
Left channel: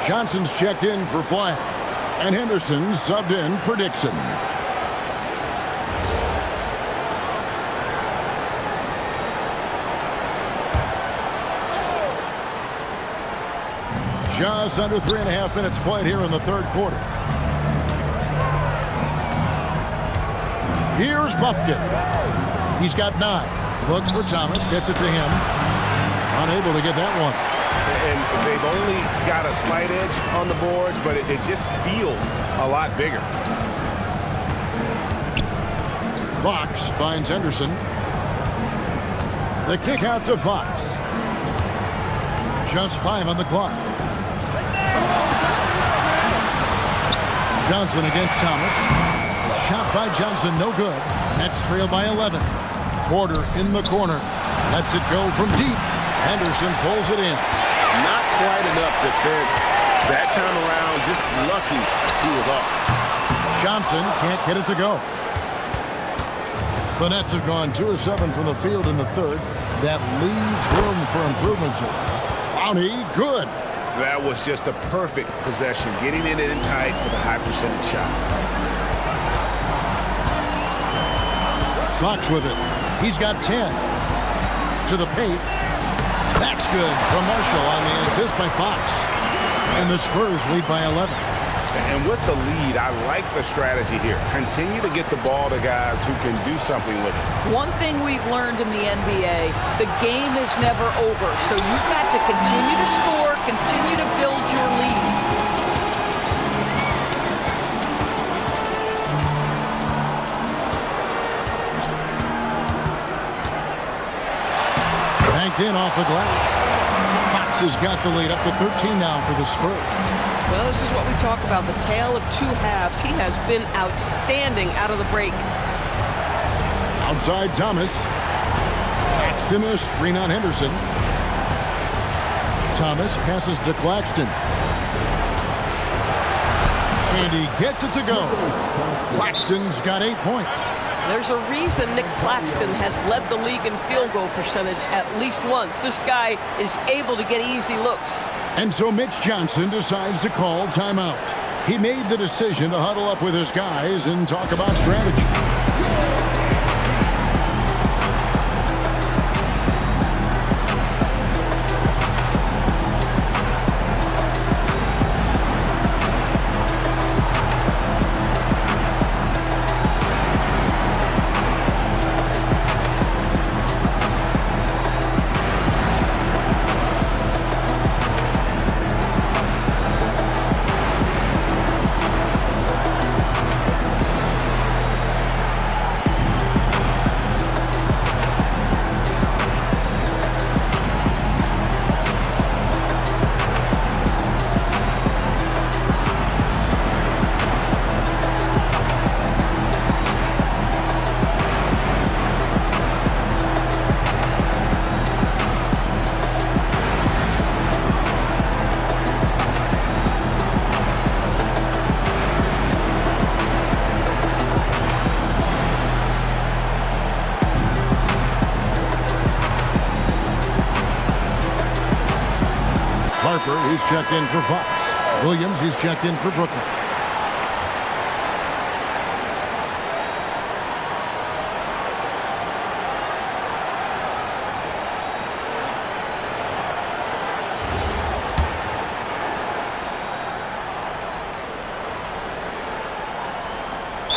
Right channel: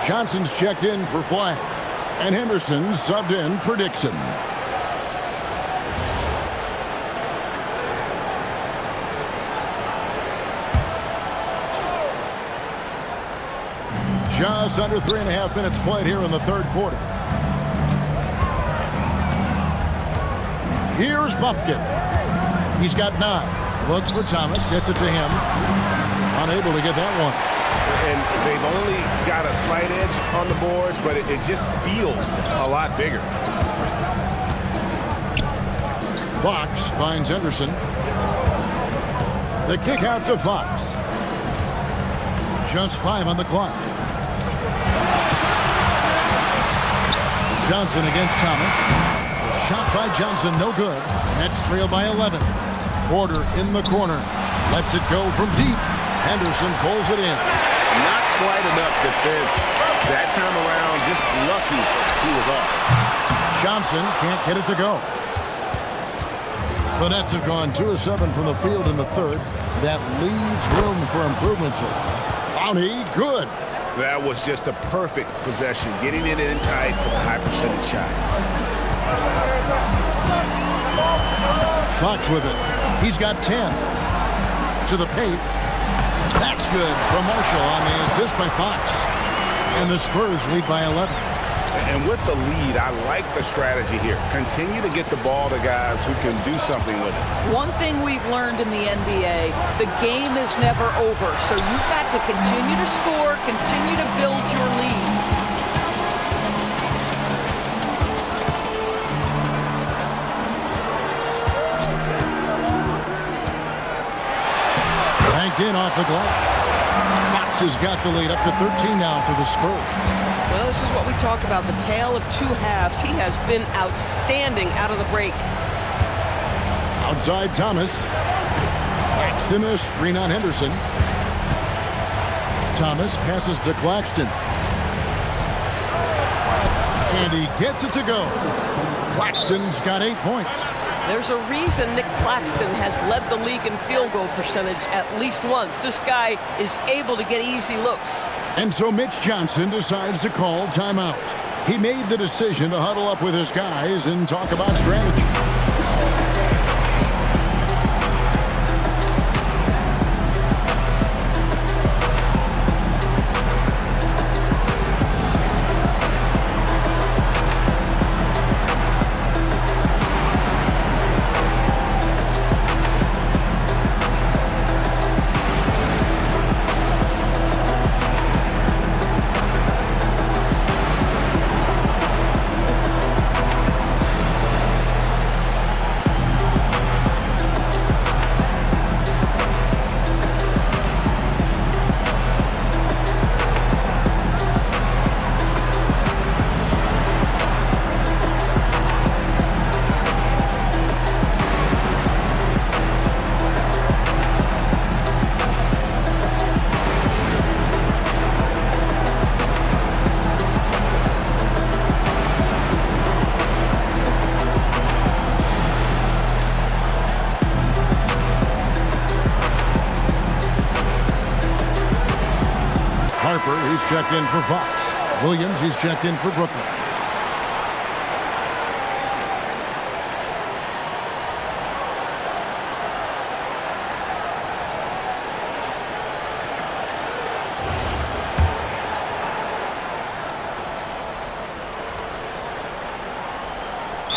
Johnson's checked in for Flagg. And Henderson subbed in for Dixon. Just under 3.5 minutes played here in the third quarter. Here's Bufkin. He's got 9. Looks for Thomas. Gets it to him. Unable to get that one. And they've only got a slight edge on the boards, but it just feels a lot bigger. Fox finds Henderson. The kick out to Fox. Just 5 on the clock. Johnson against Thomas. The shot by Johnson, no good. Nets trail by 11. Porter in the corner. Lets it go from deep. Henderson pulls it in. Not quite enough defense that time around. Just lucky he was off. Johnson can't get it to go. The Nets have gone 2 of 7 from the field in the third. That leaves room for improvements here. Clowney, good. That was just a perfect possession, getting it in tight for the high percentage shot. Fox with it. He's got 10. To the paint. That's good from Marshall on the assist by Fox. And the Spurs lead by 11. And with the lead, I like the strategy here. Continue to get the ball to guys who can do something with it. One thing we've learned in the NBA, the game is never over. So you've got to continue to score, continue to build your lead. Banked in off the glass. Fox has got the lead up to 13 now for the Spurs. Well, this is what we talk about, the tale of two halves. He has been outstanding out of the break. Outside Thomas. Claxton a screen on Henderson. Thomas passes to Claxton. And he gets it to go. Claxton's got 8 points. There's a reason Nick Claxton has led the league in field goal percentage at least once. This guy is able to get easy looks. And so Mitch Johnson decides to call timeout. He made the decision to huddle up with his guys and talk about strategy. Harper, he's checked in for Fox. Williams, he's checked in for Brooklyn.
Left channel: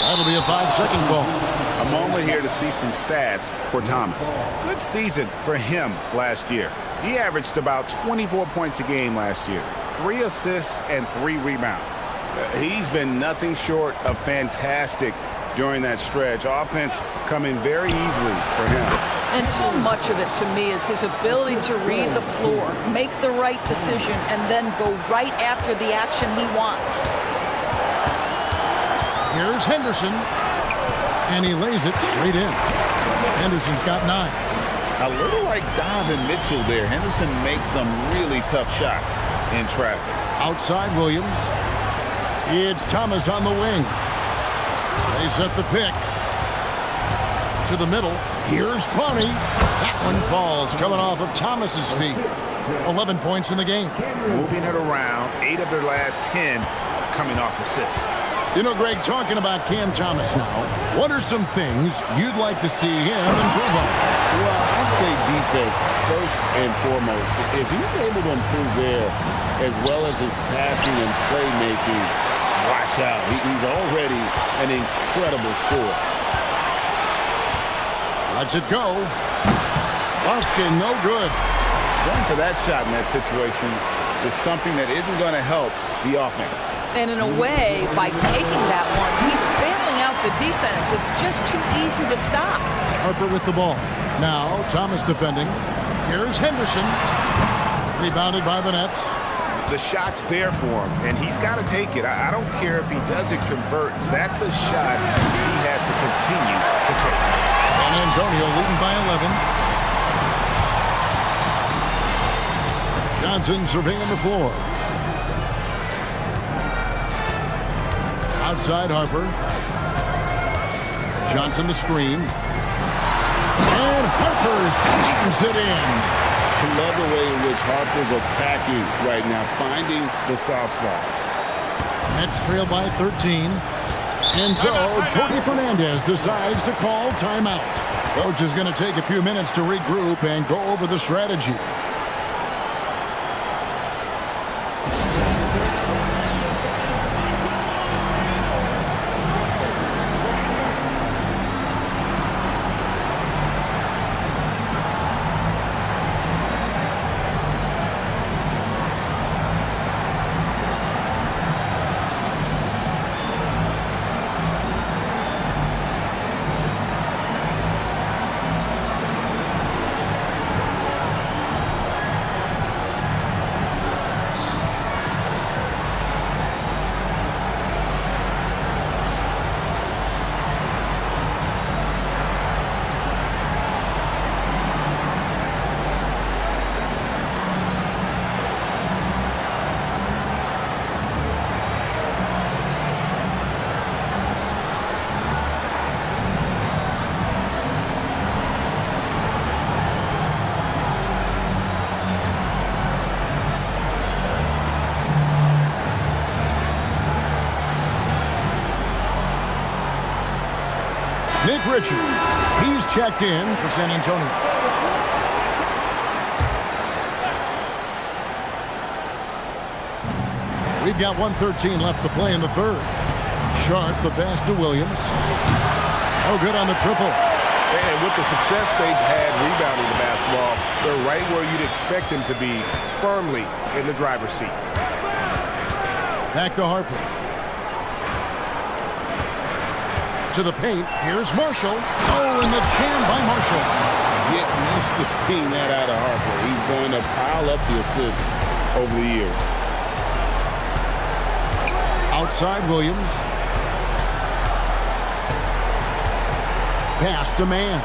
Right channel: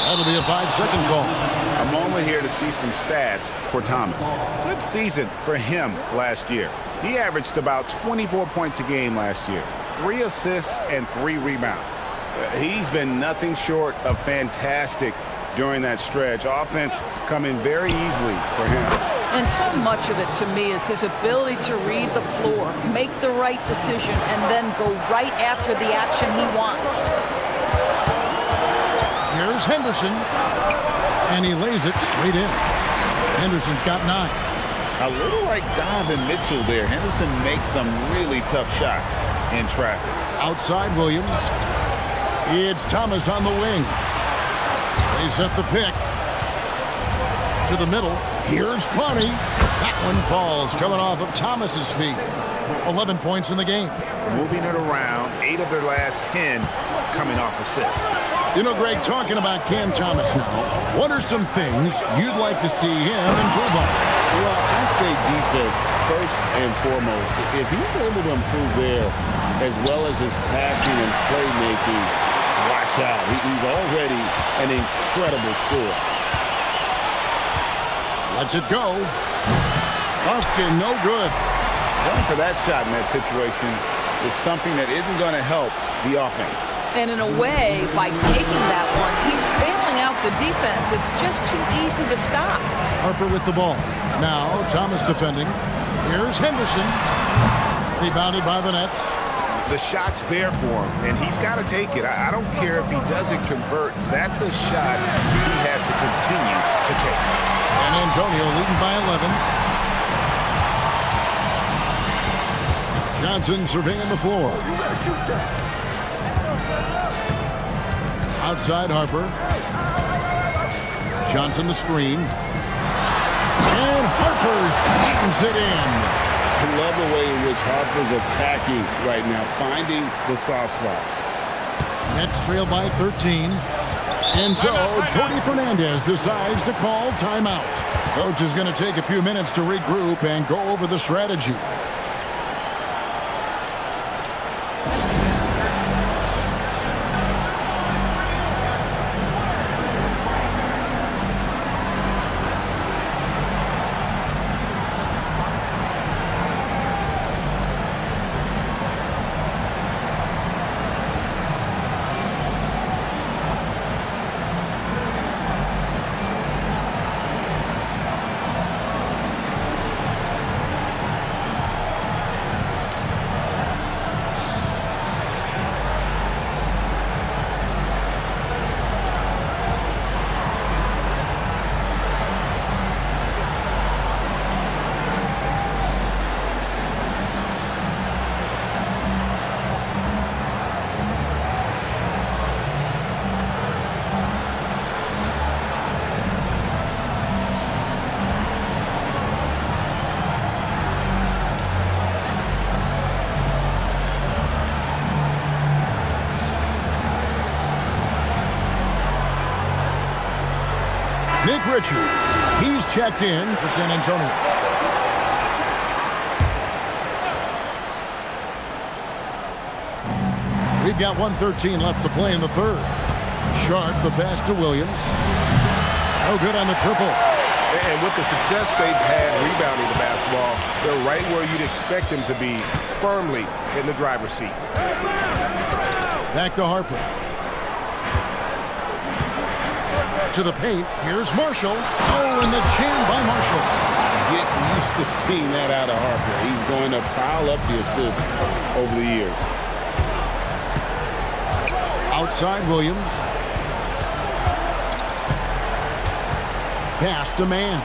That'll be a 5-second call. I'm only here to see some stats for Thomas. Good season for him last year. He averaged about 24 points a game last year, 3 assists and 3 rebounds. He's been nothing short of fantastic during that stretch. Offense coming very easily for him. And so much of it to me is his ability to read the floor, make the right decision, and then go right after the action he wants. Here's Henderson, and he lays it straight in. Henderson's got 9. A little like Donovan Mitchell there. Henderson makes some really tough shots in traffic. Outside Williams. It's Thomas on the wing. They set the pick. To the middle. Here's Clowney. That one falls, coming off of Thomas's feet. 11 points in the game. Moving it around, 8 of their last 10 coming off assists. You know, Greg, talking about Cam Thomas now, what are some things you'd like to see him improve on? Well, I'd say defense first and foremost. If he's able to improve there, as well as his passing and playmaking, watch out. He's already an incredible scorer. Lets it go. Lofkin, no good. Going for that shot in that situation is something that isn't going to help the offense. And in a way, by taking that one, he's bailing out the defense. It's just too easy to stop. Harper with the ball. Now, Thomas defending. Here's Henderson. Rebounded by the Nets. The shot's there for him, and he's got to take it. I don't care if he doesn't convert. That's a shot he has to continue to take. San Antonio leading by 11. Johnson surveying the floor. Outside Harper. Johnson the screen. And Harper slams it in. I love the way in which Harper's attacking right now, finding the soft spots. Nets trail by 13. And so Jordi Fernandez decides to call timeout. Coach is going to take a few minutes to regroup and go over the strategy. Nick Richards. He's checked in for San Antonio. We've got 1:13 left to play in the third. Sharp, the pass to Williams. No good on the triple. And with the success they've had rebounding the basketball, they're right where you'd expect them to be, firmly in the driver's seat. Back to Harper. To the paint. Here's Marshall. Oh, and the jam by Marshall. Get used to seeing that out of Harper. He's going to pile up the assists over the years. Outside Williams. Pass to Mann.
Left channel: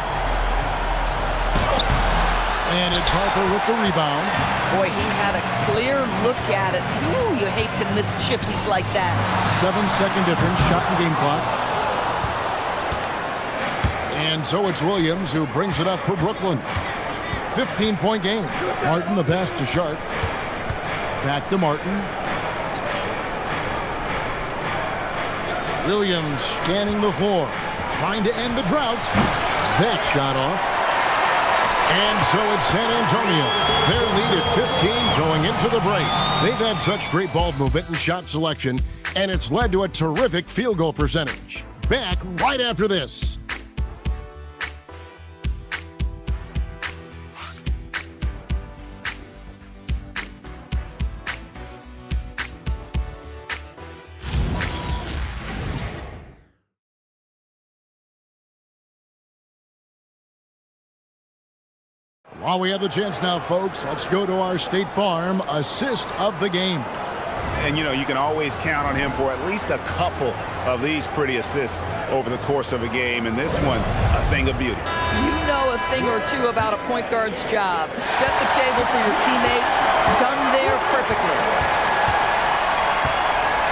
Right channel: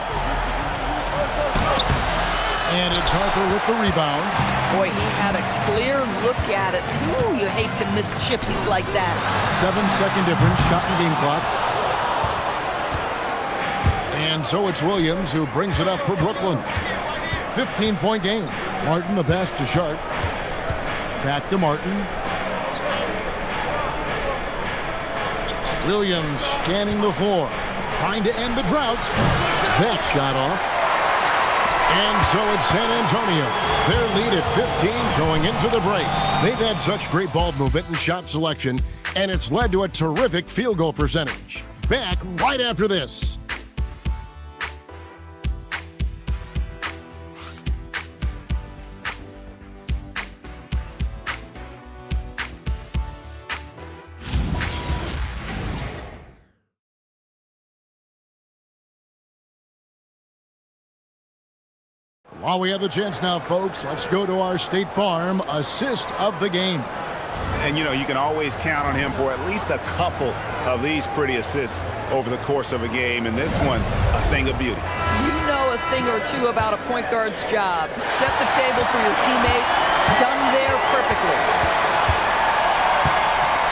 And it's Harper with the rebound. Boy, he had a clear look at it. Ooh, you hate to miss chippies like that. 7-second difference, shot and game clock. And so it's Williams who brings it up for Brooklyn. 15-point game. Martin, the pass to Sharp. Back to Martin. Williams scanning the floor. Trying to end the drought. That shot off. And so it's San Antonio. Their lead at 15 going into the break. They've had such great ball movement and shot selection, and it's led to a terrific field goal percentage. Back right after this. While we have the chance now, folks, let's go to our State Farm assist of the game. And, you know, you can always count on him for at least a couple of these pretty assists over the course of a game. And this one, a thing of beauty. You know a thing or two about a point guard's job. Set the table for your teammates. Done there perfectly.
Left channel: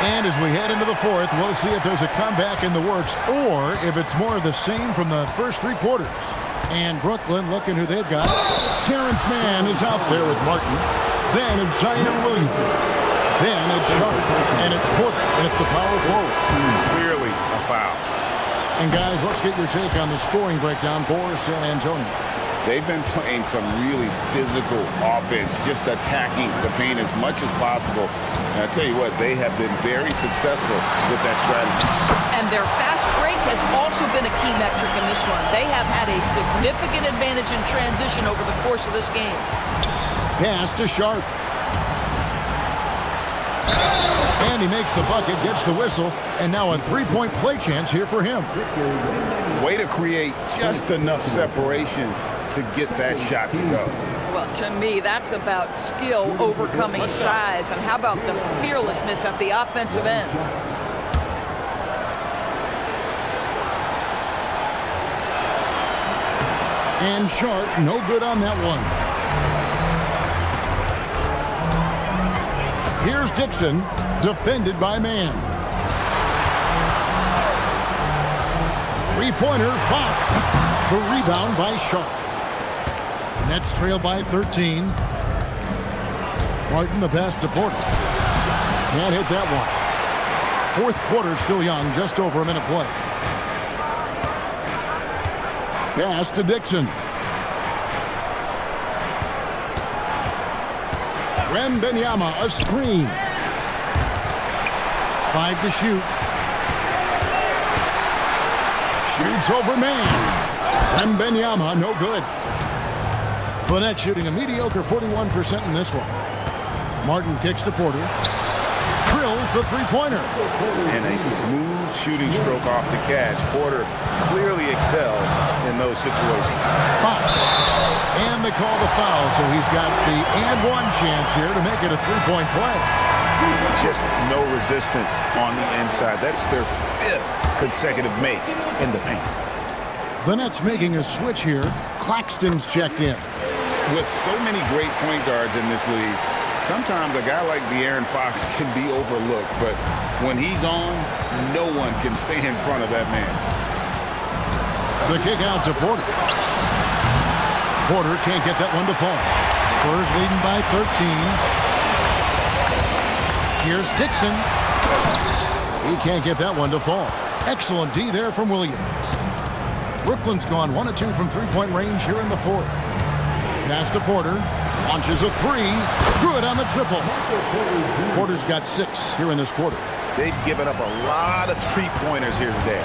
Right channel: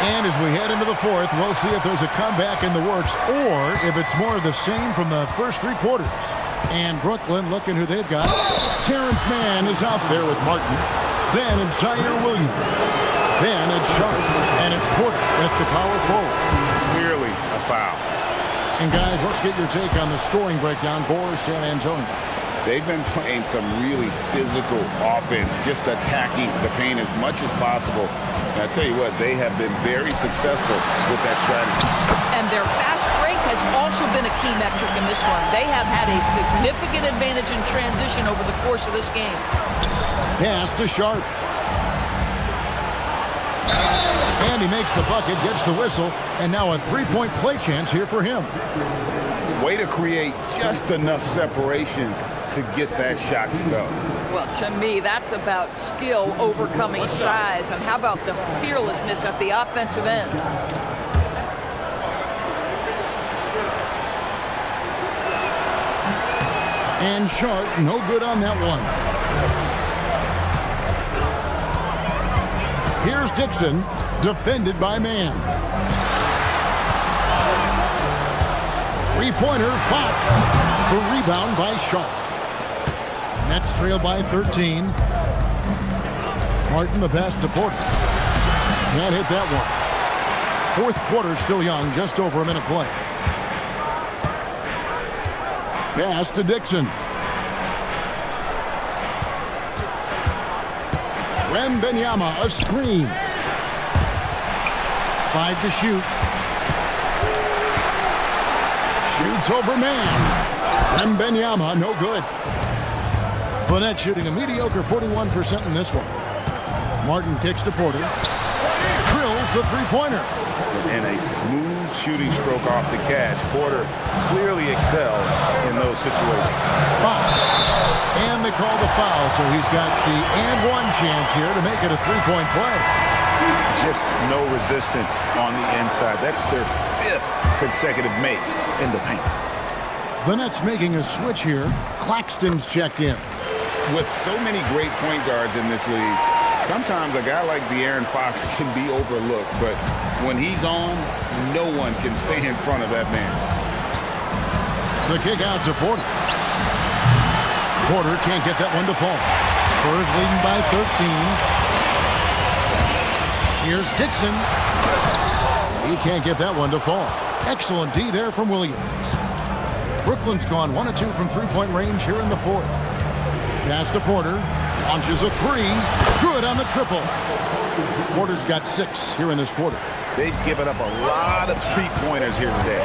And as we head into the fourth, we'll see if there's a comeback in the works or if it's more of the same from the first three quarters. And Brooklyn, looking who they've got. Terrence Mann is out there with Martin. Then it's Zaire Williams. Then it's Sharp. And it's Porter at the power forward. Clearly a foul. And guys, let's get your take on the scoring breakdown for San Antonio. They've been playing some really physical offense, just attacking the paint as much as possible. And I tell you what, they have been very successful with that strategy. And their fast break has also been a key metric in this one. They have had a significant advantage in transition over the course of this game. Pass to Sharp. And he makes the bucket, gets the whistle, and now a three-point play chance here for him. Way to create just enough separation to get that shot to go. Well, to me, that's about skill overcoming size. And how about the fearlessness at the offensive end? And Sharp, no good on that one. Here's Dixon, defended by Mann. Three-pointer, Fox. The rebound by Sharp. Nets trail by 13. Martin, the pass to Porter. Can't hit that one. Fourth quarter still young, just over a minute play. Pass to Dixon. Wembanyama, a screen. 5 to shoot. Shoots over Mann. Wembanyama, no good. Burnett shooting a mediocre 41% in this one. Martin kicks to Porter. Drills the three-pointer. And a smooth shooting stroke off the catch. Porter clearly excels in those situations. Fox. And they call the foul, so he's got the and one chance here to make it a three-point play. Just no resistance on the inside. That's their 5th consecutive make in the paint. The Nets making a switch here. Claxton's checked in. With so many great point guards in this league, sometimes a guy like De'Aaron Fox can be overlooked, but when he's on, no one can stay in front of that man. The kick out to Porter. Porter can't get that one to fall. Spurs leading by 13. Here's Dixon. He can't get that one to fall. Excellent D there from Williams. Brooklyn's gone 1 of 2 from three-point range here in the fourth. Pass to Porter. Launches a three. Good on the triple. Porter's got 6 here in this quarter. They've given up a lot of three-pointers here today.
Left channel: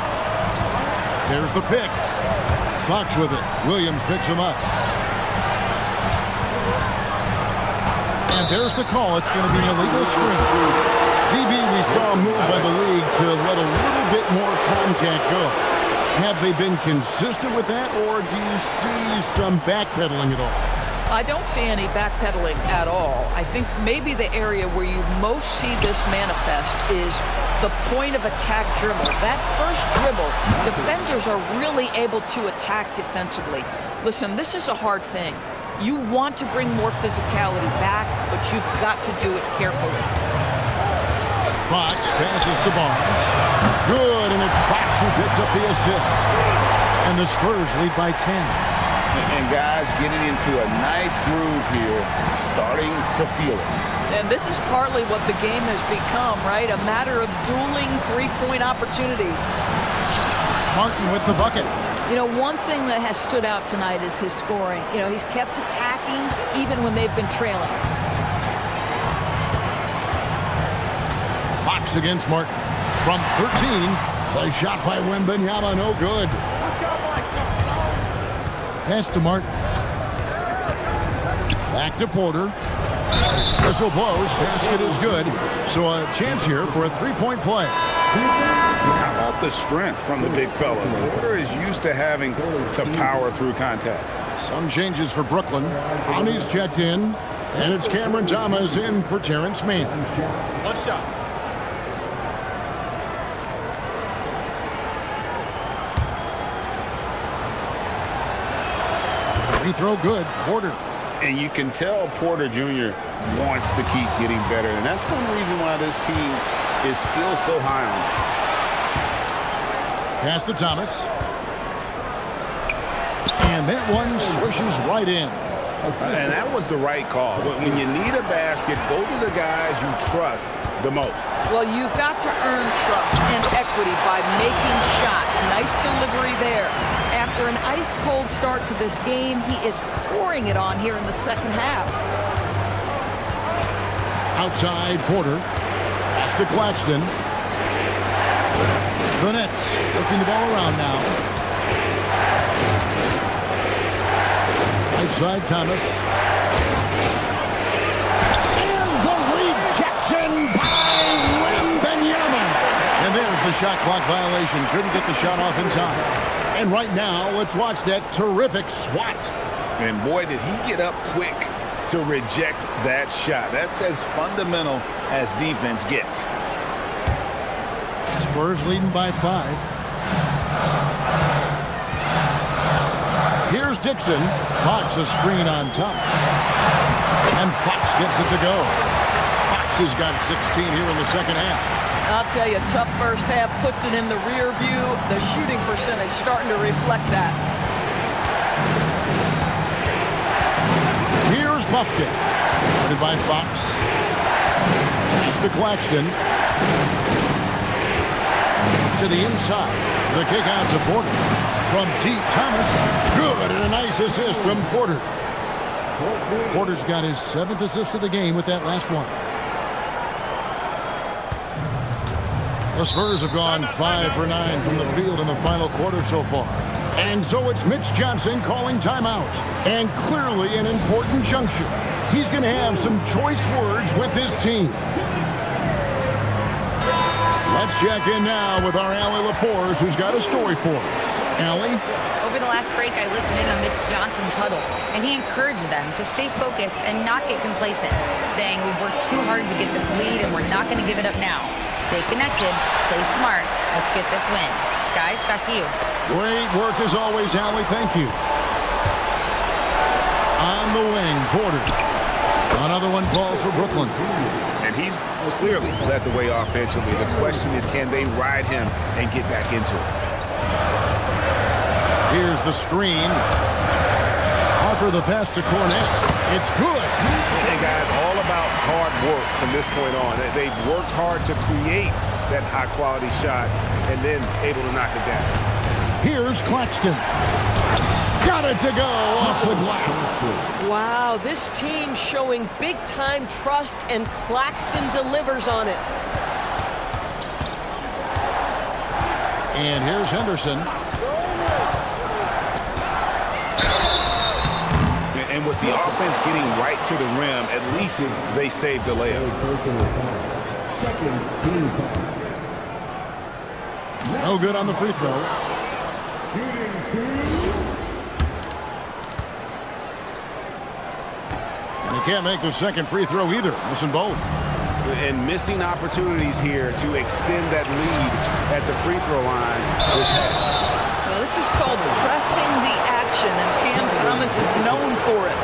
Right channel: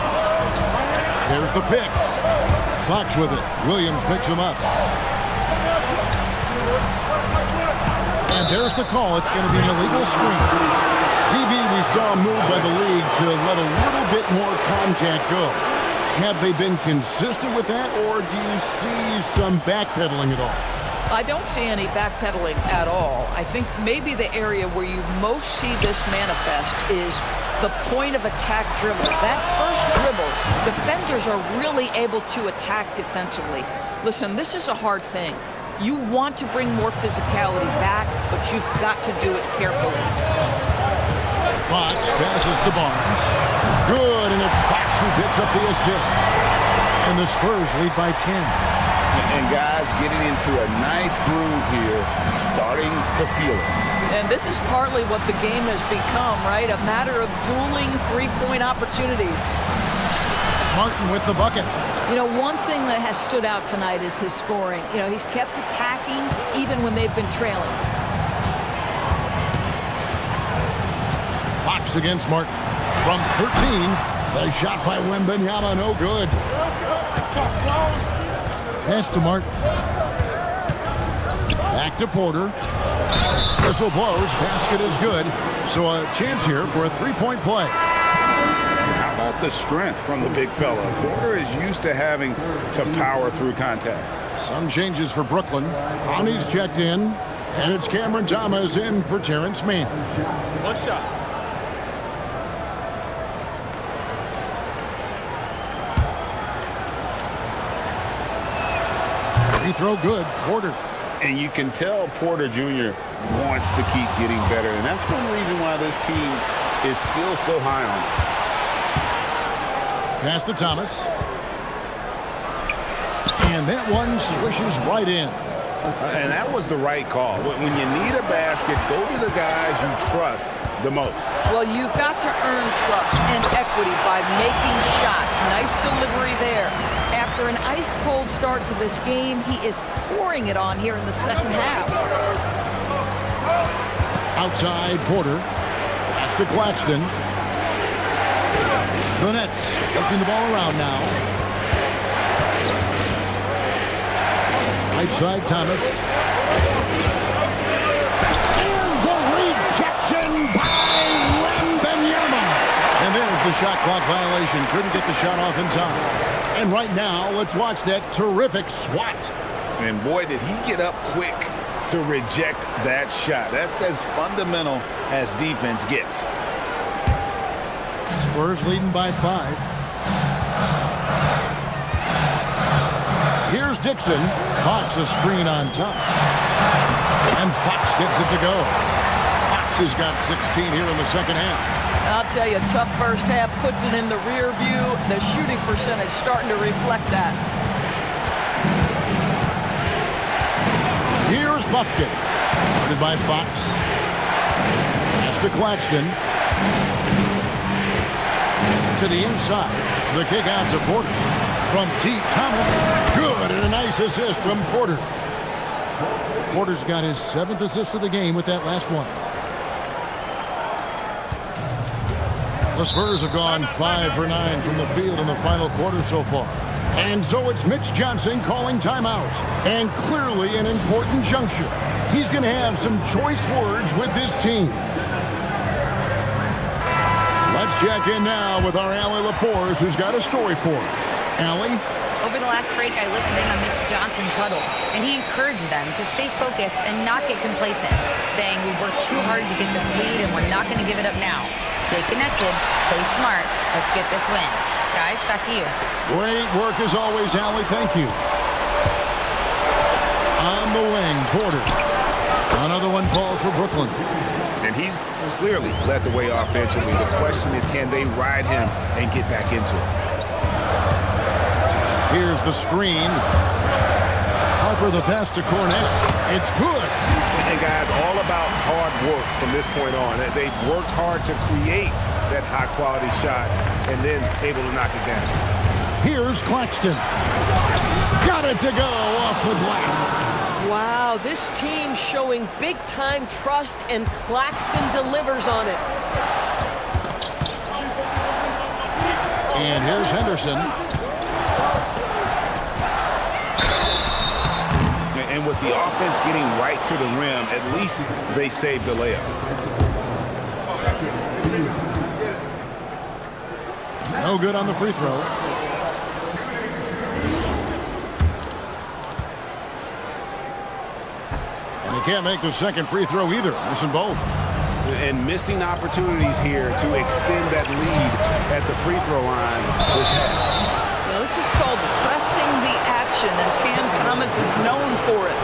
There's the pick. Fox with it. Williams picks him up. And there's the call. It's going to be an illegal screen. DB, we saw a move by the league to let a little bit more contact go. Have they been consistent with that, or do you see some backpedaling at all? I don't see any backpedaling at all. I think maybe the area where you most see this manifest is the point of attack dribble. That first dribble, defenders are really able to attack defensively. Listen, this is a hard thing. You want to bring more physicality back, but you've got to do it carefully. Fox passes to Barnes. Good, and it's Fox who picks up the assist. And the Spurs lead by 10. And guys getting into a nice groove here, starting to feel it. And this is partly what the game has become, right? A matter of dueling three-point opportunities. Martin with the bucket. You know, one thing that has stood out tonight is his scoring. You know, he's kept attacking even when they've been trailing. Fox against Martin. From 13, the shot by Wembanyama, no good. Pass to Martin. Back to Porter. Whistle blows, basket is good. So a chance here for a three-point play. How about the strength from the big fella? Porter is used to having to power through contact. Some changes for Brooklyn. Honey's checked in, and it's Cameron Thomas in for Terrence Mann. One shot. Free throw good, Porter. And you can tell Porter Jr. wants to keep getting better, and that's one reason why this team is still so high on him. Pass to Thomas. And that one swishes right in. And that was the right call. When you need a basket, go to the guys you trust the most. Well, you've got to earn trust and equity by making shots. Nice delivery there. After an ice-cold start to this game, he is pouring it on here in the second half. Outside, Porter. Pass to Claxton. The Nets working the ball around now. Right side, Thomas. And the rejection by Wembanyama. And there's the shot clock violation. Couldn't get the shot off in time. And right now, let's watch that terrific swat. And boy, did he get up quick to reject that shot. That's as fundamental as defense gets. Spurs leading by 5. Here's Dixon. Fox a screen on Thomas. And Fox gets it to go. Fox has got 16 here in the second half. I'll tell you, tough first half puts it in the rear view. The shooting percentage starting to reflect that. Here's Buffkin. Guarded by Fox. Pass to Claxton. To the inside. The kick out to Porter. From deep, Thomas. Good, and a nice assist from Porter. Porter's got his 7th assist of the game with that last one. The Spurs have gone 5 for 9 from the field in the final quarter so far. And so it's Mitch Johnson calling timeout. And clearly an important juncture. He's going to have some choice words with this team. Let's check in now with our Allie LaForce, who's got a story for us. Allie? Over the last break, I listened in on Mitch Johnson's huddle, and he encouraged them to stay focused and not get complacent, saying we've worked too hard to get this lead and we're not going to give it up now. Stay connected, play smart, let's get this win. Guys, back to you. Great work as always, Allie. Thank you. On the wing, Porter. Another one falls for Brooklyn. And he's clearly led the way offensively. The question is, can they ride him and get back into it? Here's the screen. Harper the pass to Cornette. It's good. And guys, all about hard work from this point on. They've worked hard to create that high-quality shot and then able to knock it down. Here's Claxton. Got it to go off the glass. Wow, this team showing big-time trust, and Claxton delivers on it. And here's Henderson. And with the offense getting right to the rim, at least they saved the layup. No good on the free throw. And he can't make the second free throw either, missing both. And missing opportunities here to extend that lead at the free throw line this half. Well, this is called pressing the action, and Cam Thomas is known for it.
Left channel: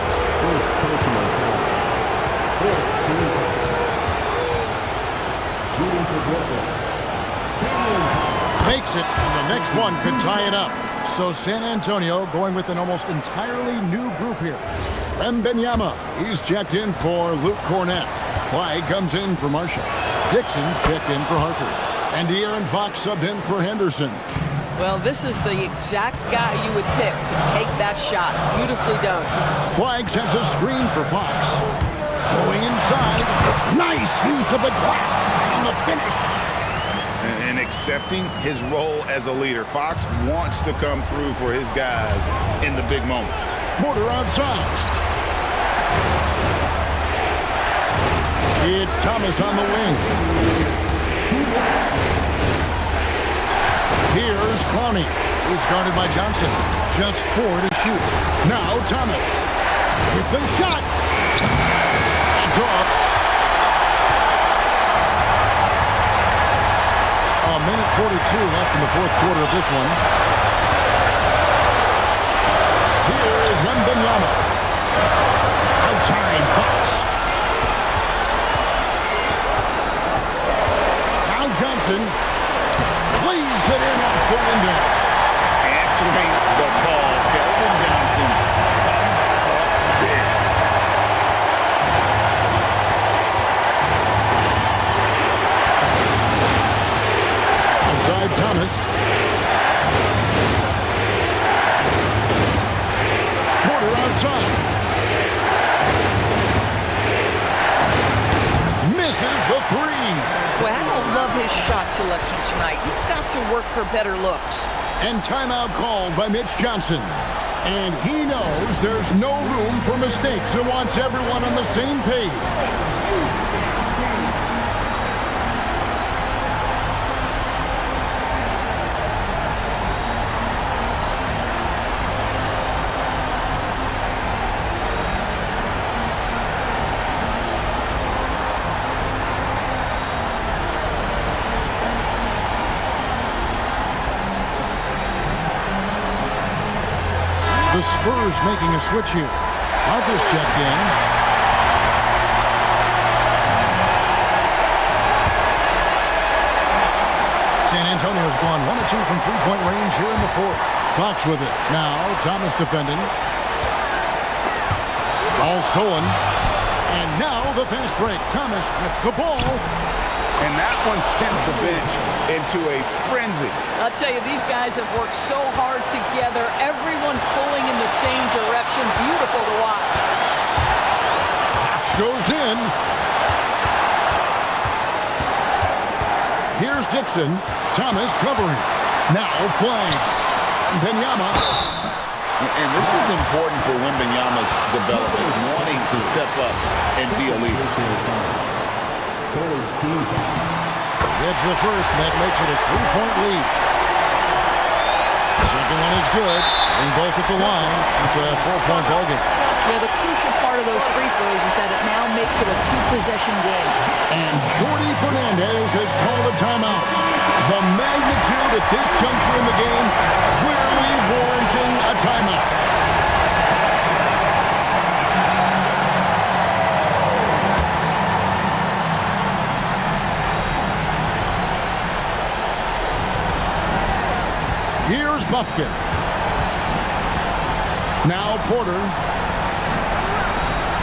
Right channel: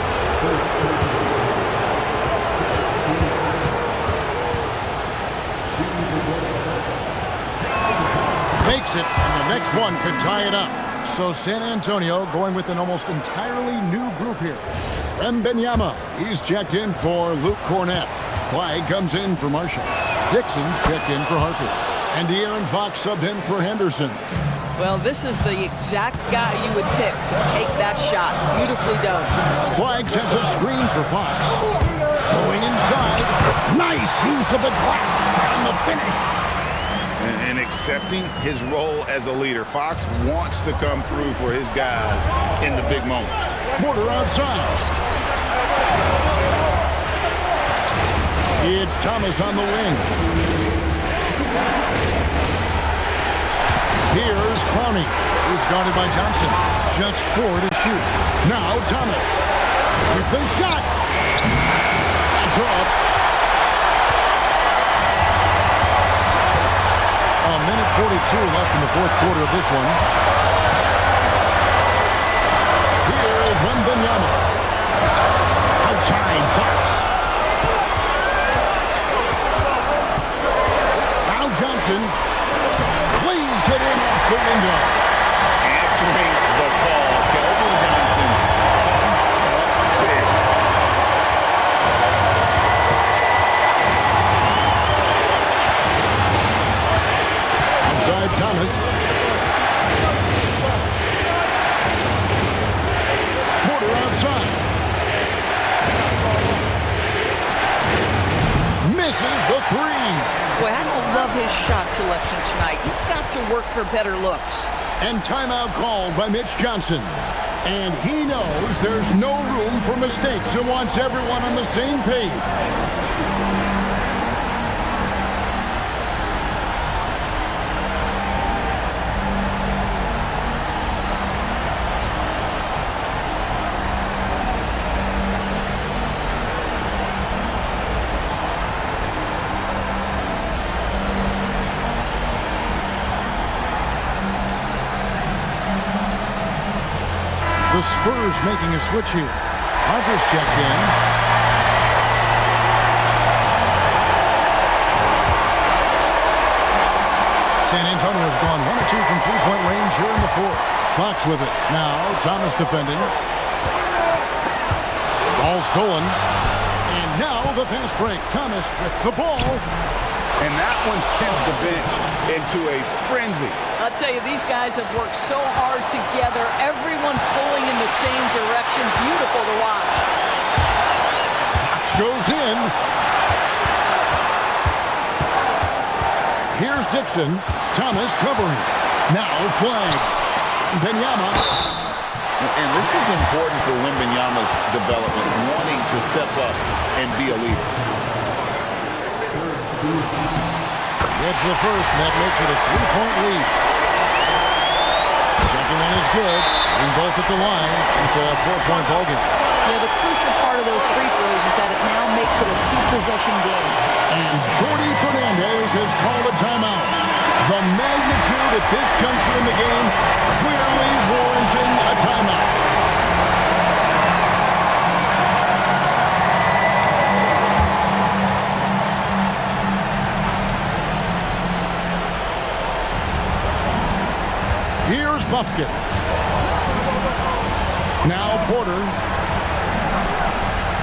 Makes it, and the next one could tie it up. So San Antonio going with an almost entirely new group here. Wembanyama, he's checked in for Luke Cornett. Clyde comes in for Marshall. Dixon's checked in for Harper. And De'Aaron Fox subbed in for Henderson. Well, this is the exact guy you would pick to take that shot. Beautifully done. Flag sends a screen for Fox. Going inside. Nice use of the glass on the finish. And accepting his role as a leader. Fox wants to come through for his guys in the big moments. Porter outside. It's Thomas on the wing. Here's Clowney. He's guarded by Johnson. Just 4 to shoot. Now Thomas with the shot. That's off. A minute 42 left in the fourth quarter of this one. Here is Wembanyama. Outside Fox. Now Johnson plays it in off the window. Answering the call, Keldon Johnson comes up big. Outside Thomas. Porter outside. Misses the three. Boy, I don't love his shot selection tonight. You've got to work for better looks. And timeout called by Mitch Johnson. And he knows there's no room for mistakes and wants everyone on the same page. The Spurs making a switch here. Harper's checked in. San Antonio's gone 1 of 2 from three-point range here in the fourth. Fox with it. Now Thomas defending. Ball stolen. And now the fast break. Thomas with the ball. And that one sends the bench into a frenzy. I'll tell you, these guys have worked so hard together. Everyone pulling in the same direction. Beautiful to watch. Fox goes in. Here's Dixon. Thomas covering. Now flag. Wembanyama. And this is important for Wembanyama's development, wanting to step up and be a leader. Gets the first, and that makes it a 3-point lead. Second one is good. Getting both at the line. It's a 4-point ball game. Yeah, the crucial part of those free throws is that it now makes it a 2-possession game. And Jordi Fernandez has called a timeout. The magnitude at this juncture in the game clearly warranting a timeout. Here's Buffkin. Now Porter.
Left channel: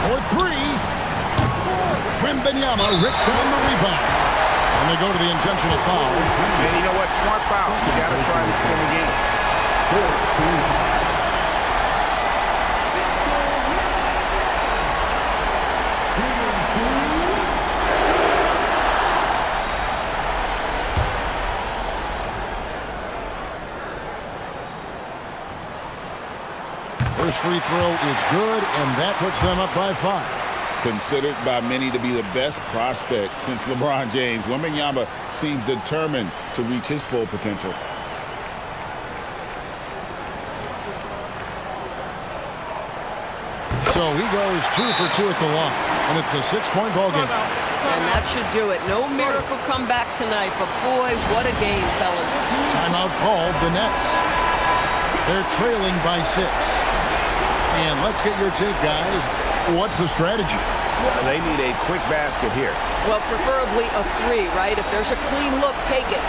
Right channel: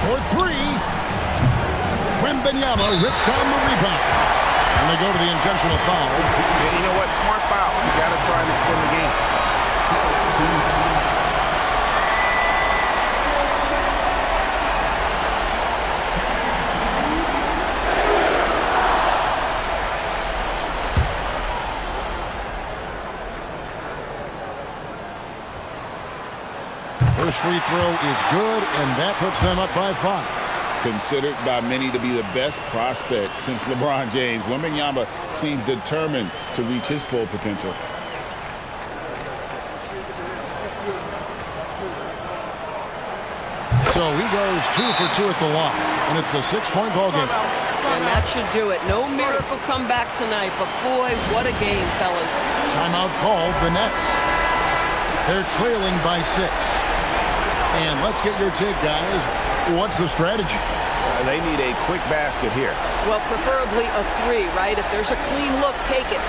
For three. Wembanyama rips down the rebound. And they go to the intentional foul. Yeah, you know what? Smart foul. You got to try and extend the game. First free throw is good, and that puts them up by 5. Considered by many to be the best prospect since LeBron James, MYNBA seems determined to reach his full potential. So he goes 2 for 2 at the line, and it's a 6-point ball game. And that should do it. No miracle comeback tonight, but boy, what a game, fellas. Timeout called the Nets. They're trailing by 6. And let's get your take, guys. What's the strategy? They need a quick basket here. Well, preferably a 3, right? If there's a clean look, take it.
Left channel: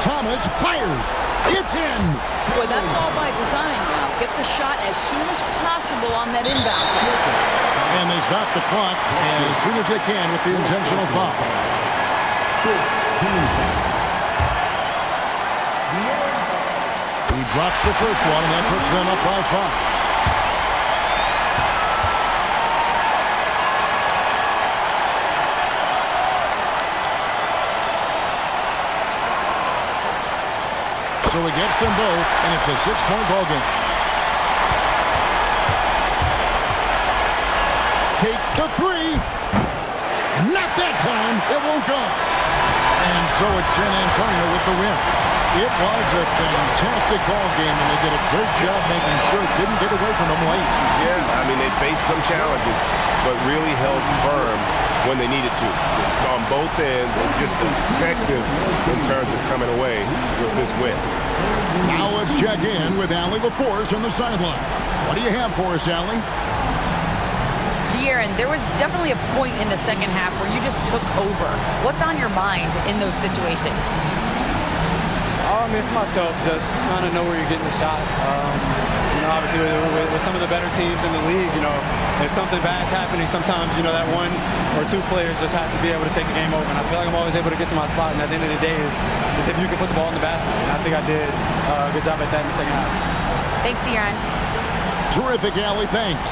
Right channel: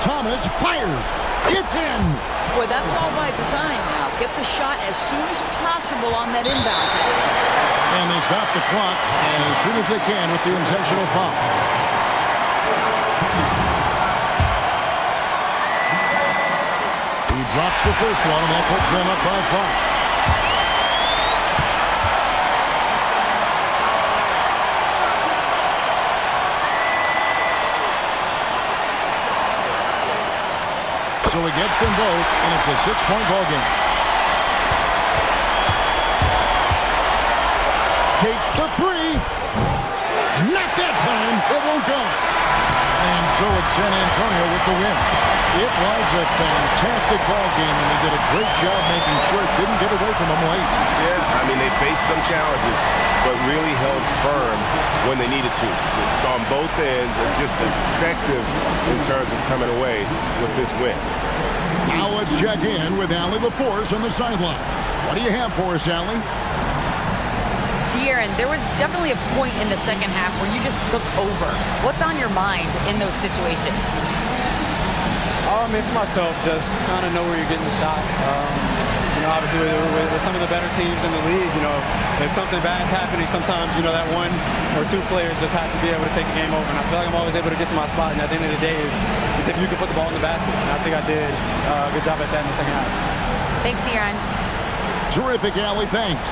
Thomas fires. It's in. Boy, that's all by design now. Get the shot as soon as possible on that inbound pass. And they stop the clock as soon as they can with the intentional foul. He drops the first one, and that puts them up by 5. So he gets them both, and it's a 6-point ball game. Takes the 3. Not that time. It won't go. And so it's San Antonio with the win. It was a fantastic ball game, and they did a great job making sure it didn't get away from them late. Yeah, I mean, they faced some challenges, but really held firm when they needed to. On both ends, and just effective in terms of coming away with this win. Now let's check in with Allie LaForce on the sideline. What do you have for us, Allie? De'Aaron, there was definitely a point in the second half where you just took over. What's on your mind in those situations? I mean, for myself, just kind of know where you're getting the shot. You know, obviously with some of the better teams in the league, you know, if something bad's happening, sometimes, you know, that 1 or 2 players just has to be able to take the game over. And I feel like I'm always able to get to my spot. And at the end of the day is if you can put the ball in the basket. And I think I did a good job at that in the second half. Thanks, De'Aaron. Terrific, Allie. Thanks.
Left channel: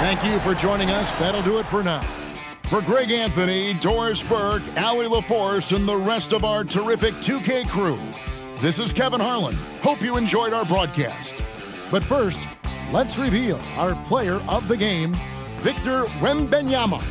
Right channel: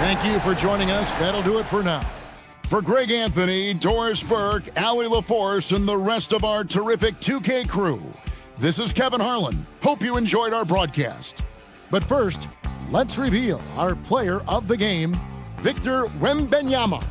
Thank you for joining us. That'll do it for now. For Greg Anthony, Doris Burke, Allie LaForce, and the rest of our terrific 2K crew, this is Kevin Harlan. Hope you enjoyed our broadcast. But first, let's reveal our player of the game, Victor Wembanyama.